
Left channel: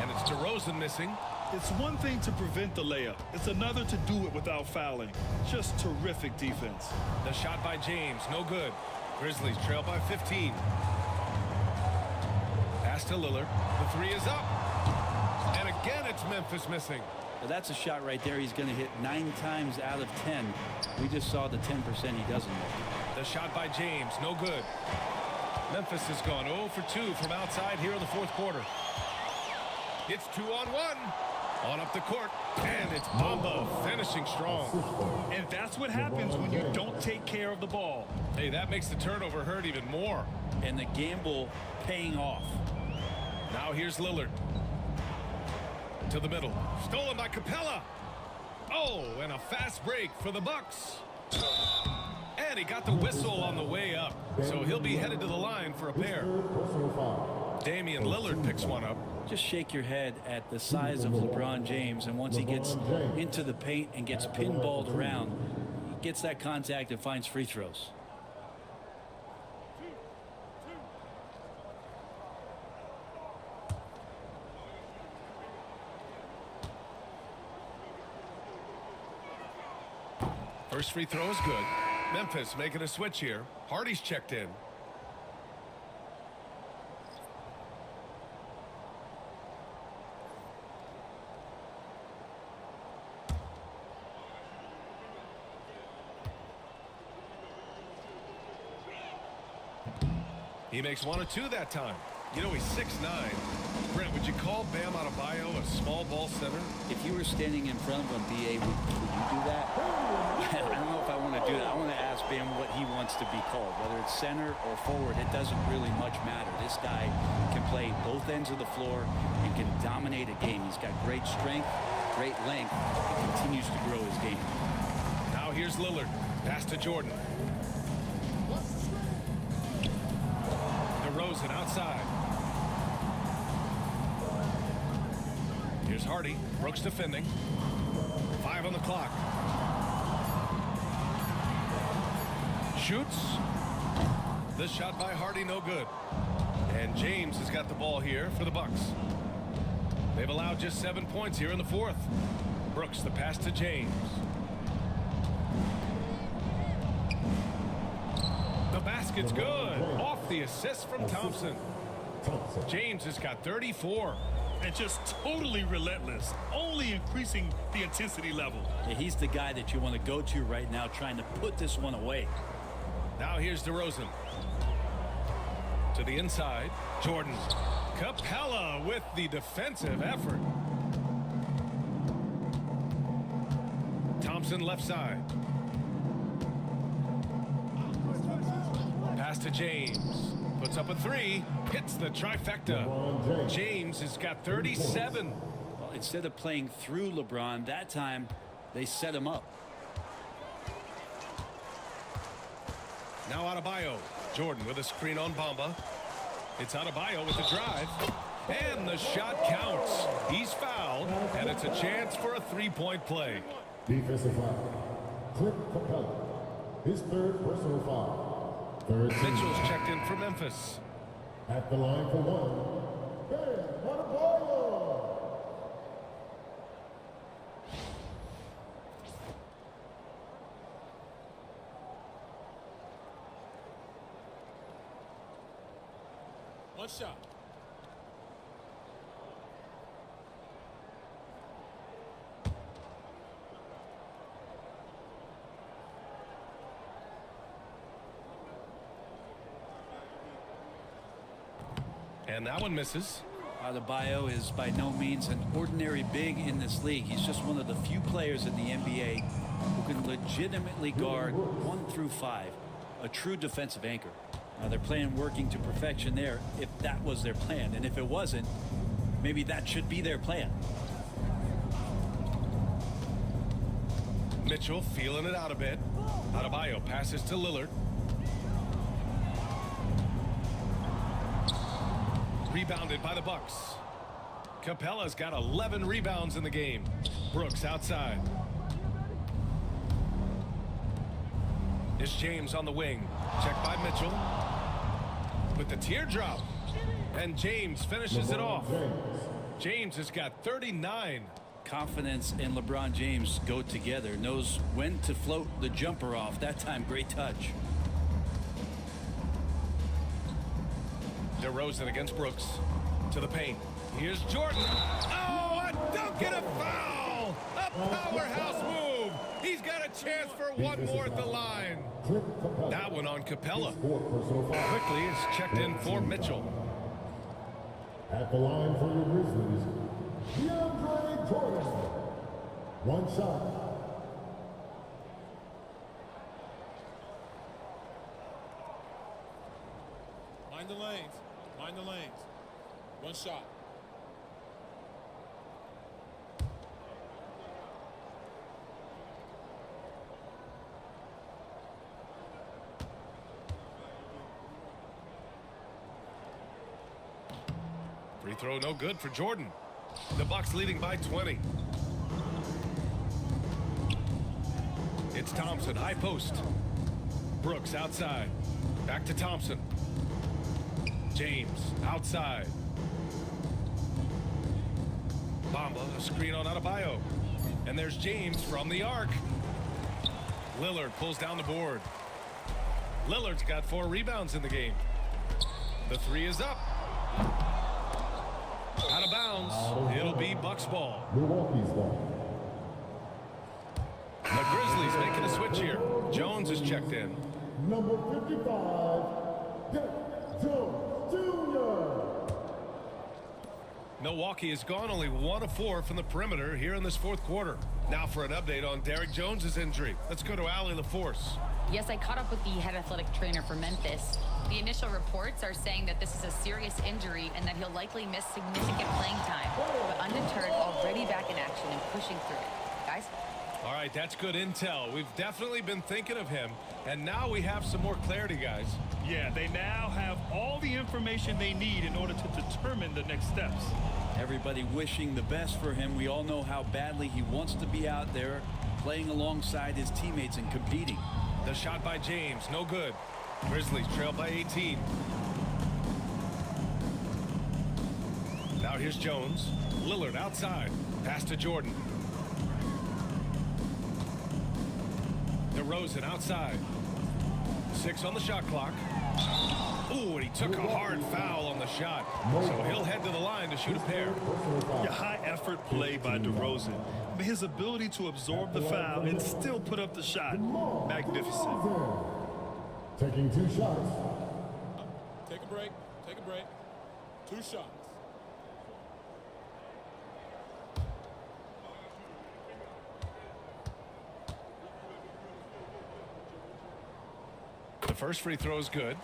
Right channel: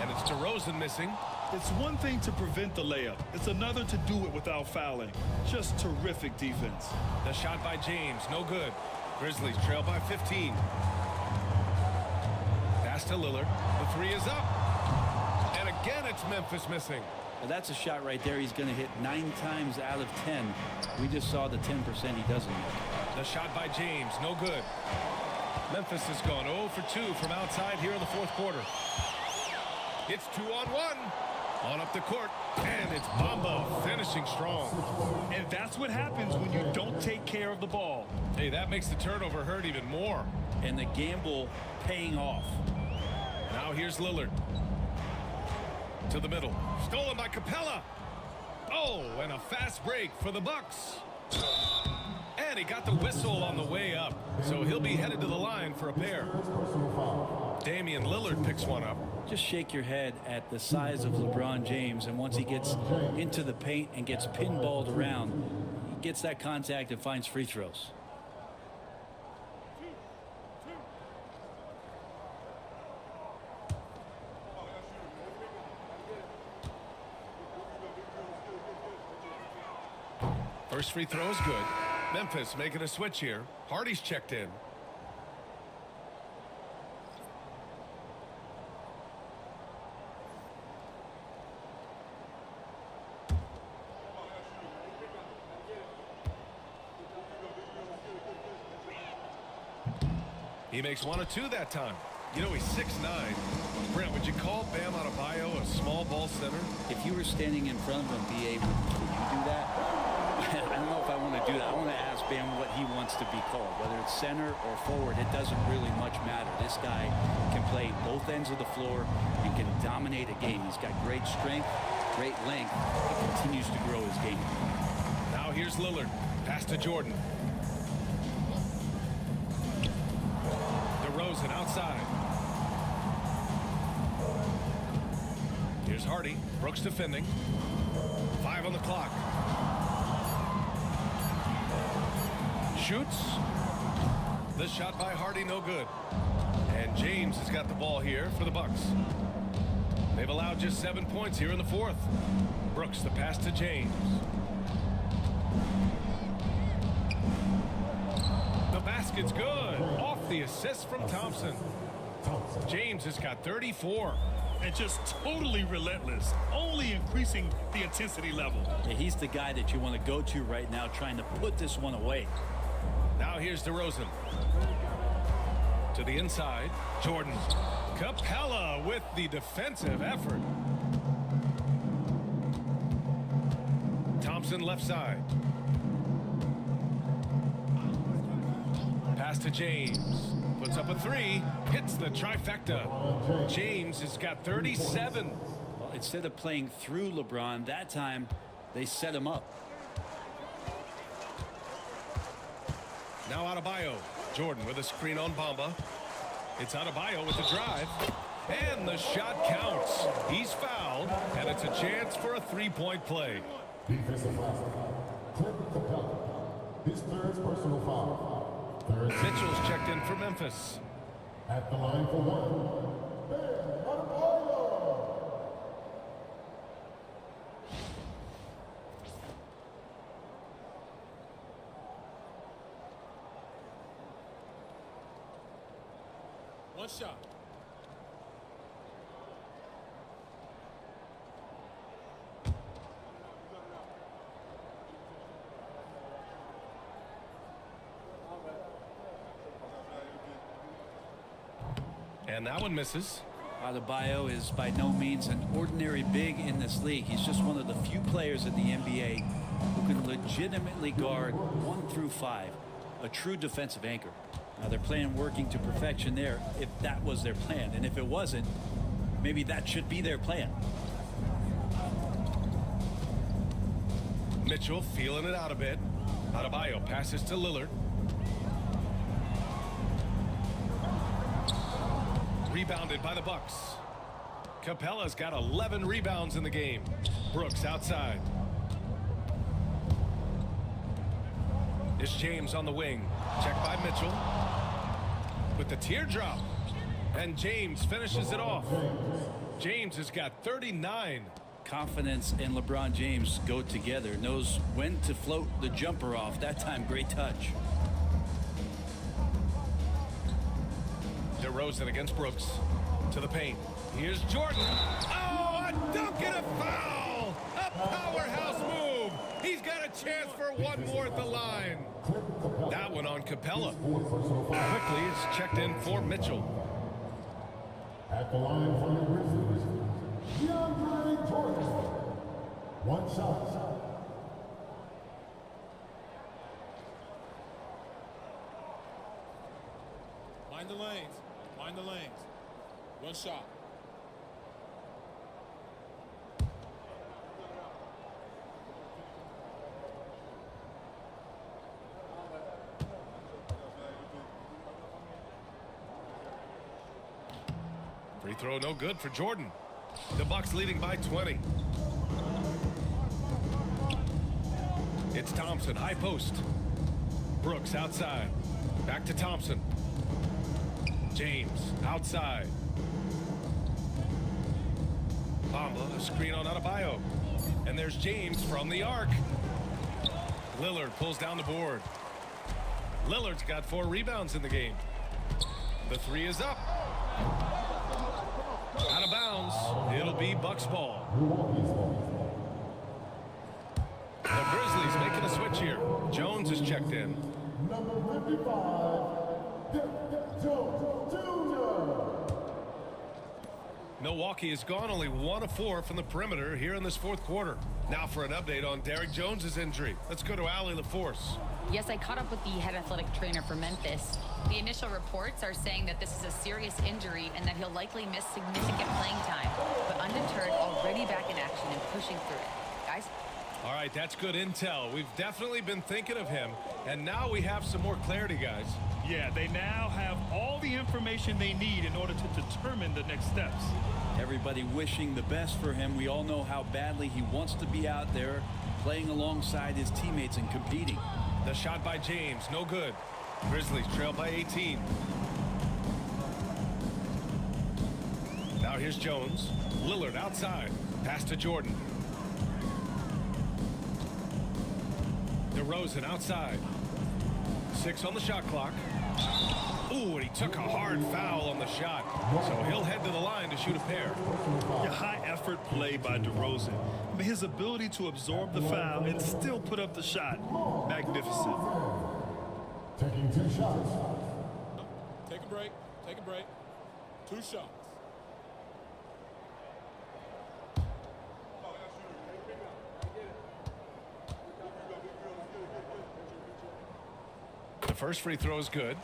And it's DeRozan missing. It's one thing to prevent the layup. It's another to do it without fouling. Just terrific defense. The shot by James, no good. Grizzlies trail by 15. Pass to Lillard. The three is up. And again, it's Memphis missing. Now that's a shot right there he's going to hit 9 times out of 10. We just saw the 10% he doesn't make. The shot by James, no good. Memphis has gone 0 for 2 from outside here in the fourth quarter. It's 2-on-1. On up the court, and it's Bamba finishing strong. And that's what happens when you don't take care of the ball. Hey, that makes the turnover hurt even more. And the gamble paying off. Now here's Lillard. To the middle. Stolen by Capella. Oh, and a fast break for the Bucks. And he got the whistle on the way up. So he'll be headed to the line for a pair. Damian Lillard picks one up. Just shake your head at the size of LeBron James, and once he gets into the paint and gets pinballed around, he gets that contact and finds free throws. First free throw is good. Memphis making a switch here. Hardy's checked in. He makes 1 of 2 that time. You know, he's 6'9". Brent, would you call Bam Adebayo a small ball center? If you were standing in front of him, BA, would you do that? I don't know if I want to do that. I want to ask Bam what he wants to be called. Whether it's center or forward, it doesn't really much matter. This guy can play both ends of the floor and can dominate a game. He's got great strength, great length, and continues to grow his game. Now here's Lillard. Pass to Jordan. DeRozan outside. Here's Hardy. Brooks defending. 5 on the clock. Shoots. The shot by Hardy, no good. And James has got the ball here for the Bucks. They've allowed just 7 points here in the fourth. Brooks, the pass to James. The basket's good. Off the assist from Thompson. James has got 34. And just totally relentless, only increasing the intensity level. Yeah, he's the guy that you want to go to right now, trying to put this one away. Now here's DeRozan. To the inside, Jordan. Capella with the defensive effort. Thompson left side. Pass to James. Puts up a 3. Hits the trifecta. James has got 37. Well, instead of playing through LeBron, that time they set him up. Now Adebayo. Jordan with a screen on Bamba. It's Adebayo with the drive. And the shot counts. He's fouled, and it's a chance for a 3-point play. Defensive foul. Clint Capella. His third personal foul. Mitchell's checked in for Memphis. At the line for 1. Bam Adebayo. One shot. And that one misses. Adebayo is by no means an ordinary big in this league. He's just one of the few players in the NBA who can legitimately guard 1 through 5. a true defensive anchor. Now they're playing working to perfection there if that was their plan. And if it wasn't, maybe that should be their plan. Mitchell feeling it out a bit. Adebayo passes to Lillard. Rebounded by the Bucks. Capella's got 11 rebounds in the game. Brooks outside. It's James on the wing. Checked by Mitchell. With the teardrop. And James finishes it off. James has got 39. Confidence and LeBron James go together. Knows when to float the jumper off. That time, great touch. DeRozan against Brooks. To the paint. Here's Jordan. Oh, a dunk and a foul. A powerhouse move. He's got a chance for one more at the line. That one on Capella. Quickly is checked in for Mitchell. At the line for your Grizzlies, DeAndre Jordan. One shot. Mind the lanes. Mind the lanes. One shot. Free throw no good for Jordan. The Bucks leading by 20. It's Thompson, high post. Brooks outside. Back to Thompson. James outside. Bamba, a screen on Adebayo. And there's James from the arc. Lillard pulls down the board. Lillard's got 4 rebounds in the game. The three is up. Out of bounds. It'll be Bucks ball. Milwaukee's ball. The Grizzlies making a switch here. Jones is checked in. Number 55, Jones Jr. Milwaukee has gone only 1 of 4 from the perimeter here in this fourth quarter. Now for an update on Derrick Jones's injury. Let's go to Allie LaForce. Yes, I caught up with the head athletic trainer for Memphis. The initial reports are saying that this is a serious injury and that he'll likely miss significant playing time. But undeterred, already back in action and pushing through it. Guys? All right, that's good intel. We've definitely been thinking of him, and now we have some more clarity, guys. Yeah, they now have all the information they need in order to determine the next steps. Everybody wishing the best for him. We all know how badly he wants to be out there playing alongside his teammates and competing. The shot by James, no good. Grizzlies trail by 18. Now here's Jones. Lillard outside. Pass to Jordan. DeRozan outside. 6 on the shot clock. Ooh, and he took a hard foul on the shot. So he'll head to the line to shoot a pair. Yeah, high effort play by DeRozan. I mean, his ability to absorb the foul and still put up the shot, magnificent. Taking 2 shots. Take a break. Take a break. 2 shots. The first free throw is good.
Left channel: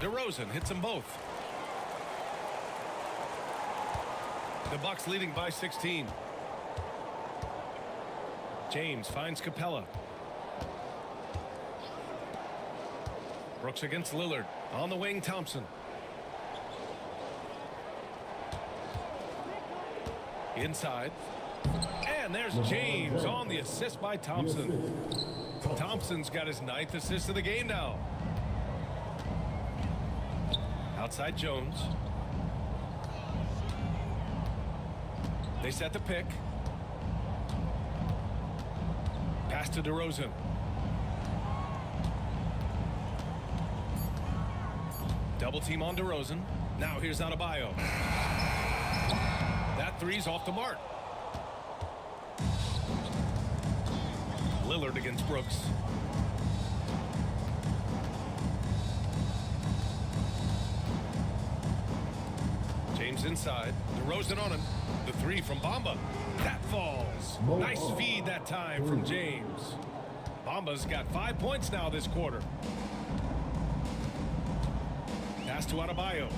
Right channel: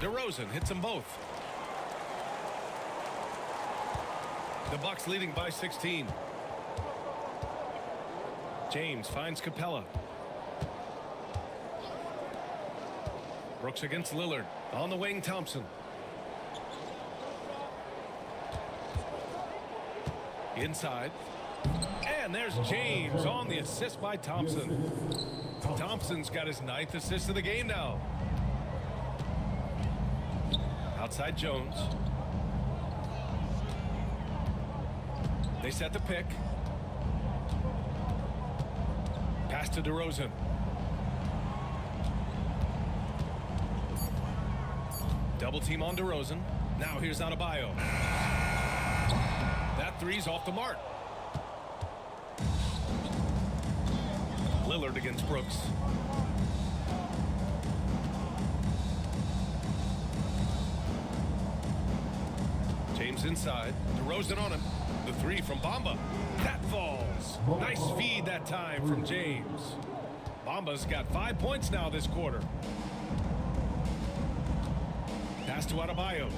DeRozan hits them both. The Bucks leading by 16. James finds Capella. Brooks against Lillard. On the wing, Thompson. Inside. And there's James on the assist by Thompson. Thompson's got his 9th assist of the game now. Outside Jones. They set the pick. Pass to DeRozan. Double team on DeRozan. Now here's Adebayo. That three's off the mark. Lillard against Brooks. James inside. DeRozan on him. The three from Bamba. That falls. Nice feed that time from James. Bamba's got 5 points now this quarter. Pass to Adebayo.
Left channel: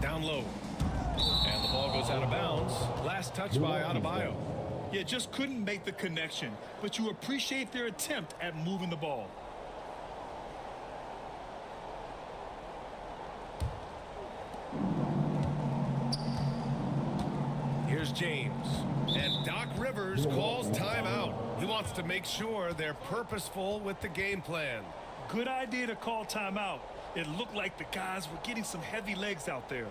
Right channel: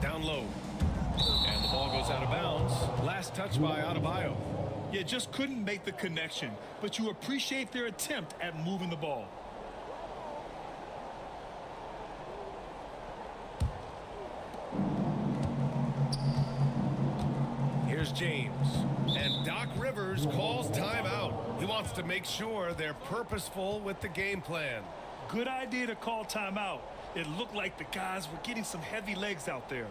Down low. And the ball goes out of bounds. Last touch by Adebayo. Yeah, just couldn't make the connection, but you appreciate their attempt at moving the ball. Here's James. And Doc Rivers calls timeout. He wants to make sure they're purposeful with the game plan. Good idea to call timeout. It looked like the guys were getting some heavy legs out there.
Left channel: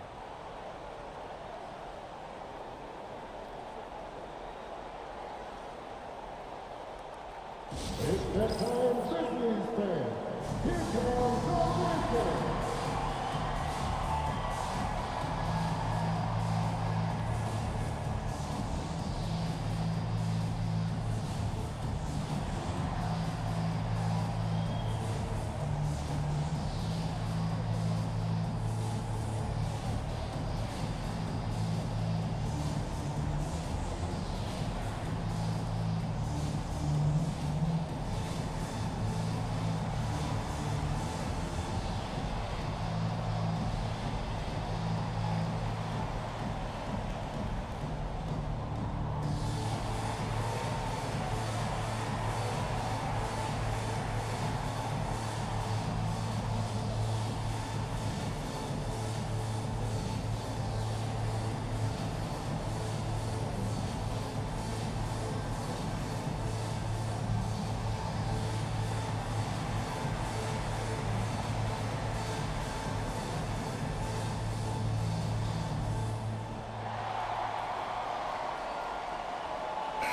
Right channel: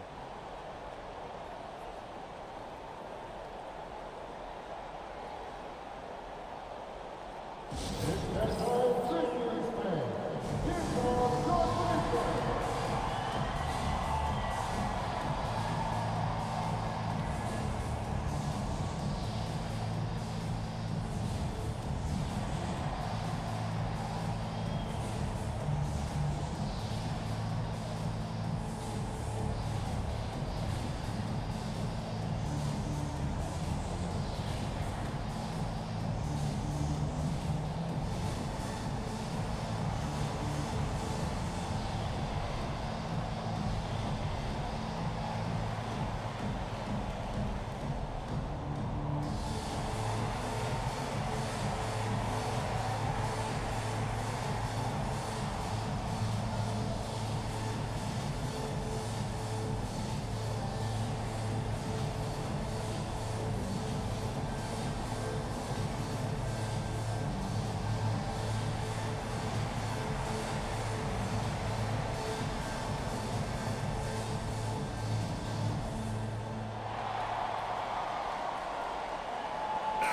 It's bedtime, Grizzlies fans. Here comes your Grizzlies.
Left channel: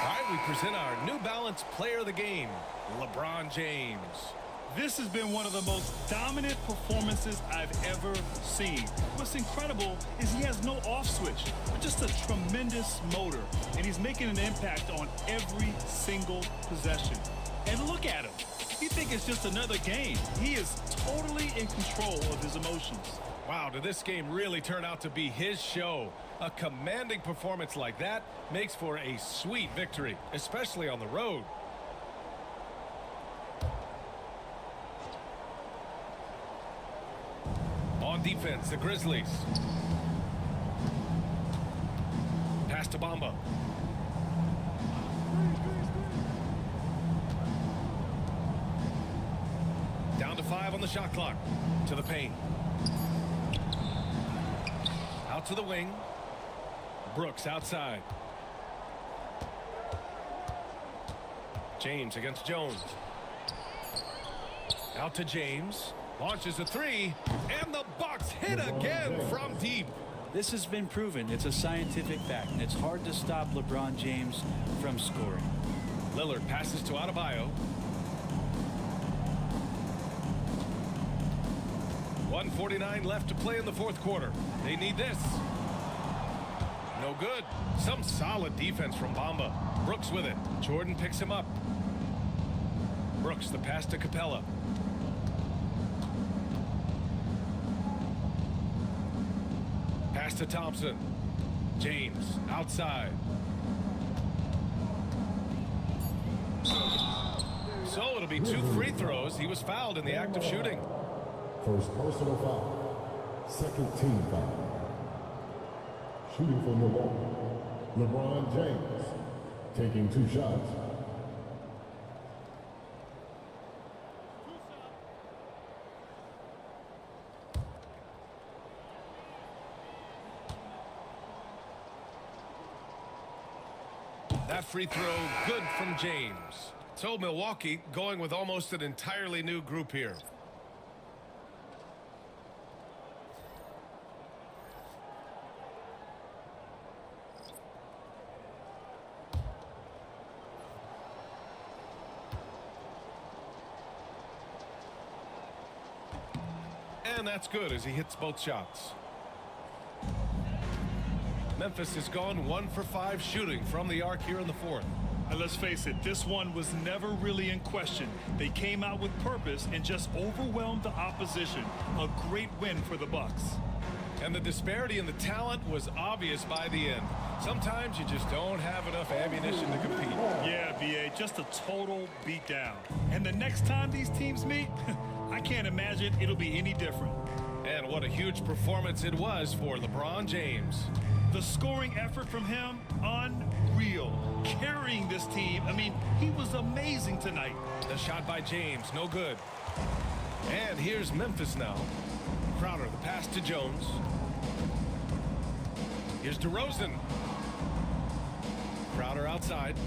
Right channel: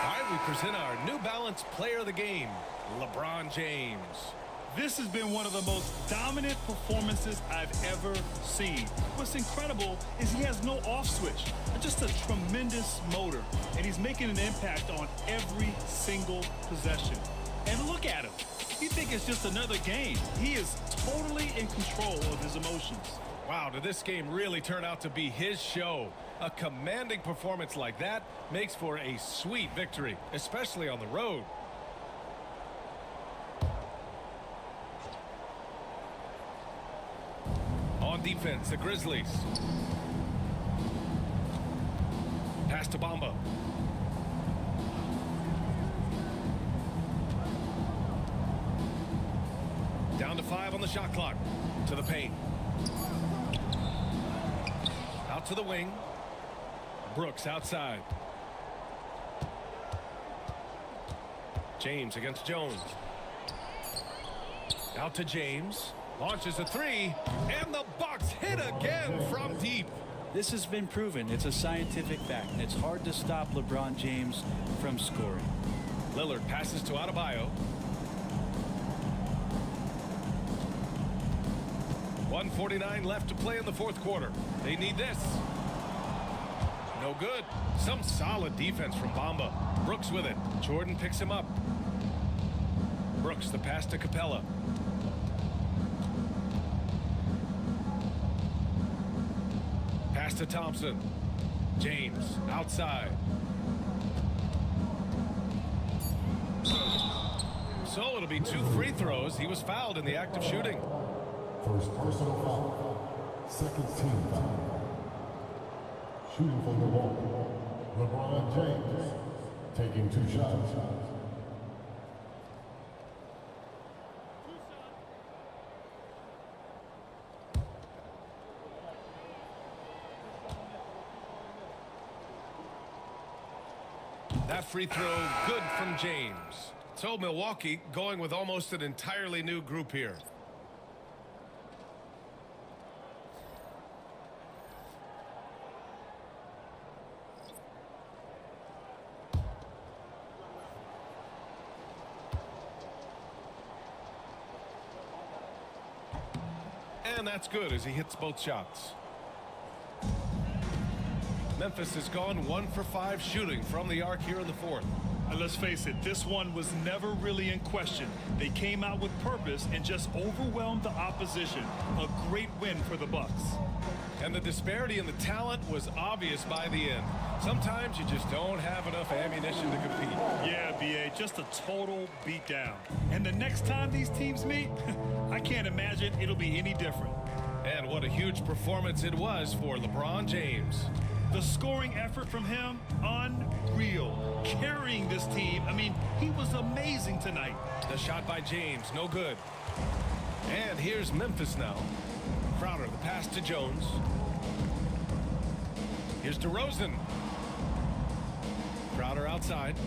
All right, we present our New Balance player of the game, LeBron James. This has been one of the most dominant performances I've ever seen. What's incredible is he has no off switch, just a tremendous motor, and he's making an impact on every single possession. And look at him. You think it's just another game. He is totally in control of his emotions. Wow, did this game really turn out to be his show? A commanding performance like that makes for a sweet victory, especially on the road. On defense, the Grizzlies. Pass to Bamba. Down to 5 on the shot clock. To the paint. Out to the wing. Brooks outside. James against Jones. Out to James. Launches a three. And the Bucks hit again from deep. This has been proven. It's a scientific fact, and it's hard to stop LeBron James from scoring. Lillard passes to Adebayo. 1:49 left to play in the fourth quarter. They need this. No good. Some solid defense from Bamba. Brooks with it. Jordan picks him up. Brooks, the pass to Capella. Pass to Thompson. James outside. So it'll be 2 free throws. He was fouled in the act of shooting. First personal foul. Second team foul. Shooting for Milwaukee. LeBron James taking 2 shots. That free throw good from James. So Milwaukee going with almost an entirely new group here. And that's good as he hits both shots. Memphis has gone 1 for 5 shooting from the arc here in the fourth. And let's face it, this one was never really in question. They came out with purpose and just overwhelmed the opposition. A great win for the Bucks. And the disparity in the talent was obvious by the end. Sometimes you just don't have enough ammunition to compete. Yeah, BA, just a total beatdown. And the next time these teams meet, I can't imagine it'll be any different. And what a huge performance it was for LeBron James. The scoring effort from him, unreal. Carrying this team, I mean, he was amazing tonight. The shot by James, no good. And here's Memphis now. Crowder, the pass to Jones. Here's DeRozan. Crowder outside.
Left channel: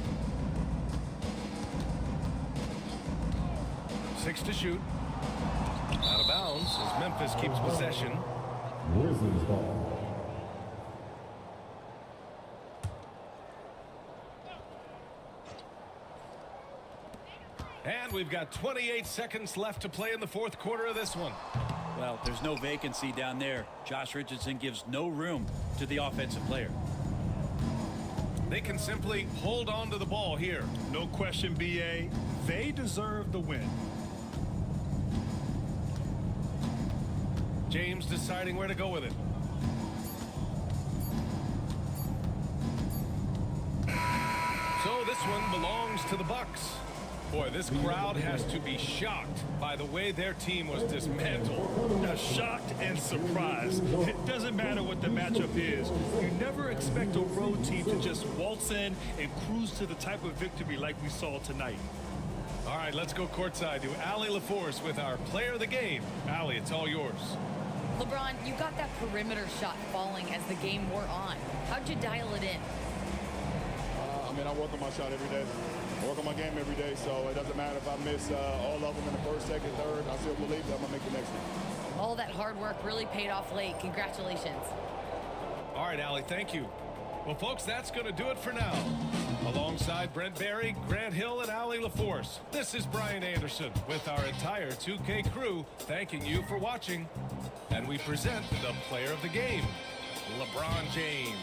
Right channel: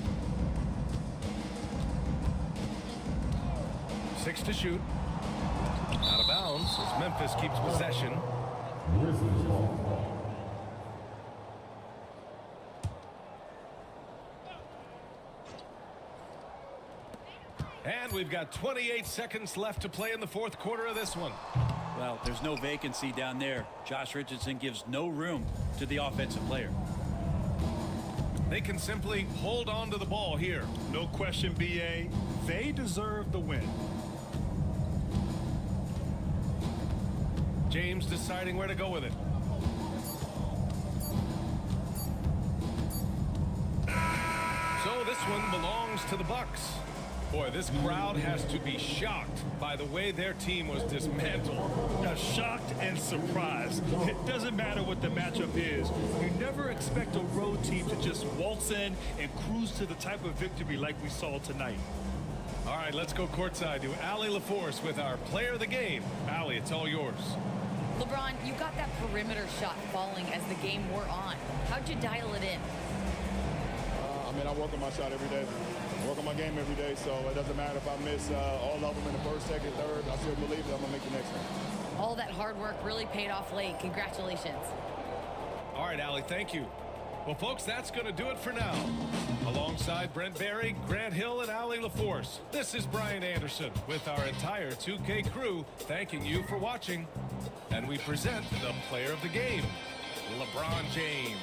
6 to shoot. Out of bounds as Memphis keeps possession. Grizzlies ball. And we've got 28 seconds left to play in the fourth quarter of this one. Well, there's no vacancy down there. Josh Richardson gives no room to the offensive player. They can simply hold on to the ball here. No question, BA. They deserve the win. James deciding where to go with it. So this one belongs to the Bucks. Boy, this crowd has to be shocked by the way their team was dismantled. Now, shocked and surprised. It doesn't matter what the matchup is. You never expect a road team to just waltz in and cruise to the type of victory like we saw tonight. All right, let's go courtside to Allie LaForce with our player of the game. Allie, it's all yours. LeBron, you got that perimeter shot falling as the game wore on. How'd you dial it in? I work on my shot every day. I work on my game every day, so it doesn't matter if I miss all of them in the first, second, third. I still believe that I'm going to make the next one. All that hard work really paid off late. Congratulations. All right, Allie, thank you. Well, folks, that's going to do it for now. Alongside Brent Barry, Grant Hill, and Allie LaForce, this is Brian Anderson with our entire 2K crew thanking you for watching. And we present the player of the game, LeBron James.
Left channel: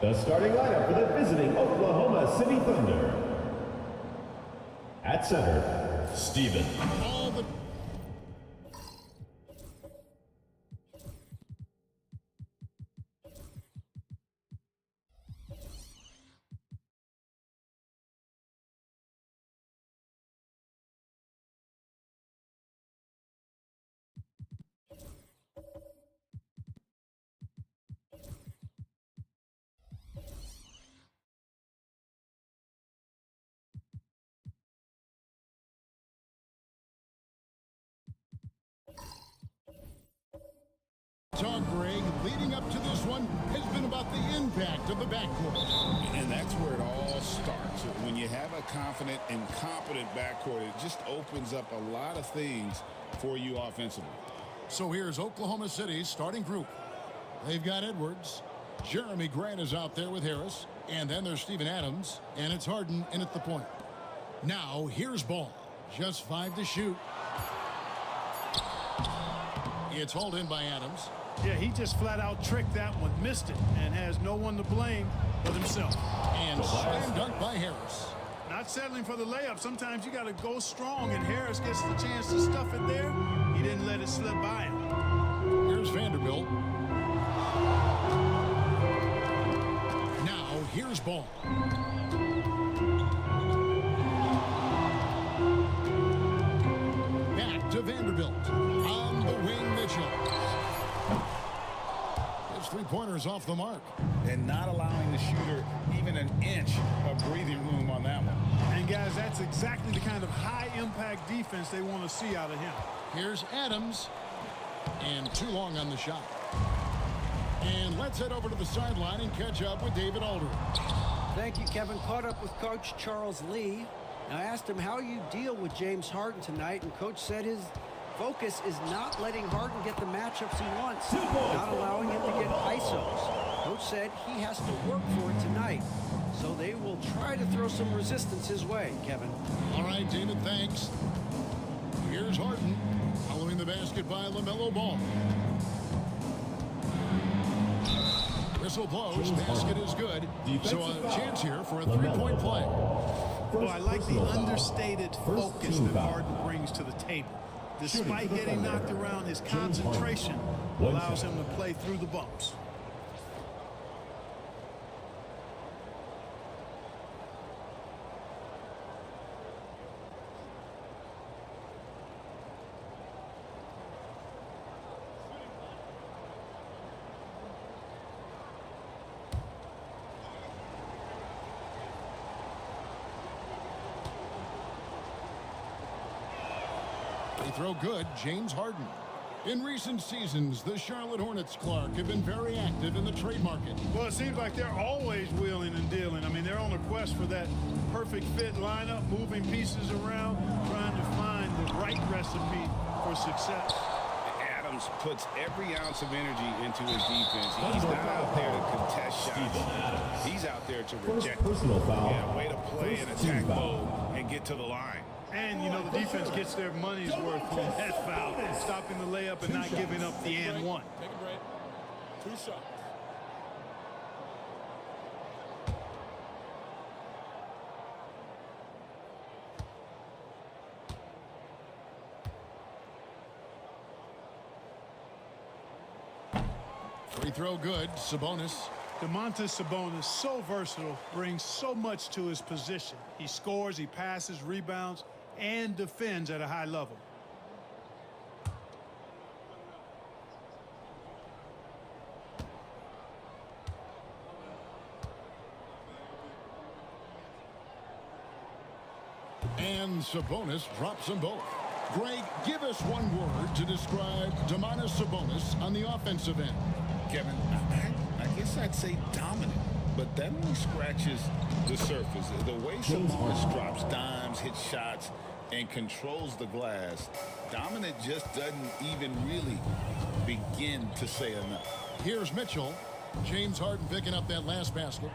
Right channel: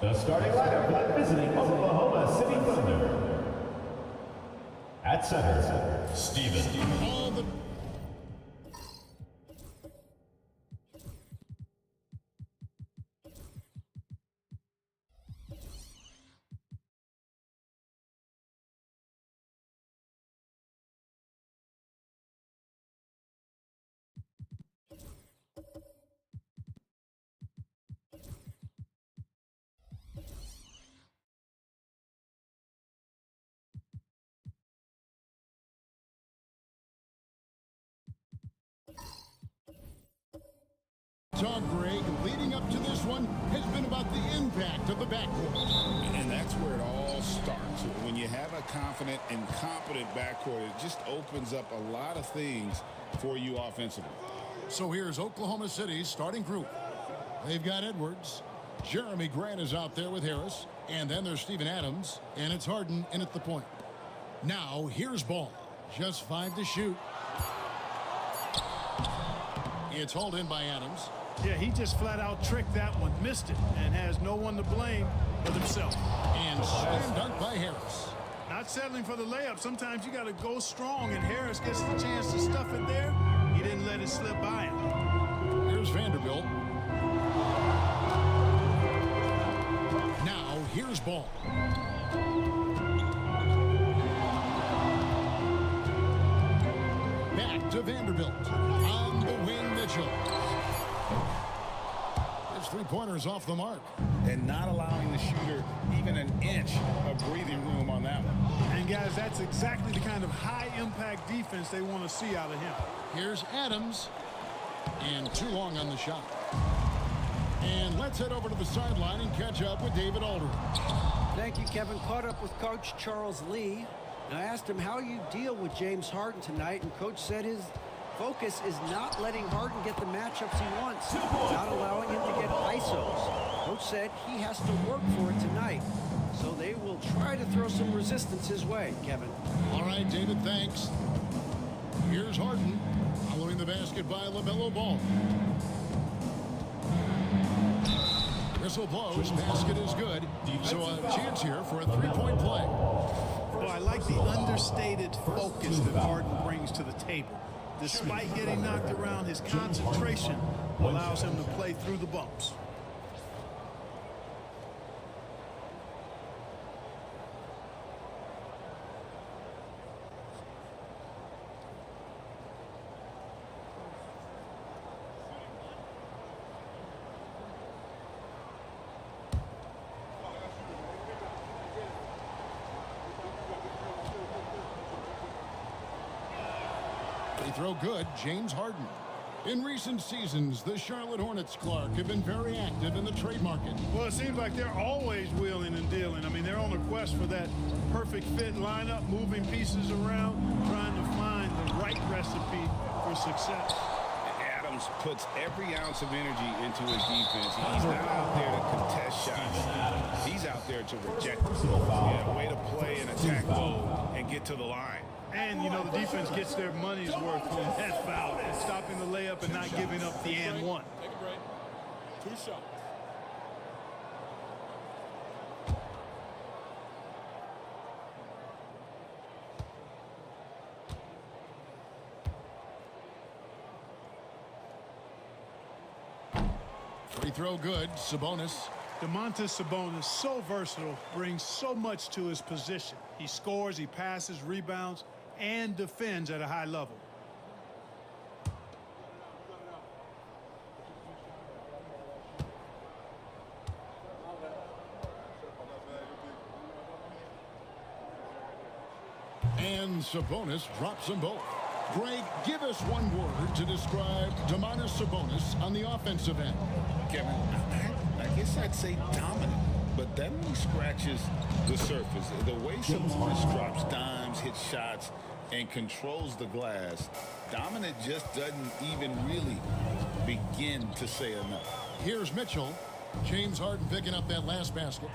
The starting lineup for the visiting Oklahoma City Thunder. At center, Steven. All the talk, Greg, leading up to this one has been about the impact of the backcourt. And that's where it all starts. When you have a confident and competent backcourt, it just opens up a lot of things for you offensively. So here's Oklahoma City's starting group. They've got Edwards. Jeremy Grant is out there with Harris. And then there's Steven Adams. And it's Harden in at the point. Now, here's Ball. Just 5 to shoot. It's hauled in by Adams. Yeah, he just flat out tricked that one, missed it, and has no one to blame but himself. And slam dunk by Harris. Not settling for the layup. Sometimes you got to go strong, and Harris gets the chance to stuff it there. He didn't let it slip by him. Here's Vanderbilt. Now, here's Ball. Back to Vanderbilt. On the wing, Mitchell. His three-pointers off the mark. And not allowing the shooter even an inch of breathing room on that one. And, guys, that's exactly the kind of high-impact defense they want to see out of him. Here's Adams. And too long on the shot. And let's head over to the sideline and catch up with David Aldridge. Thank you, Kevin. Caught up with Coach Charles Lee. And I asked him how you deal with James Harden tonight, and Coach said his focus is not letting Harden get the matchups he wants, not allowing him to get ISOs. Coach said he has to work for it tonight, so they will try to throw some resistance his way, Kevin. All right, David, thanks. Here's Harden, following the basket by LaMelo Ball. Whistle blows, basket is good, so a chance here for a three-point play. Well, I like the understated focus that Harden brings to the table. Despite getting knocked around, his concentration allows him to play through the bumps. Free throw good, James Harden. In recent seasons, the Charlotte Hornets, Clark, have been very active in the trade market. Well, it seems like they're always wheeling and dealing. I mean, they're on a quest for that perfect fit lineup, moving pieces around, trying to find the right recipe for success. Adams puts every ounce of energy into his defense. He's not out there to contest shots. He's out there to reject them. Yeah, way to play in attack mode and get to the line. And, you know, the defense gets their money's worth on that foul, stopping the layup and not giving up the and one. Take a break. 2 shots. Free throw good, Sabonis. Domantas Sabonis, so versatile, brings so much to his position. He scores, he passes, rebounds, and defends at a high level. And Sabonis drops them both. Greg, give us one word to describe Domantas Sabonis on the offensive end. Kevin, I guess I'd say dominant, but that only scratches the surface. The way Sabonis drops dimes, hits shots, and controls the glass, dominant just doesn't even really begin to say enough. Here's Mitchell. James Harden picking up that last basket.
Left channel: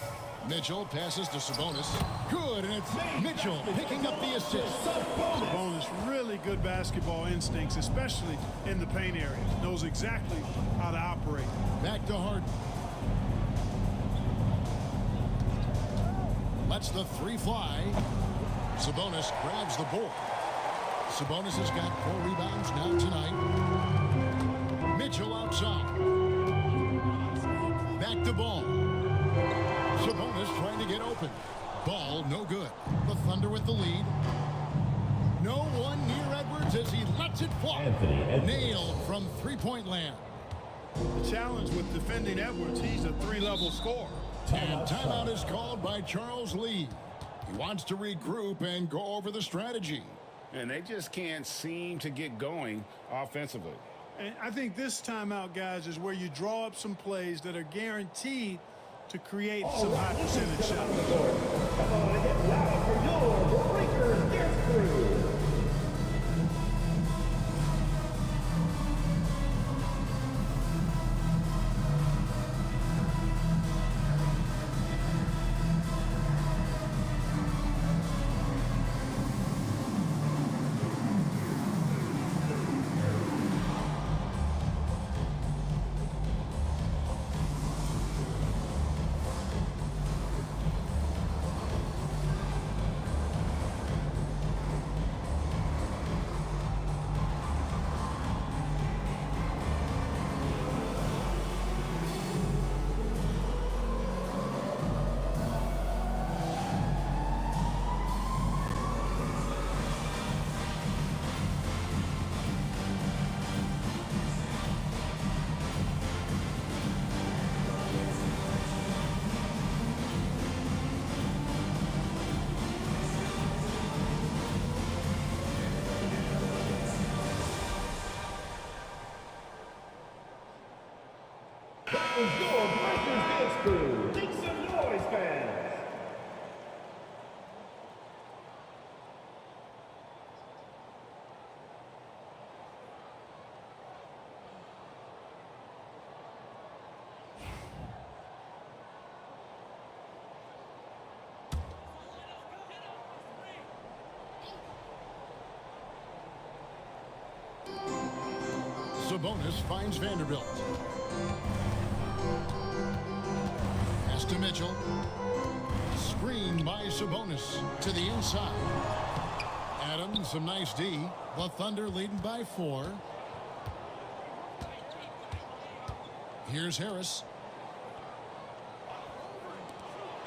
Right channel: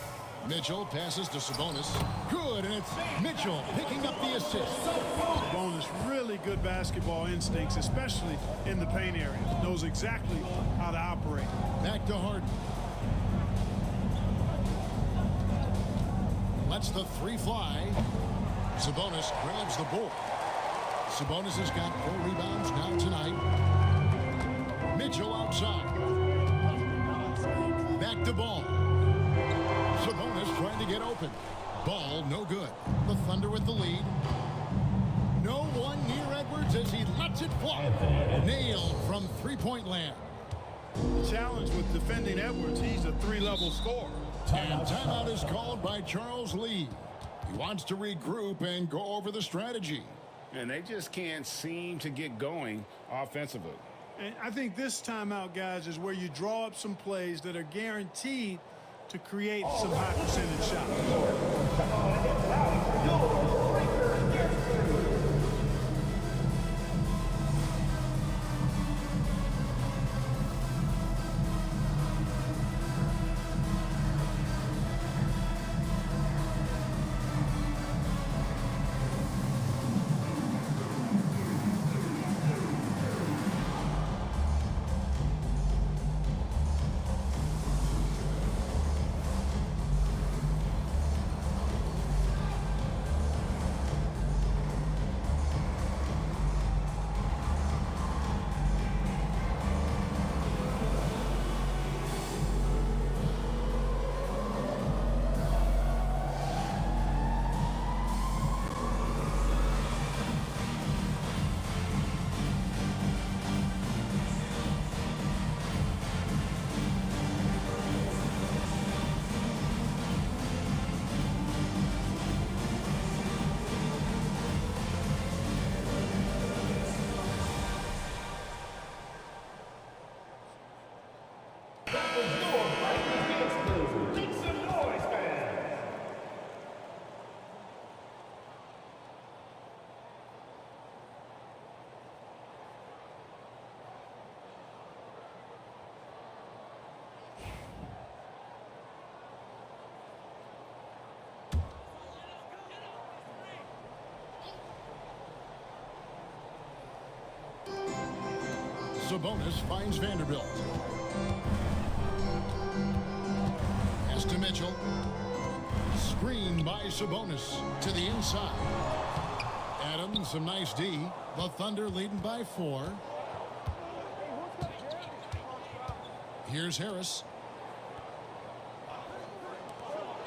Mitchell passes to Sabonis. Good, and it's Mitchell picking up the assist. Sabonis, really good basketball instincts, especially in the paint area. Knows exactly how to operate. Back to Harden. Lets the 3 fly. Sabonis grabs the board. Sabonis has got 4 rebounds now tonight. Mitchell outside. Back to Ball. Sabonis trying to get open. Ball no good. The Thunder with the lead. No one near Edwards as he lets it fly. Nailed from three-point land. The challenge with defending Edwards, he's a 3-level scorer. And timeout is called by Charles Lee. He wants to regroup and go over the strategy. And they just can't seem to get going offensively. And I think this timeout, guys, is where you draw up some plays that are guaranteed to create some high percentage shots. Sabonis finds Vanderbilt. Pass to Mitchell. Screen by Sabonis to the inside. Adams, some nice D. The Thunder leading by 4. Here's Harris.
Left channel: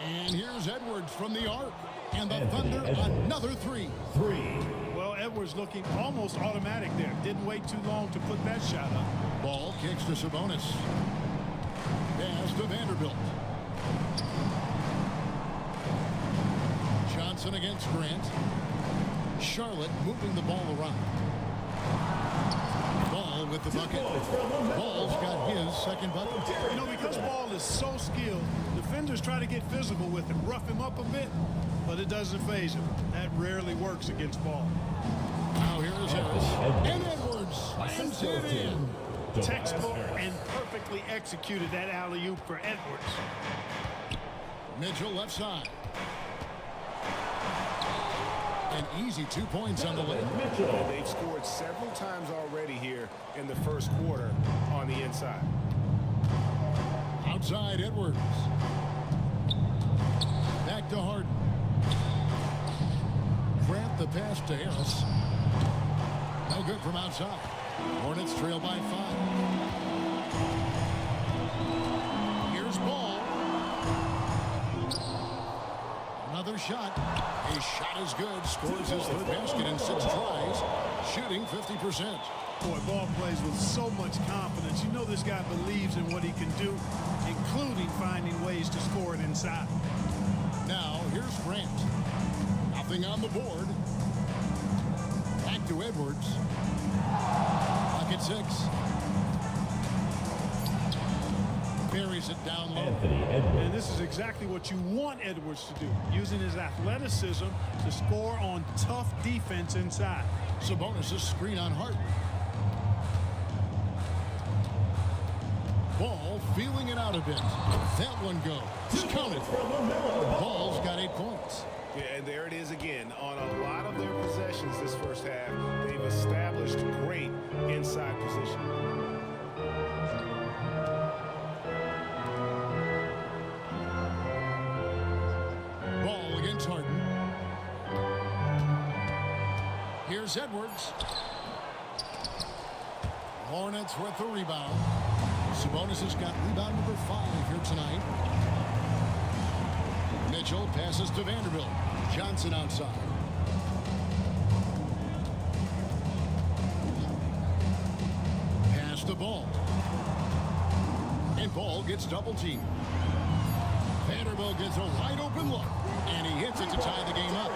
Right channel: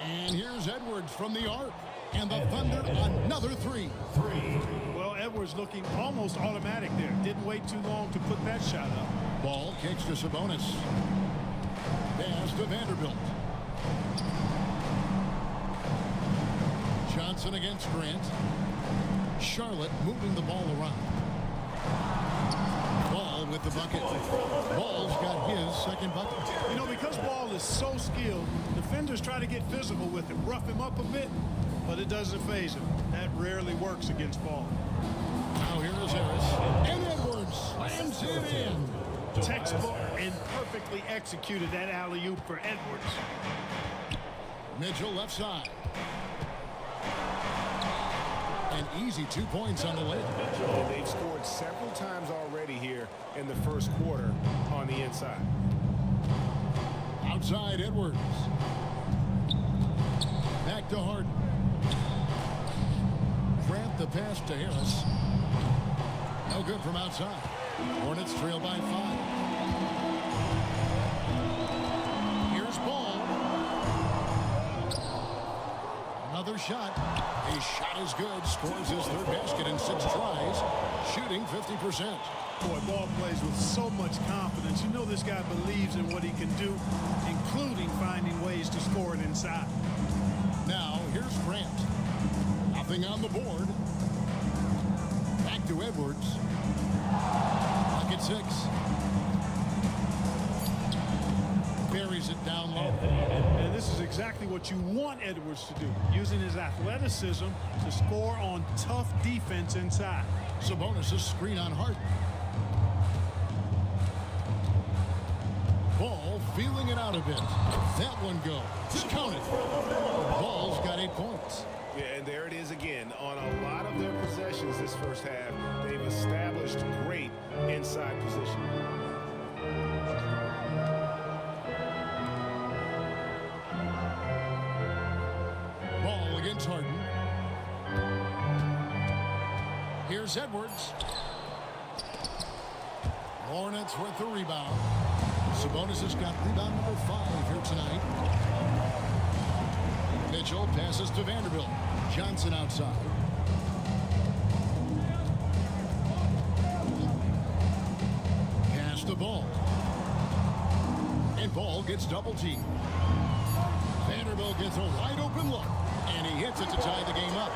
And here's Edwards from the arc. And the Thunder another 3. Well, Edwards looking almost automatic there. Didn't wait too long to put that shot up. Ball kicks to Sabonis. Pass to Vanderbilt. Johnson against Grant. Charlotte moving the ball around. Ball with the bucket. Ball's got his second bucket. You know, because Ball is so skilled, defenders try to get physical with him, rough him up a bit, but it doesn't faze him. That rarely works against Ball. Now here is Harris. And Edwards slams it in. Textbook and perfectly executed that alley-oop for Edwards. Mitchell left side. An easy 2 points on the layup. And they've scored several times already here in the first quarter on the inside. Outside Edwards. Back to Harden. Grant the pass to Harris. No good from outside. Hornets trail by 5. Here's Ball. Another shot. His shot is good. Scores his third basket in 6 tries. Shooting 50%. Boy, Ball plays with so much confidence. You know this guy believes in what he can do, including finding ways to score it inside. Now, here's Grant. Nothing on the board. Back to Edwards. Clock at 6. Buries it down low. And this is exactly what you want Edwards to do, using his athleticism to score on tough defense inside. Sabonis' screen on Harden. Ball feeling it out a bit. That one goes. Counted. Ball's got 8 points. Yeah, and there it is again. On a lot of their possessions this first half, they've established great inside position. Ball against Harden. Here's Edwards. Hornets with the rebound. Sabonis has got rebound number 5 here tonight. Mitchell passes to Vanderbilt. Johnson outside. Pass the Ball. And Ball gets double teamed. Vanderbilt gets a wide open look. And he hits it to tie the game up.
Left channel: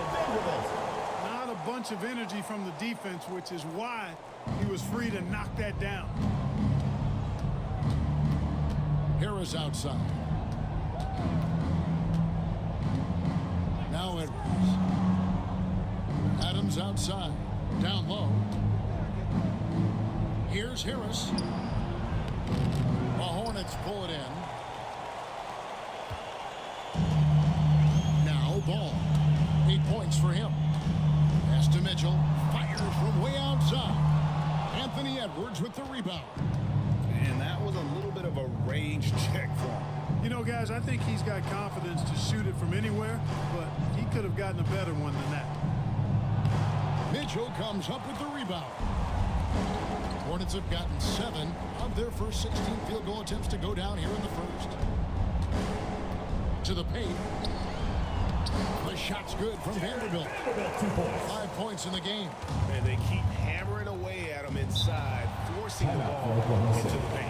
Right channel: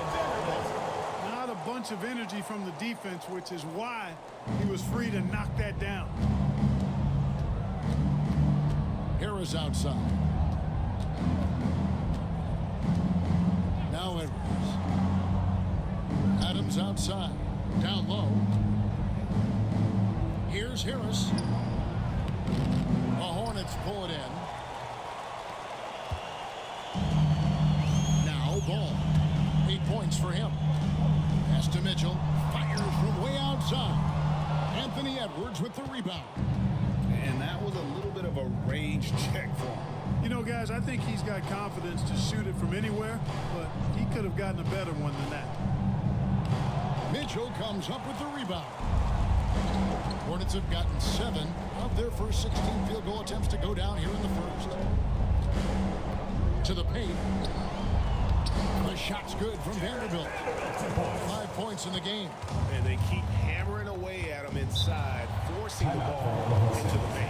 Not a bunch of energy from the defense, which is why he was free to knock that down. Harris outside. Now Edwards. Adams outside. Down low. Here's Harris. The Hornets pull it in. Now Ball. 8 points for him. Pass to Mitchell. Fires from way outside. Anthony Edwards with the rebound. And that was a little bit of a range check for him. You know, guys, I think he's got confidence to shoot it from anywhere, but he could have gotten a better one than that. Mitchell comes up with the rebound. Hornets have gotten 7 of their first 16 field goal attempts to go down here in the first. To the paint. The shot's good from Vanderbilt. 5 points in the game. And they keep hammering away at him inside, forcing the ball into the paint.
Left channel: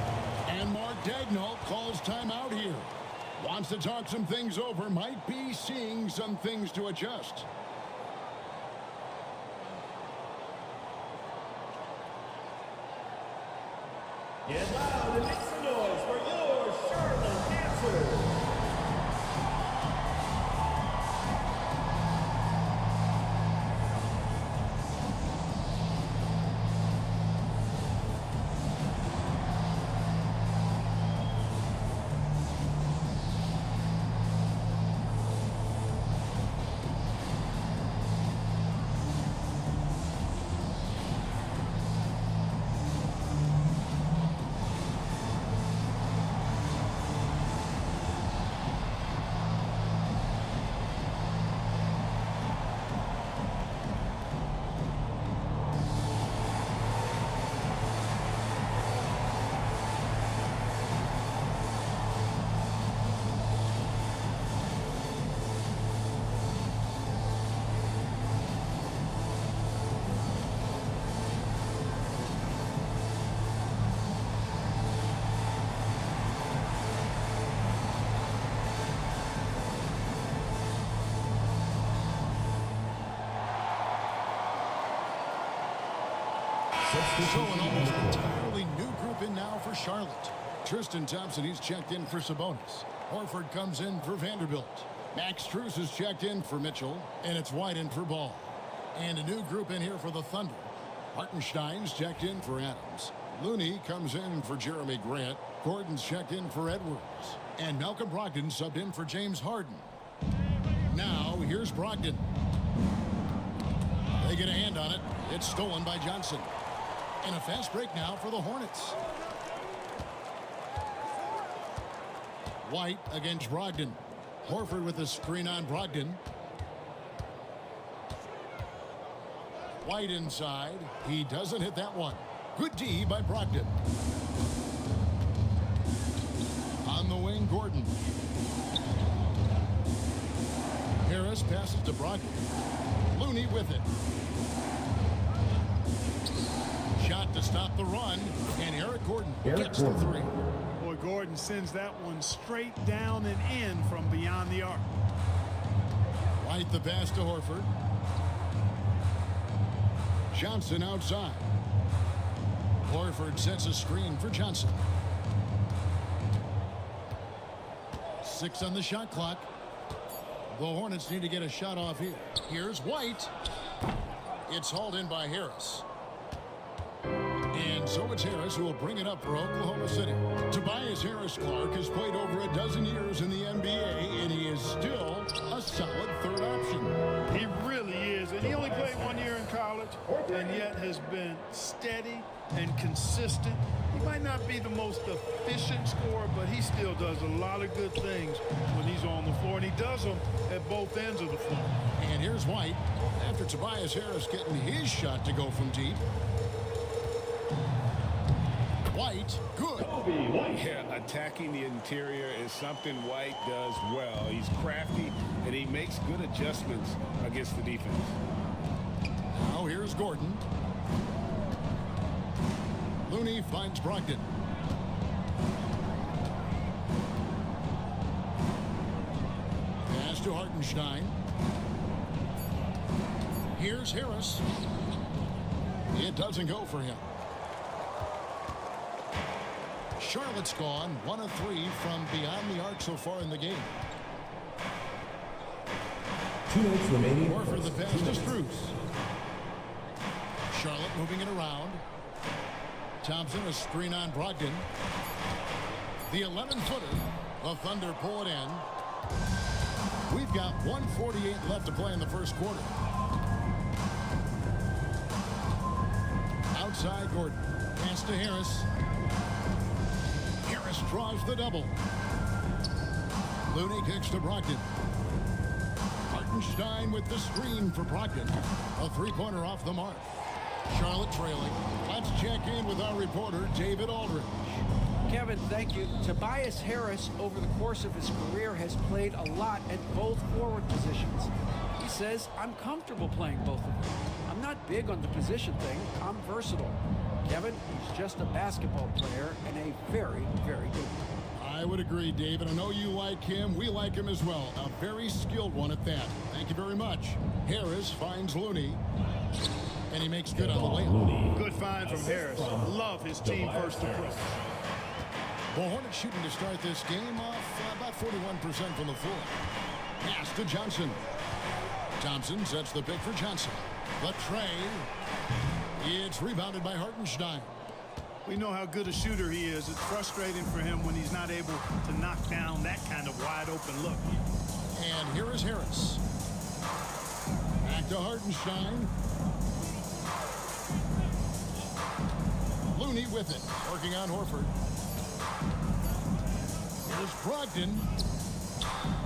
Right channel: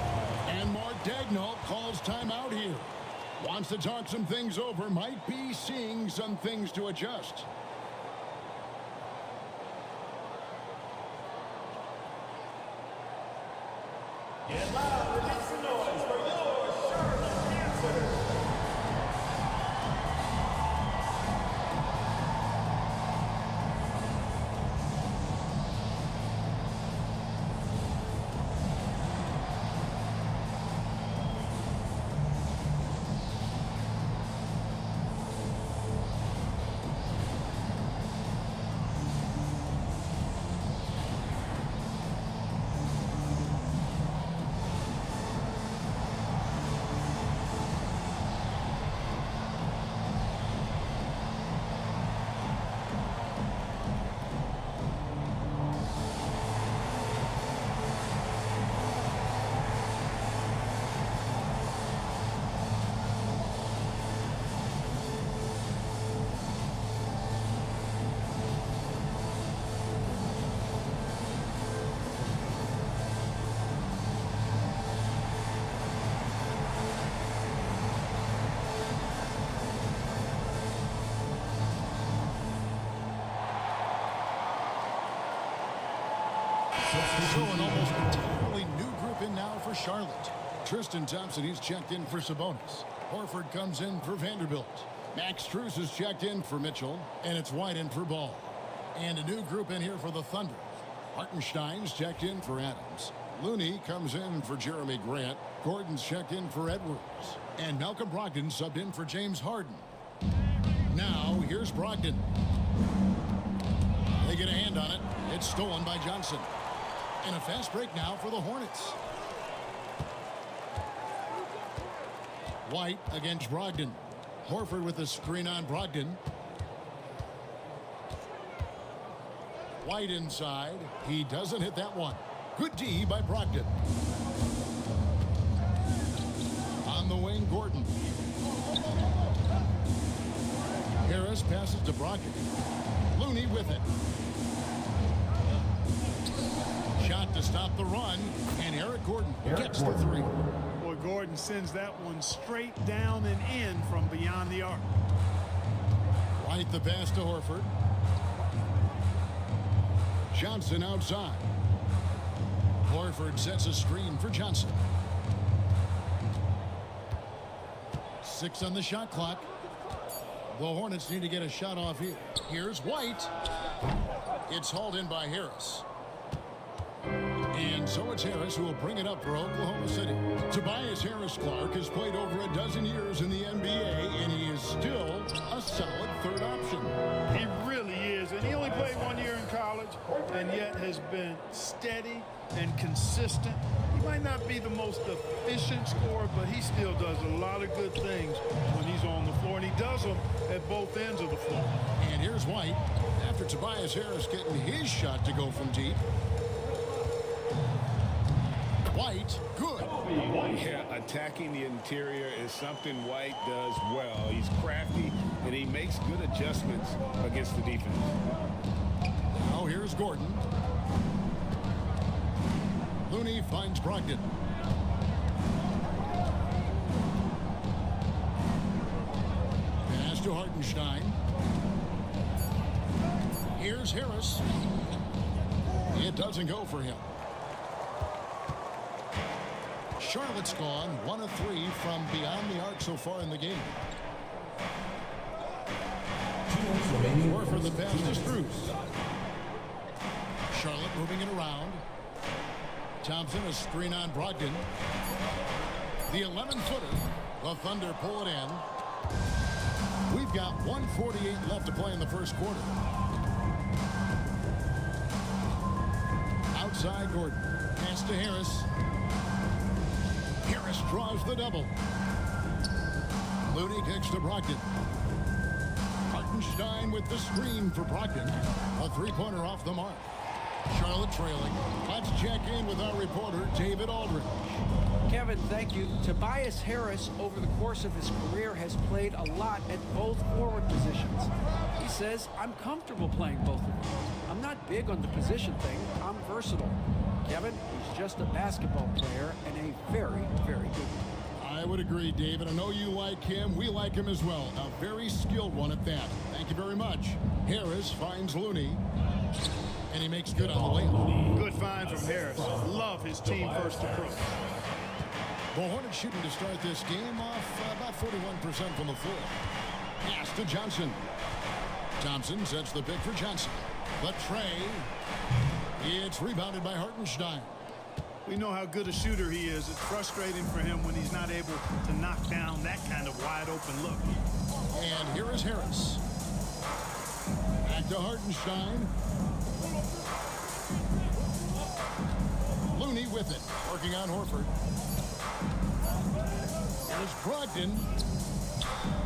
And Mark Daigneault calls timeout here. Wants to talk some things over. Might be seeing some things to adjust. Get loud and make some noise for your Charlotte answer. So an almost entirely new group in now for Charlotte. Tristan Thompson, he's checked in for Sabonis. Horford comes in for Vanderbilt. Max Strus is checked in for Mitchell, and it's White in for Ball. And a new group in here for the Thunder. Hartenstein's checked in for Adams. Looney comes in for Jeremy Grant. Gordon's checked in for Edwards. And Malcolm Brogdon subbed in for James Harden. Now, here's Brogdon. They get a hand on it. It's stolen by Johnson. And a fast break now for the Hornets. White against Brogdon. Horford with a screen on Brogdon. White inside. He doesn't hit that one. Good D by Brogdon. On the wing, Gordon. Harris passes to Brogdon. Looney with it. Shot to stop the run, and Eric Gordon gets the three. Boy, Gordon sends that one straight down and in from beyond the arc. White the pass to Horford. Johnson outside. Horford sets a screen for Johnson. 6 on the shot clock. The Hornets need to get a shot off here. Here's White. It's hauled in by Harris. And so it's Harris who will bring it up for Oklahoma City. Tobias Harris-Clark has played over a dozen years in the NBA, and he is still a solid third option. He really is, and he only played 1 year in college, and yet has been steady and consistent. He might not be the most efficient scorer, but he still does a lot of good things when he's on the floor, and he does them at both ends of the floor. And here's White after Tobias Harris getting his shot to go from deep. White, good. Yeah, attacking the interior is something White does well. He's crafty, and he makes good adjustments against the defense. Now here's Gordon. Looney finds Brogdon. Pass to Hartenstein. Here's Harris. It doesn't go for him. Charlotte's gone 1 of 3 from beyond the arc so far in the game. Horford the pass to Strus. Charlotte moving it around. Thompson a screen on Brogdon. The 11-footer. The Thunder pull it in. We've got 1:48 left to play in the first quarter. Outside Gordon. Pass to Harris. Harris draws the double. Looney kicks to Brogdon. Hartenstein with the screen for Brogdon. A three-pointer off the mark. Charlotte trailing. Let's check in with our reporter, David Aldridge. Kevin, thank you. Tobias Harris, over the course of his career, has played a lot at both forward positions. He says, I'm comfortable playing both of them. I'm not big on the position thing. I'm versatile. Kevin, he's just a basketball player and a very, very good one. I would agree, David. I know you like him. We like him as well. A very skilled one at that. Thank you very much. Harris finds Looney, and he makes good on the layup. Good find from Harris. Love his team-first approach. The Hornets shooting to start this game off about 41% from the floor. Pass to Johnson. Thompson sets the pick for Johnson. The tray. It's rebounded by Hartenstein. We know how good a shooter he is. It's frustrating for him when he's not able to knock down that kind of wide-open look. And here is Harris. Back to Hartenstein. Looney with it, working on Horford. Here's Brogdon.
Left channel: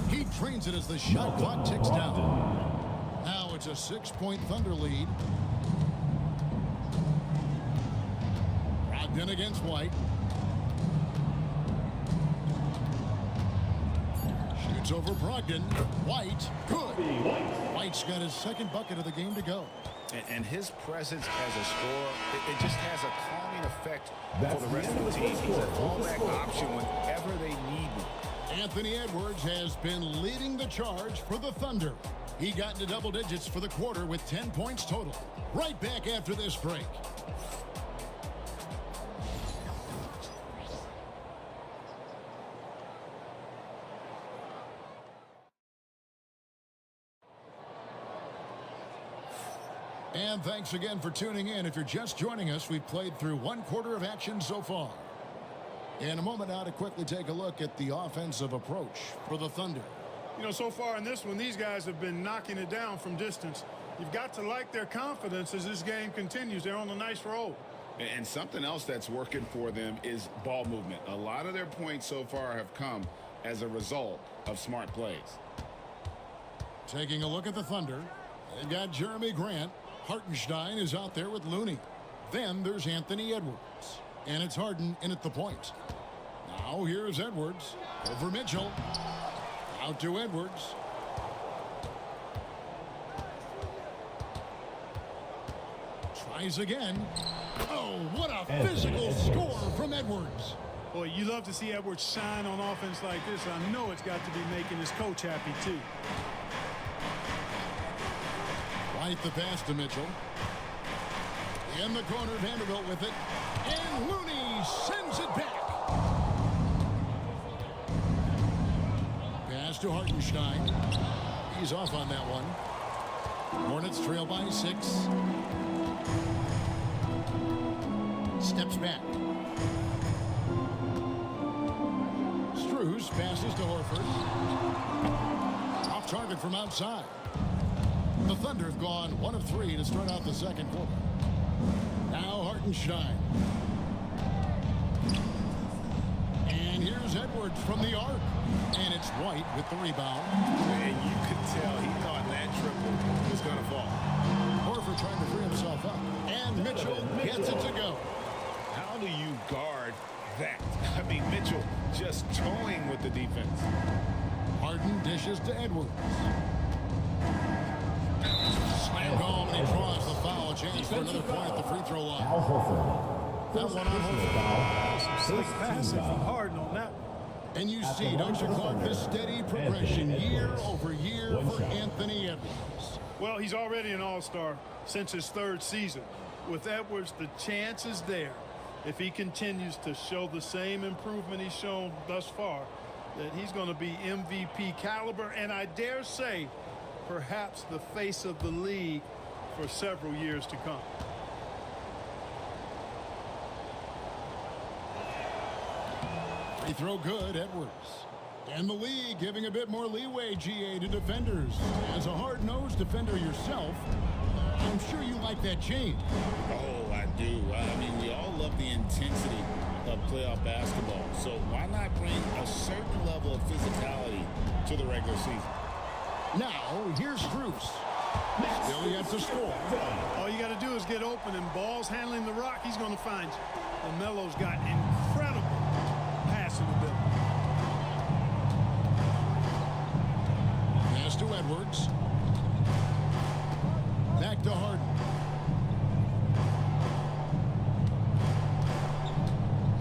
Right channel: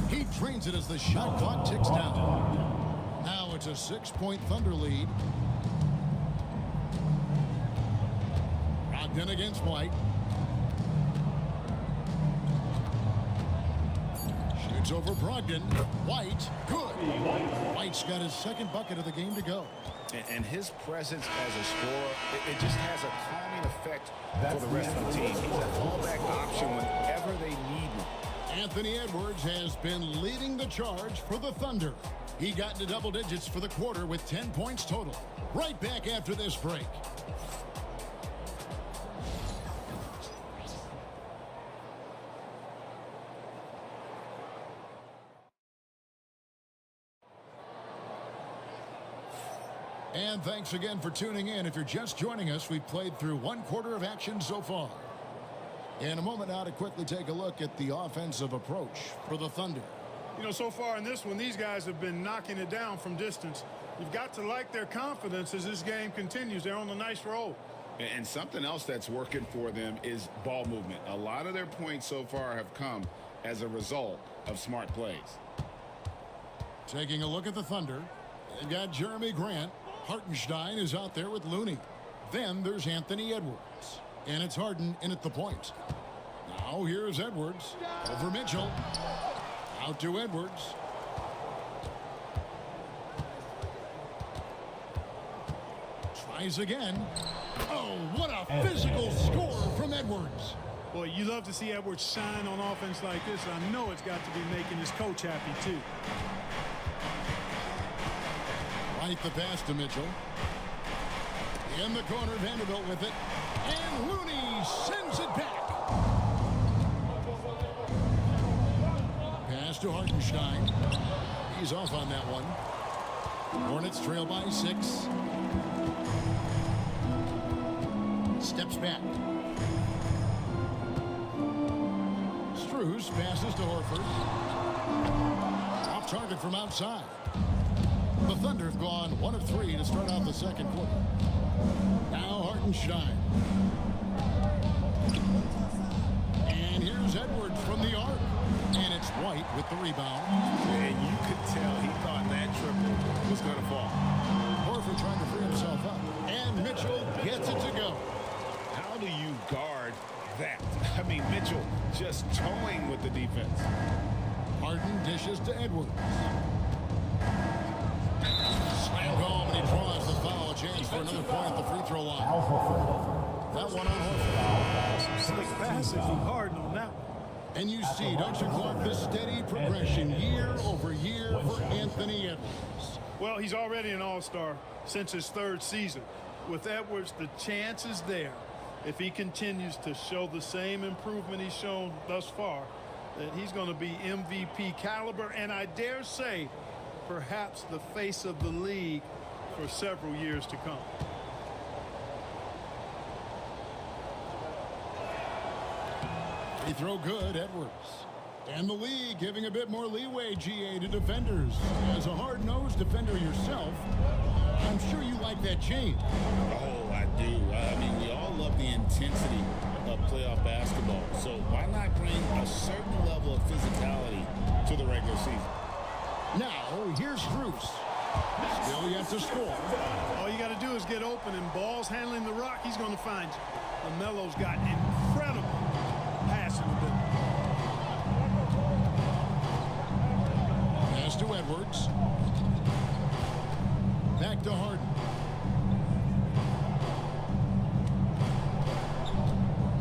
He drains it as the shot clock ticks down. Now it's a 6-point Thunder lead. Brogdon against White. Shoots over Brogdon. White, good. White's got his second bucket of the game to go. And his presence as a scorer, it just has a calming effect for the rest of the team. He's a fallback option whenever they need one. Anthony Edwards has been leading the charge for the Thunder. He got into double digits for the quarter with 10 points total. Right back after this break. And thanks again for tuning in. If you're just joining us, we've played through 1/4 of action so far. In a moment now to quickly take a look at the offensive approach for the Thunder. You know, so far in this one, these guys have been knocking it down from distance. You've got to like their confidence as this game continues. They're on a nice roll. And something else that's working for them is ball movement. A lot of their points so far have come as a result of smart plays. Taking a look at the Thunder, they've got Jeremy Grant. Hartenstein is out there with Looney. Then there's Anthony Edwards. And it's Harden in at the point. Now here's Edwards over Mitchell. Out to Edwards. Tries again. Oh, what a physical score from Edwards. Boy, you love to see Edwards shine on offense like this. I know it's got to be making his coach happy, too. White the pass to Mitchell. In the corner, Vanderbilt with it. And Looney sends it back. Pass to Hartenstein. He's off on that one. Hornets trail by 6. Steps back. Strus passes to Horford. Off target from outside. The Thunder have gone 1 of 3 to start out the second quarter. Now Hartenstein. And here's Edwards from the arc. And it's White with the rebound. And you could tell he thought that triple was going to fall. Horford trying to free himself up. And Mitchell gets it to go. How do you guard that? I mean, Mitchell just toying with the defense. Harden dishes to Edwards. Slam home, and he draws the foul. A chance for another point at the free throw line. That one on Horford. Some slick passing from Harden on that one. And you see, don't you, Clark, this steady progression year over year for Anthony Edwards. Well, he's already an all-star since his 3rd season. With Edwards, the chance is there, if he continues to show the same improvement he's shown thus far, that he's going to be MVP caliber, and I dare say, perhaps the face of the league for several years to come. Free throw good, Edwards. And the league giving a bit more leeway, GA, to defenders. As a hard-nosed defender yourself, I'm sure you like that change. Oh, I do. I mean, we all love the intensity of playoff basketball. So why not bring a certain level of physicality to the regular season? Now, here's Strus. Still yet to score. All you got to do is get open, and Ball's handling the rock. He's going to find you. LaMelo's got incredible passing ability. Pass to Edwards. Back to Harden.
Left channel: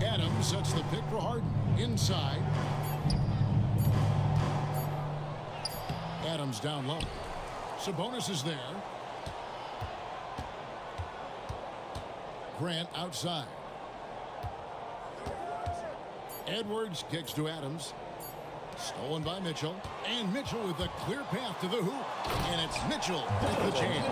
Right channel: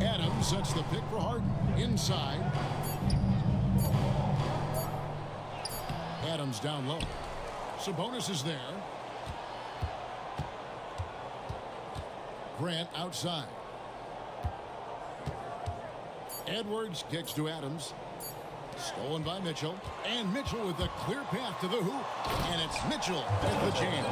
Adams sets the pick for Harden. Inside. Adams down low. Sabonis is there. Grant outside. Edwards kicks to Adams. Stolen by Mitchell. And Mitchell with a clear path to the hoop. And it's Mitchell with the jam.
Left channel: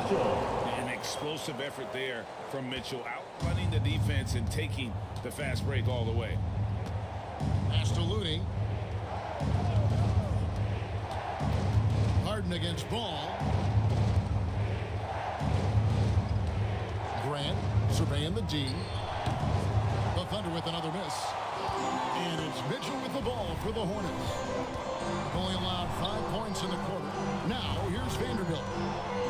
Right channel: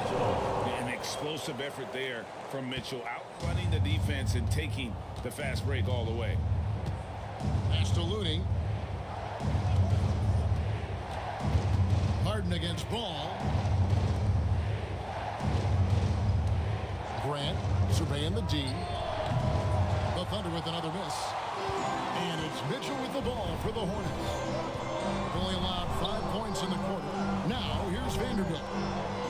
An explosive effort there from Mitchell, outrunning the defense and taking the fast break all the way. Pass to Looney. Harden against Ball. Grant surveying the D. The Thunder with another miss. And it's Mitchell with the ball for the Hornets. They've only allowed 5 points in the quarter. Now here's Vanderbilt.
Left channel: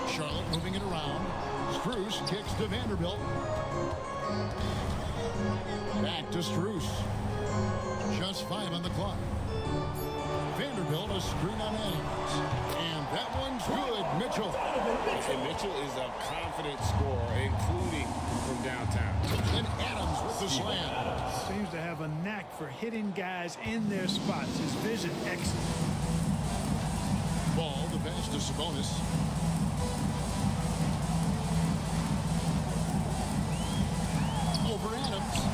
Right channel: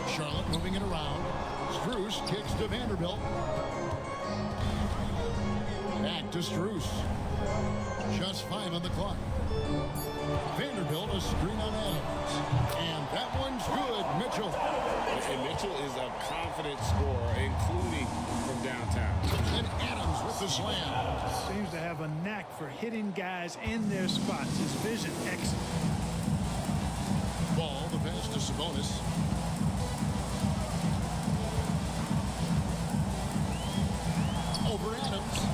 Charlotte moving it around. Strus kicks to Vanderbilt. Back to Strus. Just 5 on the clock. Vanderbilt a screen on Adams. And that one's good, Mitchell. And Mitchell is a confident scorer, including from downtown. And Adams with the slam. Seems to have a knack for hitting guys in their spots. His vision excellent. Ball, the pass to Sabonis. Over Adams.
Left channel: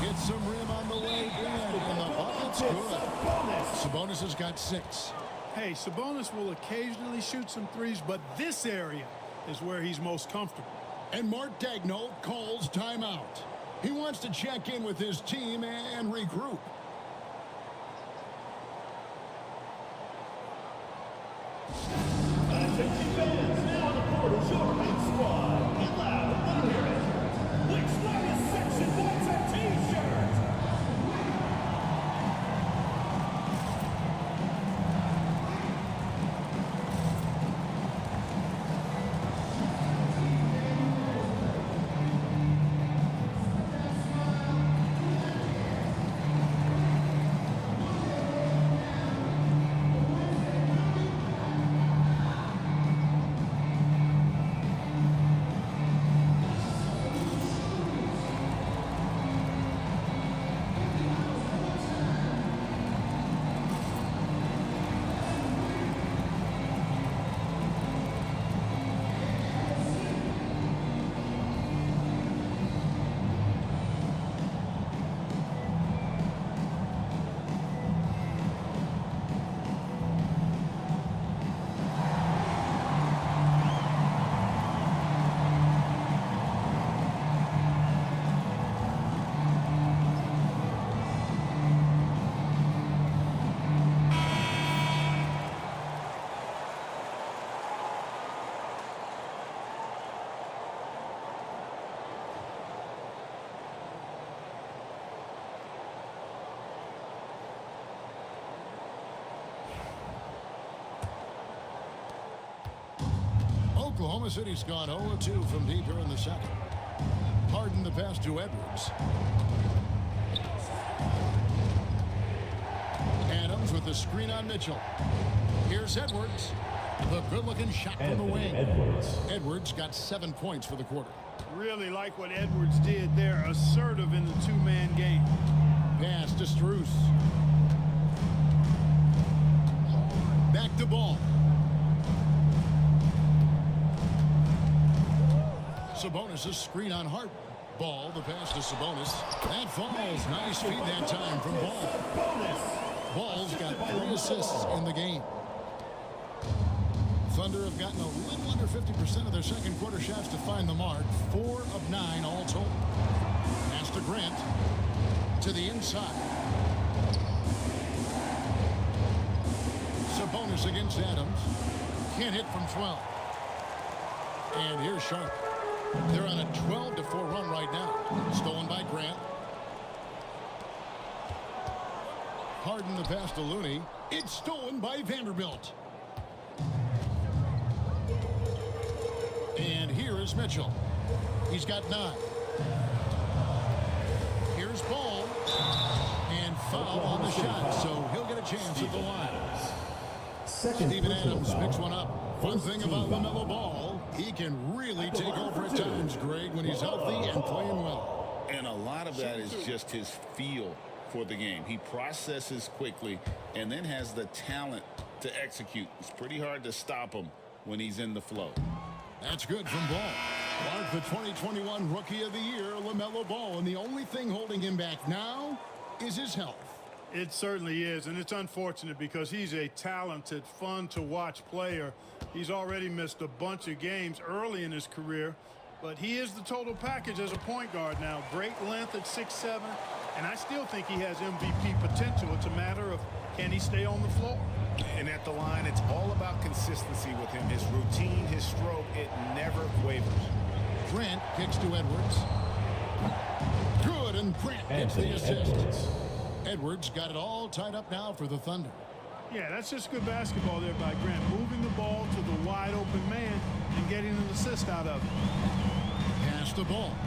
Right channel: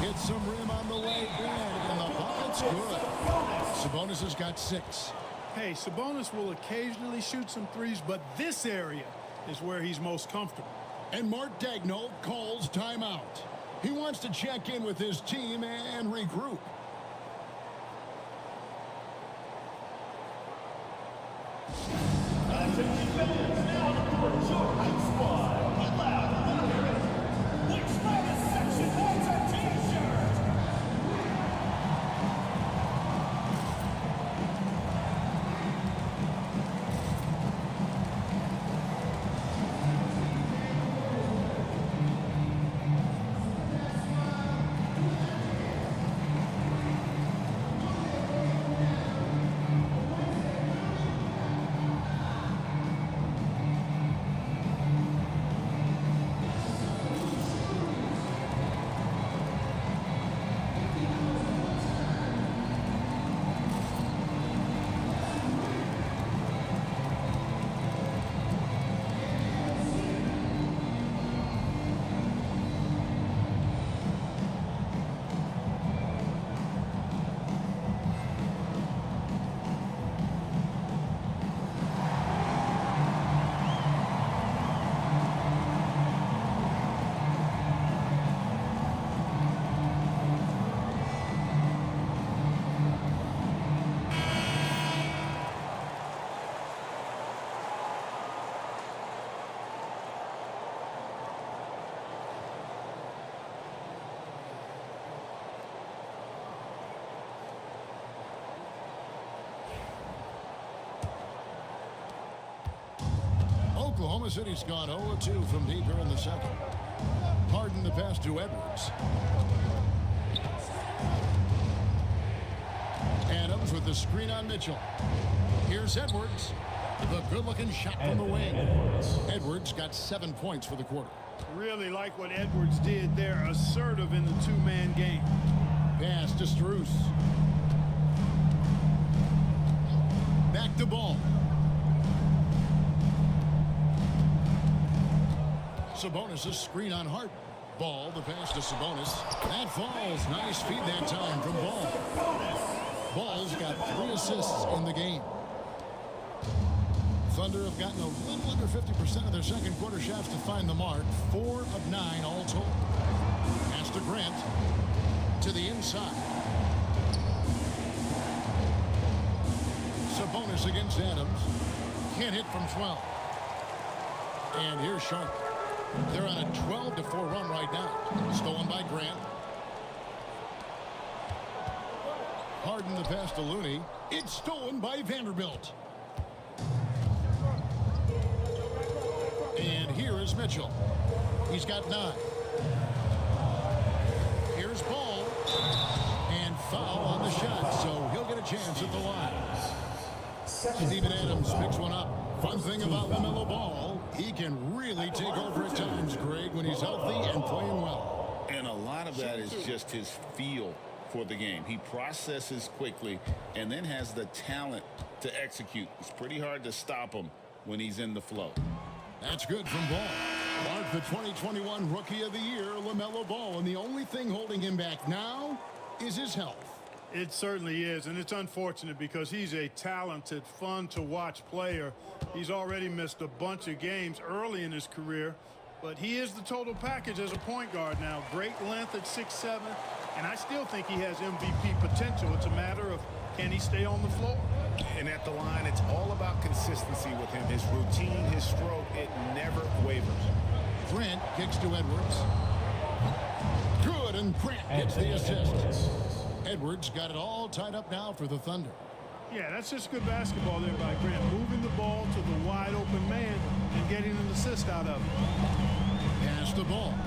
Gets some rim on the way in, and the bucket's good. Sabonis has got 6. Hey, Sabonis will occasionally shoot some threes, but this area is where he's most comfortable. And Mark Daigneault calls timeout. He wants to check in with his team and regroup. Oklahoma City's gone 0-2 from deep here in the second. Harden the pass to Edwards. Adams with the screen on Mitchell. Here's Edwards. The good-looking shot from the wing. Edwards got 7 points for the quarter. Really like what Edwards did there. Assertive in the two-man game. Pass to Strus. Back to Ball. Sabonis' screen on Harden. Ball, the pass to Sabonis. That falls. Nice feed that time from Ball. Ball's got 3 assists in the game. Thunder have gotten a little under 50% of their second quarter shots to find the mark. 4 of 9 all told. Pass to Grant. To the inside. Sabonis against Adams. Can't hit from 12. And here's Sharp. They're on a 12-4 run right now. Stolen by Grant. Harden the pass to Looney. It's stolen by Vanderbilt. And here is Mitchell. He's got 9. Here's Ball. And foul on the shot, so he'll get a chance at the line. Steven Adams picks one up. Fun thing about LaMelo Ball, he can really take over at times, Greg, when he's healthy and playing well. And a lot of that is just his feel for the game. He processes quickly and then has the talent to execute. It's pretty hard to stop him when he's in the flow. That's good from Ball. Mark the 2021 Rookie of the Year, LaMelo Ball, and the only thing holding him back now is his health. It certainly is, and it's unfortunate because he's a talented, fun-to-watch player. He's already missed a bunch of games early in his career, but he is the total package as a point guard now. Great length at 6'7", and I still think he has MVP potential. It's a matter of can he stay on the floor. And at the line, it's all about consistency with him. His routine, his stroke, it never wavers. Grant kicks to Edwards. Good, and Grant gets the assist. Edwards got it all tied up now for the Thunder. Yeah, that's just good basketball there by Grant, moving the ball to the wide open man and getting an assist out of it. Pass the ball.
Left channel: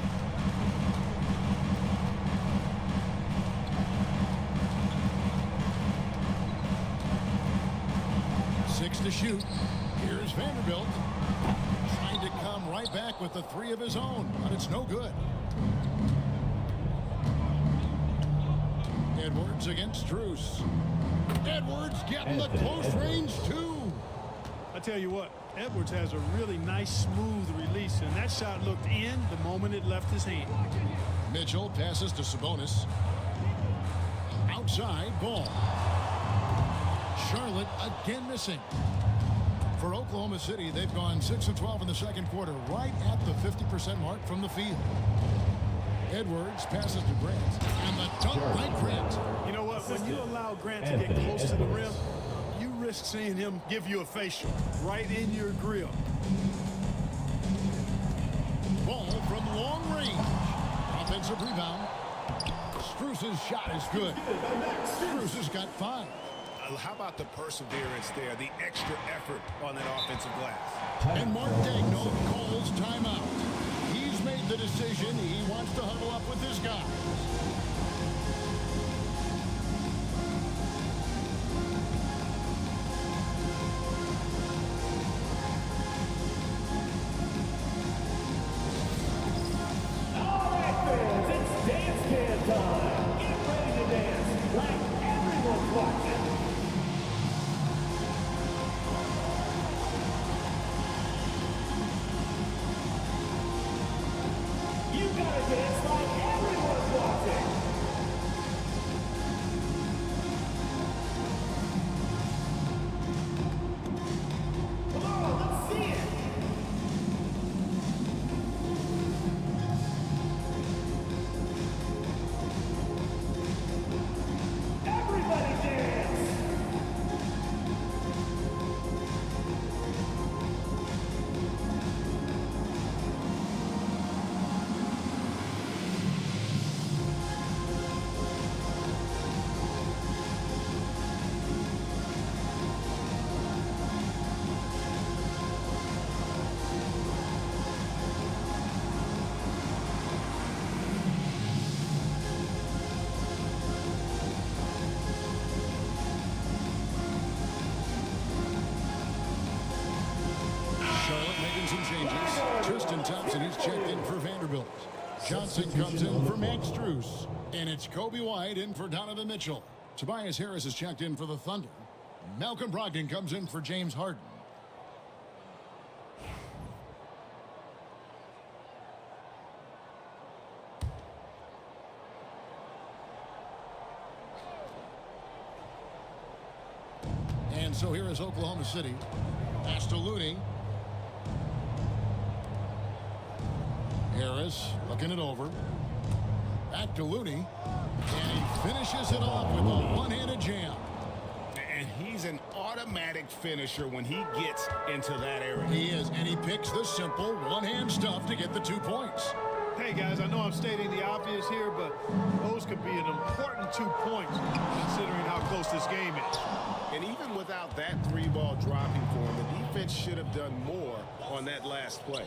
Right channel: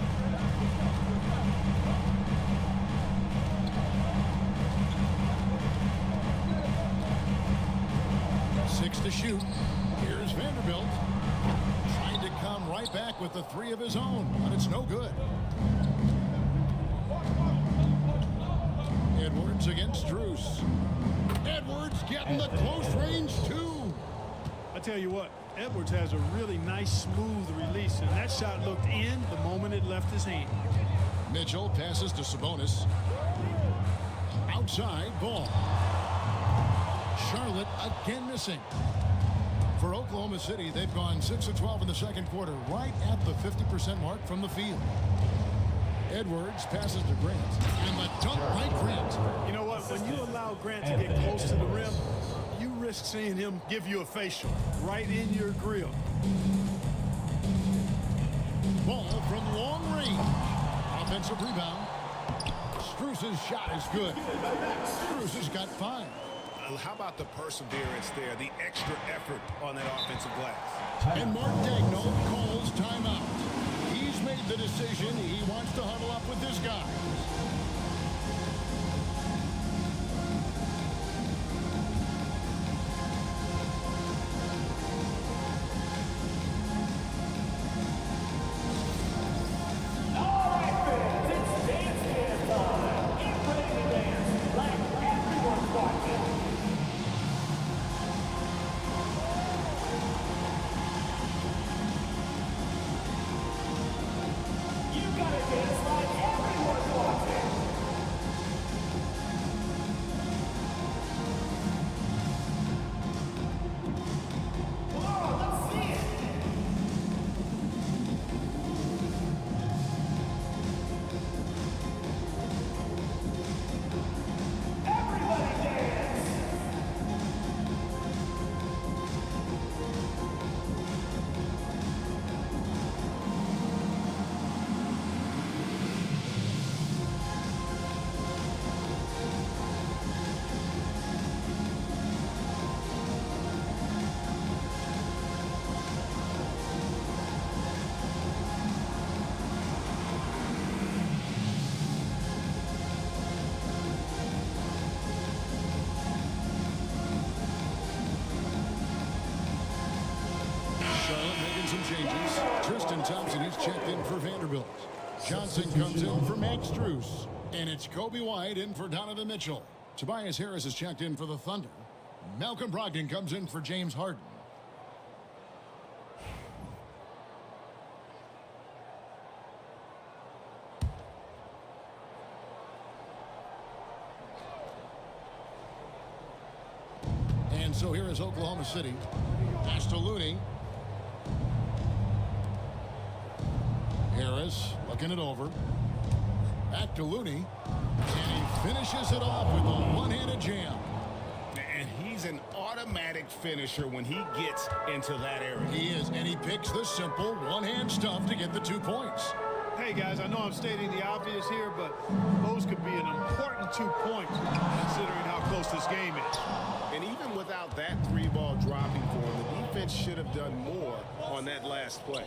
Six to shoot. Here's Vanderbilt. Trying to come right back with the 3 of his own, but it's no good. Edwards against Strus. Edwards getting the close range, too. I tell you what, Edwards has a really nice, smooth release, and that shot looked in the moment it left his hand. Mitchell passes to Sabonis. Outside, Ball. Charlotte again missing. For Oklahoma City, they've gone 6 of 12 in the second quarter, right at the 50% mark from the field. Edwards passes to Grant, and the dunk by Grant. You know what? When you allow Grant to get close to the rim, you risk seeing him give you a facial right in your grill. Ball from long range. Offensive rebound. Strus's shot is good. Strus has got 5. How about the perseverance there, the extra effort on that offensive glass? And Mark Daigneault calls timeout. He's made the decision. He wants to huddle up with his guys. All right, fans, it's dance cam time. Get ready to dance like everyone's watching. You gotta dance like everyone's watching. Come on, let's see it. Everybody dance. Charlotte making some changes. Tristan Thompson, he's checked in for Vanderbilt. Johnson comes in for Max Strus. And it's Kobe White in for Donovan Mitchell. Tobias Harris is checked in for the Thunder. Malcolm Brogdon comes in for James Harden. And so here is Oklahoma City. Pass to Looney. Harris looking it over. Back to Looney. And he finishes it off with a one-handed jam. And he's an automatic finisher when he gets into that area. He is, and he picks the simple one-hand stuff to get the 2 points. Hey, guys, I know I'm stating the obvious here, but those could be an important 2 points considering how close this game is. And even without that 3-ball dropping for him, the defense should have done more on that last play.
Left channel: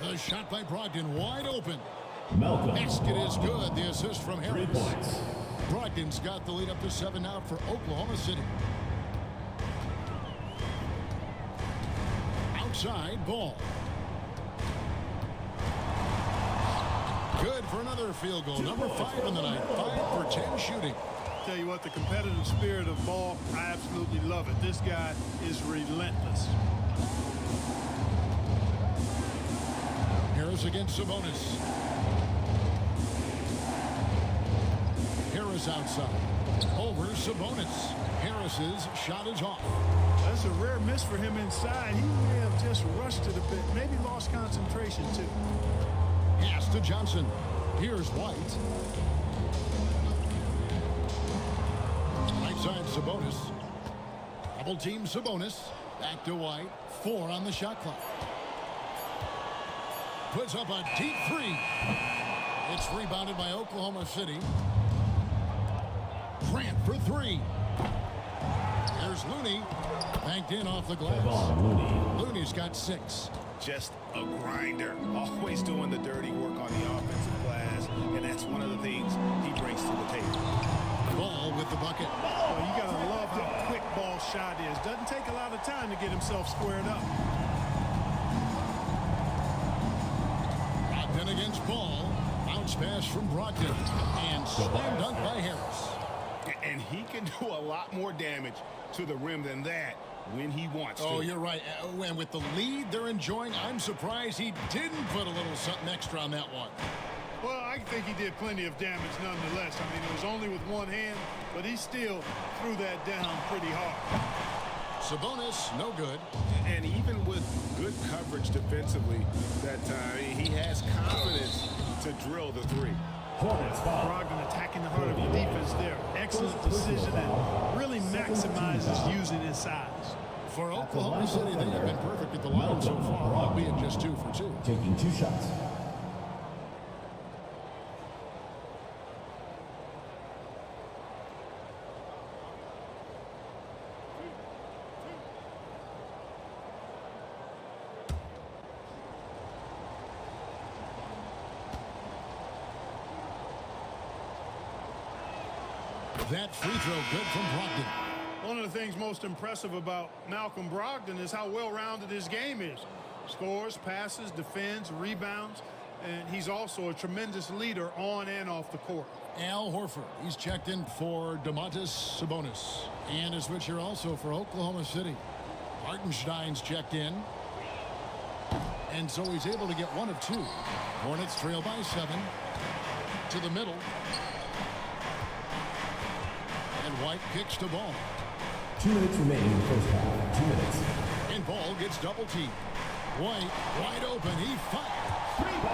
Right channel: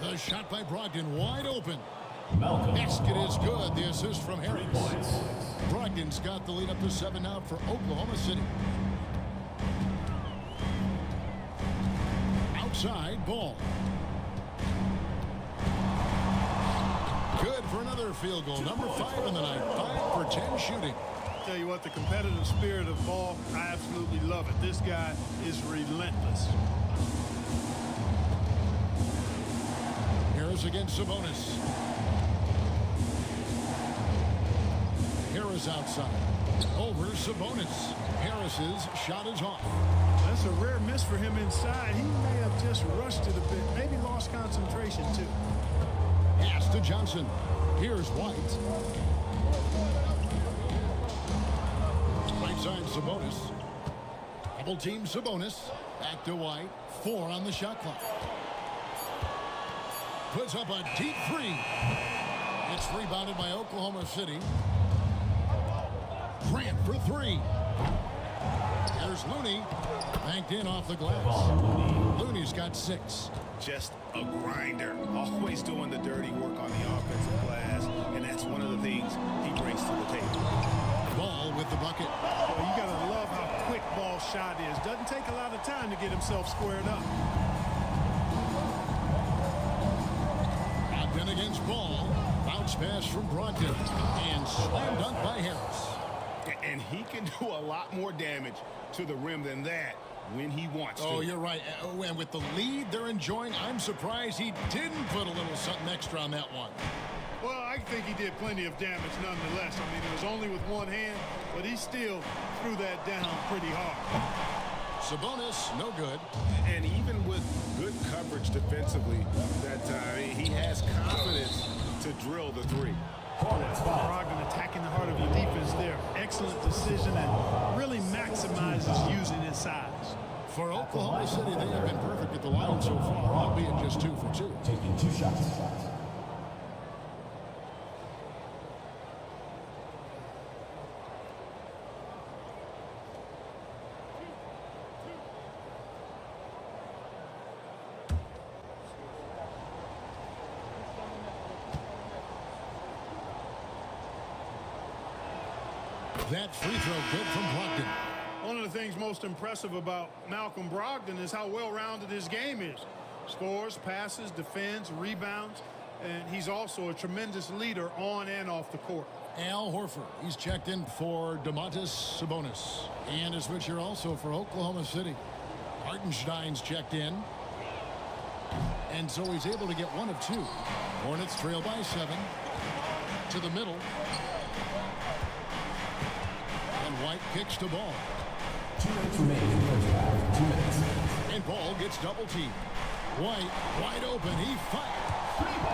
The shot by Brogdon wide open. Malcolm. Basket is good. The assist from Harris. Brogdon's got the lead up to 7 now for Oklahoma City. Outside Ball. Good for another field goal. Number 5 in the night. 5 for 10 shooting. Tell you what, the competitive spirit of Ball, I absolutely love it. This guy is relentless. Harris against Sabonis. Harris outside. Over Sabonis. Harris's shot is off. Well, that's a rare miss for him inside. He may have just rushed it a bit. Maybe lost concentration, too. Pass to Johnson. Here's White. Right side Sabonis. Double team Sabonis. Back to White. 4 on the shot clock. Puts up a deep 3. It's rebounded by Oklahoma City. Grant for 3. Here's Looney. Banked in off the glass. Looney's got 6. Just a grinder. Always doing the dirty work on the offensive glass. And that's one of the things he brings to the table. Ball with the bucket. Well, you got to love how quick Ball's shot is. Doesn't take a lot of time to get himself squared up. Brogdon against Ball. Bounce pass from Brogdon. And slam dunk by Harris. And he can do a lot more damage to the rim than that when he wants to. Oh, you're right. And with the lead they're enjoying, I'm surprised he didn't put a little something extra on that one. Well, I think he did plenty of damage nonetheless. I mean, it was only with one hand, but he still threw that down pretty hard. Sabonis, no good. And even with good coverage defensively that time, he has confidence to drill the three. Brogdon attacking the heart of the defense there. Excellent decision and really maximizes using his size. For Oklahoma City, they have been perfect at the line so far, albeit just 2 for 2. Taking 2 shots. That free throw good from Brogdon. One of the things most impressive about Malcolm Brogdon is how well-rounded his game is. Scores, passes, defends, rebounds, and he's also a tremendous leader on and off the court. Al Horford, he's checked in for Domantas Sabonis. And a switcher also for Oklahoma City. Hartenstein's checked in. And so he's able to get 1 of 2. Hornets trail by 7. To the middle. And White kicks the ball. 2 minutes remaining in the first half. 2 minutes. And Ball gets double teamed. White wide open. He fires.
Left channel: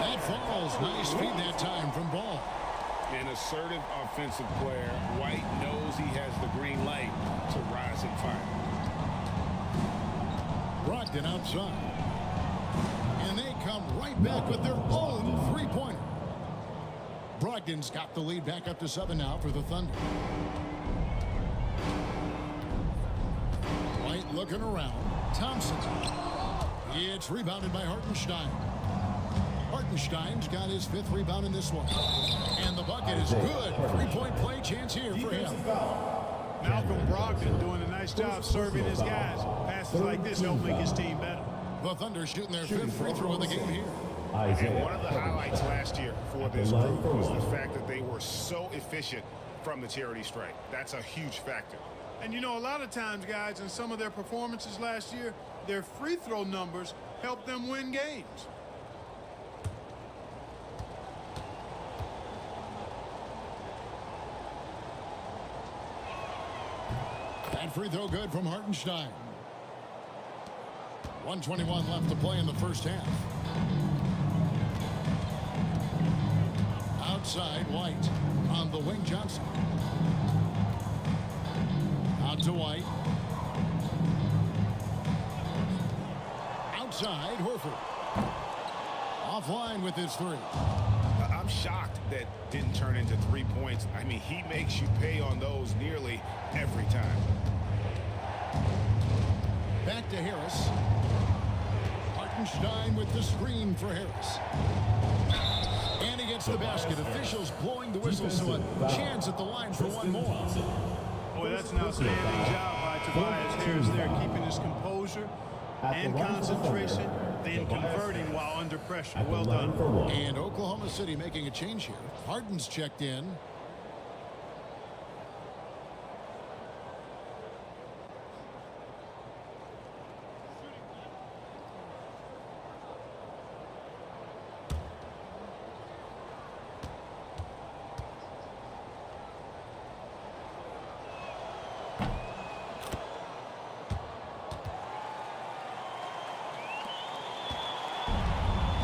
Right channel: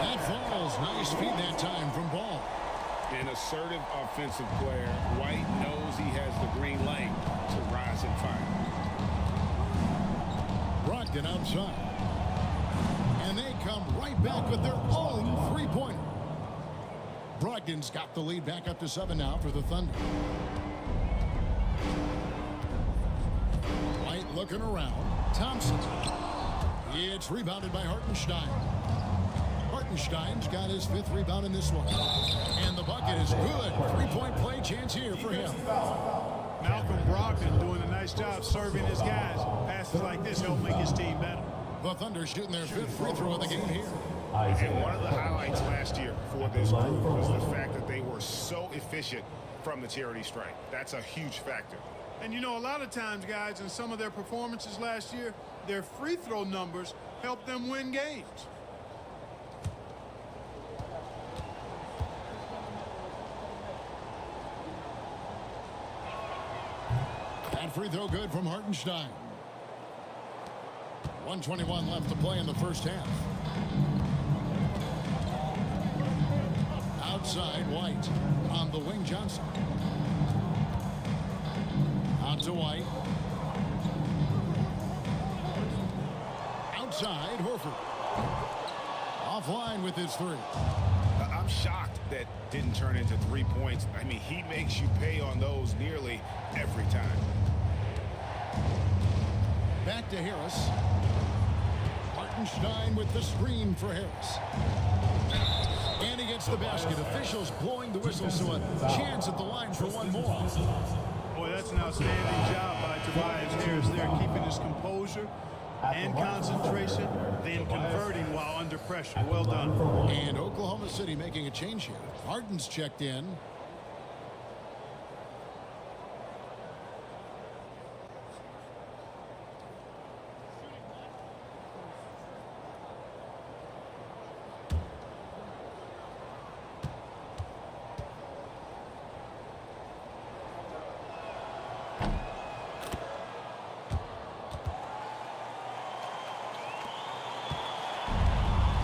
That falls. Nice feed that time from Ball. An assertive offensive player. White knows he has the green light to rise and fire. Brogdon outside. And they come right back with their own three-pointer. Brogdon's got the lead back up to 7 now for the Thunder. White looking around. Thompson. It's rebounded by Hartenstein. Hartenstein's got his 5th rebound in this one. And the bucket is good. 3-point play chance here for him. Malcolm Brogdon doing a nice job serving his guys. Passes like this help make his team better. The Thunder shooting their 5th free throw of the game here. And one of the highlights last year for this group was the fact that they were so efficient from the charity stripe. That's a huge factor. And you know, a lot of times, guys, in some of their performances last year, their free throw numbers helped them win games. That free throw good from Hartenstein. 1:21 left to play in the first half. Outside, White. On the wing, Johnson. Out to White. Outside, Horford. Offline with his 3. I'm shocked that didn't turn into 3 points. I mean, he makes you pay on those nearly every time. Back to Harris. Hartenstein with the screen for Harris. And he gets the basket. Officials blowing the whistle, so a chance at the line for one more. Boy, that's an outstanding job by Tobias Harris there, keeping his composure and concentration, then converting while under pressure. Well done. And Oklahoma City making a change here. Harden's checked in.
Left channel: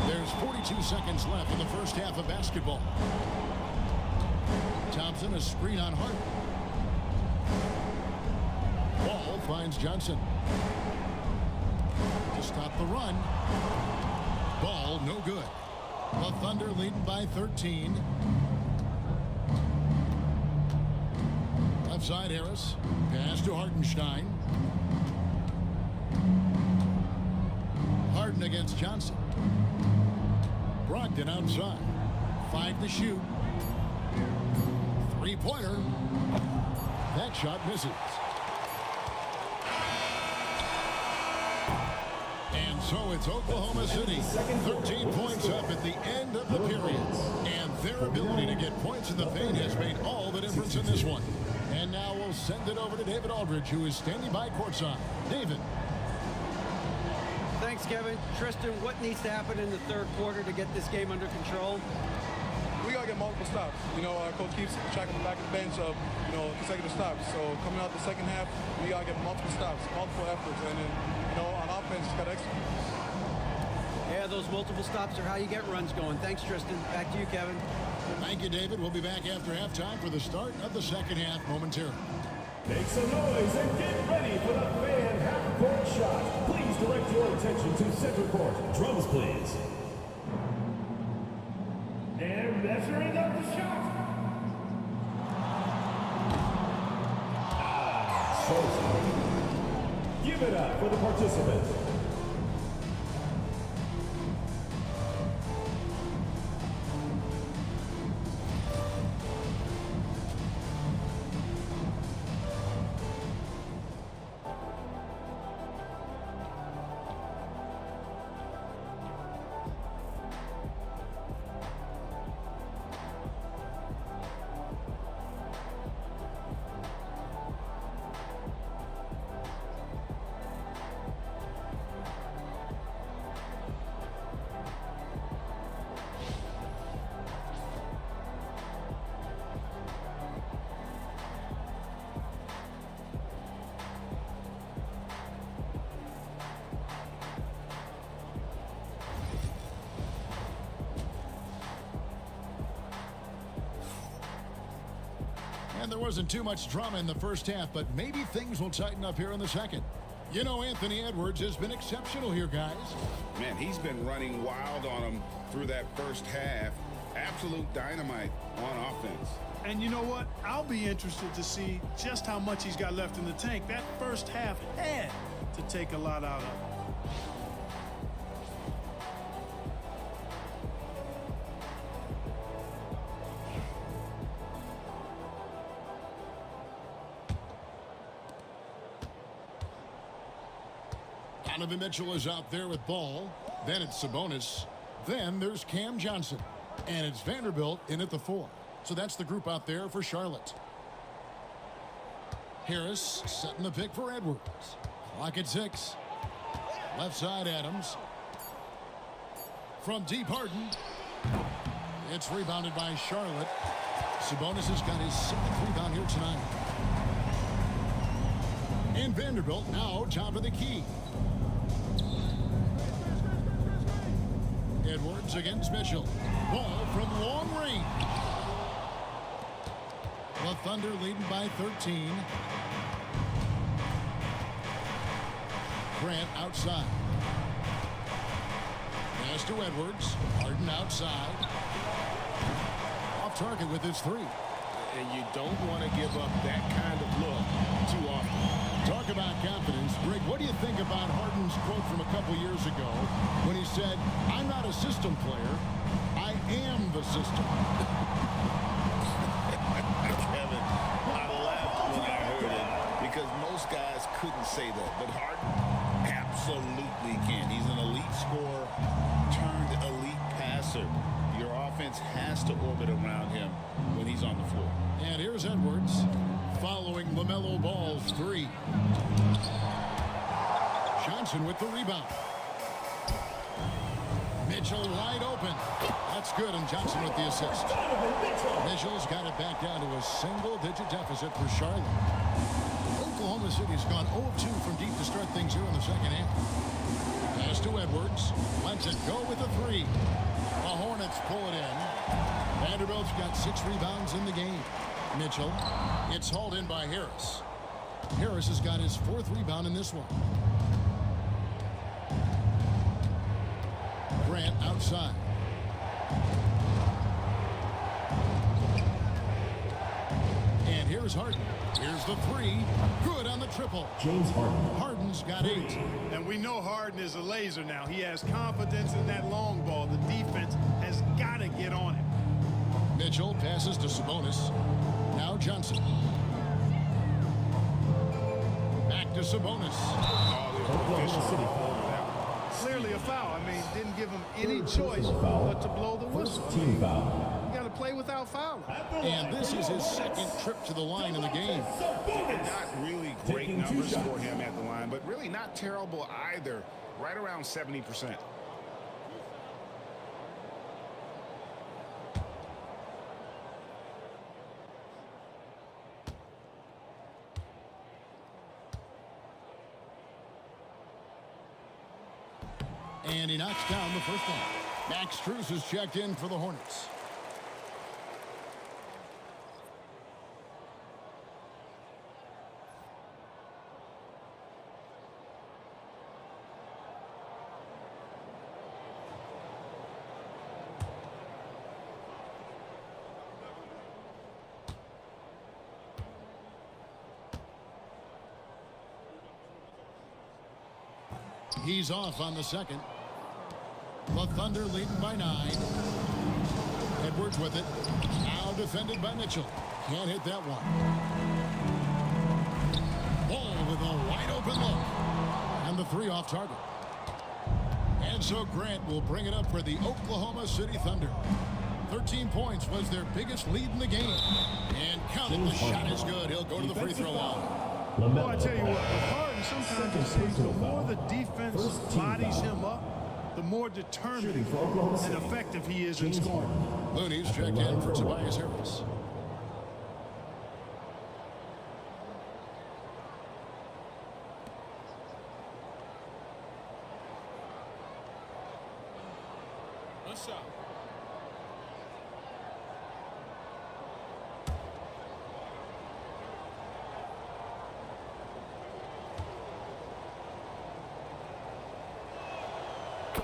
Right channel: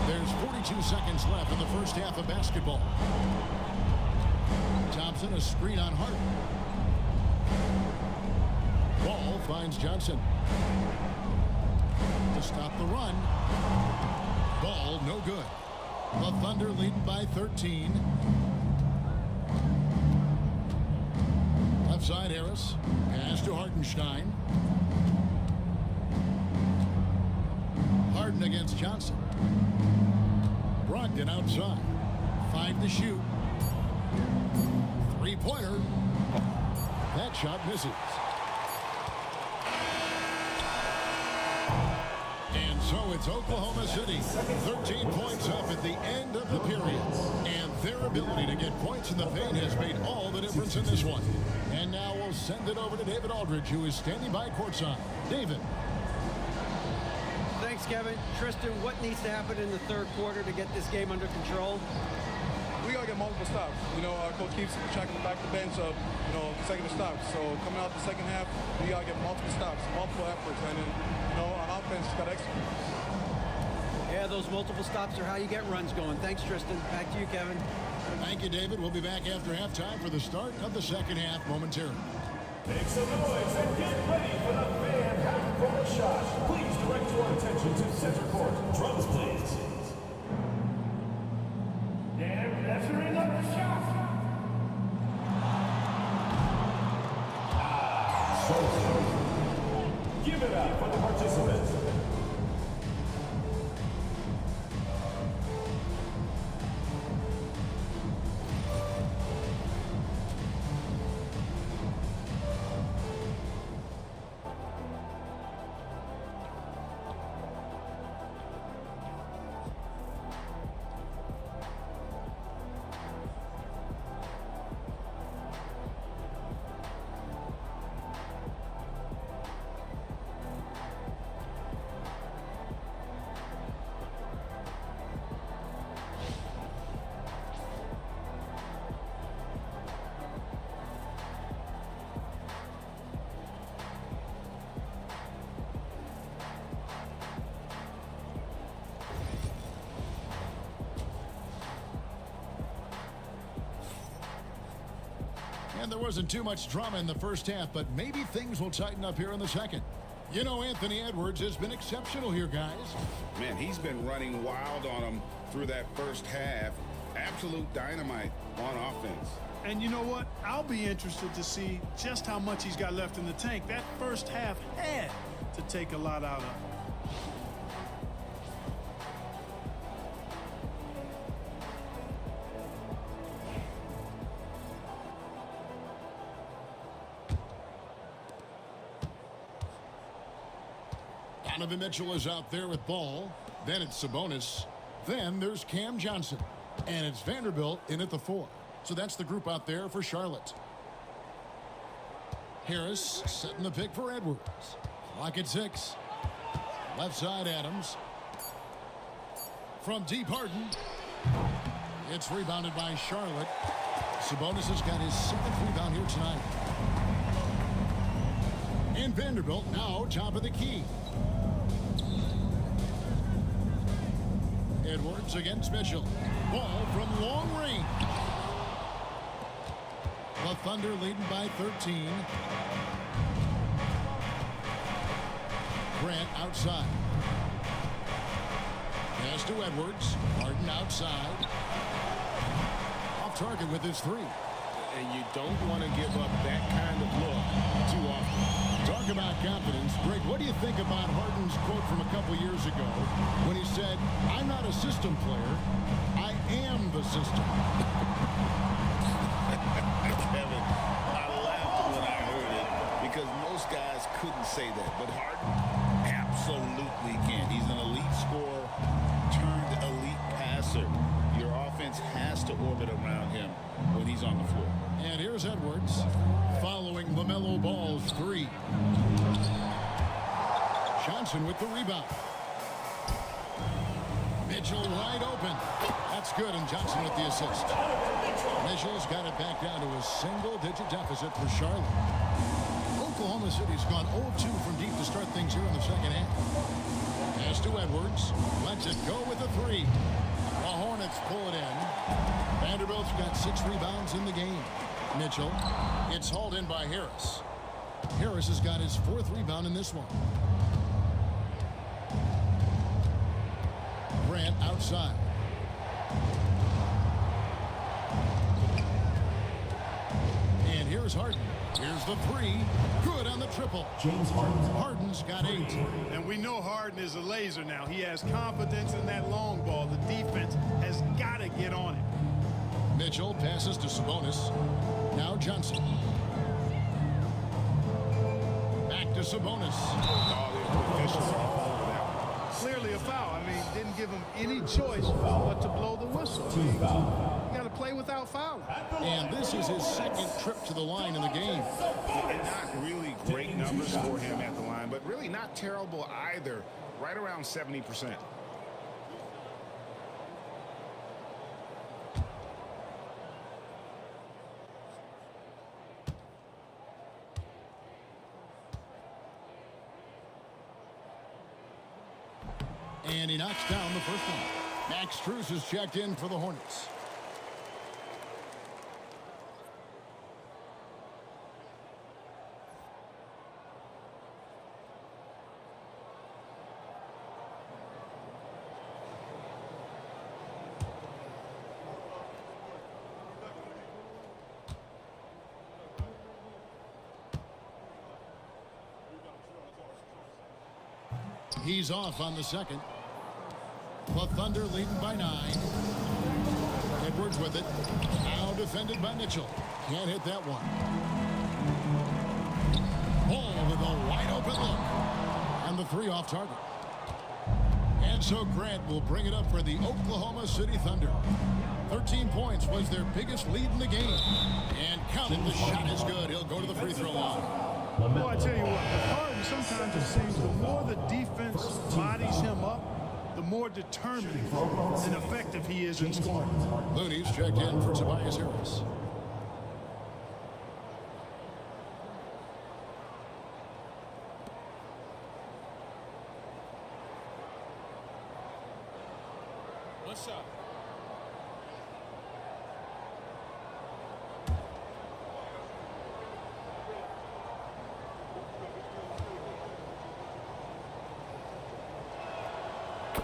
There's 42 seconds left in the first half of basketball. Thompson, a screen on Hart. Ball finds Johnson. To stop the run. Ball no good. The Thunder leading by 13. Left side, Harris. Pass to Hartenstein. Harden against Johnson. Brogdon outside. 5 to shoot. 3-pointer. That shot misses. And so it's Oklahoma City. 13 points up at the end of the period. And their ability to get points in the paint has made all the difference in this one. And now we'll send it over to David Aldridge, who is standing by courtside. David. Thanks, Kevin. Tristan, what needs to happen in the third quarter to get this game under control? We got to get multiple stops. You know, our coach keeps track on the back of the bench of, you know, consecutive stops. So coming out the second half, we got to get multiple stops, multiple efforts, and then on offense, just got to execute. Yeah, those multiple stops are how you get runs going. Thanks, Tristan. Back to you, Kevin. Thank you, David. We'll be back after halftime for the start of the second half momentarily. Make some noise and get ready for the fan half-court shot. Please direct your attention to center court. Drums, please. They're measuring up the shot. Give it up for the participants. And there wasn't too much drama in the first half, but maybe things will tighten up here in the second. You know, Anthony Edwards has been exceptional here, guys. Man, he's been running wild on them through that first half. Absolute dynamite on offense. And you know what? I'll be interested to see just how much he's got left in the tank. That first half had to take a lot out of it. Donovan Mitchell is out there with ball. Then it's Sabonis. Then there's Cam Johnson. And it's Vanderbilt in at the 4. So that's the group out there for Charlotte. Harris setting the pick for Edwards. Clock at 6. Left side Adams. From deep Harden. It's rebounded by Charlotte. Sabonis has got his 7th rebound here tonight. And Vanderbilt now top of the key. Edwards against Mitchell. Ball from long range. The Thunder leading by 13. Grant outside. Pass to Edwards. Harden outside. Off target with his 3. And you don't want to give up that kind of look too often. Talk about confidence. Greg, what do you think about Harden's quote from a couple years ago when he said, "I'm not a system player, I am the system"? Kevin, I laughed when I heard it because most guys couldn't say that. But Harden absolutely can. He's an elite scorer turned elite passer. Your offense has to orbit around him when he's on the floor. And here's Edwards following LaMelo Ball's 3. Johnson with the rebound. Mitchell wide open. That's good, and Johnson with the assist. Mitchell's got it back down to a single-digit deficit for Charlotte. Oklahoma City's gone 0 of 2 from deep to start things here in the second half. Pass to Edwards. Lets it go with a 3. The Hornets pull it in. Vanderbilt's got 6 rebounds in the game. Mitchell. It's hauled in by Harris. Harris has got his 4th rebound in this one. Grant outside. And here's Harden. Here's the 3. Good on the triple. James Harden. Harden's got 8. And we know Harden is a laser now. He has confidence in that long ball. The defense has got to get on him. Mitchell passes to Sabonis. Now Johnson. Back to Sabonis. All the officials are all over that one. Clearly a foul. I mean, didn't give him any choice but to blow the whistle. I mean, you got to play without fouling. And this is his 2nd trip to the line in the game. And not really great numbers for him at the line, but really not terrible either. Right around 70%. And he knocks down the first one. Max Strus is checked in for the Hornets. He's off on the second. The Thunder leading by 9. Edwards with it. Now defended by Mitchell. Can't hit that one. Ball with a wide open look. And the 3 off target. And so Grant will bring it up for the Oklahoma City Thunder. 13 points was their biggest lead in the game. And count it, the shot is good. He'll go to the free throw line. Well, I tell you what, with Harden, sometimes it seems the more the defense bodies him up, the more determined and effective he is in scoring. Looney's checked in for Tobias Harris. One shot.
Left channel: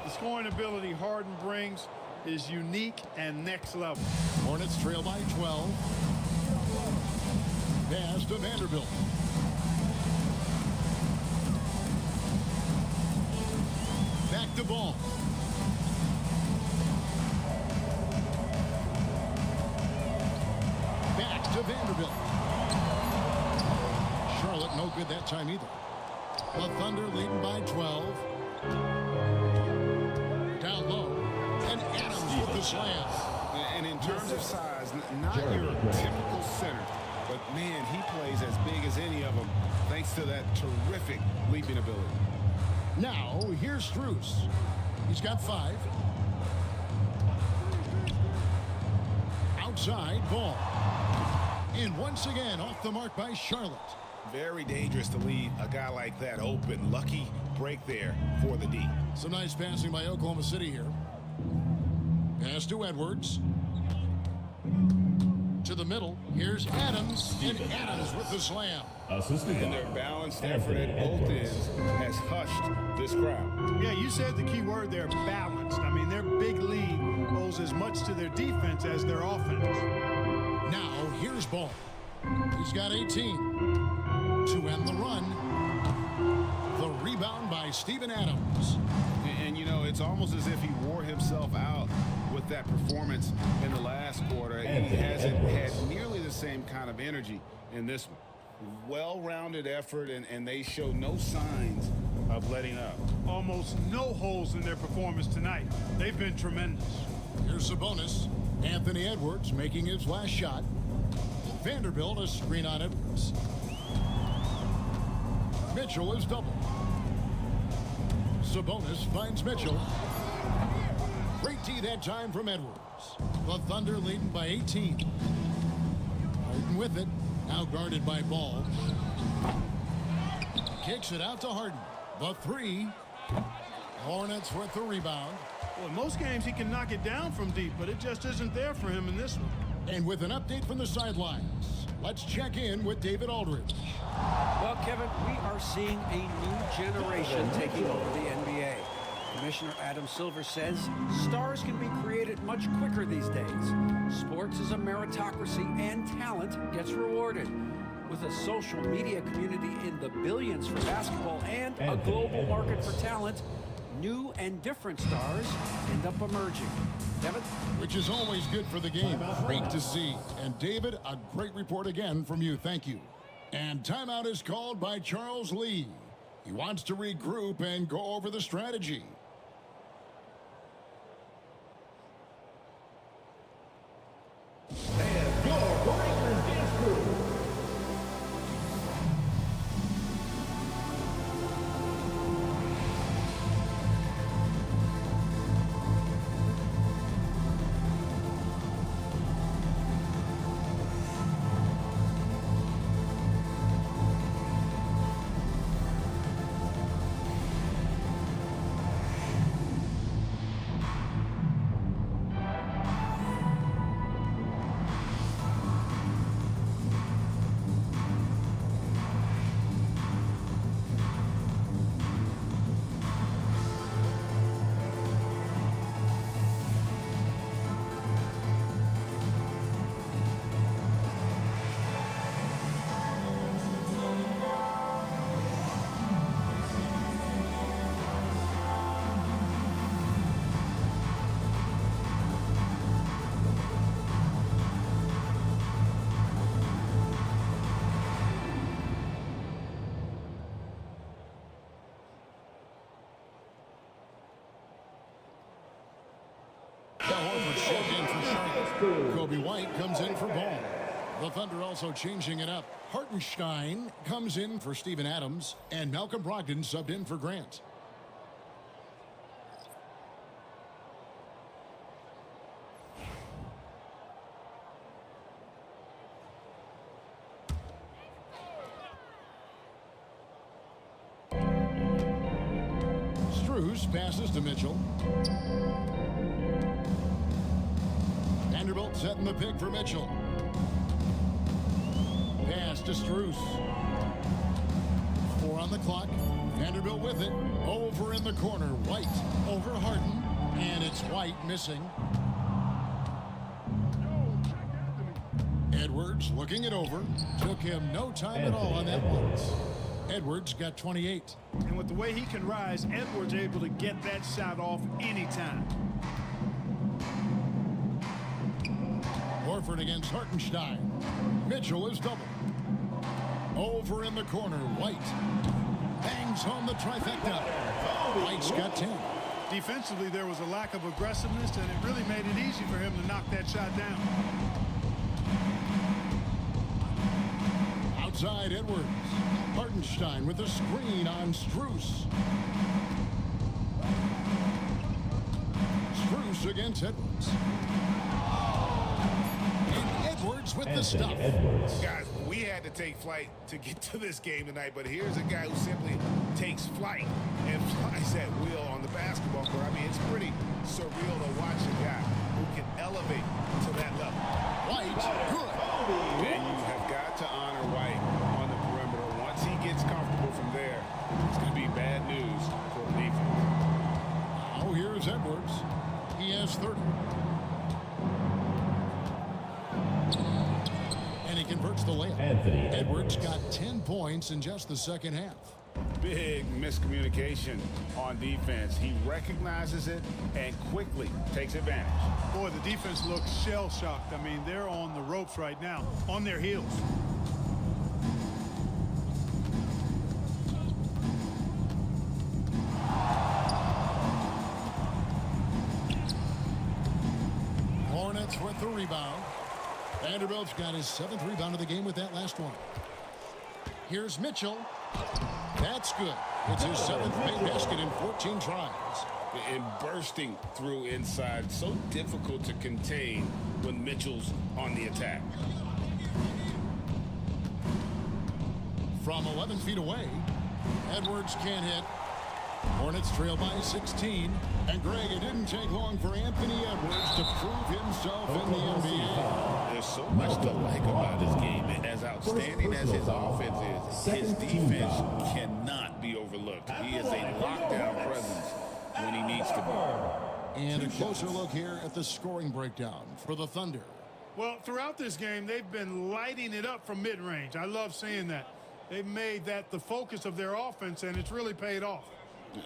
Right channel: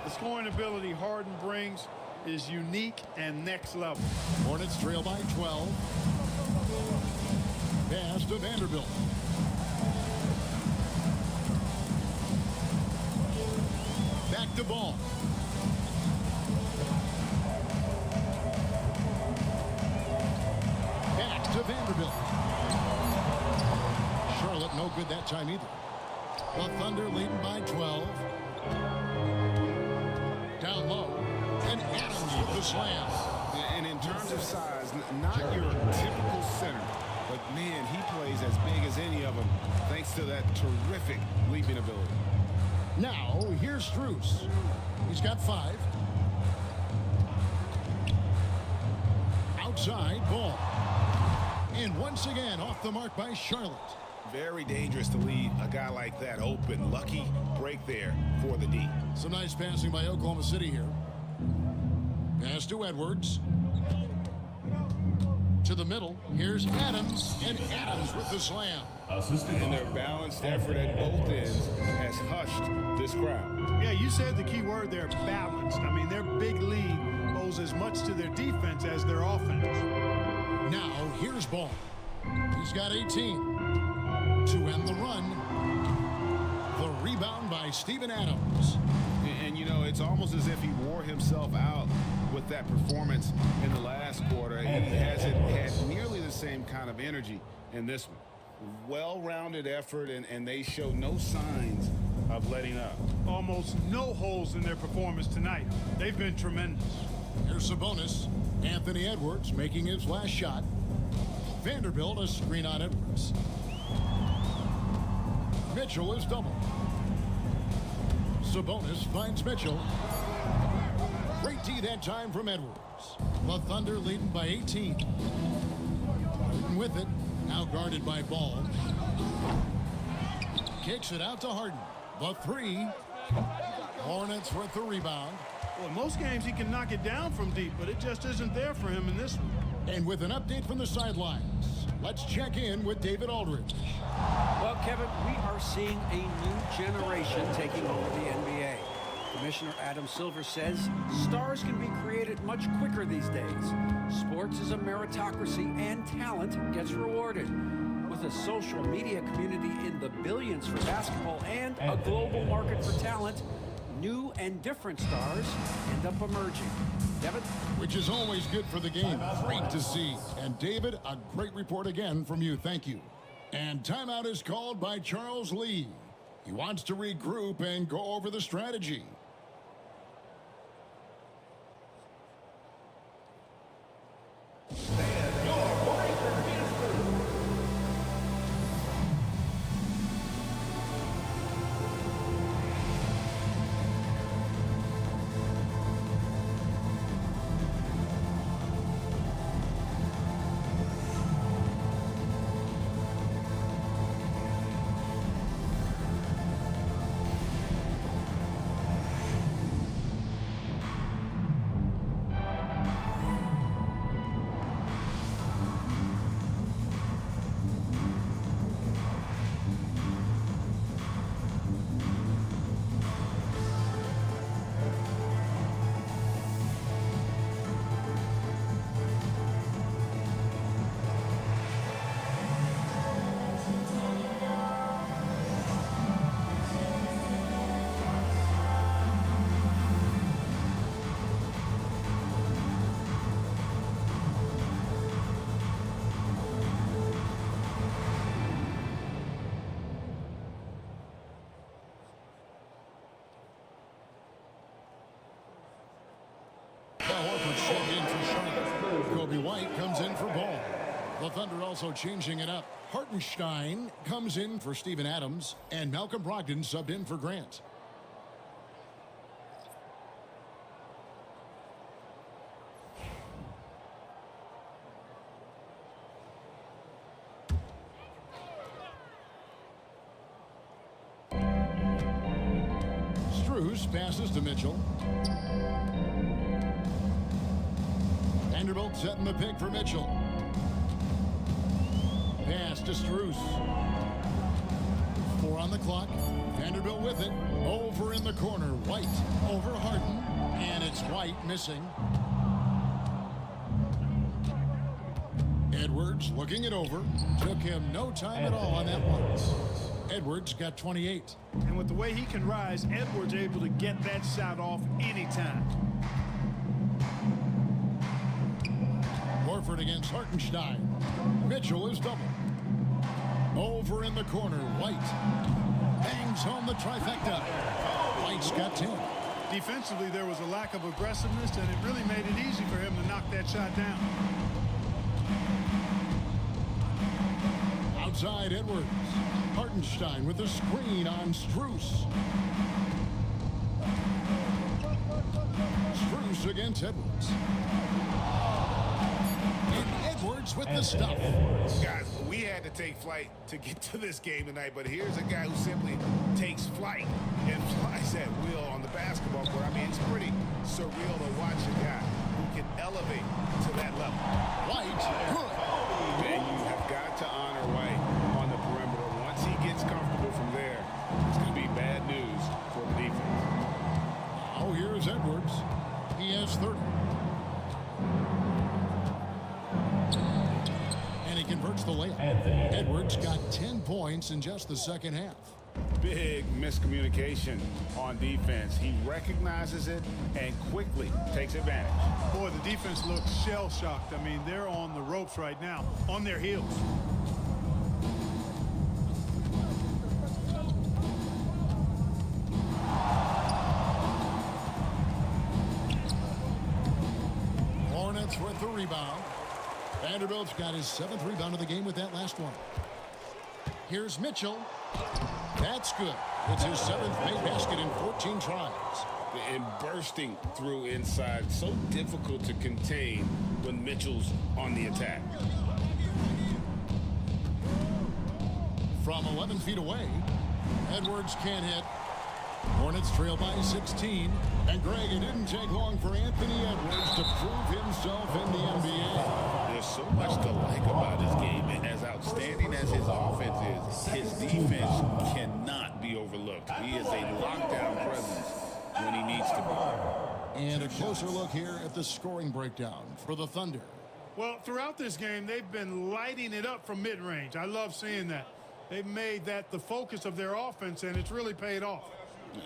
The scoring ability Harden brings is unique and next level. Hornets trail by 12. Pass to Vanderbilt. Back to Ball. Back to Vanderbilt. Charlotte no good that time either. The Thunder leading by 12. Down low, and Adams with the slam. And in terms of size, not your typical center, but man, he plays as big as any of them thanks to that terrific leaping ability. Now, here's Strus. He's got 5. Outside, Ball. And once again, off the mark by Charlotte. Very dangerous to leave a guy like that open. Lucky break there for the D. Some nice passing by Oklahoma City here. Pass to Edwards. To the middle. Here's Adams. And Adams with the slam. And their balanced effort at both ends has hushed this crowd. Yeah, you said the key word there, balanced. I mean, their big lead owes as much to their defense as their offense. Now, here's Ball. He's got 18. To end the run, the rebound by Steven Adams. And you know, it's almost as if he wore himself out with that performance in the last quarter. He hasn't had nearly the same kind of energy in this one. Well-rounded effort, and they show no signs of letting up. Almost no holes in their performance tonight. They've been tremendous. Here's a bonus. Anthony Edwards making his last shot. Vanderbilt a screen on Edwards. Mitchell is double. Sabonis finds Mitchell. Great D that time from Edwards. The Thunder leading by 18. Harden with it. Now guarded by Ball. Kicks it out to Harden. The 3. Hornets with the rebound. Well, in most games he can knock it down from deep, but it just isn't there for him in this one. And with an update from the sidelines, let's check in with David Aldridge. Well, Kevin, we are seeing a new generation taking over the NBA. Commissioner Adam Silver says stars can be created much quicker these days. Sports is a meritocracy and talent gets rewarded. With a social media community in the billions for basketball and a global market for talent, new and different stars end up emerging. Devin? Which is always good for the game. Great to see. And David, a great report again from you. Thank you. And timeout is called by Charles Lee. He wants to regroup and go over the strategy. Horford's checked in for Charlotte. Kobe White comes in for Ball. The Thunder also changing it up. Hartenstein comes in for Steven Adams, and Malcolm Brogdon subbed in for Grant. Strus passes to Mitchell. Vanderbilt setting the pick for Mitchell. Pass to Strus. 4 on the clock. Vanderbilt with it. Over in the corner. White over Harden. And it's White missing. Edwards looking it over. Took him no time at all on that one. Edwards got 28. And with the way he can rise, Edwards able to get that shot off anytime. Horford against Hartenstein. Mitchell is double. Over in the corner, White. Bangs home the trifecta. White's got 10. Defensively, there was a lack of aggressiveness, and it really made it easy for him to knock that shot down. Outside Edwards. Hartenstein with a screen on Strus. Strus against Edwards. And Edwards with the stuff. Guys, we had to take flight to get to this game tonight, but here's a guy who simply takes flight and flies at will on the basketball court. I mean, it's pretty surreal to watch a guy who can elevate to that level. White, good. And you have got to honor White on the perimeter. Once he gets comfortable from there, it's going to be bad news for the defense. Now here's Edwards. He has 30. And he converts the layup. Edwards got 10 points in just the second half. Big miscommunication on defense. He recognizes it and quickly takes advantage. Boy, the defense looks shell-shocked. I mean, they're on the ropes right now, on their heels. Hornets with the rebound. Vanderbilt's got his 7th rebound of the game with that last one. Here's Mitchell. That's good. It's his 7th made basket in 14 tries. And bursting through inside. So difficult to contain when Mitchell's on the attack. From 11 feet away, Edwards can't hit. Hornets trail by 16. And Greg, it didn't take long for Anthony Edwards to prove himself in the NBA. There's so much to like about his game. As outstanding as his offense is, his defense cannot be overlooked. He is a lockdown presence when he needs to be. And a closer look here at the scoring breakdown for the Thunder. Well, throughout this game, they've been lighting it up from mid-range. I love seeing that. They've made that the focus of their offense, and it's really paid off.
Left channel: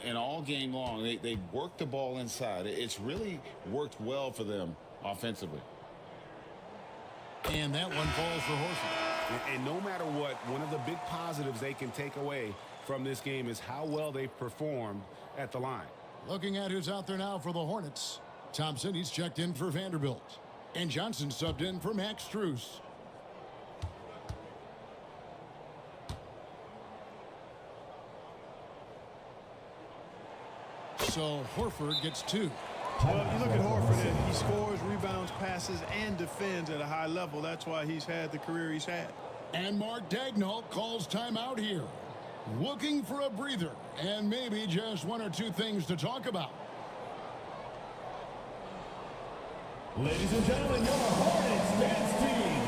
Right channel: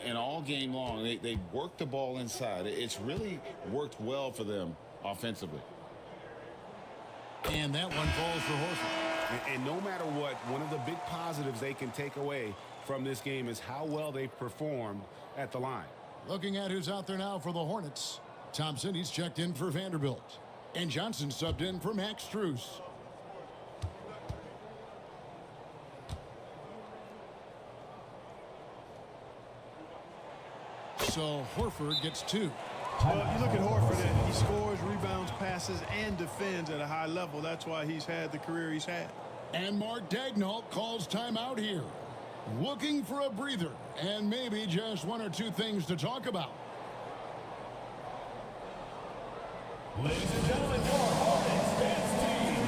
And all game long, they worked the ball inside. It's really worked well for them offensively. And that one falls for Horford. And no matter what, one of the big positives they can take away from this game is how well they've performed at the line. Looking at who's out there now for the Hornets. Thompson, he's checked in for Vanderbilt. And Johnson subbed in for Max Strus. So Horford gets 2. Well, you look at Horford, and he scores, rebounds, passes, and defends at a high level. That's why he's had the career he's had. And Mark Daigneault calls timeout here. Looking for a breather and maybe just 1 or 2 things to talk about. Ladies and gentlemen, your Hornets men's team.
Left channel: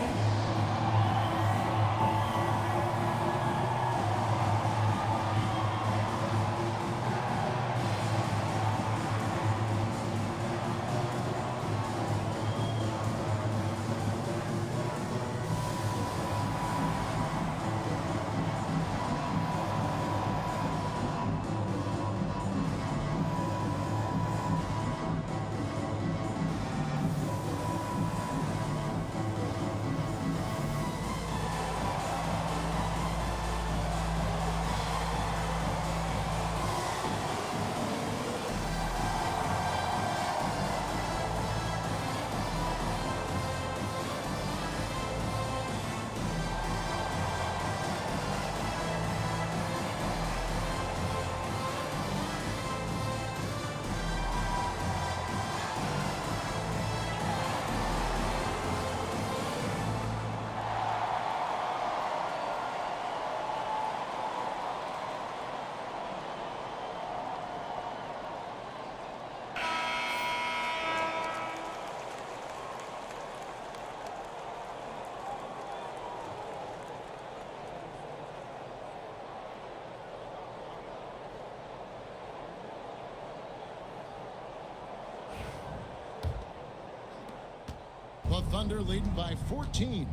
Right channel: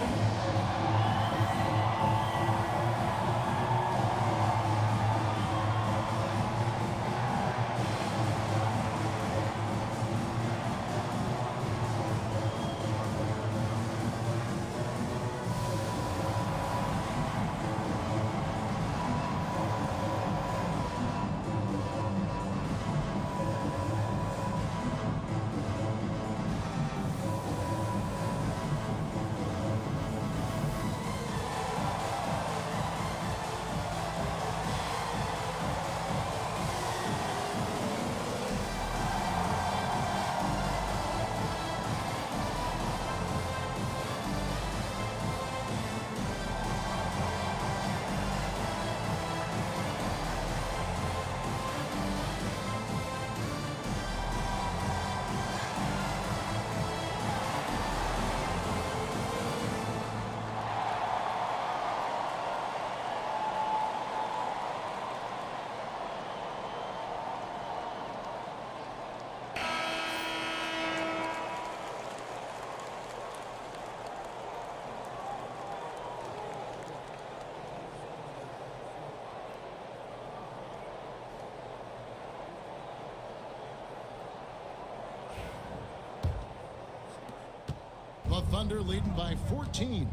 Thunder leading by 14.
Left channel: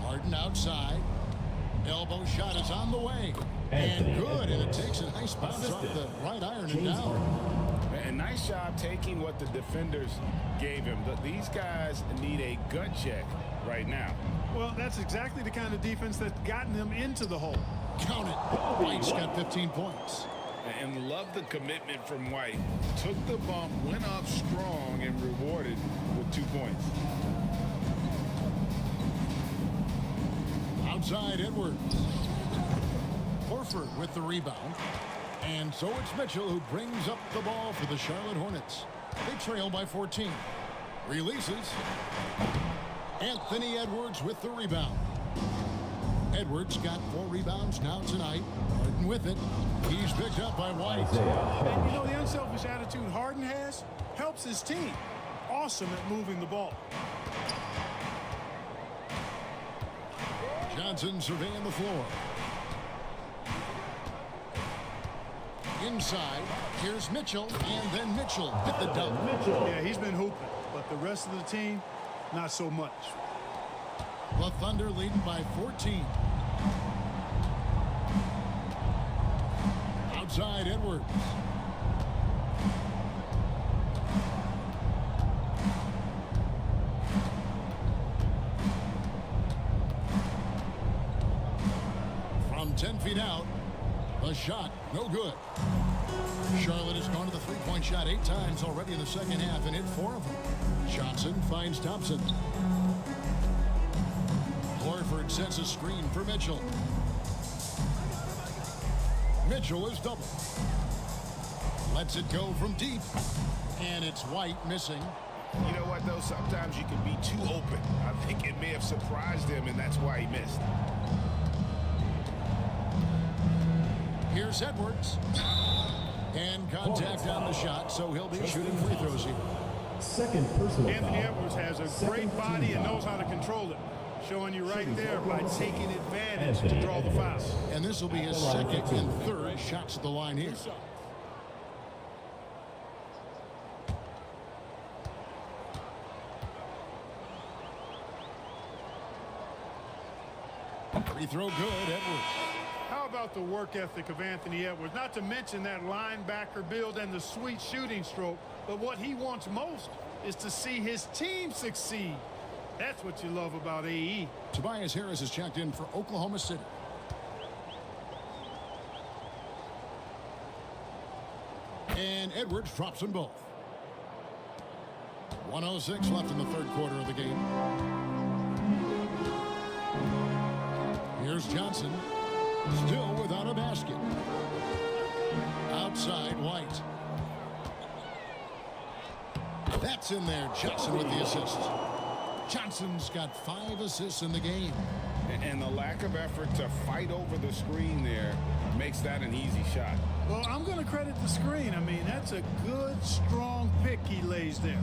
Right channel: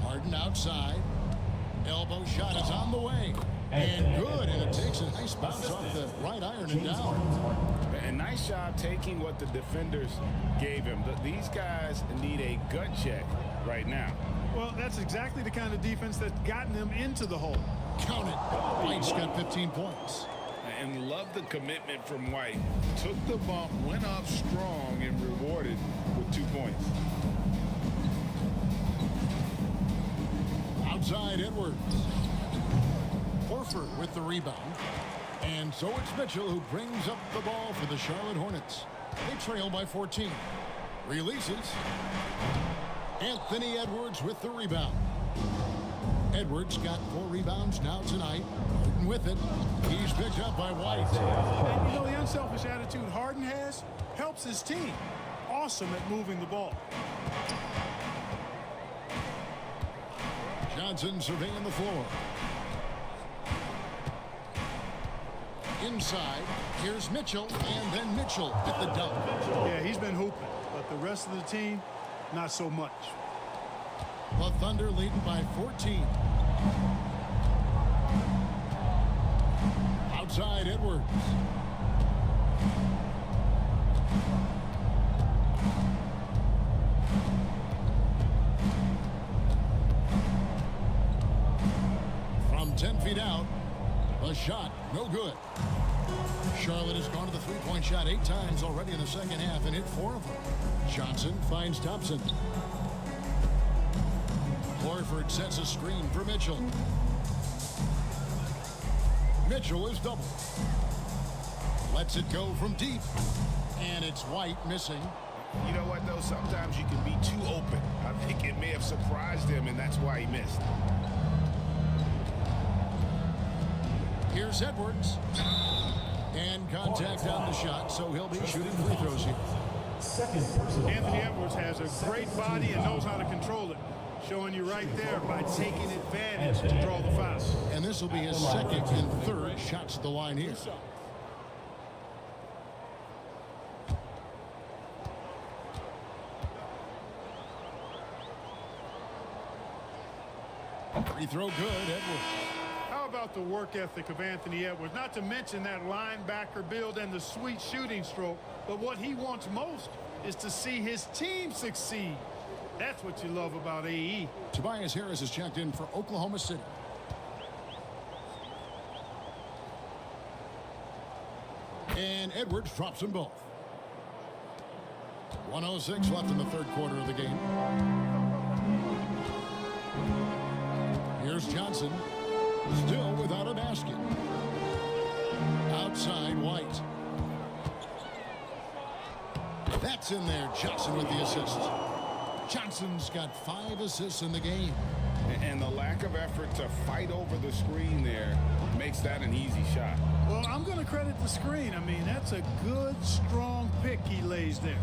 Harden outside. Elbow shot is on the way. And good, and it takes a nice bounce off the right iron and down. A nice job taking what the defenders gave him. These guys need a gut check right now. Well, that's exactly the kind of defense that's gotten them into the hole. Count it. White's got 15 points. And love the commitment from White. Took the bump, went up strong, and rewarded with 2 points. Outside Edwards. Horford with the rebound. And so it's Mitchell who brings up the ball for the Charlotte Hornets. They trail by 14. Releases. Anthony Edwards with the rebound. Edwards got 4 rebounds now tonight. Harden with it. He's picked up by White. And you know, the unselfish attitude Harden has helps his team. Awesome at moving the ball. Johnson surveying the floor. Inside, here's Mitchell, and then Mitchell at the dunk. Yeah, he's been hooping, but the rest of the team, not so much. The Thunder leading by 14. Outside Edwards. From 10 feet out, the shot, no good. Charlotte has gone to the three-point shot 8 times already in the second half and hit 4 of them. Johnson finds Thompson. Horford sets a screen for Mitchell. Mitchell is doubled. Lets it go from deep. And it's White missing. You know what, though? Sometimes you can be too open. I think it may have surprised him, and that's why he missed. Here's Edwards. And contact on the shot, so he'll be shooting free throws here. Anthony Edwards has a great body and knows how to control it. Showing you right there by taking advantage to draw the foul. And this will be his second and third shots at the line here. Free throw good, Edwards. How about the work ethic of Anthony Edwards? Not to mention that linebacker build and the sweet shooting stroke, but what he wants most is to see his team succeed. That's what you love about AE. Tobias Harris is checked in for Oklahoma City. And Edwards drops them both. 1:06 left in the third quarter of the game. Here's Johnson. Still without a basket. Outside White. That's in there. Johnson with the assist. Johnson's got 5 assists in the game. And the lack of effort to fight over the screen there makes that an easy shot. Well, I'm going to credit the screen. I mean, that's a good, strong pick he lays there.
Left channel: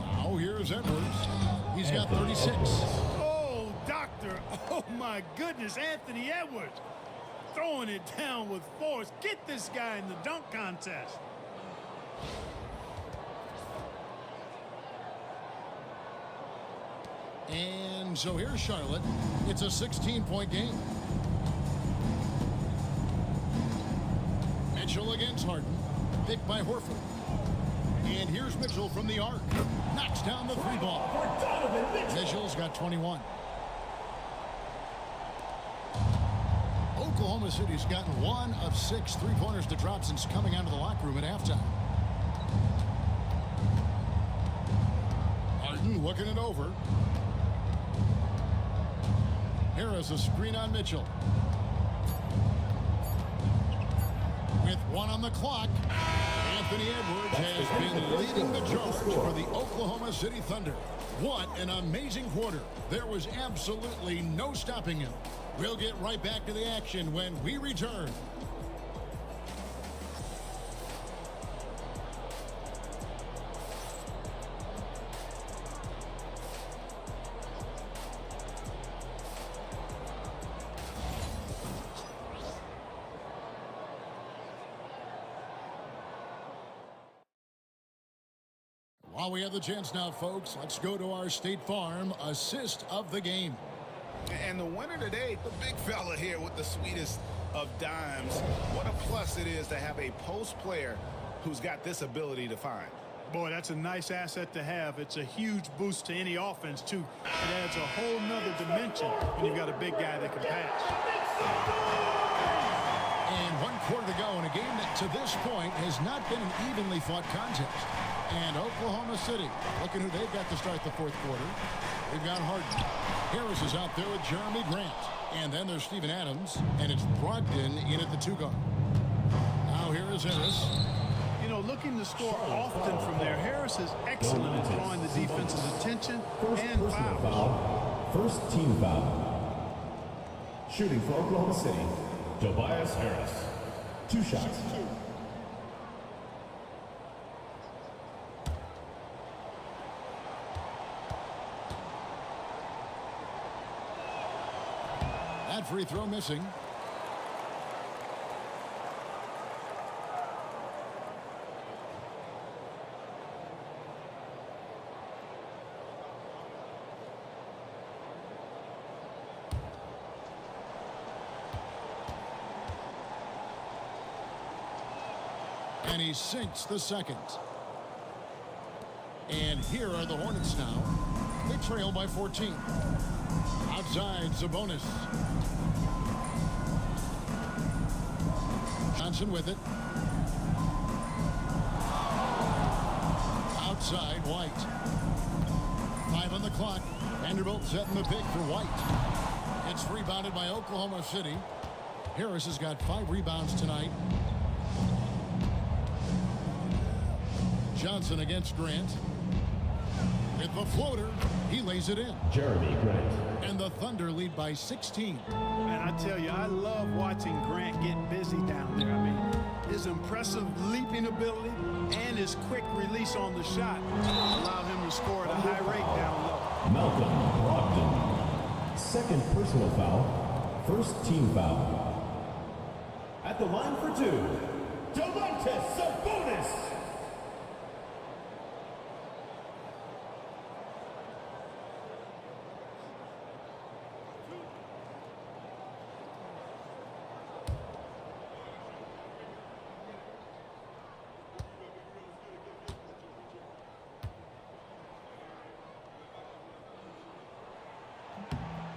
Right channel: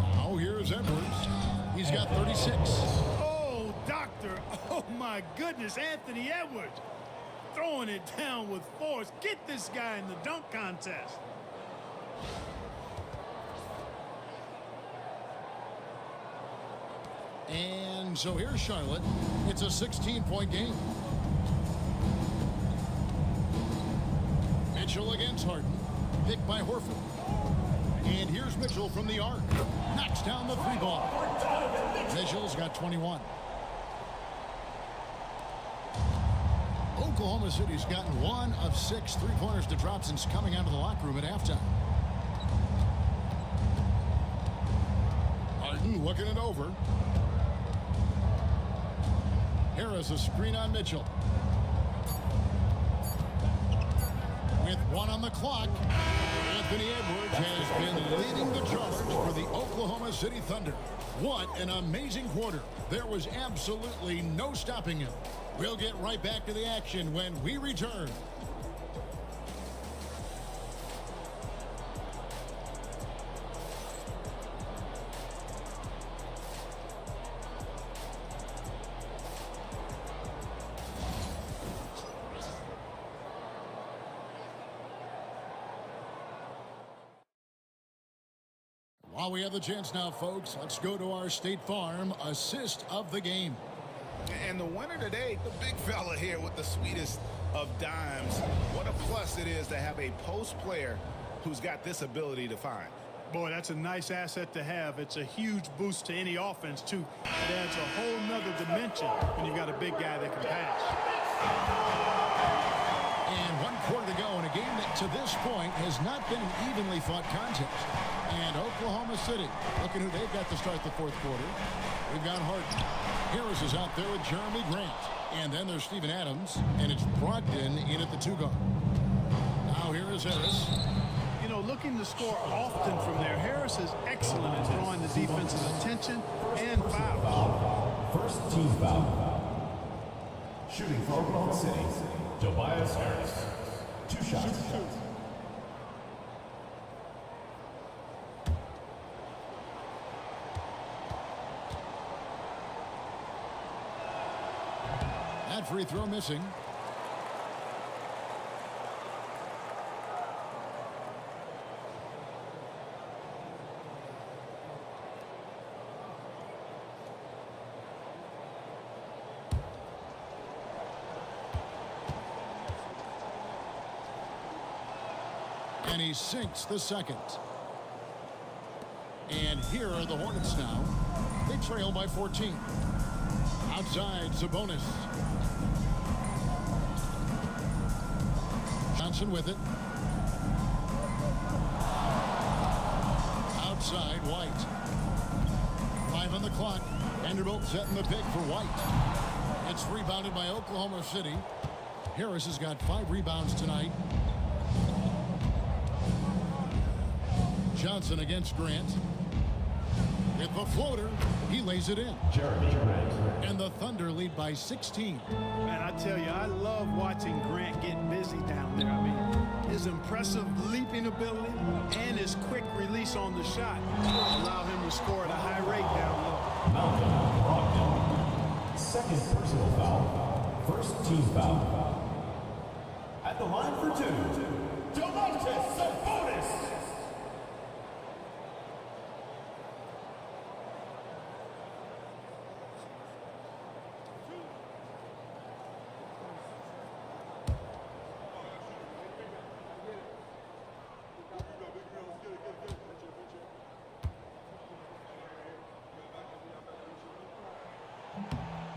Now here's Edwards. He's got 36. Oh, doctor. Oh, my goodness. Anthony Edwards throwing it down with force. Get this guy in the dunk contest. And so here's Charlotte. It's a 16-point game. Mitchell against Harden. Picked by Horford. And here's Mitchell from the arc. Knocks down the 3 ball. Mitchell's got 21. Oklahoma City's gotten 1 of 6 3-pointers to drop since coming out of the locker room at halftime. Harden looking it over. Harris a screen on Mitchell. With 1 on the clock, Anthony Edwards has been leading the charge for the Oklahoma City Thunder. What an amazing quarter. There was absolutely no stopping him. We'll get right back to the action when we return. While we have the chance now, folks, let's go to our State Farm assist of the game. And the winner today, the big fella here with the sweetest of dimes. What a plus it is to have a post player who's got this ability to find. Boy, that's a nice asset to have. It's a huge boost to any offense, too. It adds a whole nother dimension when you've got a big guy that can pass. And 1 quarter to go in a game that to this point has not been an evenly fought contest. And Oklahoma City, looking who they've got to start the 4th quarter. We've got Harden. Harris is out there with Jeremy Grant. And then there's Steven Adams, and it's Brogdon in at the 2 guard. Now here is Harris. You know, looking to score often from there, Harris is excellent at drawing the defense's attention and fouls. First team foul. Shooting for Oklahoma City, Tobias Harris. 2 shots. Shoot 2. That free throw missing. And he sinks the second. And here are the Hornets now. They trail by 14. Outside, Sabonis. Johnson with it. Outside, White. 5 on the clock. Vanderbilt setting the pick for White. It's rebounded by Oklahoma City. Harris has got 5 rebounds tonight. Johnson against Grant. With the floater, he lays it in. Jeremy Grant. And the Thunder lead by 16. And I tell you, I love watching Grant get busy down there. I mean, his impressive leaping ability and his quick release on the shot allow him to score at a high rate down low. Malcolm Brogdon. Second personal foul. First team foul. At the line for 2, Domantas Sabonis.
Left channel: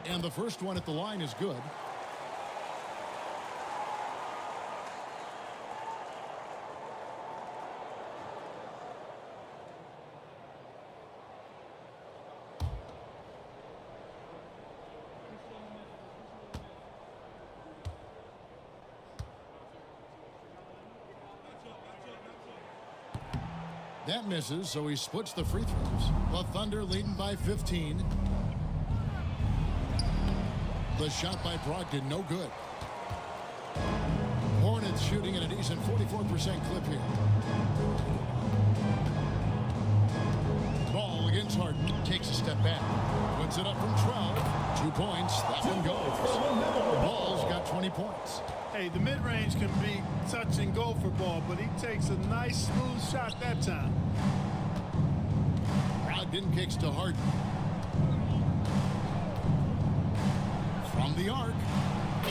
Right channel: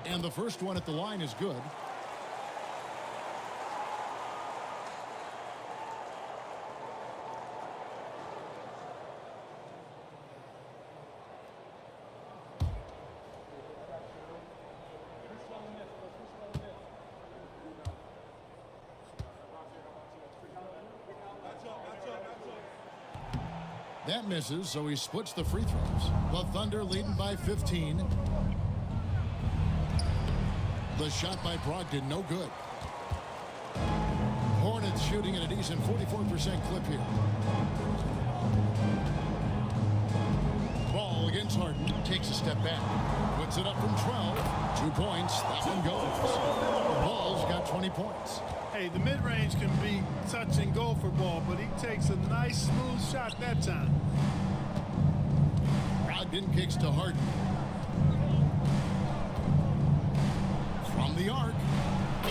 And the first one at the line is good. That misses, so he splits the free throws. The Thunder leading by 15. The shot by Brogdon, no good. Hornets shooting at a decent 44% clip here. Ball against Harden, takes a step back. Puts it up from 12. 2 points, that one goes. Ball's got 20 points. Hey, the mid-range can be touch and go for Ball, but he takes a nice smooth shot that time. Brogdon kicks to Harden. From the arc,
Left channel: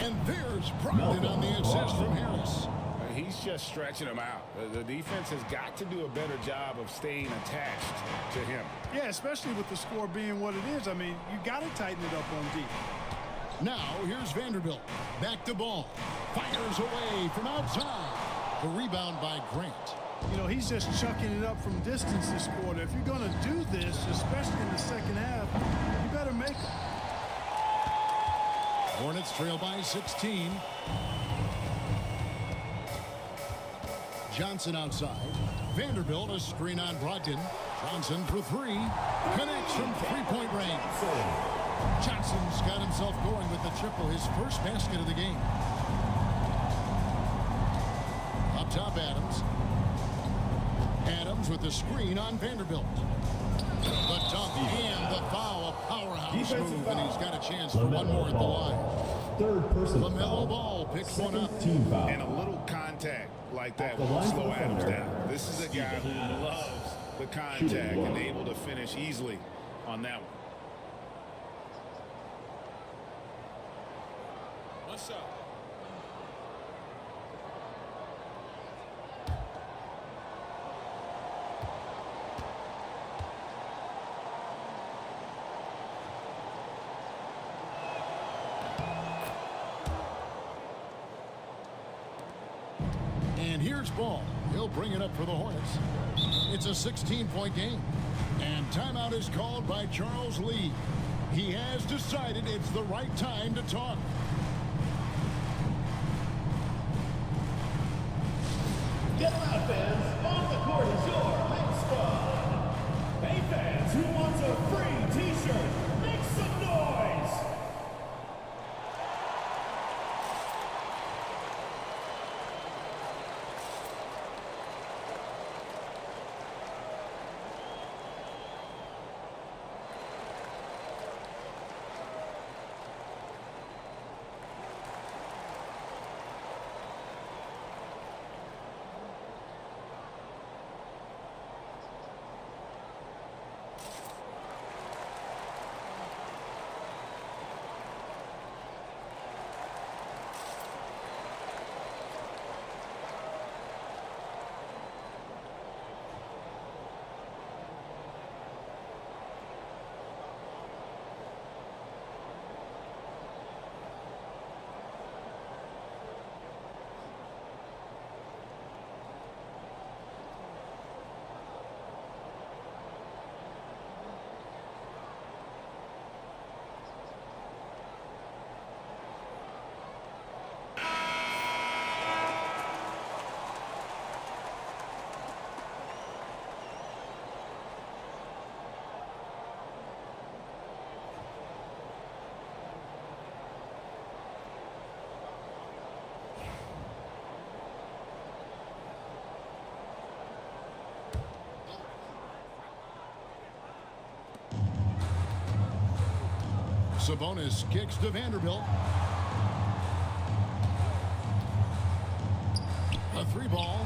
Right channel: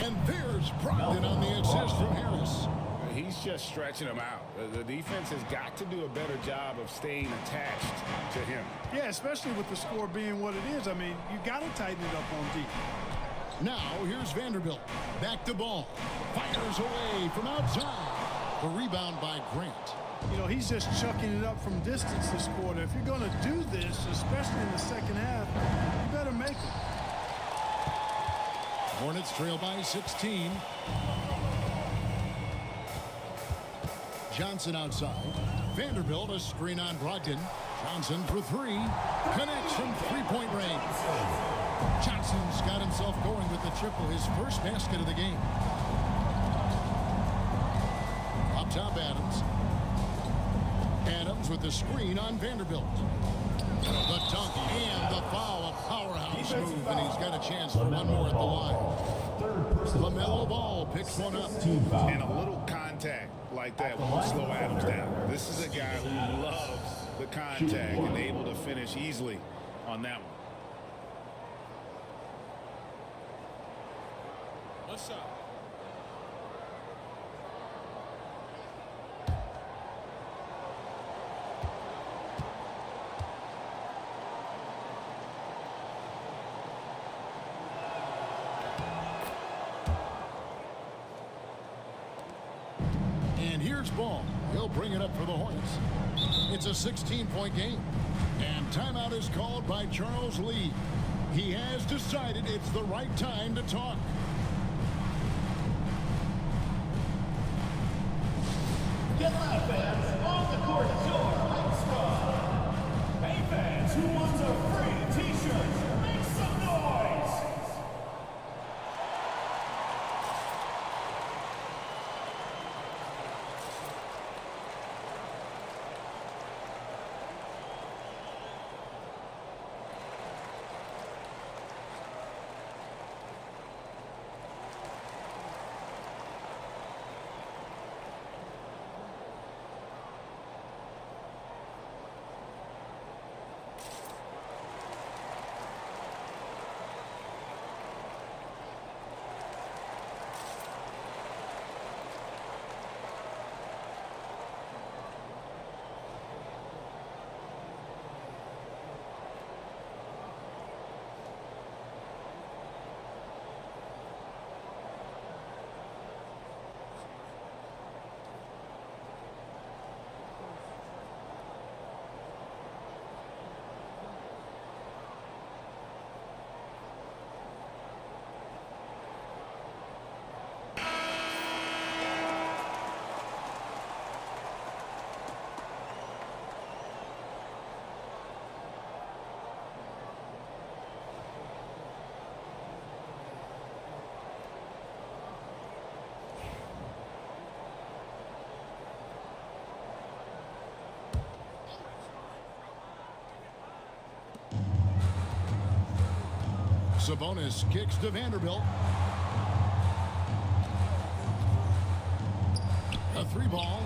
and there's Brogdon on the assist from Harris. He's just stretching him out. The defense has got to do a better job of staying attached to him. Yeah, especially with the score being what it is. I mean, you got to tighten it up on D. Now, here's Vanderbilt. Back to Ball. Fires away from outside. The rebound by Grant. You know, he's just chucking it up from distance this quarter. If you're going to do this, especially in the second half, you better make them. Hornets trail by 16. Johnson outside. Vanderbilt a screen on Brogdon. Johnson for 3. Connects from 3-point range. Johnson's got himself going with the triple, his first basket of the game. Up top, Adams. Adams with the screen on Vanderbilt. The dunk and the foul, a powerhouse move, and he's got a chance for one more at the line. LaMelo Ball picks one up. And a little contact like that won't slow Adams down. This is a guy who loves the contact and able to finish easily on that one. One shot. And here's Ball. He'll bring it up for the Hornets. It's a 16-point game. And timeout is called by Charles Lee. He has decided it's the right time to talk. Get loud, fans. On the court is your hype squad. Hey, fans, who wants a free t-shirt? Make some noise. Sabonis kicks to Vanderbilt. A three ball.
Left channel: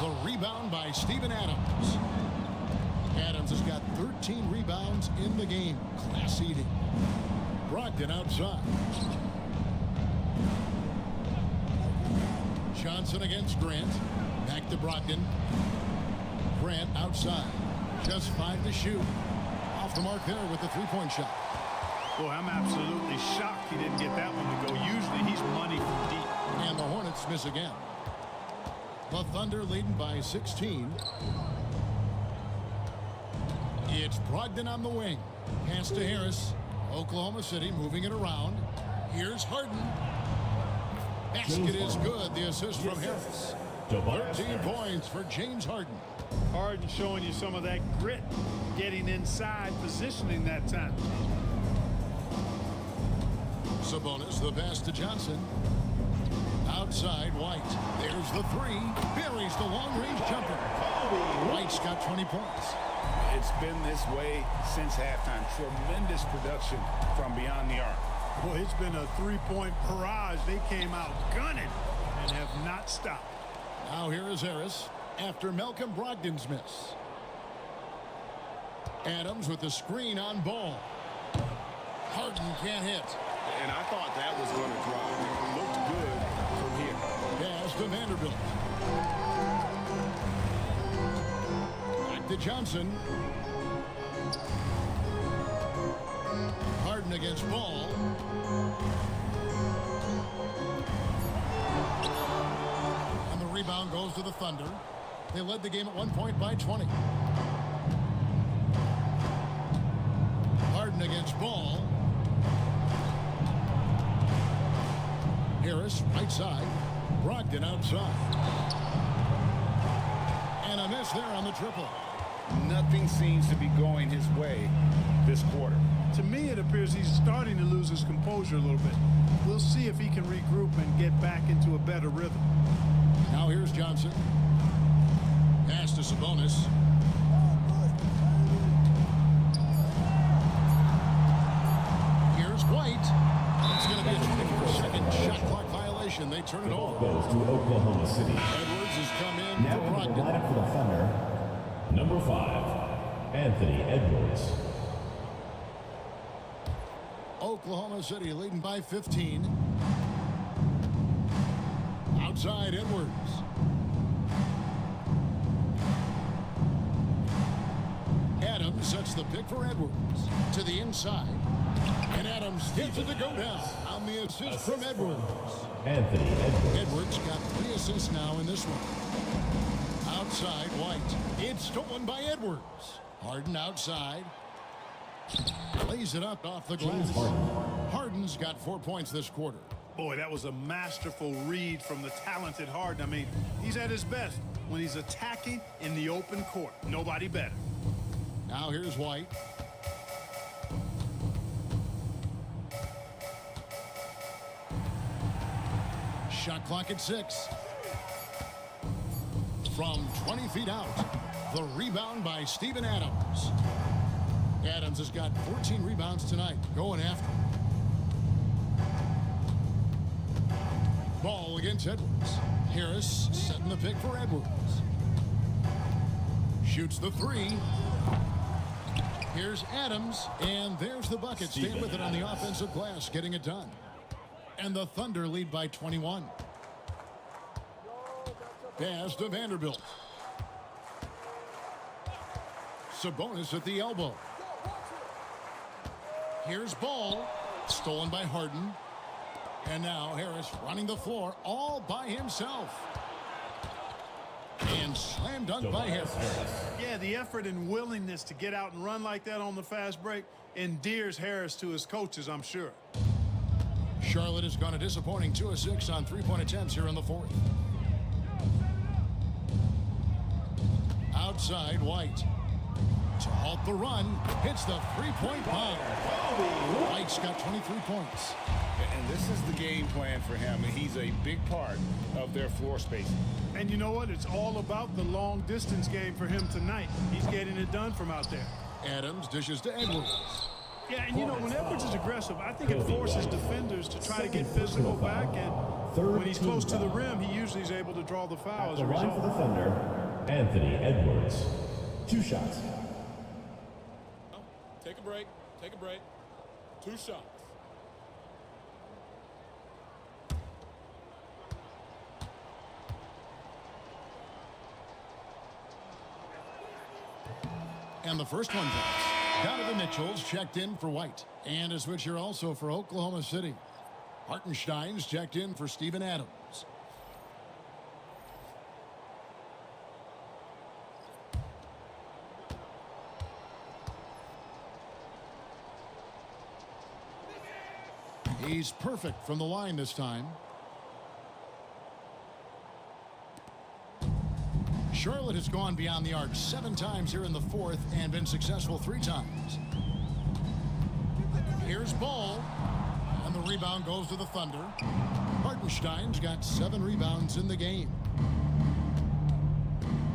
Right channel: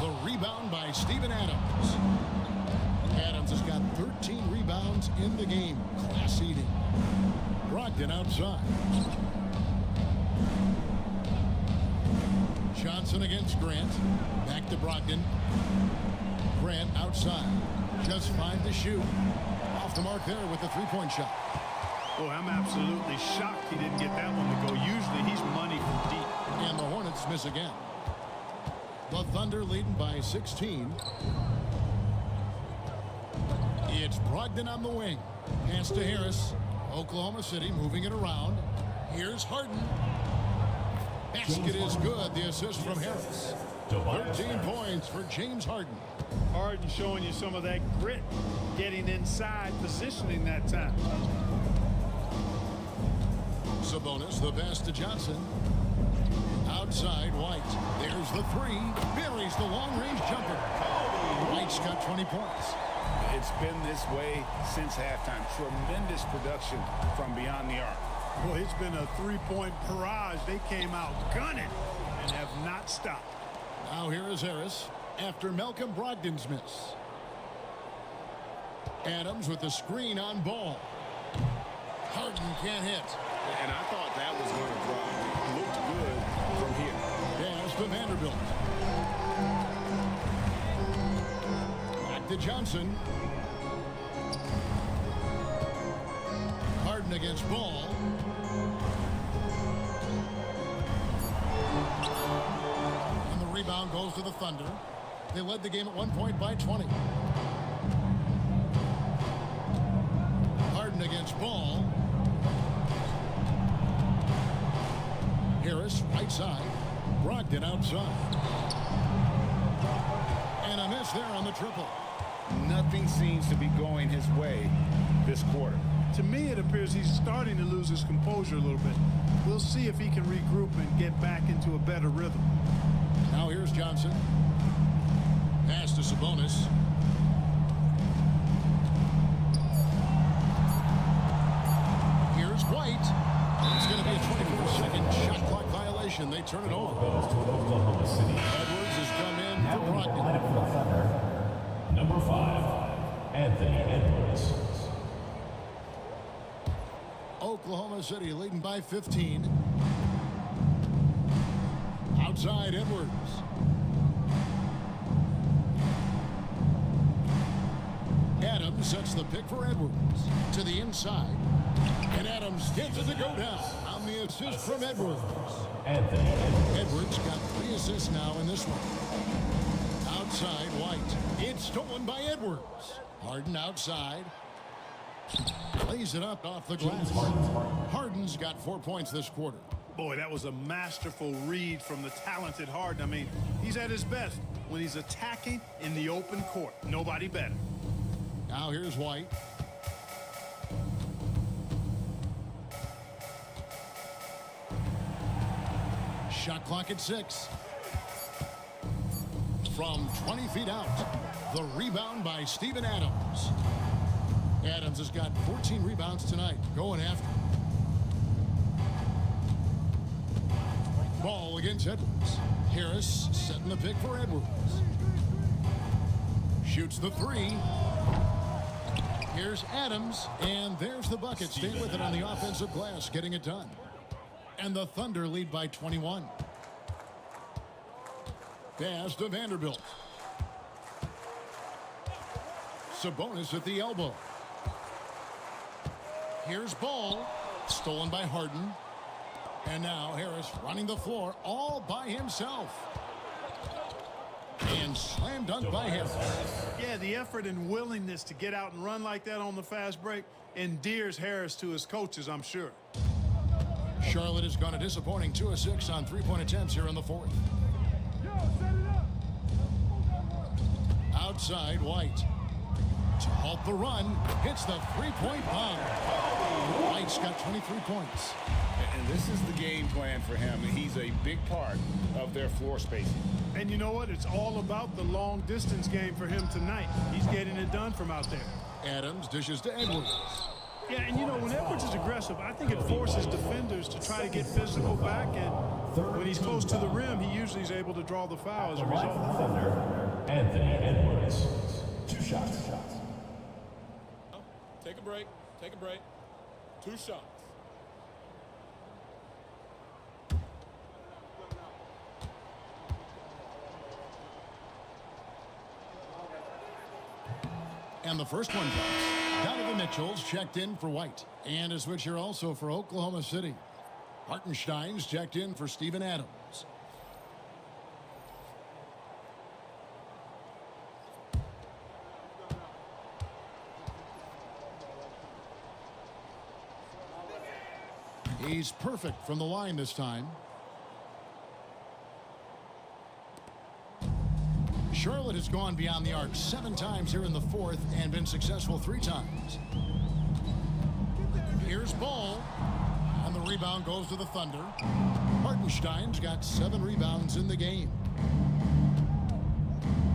The rebound by Steven Adams. Adams has got 13 rebounds in the game. Class eating. Brogdon outside. Johnson against Grant. Back to Brogdon. Grant outside. Just 5 to shoot. Off the mark there with the three-point shot. Boy, I'm absolutely shocked he didn't get that one to go. Usually he's money from deep. And the Hornets miss again. The Thunder leading by 16. It's Brogdon on the wing. Pass to Harris. Oklahoma City moving it around. Here's Harden. Basket is good. The assist from Harris. 13 points for James Harden. Harden showing you some of that grit, getting inside, positioning that time. Sabonis, the pass to Johnson. Outside, White. There's the three. Buries the long-range jumper. White's got 20 points. It's been this way since halftime. Tremendous production from beyond the arc. Boy, it's been a three-point barrage. They came out gunning and have not stopped. Now here is Harris after Malcolm Brogdon's miss. Adams with the screen on Ball. Harden can't hit. And I thought that was going to drop. It looked good from here. Pass to Vanderbilt. Back to Johnson. Harden against Ball. And the rebound goes to the Thunder. They led the game at 1 point by 20. Harden against Ball. Harris right side. Brogdon outside. And a miss there on the triple. Nothing seems to be going his way this quarter. To me, it appears he's starting to lose his composure a little bit. We'll see if he can regroup and get back into a better rhythm. Now here's Johnson. Pass to Sabonis. Here's White. It's going to be a 24-second shot clock violation. They turn it over. Goes to Oklahoma City. Edwards has come in Now for Brogdon. lineup for the Thunder. Number 5, Anthony Edwards. Oklahoma City leading by 15. Outside Edwards. Adams sets the pick for Edwards to the inside. And Adams gets it to go down on the assist from Edwards. Anthony Edwards. Edwards got 3 assists now in this one. Outside White. It's stolen by Edwards. Harden outside. Lays it up off the glass. Harden's got 4 points this quarter. Boy, that was a masterful read from the talented Harden. I mean, he's at his best when he's attacking in the open court. Nobody better. Now here's White. Shot clock at 6. From 20 feet out, the rebound by Steven Adams. Adams has got 14 rebounds tonight, going after. Ball against Edwards. Harris setting the pick for Edwards. Shoots the 3. Here's Adams, and there's the bucket. Stay with it on the offensive glass, getting it done. And the Thunder lead by 21. Pass to Vanderbilt. Sabonis at the elbow. Here's Ball, stolen by Harden. And now Harris running the floor all by himself. And slam dunk by Harris. Yeah, the effort and willingness to get out and run like that on the fast break endears Harris to his coaches, I'm sure. Charlotte has gone a disappointing 2 of 6 on 3-point attempts here in the 4th. Outside White. To halt the run, hits the 3-point bomb. White's got 23 points. And this is the game plan for him. He's a big part of their floor spacing. And you know what? It's all about the long distance game for him tonight. He's getting it done from out there. Adams dishes to Edwards. Yeah, and you know, when Edwards is aggressive, I think it forces defenders to try to get physical back, and when he's close to the rim, he usually is able to draw the foul as a result. For the Thunder, Anthony Edwards. 2 shots. Take a break. Take a break. 2 shots. And the first one drops. Donovan Mitchell's checked in for White. And a switch here also for Oklahoma City. Hartenstein's checked in for Steven Adams. He's perfect from the line this time. Charlotte has gone beyond the arc 7 times here in the 4th and been successful 3 times. Here's Ball, and the rebound goes to the Thunder. Hartenstein's got 7 rebounds in the game.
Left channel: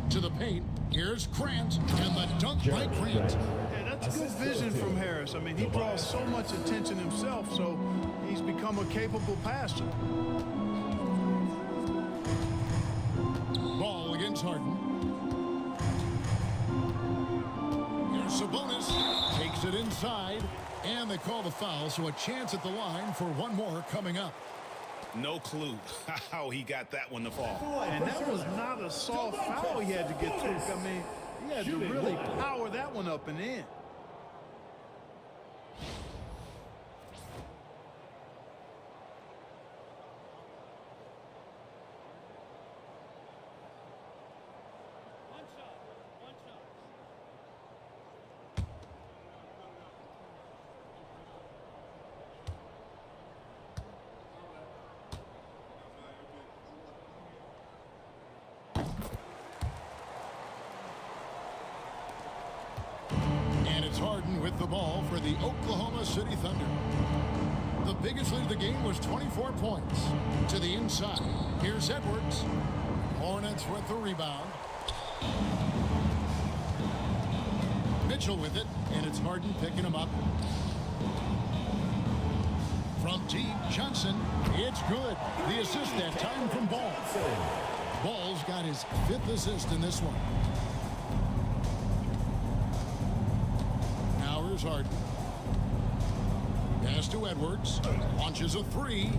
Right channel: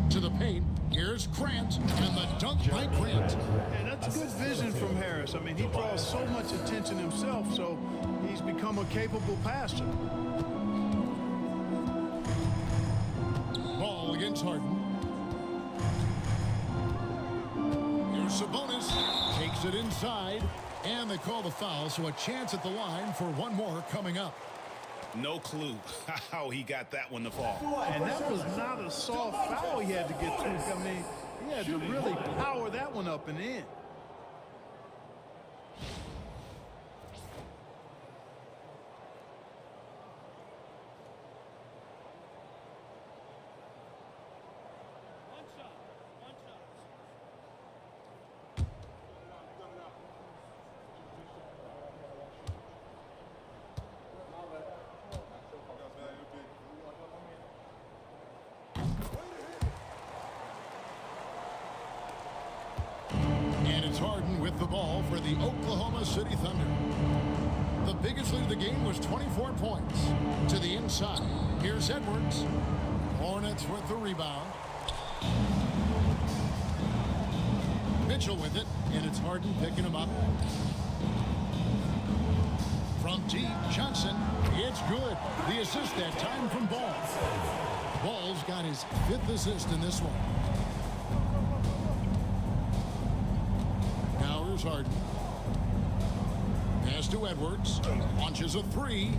To the paint, here's Grant, and the dunk by Grant. Yeah, that's good vision from Harris. I mean, he draws so much attention himself, so he's become a capable passer. Ball against Harden. Here's Sabonis. Takes it inside. And they call the foul, so a chance at the line for one more coming up. No clue how he got that one to fall. And that was not a soft foul he had to get through. I mean, he had to really power that one up and in. And it's Harden with the ball for the Oklahoma City Thunder. The biggest lead of the game was 24 points. To the inside, here's Edwards. Hornets with the rebound. Mitchell with it, and it's Harden picking him up. From deep, Johnson, it's good. The assist that time from Ball. Ball's got his 5th assist in this one. Here's Harden. Pass to Edwards. Launches a three.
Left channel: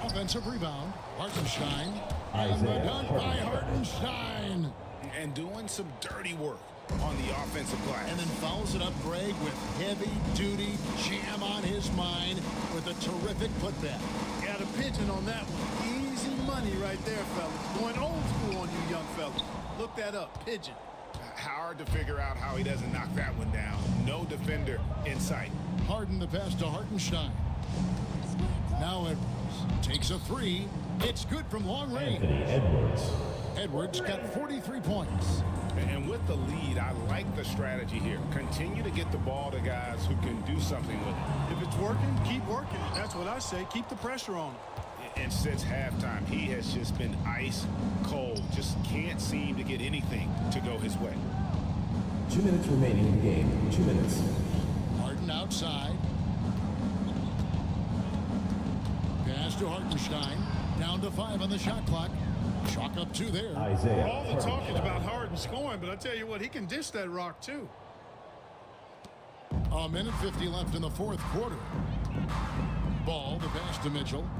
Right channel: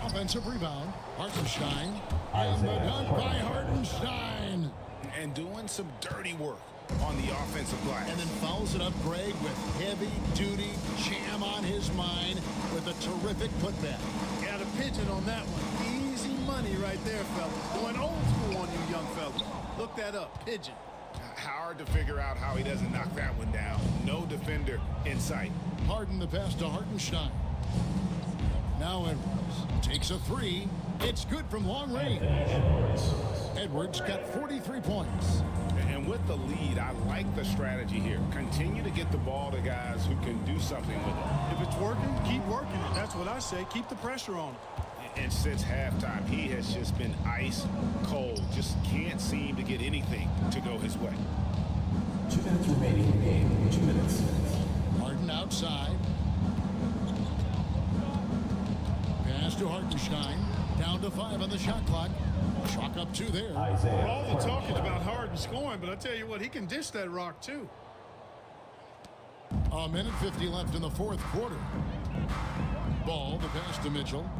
Offensive rebound. Hartenstein. And the dunk by Hartenstein. And doing some dirty work on the offensive glass. And then follows it up, Greg, with heavy-duty jam on his mind with a terrific putback. Got a pigeon on that one. Easy money right there, fellas. Going old school on you young fellas. Look that up. Pigeon. Hard to figure out how he doesn't knock that one down. No defender in sight. Harden the pass to Hartenstein. Now Edwards takes a three. It's good from long range. Edwards got 43 points. And with the lead, I like the strategy here. Continue to get the ball to guys who can do something with it. If it's working, keep working it. That's what I say. Keep the pressure on him. And since halftime, he has just been ice cold. Just can't seem to get anything to go his way. 2 minutes remaining in the game. 2 minutes. Harden outside. Pass to Hartenstein. Down to 5 on the shot clock. Chalk up 2 there. All the talk is about Harden scoring, but I tell you what, he can dish that rock too. A minute 50 left in the fourth quarter. Ball, the pass to Mitchell.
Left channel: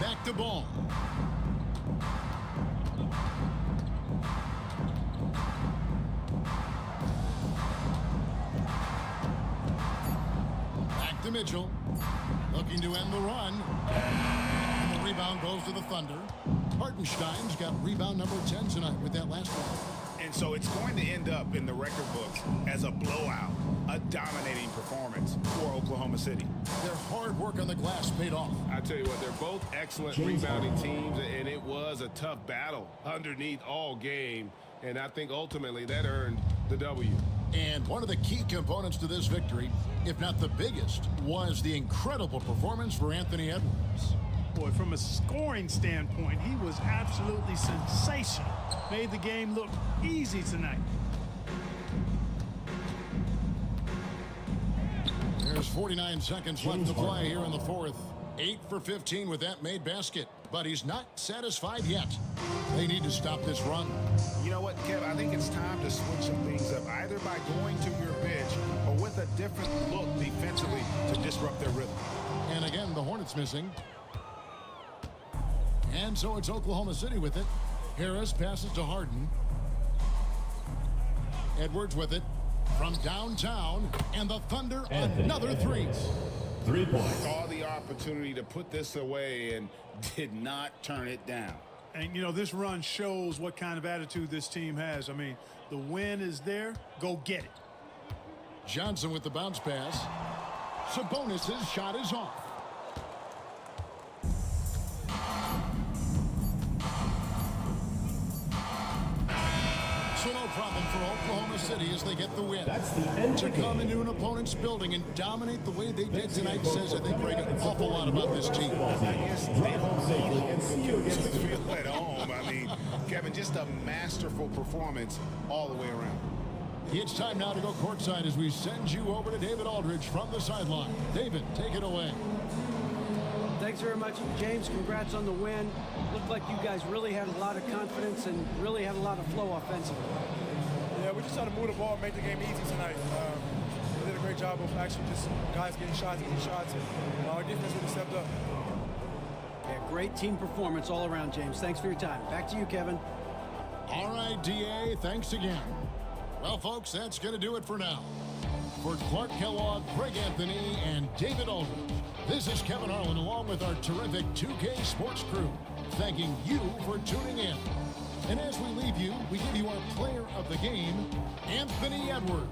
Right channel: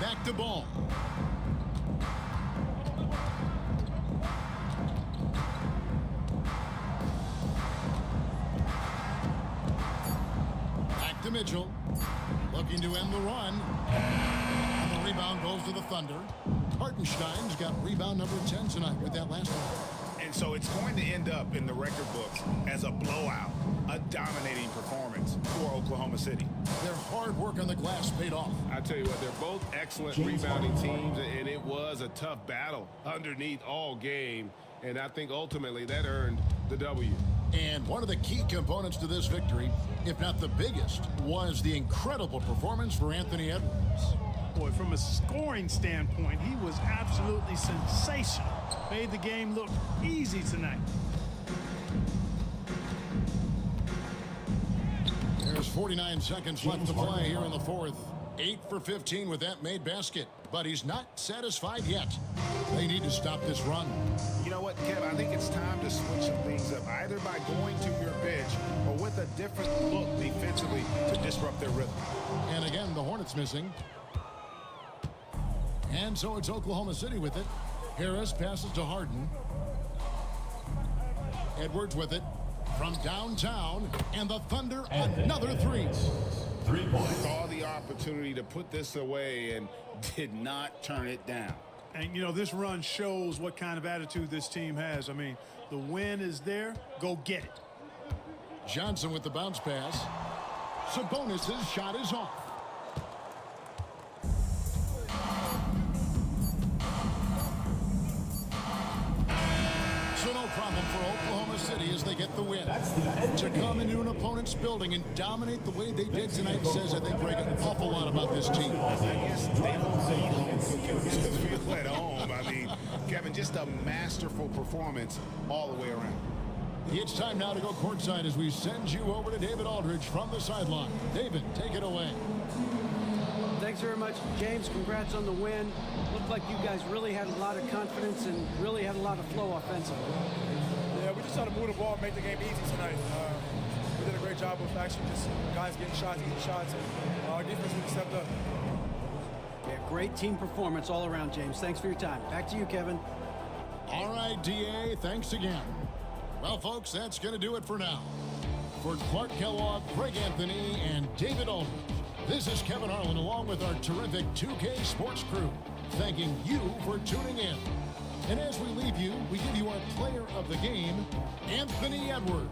Back to Ball. Back to Mitchell. Looking to end the run. And the rebound goes to the Thunder. Hartenstein's got rebound number 10 tonight with that last one. And so it's going to end up in the record books as a blowout, a dominating performance for Oklahoma City. Their hard work on the glass paid off. I tell you what, they're both excellent rebounding teams, and it was a tough battle underneath all game, and I think ultimately that earned the W. And one of the key components to this victory, if not the biggest, was the incredible performance for Anthony Edwards. Boy, from a scoring standpoint, he was absolutely sensational. Made the game look easy tonight. There's 49 seconds left to play here in the fourth. 8 for 15 with that made basket. But he's not satisfied yet. They need to stop this run. You know what, Kev? I think it's time to switch some things up, either by going to your bench or with a different look defensively to disrupt their rhythm. And again, the Hornets missing. And so it's Oklahoma City with it. Harris passes to Harden. Edwards with it from downtown. And the Thunder another three. 3 points. Saw the opportunity to put this away and did not turn it down. And, you know, this run shows what kind of attitude this team has. I mean, the win is there. Go get it. Johnson with the bounce pass. Sabonis' shot is off. So no problem for Oklahoma City as they get the win. To come into an opponent's building and dominate the way they did tonight says, I think, Greg, an awful lot about this team. I guess they don't need home cooking to feel at home. I mean, Kevin, just a masterful performance all the way around. It's time now to go courtside as we send you over to David Aldridge from the sideline. David, take it away. Thanks very much, James. Congrats on the win. Looked like you guys really had a lot of confidence and really had a lot of flow offensively. Yeah, we just tried to move the ball and make the game easy tonight. We did a great job of actually just guys getting shots, easy shots, and our defense really stepped up. Yeah, great team performance all around, James. Thanks for your time. Back to you, Kevin. All right, DA, thanks again. Well, folks, that's going to do it for now. For Clark Kellogg, Greg Anthony, and David Aldridge, this is Kevin Harlan along with our terrific 2K Sports crew, thanking you for tuning in. And as we leave you, we give you our player of the game, Anthony Edwards.